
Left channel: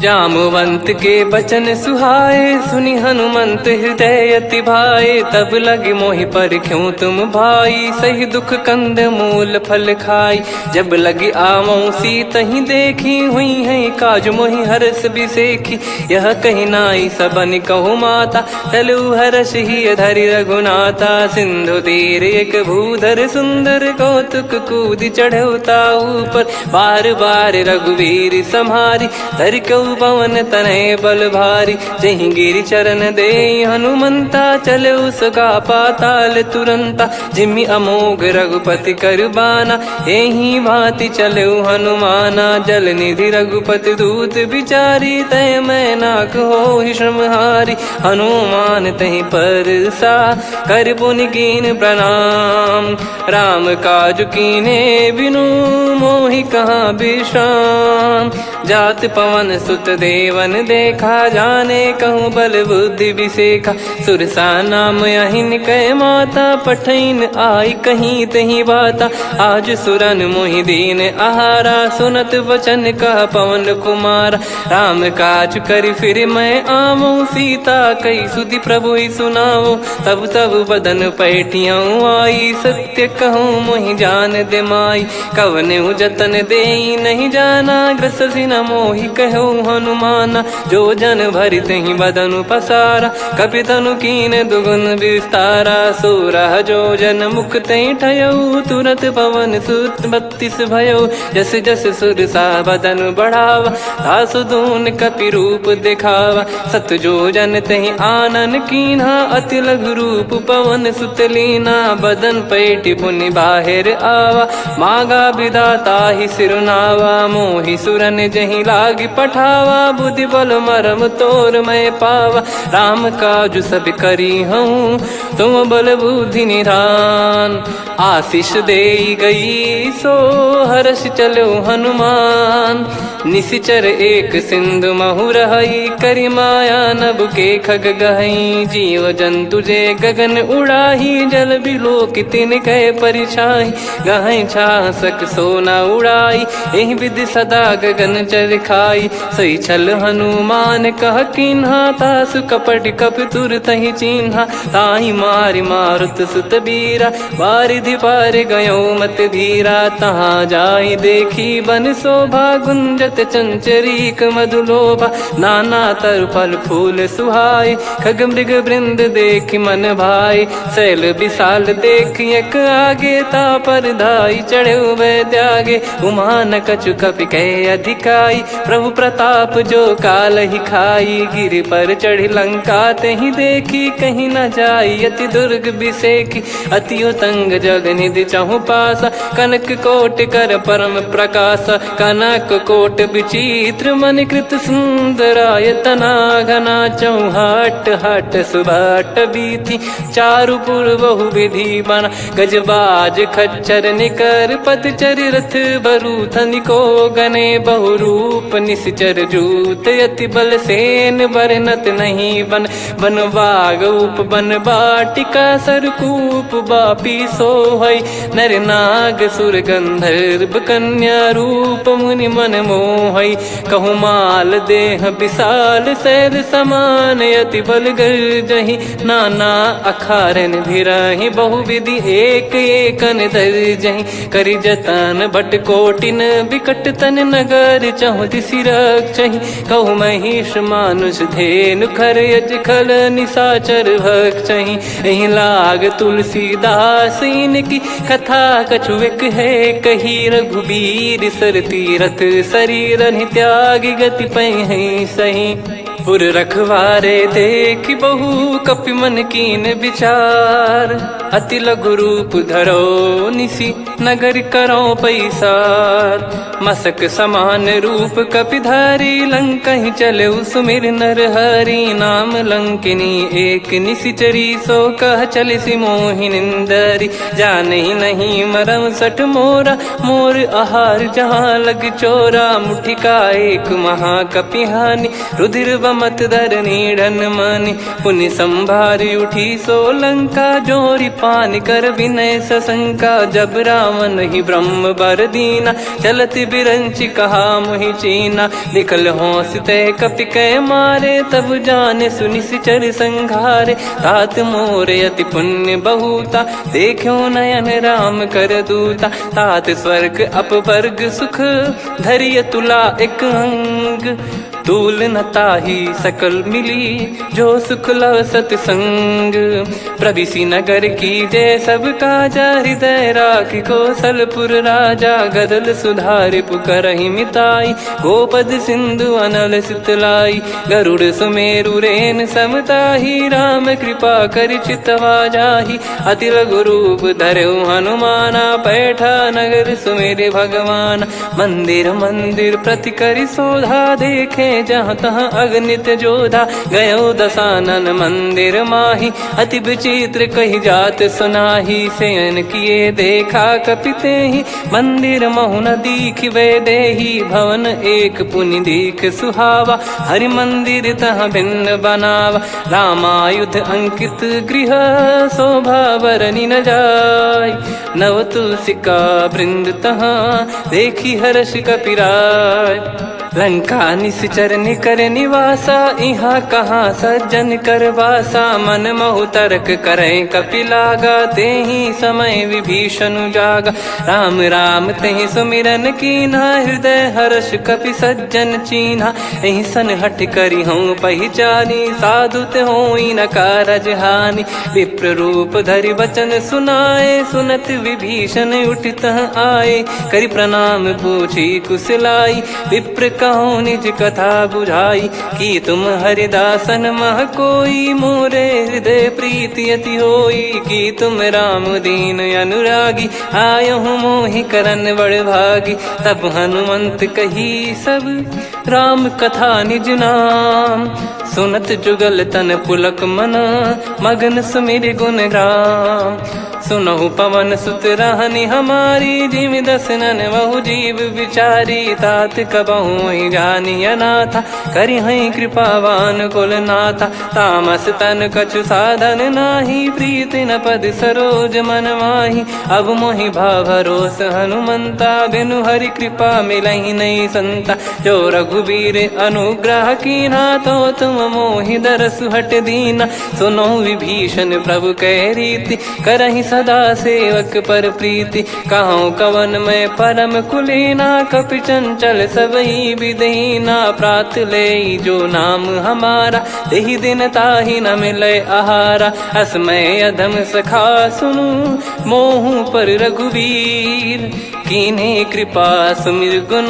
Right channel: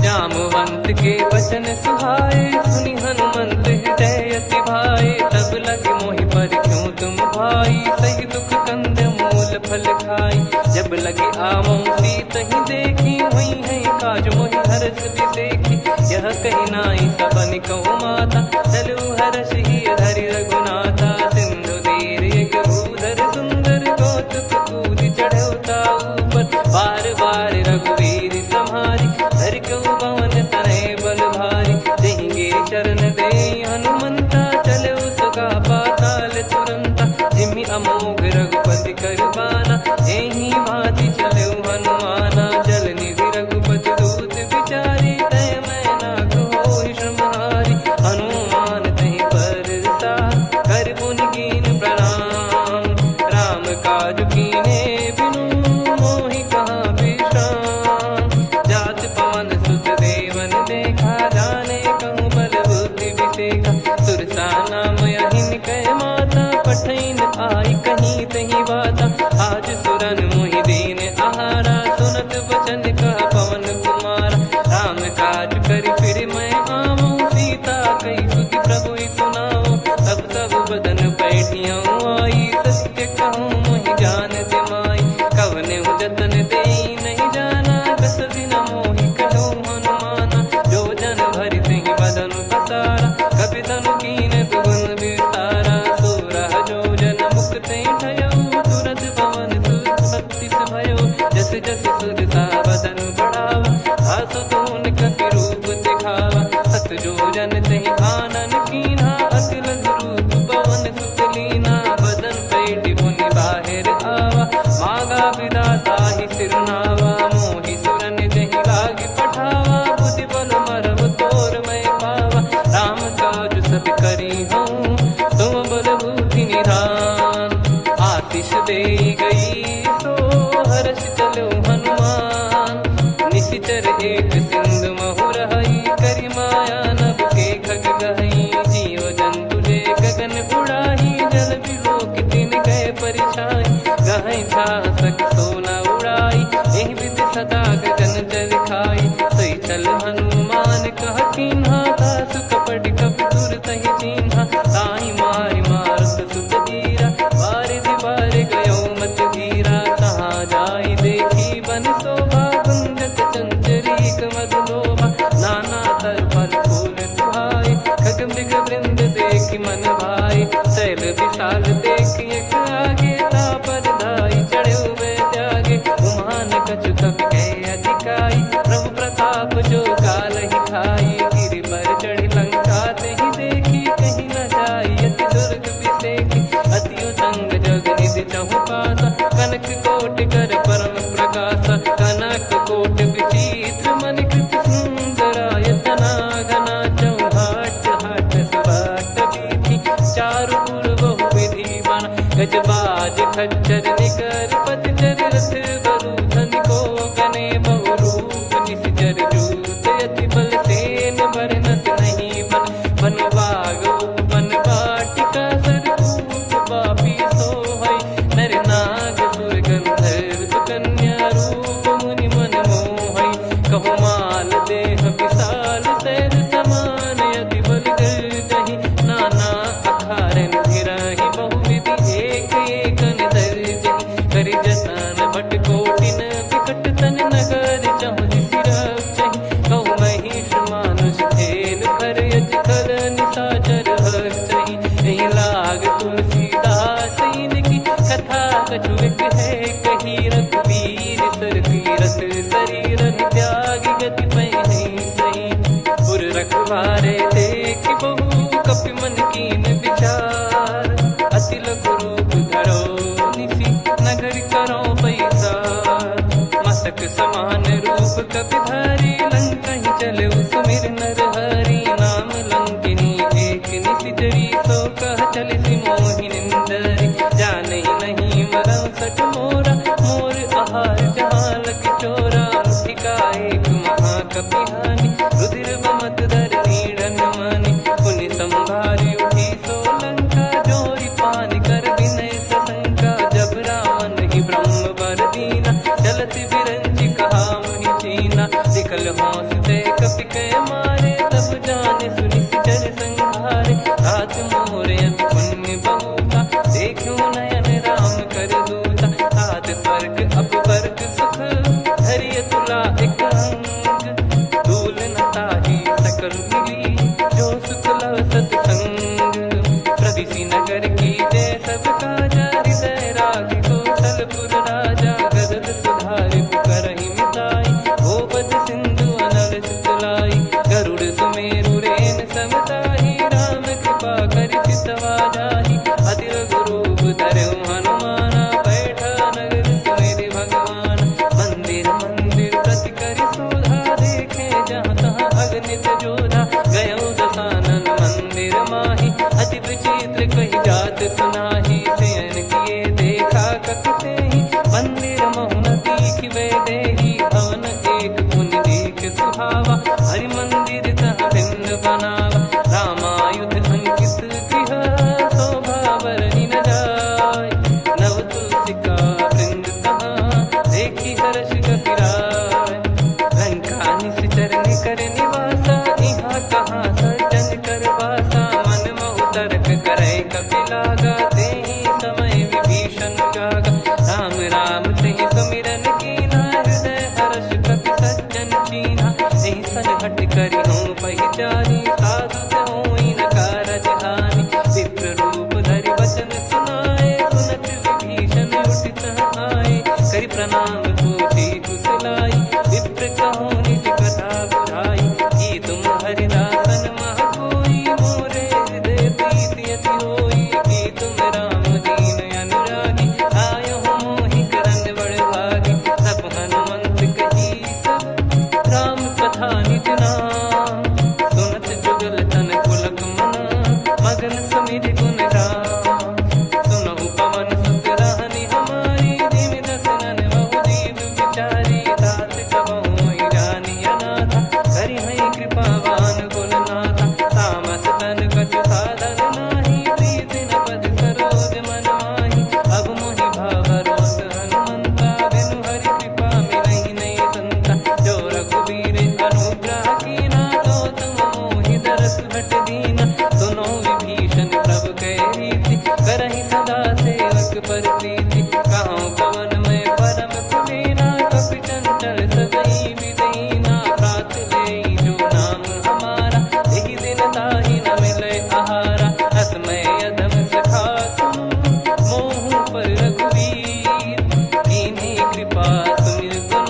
जामवंत के बचन सुहाए सुनि हनुमंत हृदय अति भाए। तब लगे मोहि पर क्यों तुम भाई सही दुख कंद मूल फल खाई। जब लगी आवों सीत ही देखी हुई है काज मोहि हरस बिसेखी। यह कही नाई सबन कहु माता तलु हरष ही धरि रघुनाथा। सिंधु तीर एक भूधर सुंदर कौतुक कूद चढ़ौता ऊपर। बार बार रघुवीर सम्हारी धरि कऊ पवन तनय बल भारी। जहि गिरि चरण दे हनुमंता चले उसका पाताल तुरंता। जिमि अमोघ रघुपति कर बाना एहि भांति चले हनुमाना। जल निधि रघुपति दूत बिचारी तय मैं नाक होहि श्रमहारी। हनुमान तहि परसा कर पुनि कीन प्रणाम। राम काज कीने बिनु मोहि कहाँ विश्राम। जात पवन सुत देवन देखा जाने कहूँ बल बुद्धि विसेखा। सुरसा नाम अहिन कै माता पठैन आई कहीं तही बाता। आज सुरन मोहि दीन आहारा सुनत वचन कह पवन कुमारा। राम काज करि फिर मैं आवूं सीता कई सुधि प्रभु ही सुनाओ। तब तब बदन पैठियाँ आई सत्य कहूँ मोहि जान दे माई। कवने जतन दे नहीं जाना ग्रसिन मोहि कहो हनुमाना। जो जन भरि तहि बदनु पसारा कपि तनु कीन दुगुन विस्तारा। सोरह जो जन मुख तहि ठयऊ तुरत पवन सुत 32 भयऊ। जस जस सुरसा बदन बढ़ावा आसु दून कपि रूप दिखावा। सत जो जन तहि आनन कीन्हा अति लघु रूप पवन सुत लीना। बदन पैटि पुनि बाहिर आवा मागा विदाता ही सिरुनावा। मोहि सुरन जहि लागी पठावा बुद्धि बल मरम तोर मैं पावा। राम काज सब करी हूँ तुम बल बुद्धि निधान। आशीष दे गई सो हर्ष चलो हनुमान। निशिचर एक सिंधु महु रहई करी माया नभ के खग गहई। जीव जंतु जे गगन उड़ाही जल बिलो कितिन कह परिछाई। गहई छासक सोना उड़ाई एहि विधि सदा गगन चर खाई। सही छल हनुमान कह किन्हा तासु कपट कप तुर तहि चिन्हा। ताई मारि मारुत सुत बीरा बारिधि पार गयो मत धीरा। तहाँ जाई देखी बन शोभा गुंजत चंचरीक मधुलोभा। नाना तर फल फूल सुहाई खग मृग वृंद देख मन भाई। शैल विशाल देख एक आगे तापर धाई चढ़े वै त्यागे। उमान कछु कपि कह अधिकाई प्रभु प्रताप जो काल ही खाई। गिर पर चढ़ी लंका तहि देखी कहीं न जाई। अति दुर्ग बिसेकी अति उतंग जग निधि चहु पासा। कनक कोट कर परम प्रकाश कनक कोट विचित्र मन कृत सुंदरायतना घना चौहाट हाट सुबाट बीथी चारु पुर बहु विधि बना गजबाज खच्चर निकर पतचर रथ बरु धनिको गने बहु रूप निश्चर जूत अति बल सेन बरनत नहीं बन बन बाग उप बन बाटिका सरकूप बापी सोहई नर नाग सुर गंधर्व कन्या रूप मुनि मन मोहई कहु माल देह विशाल शैल समान अति बल गर्जहि नाना अखारन भिराहि बहु विधि एक एकन दर्जहि करि जतन भट कोटिन विकट तन नगर चहु दिसि रक्षहि कहु महिष मानुष धेनु खर यज खल निशाचर भक्षहि एहि लाग तुलसीदास इनकी कथा कछुक है कही रघुबीर सर तीरथ शरीर त्यागी गति पै सही पुर रखवारे देख बहु कपि मन कीन विचार अति लघु रूप धरो निसी नगर करो पैसार मसक समान रूप कपिधारी लंकहि चले सुमिर नर हरि नाम लंकिनी एक निशिचरी सो कह चल सी मोहि निंदरी जानहि नहीं मरम सठ मोरा मोर आहार जहाँ लग चोरा मुठिका एक महाकपिहानि रुधिर बमत धरनी ढन मानि पुनि संभारी उठी सो लंका जोरी पानी कर विनय सशंका जब रावण ही ब्रह्म बर दीना चलत बिरंचि कहा मुहि चीना निकल हौसते कपि कै मारे तब जाने सुनि सिचर संघारे तात मोरे अति पुण्य बहुता देखो नयन राम कर दूता तात स्वर्ग अपवर्ग सुख धरिय तुला एक अंग तूल न ताही सकल मिली जो सुख लव सतसंग प्रविसी नगर की जय सब काजा हृदय राखी कौशलपुर राजा गदल सुधारि पुकरहि मिताई गोपद सिंधु अनल सितलाई गरुड़ सुमेरु रेन समताही राम कृपा कर चितवा जाहि अति लघु रूप धरऊ हनुमाना बैठा नगर सुमेरे भगवान मंदिर मंदिर प्रति करि शोधा देखे जहाँ तहाँ अगणित जोधा गयो दशानन मंदिर माही अति विचित्र कही जात सुनाही सेन किए देखा कपिते ही मंदिर महु न दीख वे देही भवन एक पुनि दीख सुहावा हरि मंदिर तहाँ भिन्न बनावा रामायुध अंकित गृह शोभा बरनी न जाय नव तुलसिका वृंद तहाँ देखी हर्ष कपिराय लंका निश्चर निकर निवासा इहाँ कहाँ सज्जन कर वासा मन महु तर्क करे कपिलागा तेहि समय विभीषण जागा राम राम तेहि सुमिरन कीन्हा हृदय हर्ष कपि सज्जन चीन्हा एहि सन हट करी हूँ पहिचानी साधु ते होई न कारज हानि विप्र रूप धरि वचन सुनाए सुनत विभीषण उठित आए करि प्रणाम पूछी कुशलाई विप्र कहो निज कथा बुझाई कि तुम हरिदासन मह कोई मोरे हृदय प्रीति अति होई कि तुम राम दीन अनुरागी आयो मोहि करन बड़ भागी तब हनुमंत कही सब राम कथा निज नाम सुनत जुगल तन पुलक मन मगन सुमिर गुण राम सुनहु पवन सुत रहनी हमारी जिमि दसनन बहु जीव विचारी तात कबहु ही जानी अनाथा करि हई कृपावान कुल नाथा तामस तन कछु साधन नाही प्रीति न पद सरोज मन माही अब मोहि भाव भरोस हनुमंता बिनु हरि कृपा मिलहि नहीं संता जो रघुबीर अनुग्रह कीना तो तुम मोहि दरसु हट दीना सुनो विभीषण प्रभु कह रीति करहि सदा सेवक पर प्रीति कहूँ कवन में परम कुलीना कपि चंचल सबई विदहीना प्रात ले जो नाम हमारा तेहि दिन ताहि न मिले आहारा असमय अधम सखा सुनु मोहु पर रघुवीर कीन्हे कृपा सुमिर गुण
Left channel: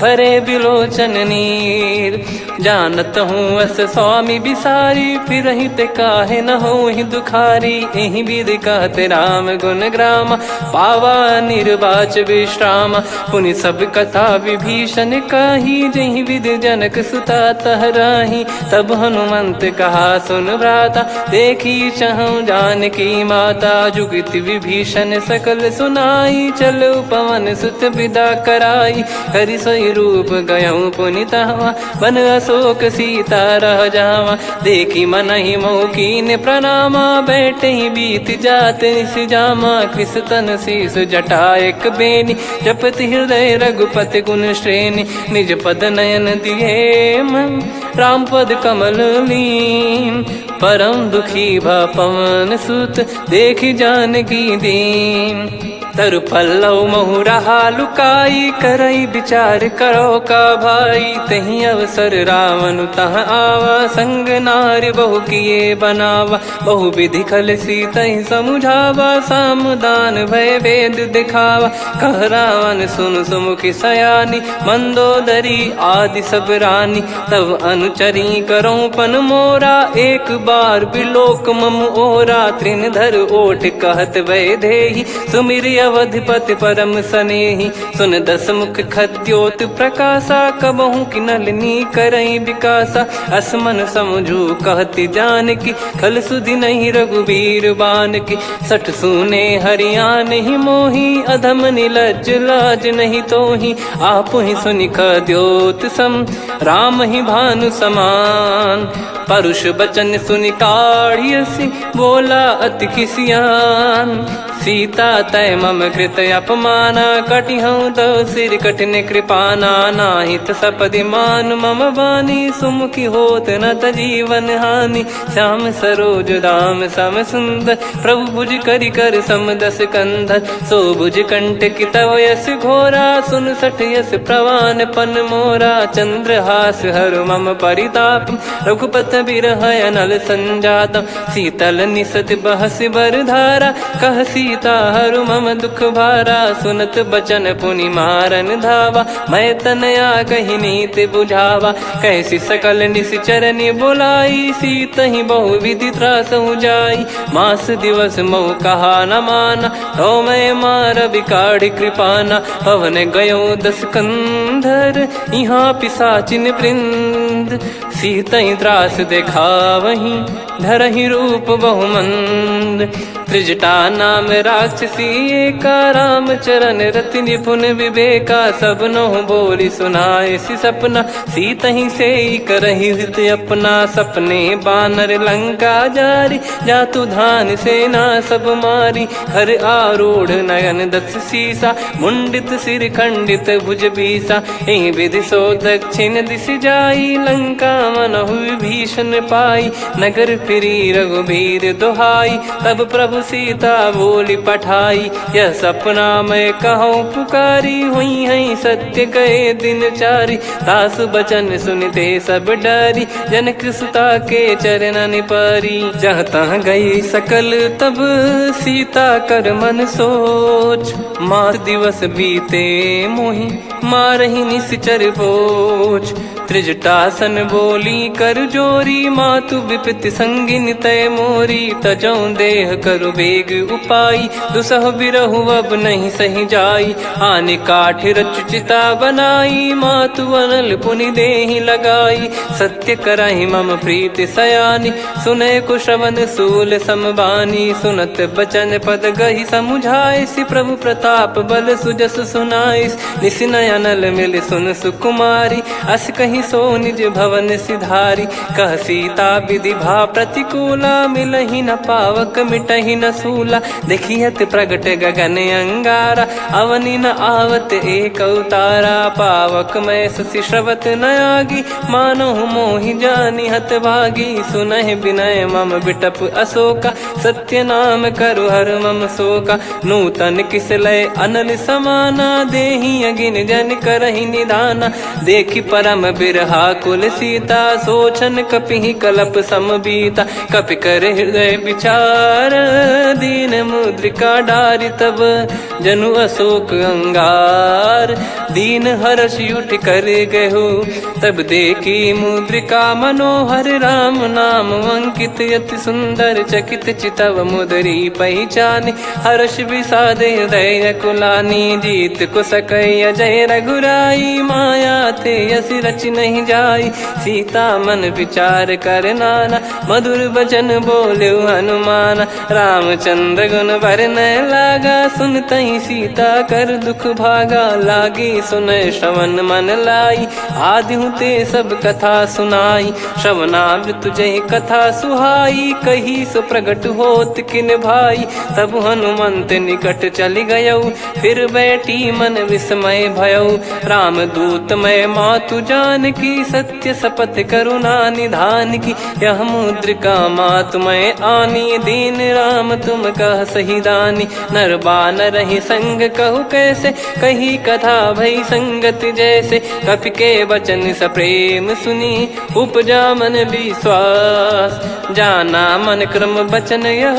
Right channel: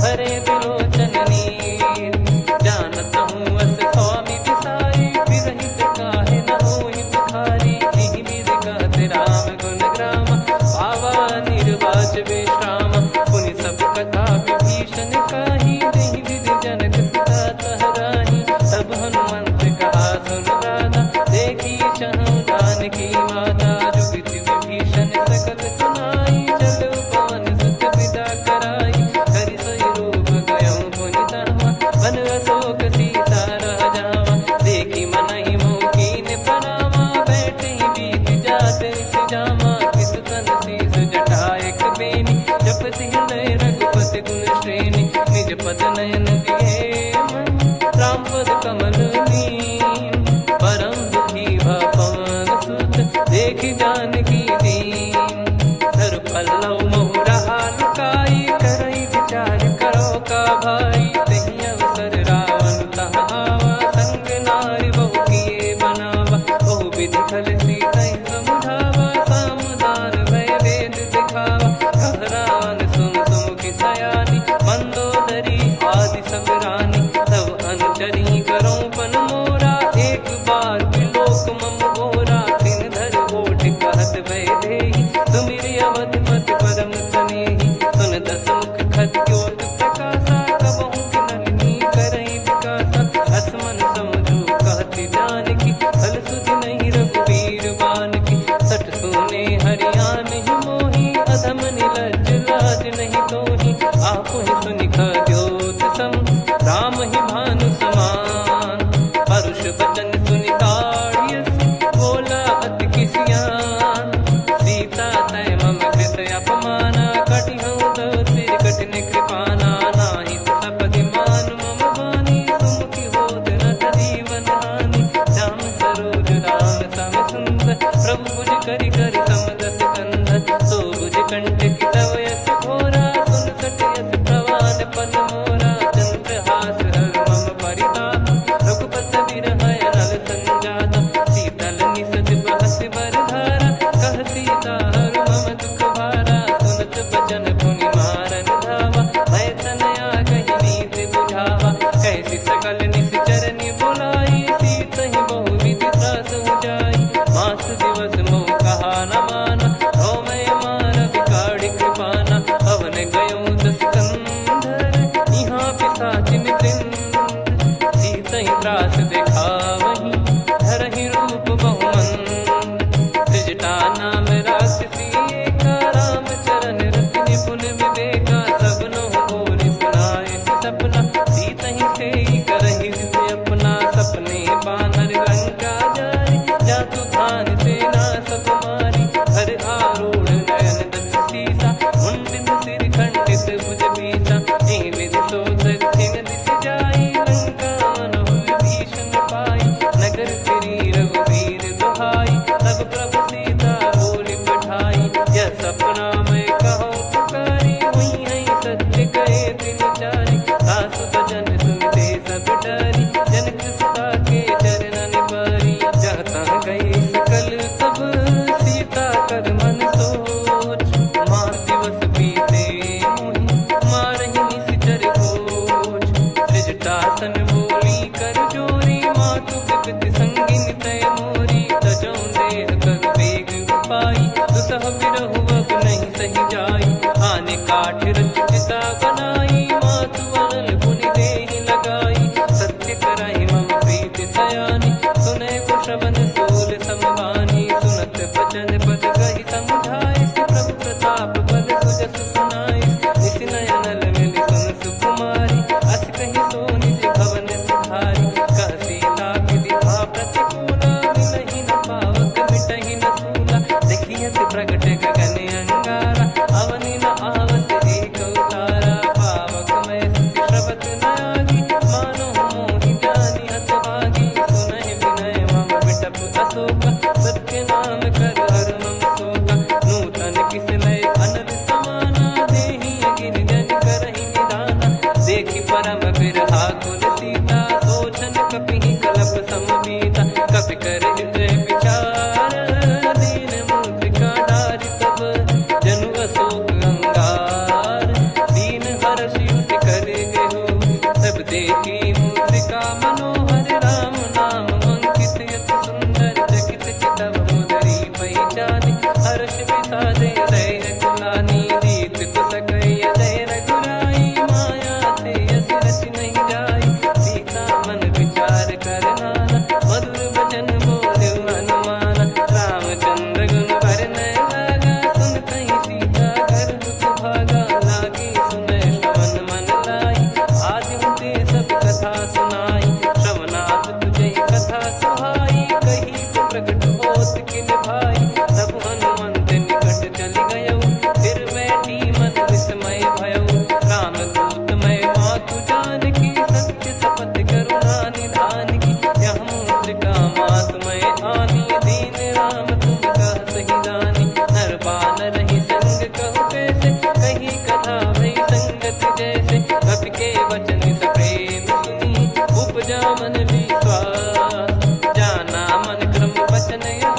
भरे बिलोचन नीर जानत हूँ अस स्वामी बिसारी, फिर ही ते काहे न हो ही दुखारी। यही विधि कहते राम गुण ग्राम, पावा निर्वाच विश्राम। पुनि सब कथा विभीषण कही, जही विधि जनक सुता तहराही। तब हनुमंत कहा सुन भ्राता, देखी चहु जानकी माता। जुगित विभीषण सकल सुनाई, चलो पवन सुत विदा कराई। करि सोई रूप गयऊँ पुनि तहवा, बन अशोक सीता रह जावा। देखी मनहि मौकीन प्रणामा, बैठे ही बीत जात निस जामा। कृस तन शीस जटा एक बेनी, जपति हृदय रघुपति गुण श्रेणी। निज पद नयन दिए मन, राम पद कमल लीन। परम दुखी भा पवन सुत, देखि जानकी दीन। तरु पल्लव महु रहा लुकाई, करई विचार करो का भाई। तही अवसर रावण तह आवा, संग नारी बहु किए बनावा। बहु विधि खल सीतहि समुझावा, सामदान भय वेद दिखावा। कह रावण सुन सुमुखी सयानी, मंदोदरी आदि सब रानी। तब अनुचरी करो पन मोरा, एक बार बिलोक मम ओरा। तृण धर ओठ कहत भय देहि, सुमिर अवधिपति परम सनेहि। सुन दस मुख खद्योत प्रकाशा, कबहु की नलिनी करई विकासा। असमन समझू कहति जानकी, खल सुधि नहीं रघुबीर बान की। सठ सुने हरियाण ही मोही, अधम निलज्ज लाज नहीं तोही। आप ही सुनि खद्योत सम, राम ही भानु समान। परुष बचन सुनि काढ़ियसि, बोला अति किसियान। सीता तय मम कृत अपमाना, कटिहऊँ तो सिर कठिन कृपाना। नाहित सपदि मान मम बानी, सुमुखी होत न जीवन हानि। श्याम सरोज राम सम सुंदर, प्रभु भुज करि कर सम दस कंधर। सो भुज कंठ की तव यस घोरा, सुन सठ यस प्रवान पन मोरा। चंद्रहास हर मम परिताप, रघुपत बिरह अनल संजात। शीतल निसत बहस बर धारा, कह सीता हरु मम दुख भारा। सुनत बचन पुनि मारन धावा, मैं तनया कही नीति बुझावा। कैसी सकल निश्चरनि बुलाई, सीतहि बहु विधि त्रासहु जाई। मास दिवस मोह कहा न माना, तो मैं मार बिकाढ़ कृपाना। पवन गयो दस कंधर, यहाँ पिशाचिन वृंद। सीतहि त्रास देखावहीं, धरहि रूप बहुमंद। त्रिजटा नाम राक्षसी एका, राम चरण रति निपुण विवेका। सब नहुँ बोली सुनाए सि सपना, सीतहि से करहि हृदय अपना। सपने बानर लंका जारी, जातु धान सेना सब मारी। हर आरूढ़ नयन दक्ष सीसा, मुंडित सिर खंडित भुज बीसा। एहि विधि सो दक्षिण दिश जाई, लंका मनहु विभीषण पाई। नगर फिरी रघुबीर दुहाई, तब प्रभु सीता बोली पठाई। यह सपना मैं कहूँ पुकारी, हुई है सत्य कहे दिन चारी। सासु बचन सुनते सब डरी, जनक सुता के चरण परी। जहाँ तहाँ गई सकल तब सीता कर मन सोच। मास दिवस बीते मोहि, मारहि निश्चर बोझ। त्रिजटासन बोली कर जोरी, मातु विपति संगिन तय मोरी। तजौं देह करु बेग उपाई, दुसह बिरहु अब नहीं सही जाई। आने काठ रचिता बनाई, मातु अनल पुनि देहि लगाई। सत्य करहि मम प्रीति सयानी, सुनय को श्रवण सूल समबानी। सुनत बचन पद गहि समुझाइसि, प्रभु प्रताप बल सुजस सुनाइस। निस नयनल मिल सुन सुकुमारी, अस कहि सो निज भवन सिधारी। कह सीता विधि भा प्रतिकूला, मिलहि न पावक मिटहि न सूला। देखियत प्रगट गगन अंगारा, अवनि न आवत एक अवतारा। पावक मैं ससि श्रवत न आगी, मानो मोहि जानि हत भागी। सुनहि विनय मम बिटप अशोका, सत्य नाम करु हर मम शोका। नूतन किस लय अनल समाना, देहि अगिन जन करहि निदाना। देखि परम बिरहा कुल सीता, सोचन कपिहि कलप समबीता। कपि कर हृदय विचार कर दीन मुद्रिका डारी तब जनु अशोक अंगार दीन हर्ष उठ कर गहु तब देखी मुद्रिका मनोहर राम नाम अंकित अति सुंदर चकित चितव मुदरी पहचान हर्ष विषाद हृदय कुलानी जीत को सकय जय रघुराई माया थे यस रच नहीं जाई सीता मन विचार कर नाना मधुर बचन बोले हनुमान रामचंद्र गुण वरन लागा सुनतहि सीता कर दुख भागा लागी सुन श्रवण मन लाई आदि ते सब कथा सुनाई श्रवणाब तुझे कथा सुहाई कही सो प्रगट होत किन भाई तब हनुमंत निकट चली गयौ फिर बैठी मन विस्मय भयौ राम दूत मैं मातु जान की सत्य शपथ करुणा निधान की यह मुद्रिका मातु मैं आनी दीन राम तुम कह सही दानी नर बानर ही संग कहु कैसे कही कथा भई संगति जैसे कपि के वचन सप्रेम सुनी उपजा मन विश्वास जाना मन क्रम बचन यह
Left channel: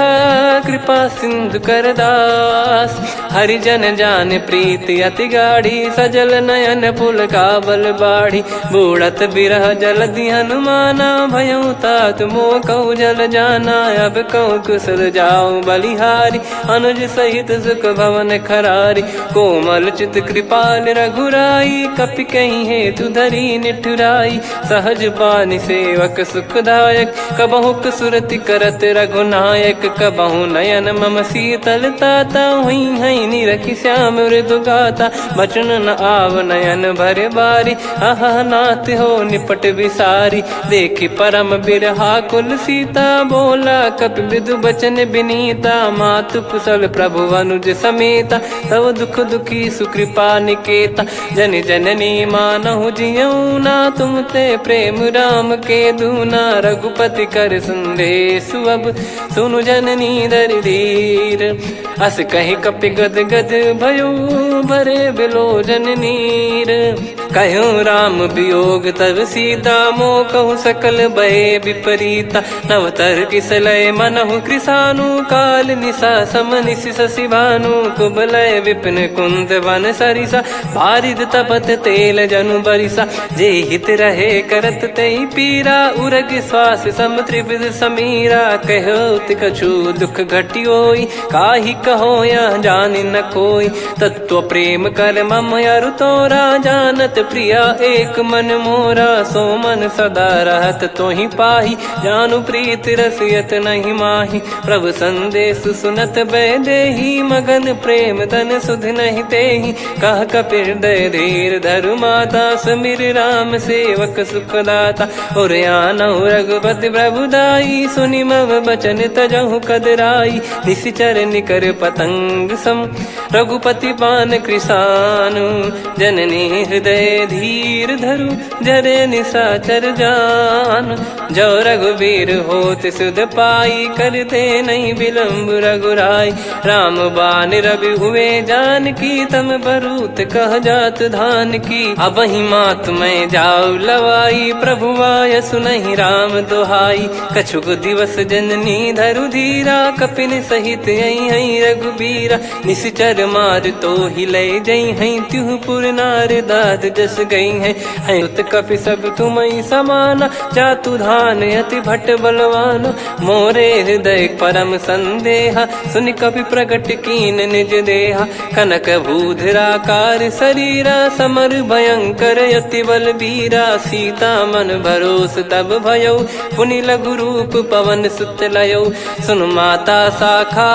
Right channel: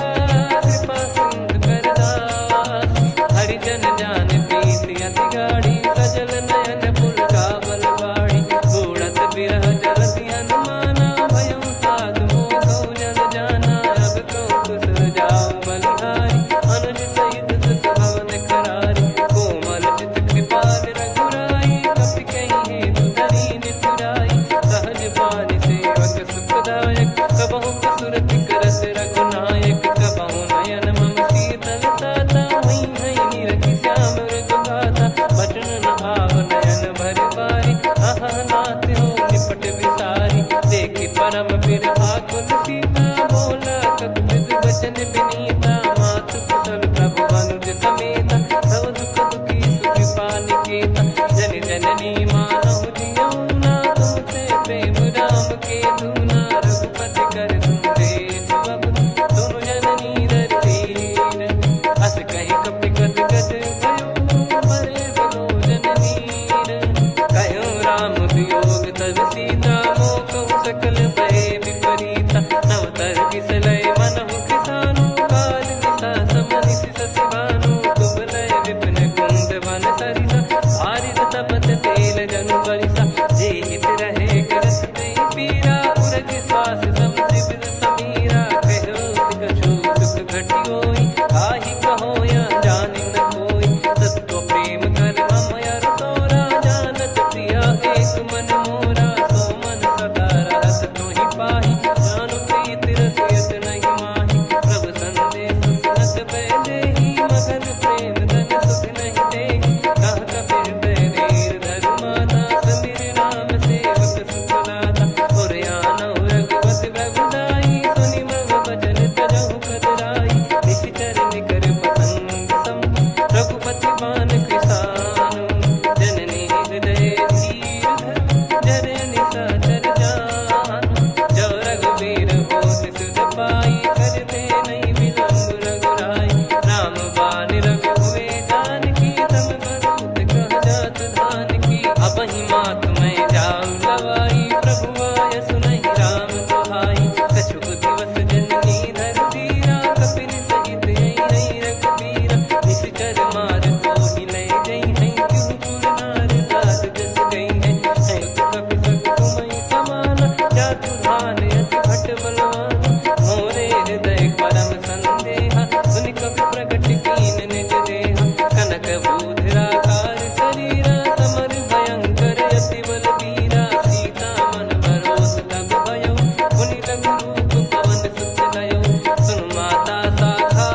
कृपा सिंधु कर दास हरिजन जान प्रीति अति गाढ़ी सजल नयन पुल काबल बाढ़ी बूढ़त बिरह जल हनुमाना भयउ तात मोह कहु जल जाना अब कहु कुशल जाऊ बलिहारी अनुज सहित सुख भवन खरारी कोमल चित कृपाल रघुराई कपि कहीं हेतु धरी निठुराई सहज पानि सेवक सुखदायक कबहु सुरति करत रघुनायक कबहु नयन मम शीतल ताता हुई हई निरखि श्याम मृदु गाता बचन न आव नयन भर बारी अह नाथ हो निपट विसारी देखि परम बिरहा कुल सीता बोला कपि विदु बचन बिनीता मातु कुशल प्रभु अनुज समेता तव दुख दुखी सुकृपा निकेता जन जननी मानहु जियऊ ना तुम ते प्रेम राम के दूना रघुपति कर संदेश अब सुनु जननी दर धीर अस कहि कपि गद गद भयो भरे बिलोचन नीर कहो राम वियोग तब सीता मोह कहु सकल भय विपरीता नव तर किसलय मनहु कृसानु काल निशा सम निशि शशि भानु कुबलय विपिन कुंद वन सरिसा पारिद तपत तेल जनु बरिसा जे हित रहे करत ते पीरा उरग श्वास सम त्रिविध समीरा कहो कछु दुख घटियोई काहि कहो या जानि न कोई तत्व प्रेम कर मम अरु तोरा जानत प्रिया एक मन मोरा सो मन सदा रहत तोहि पाही जानु प्रीत रसियत नहीं माही प्रभु संदेश सुनत बैदेही मगन प्रेम धन सुध नहीं तेहि कह कपिर दय धीर धरु माता समीर राम सेवक सुखदाता और आनौ रघुपति प्रभुदाई सुनि मव बचन तजहु कदराई निशिचर निकर पतंग सम रघुपति पान कृसानु जननी हृदय धीर धरु जरे निशाचर जान जो रघुवीर होत सुध पाई करते नहीं विलम्ब रघुराई राम बान रवि हुए जान की तम बरूत कह जात धान की अब ही मात में जाऊ लवाई प्रभु आय सुनहि राम दोहाई कछुक दिवस जननी धरु धीरा कपिन सहित यही रघुबीरा निश्चर मार तो ही ले जई हई त्यू पुर नार दाद जस गई है उत कपि सब तुम ही समाना जातु धान अति भट बलवान मोरे हृदय परम संदेहा सुनि कपि प्रकट कीन निज देहा कनक भूधराकार शरीरा समर भयंकर अति बल बीरा सीता मन भरोस तब भयौ पुनि लघु रूप पवन सुत लयौ सुन माता शाखा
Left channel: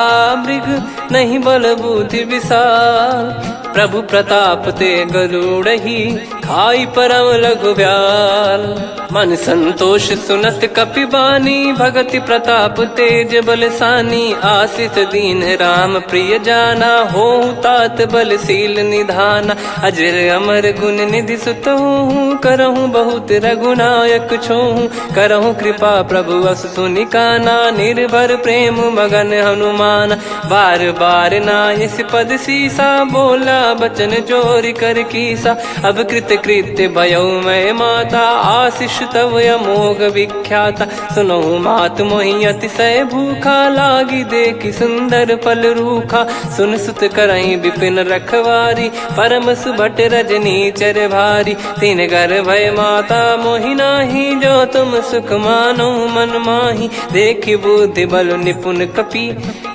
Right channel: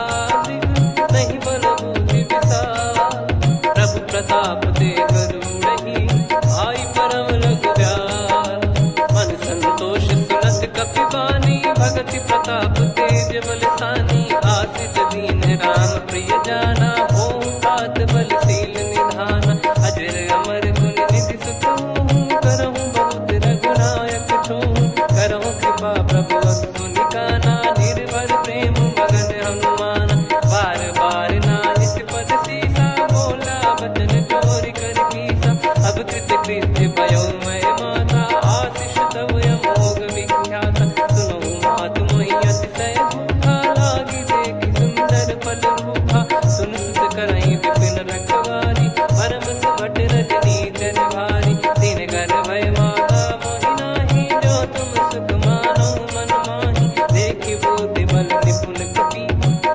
मृग नहीं बल बुद्धि विशाल प्रभु प्रताप ते गरुड़ही खाई परम लघु ब्याल मन संतोष सुनत कपि बानी भगति प्रताप तेज बलसानी आशीष दीन राम प्रिय जाना हो तात बलशील निधाना अजर अमर गुण निधि सुतहु करहु बहुत रघुनायक छोहु करहु कृपा प्रभु अस सुनि काना निर्भर प्रेम मगन हनुमान बार बार नायस पद सीसा बोला बचन चोरी कर कीसा अब कृत कृत्य भयो मैं माता आशीष तव अमोघ विख्याता। सुनो मात मोहि अतिशय भूखा, लागी देखी सुंदर फल रूखा। सुन सुत करई विपिन रखवारी, परम सुभट रजनी चर भारी। तीन घर भय माता मोहि नाही, जो तुम सुख मानो मन माही। देखि बुद्धि बल निपुण कपि,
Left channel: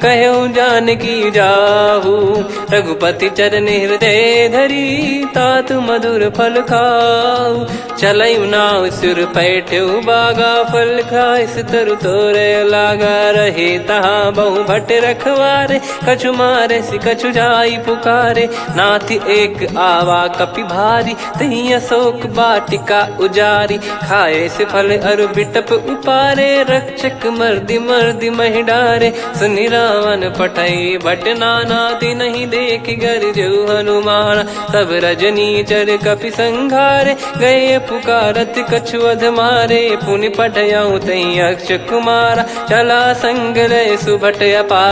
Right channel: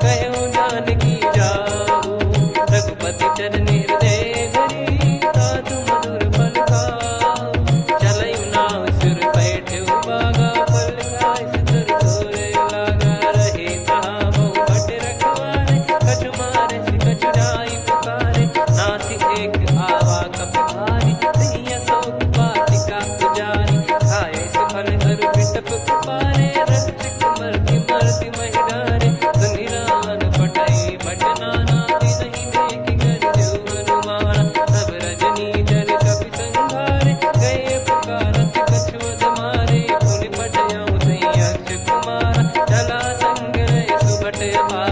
कहो जानकी जाहू। रघुपति चरण हृदय धरी, तात मधुर फल खाऊ। चलऊ नाव सुर पैठ्यऊ बागा, फल खाइस तरु तोरे लागा। रहे तहाँ बहु भट रखवारे, कछु मारे सि कछु जाई पुकारे। नाथ एक आवा कपि भारी, तही अशोक वाटिका उजारी। खाए से फल अरु बिटप उपारे, रक्षक मर्दि मर्दि महि डारे। सुनि रावण पटई भट नाना, तिनहि देखि गर जो हनुमान। तब रजनी चर कपि संघारे, गए पुकारत कछु अध मारे। पुनि पटयऊ तई अक्ष कुमारा, चला संग रहे सुभट अपार।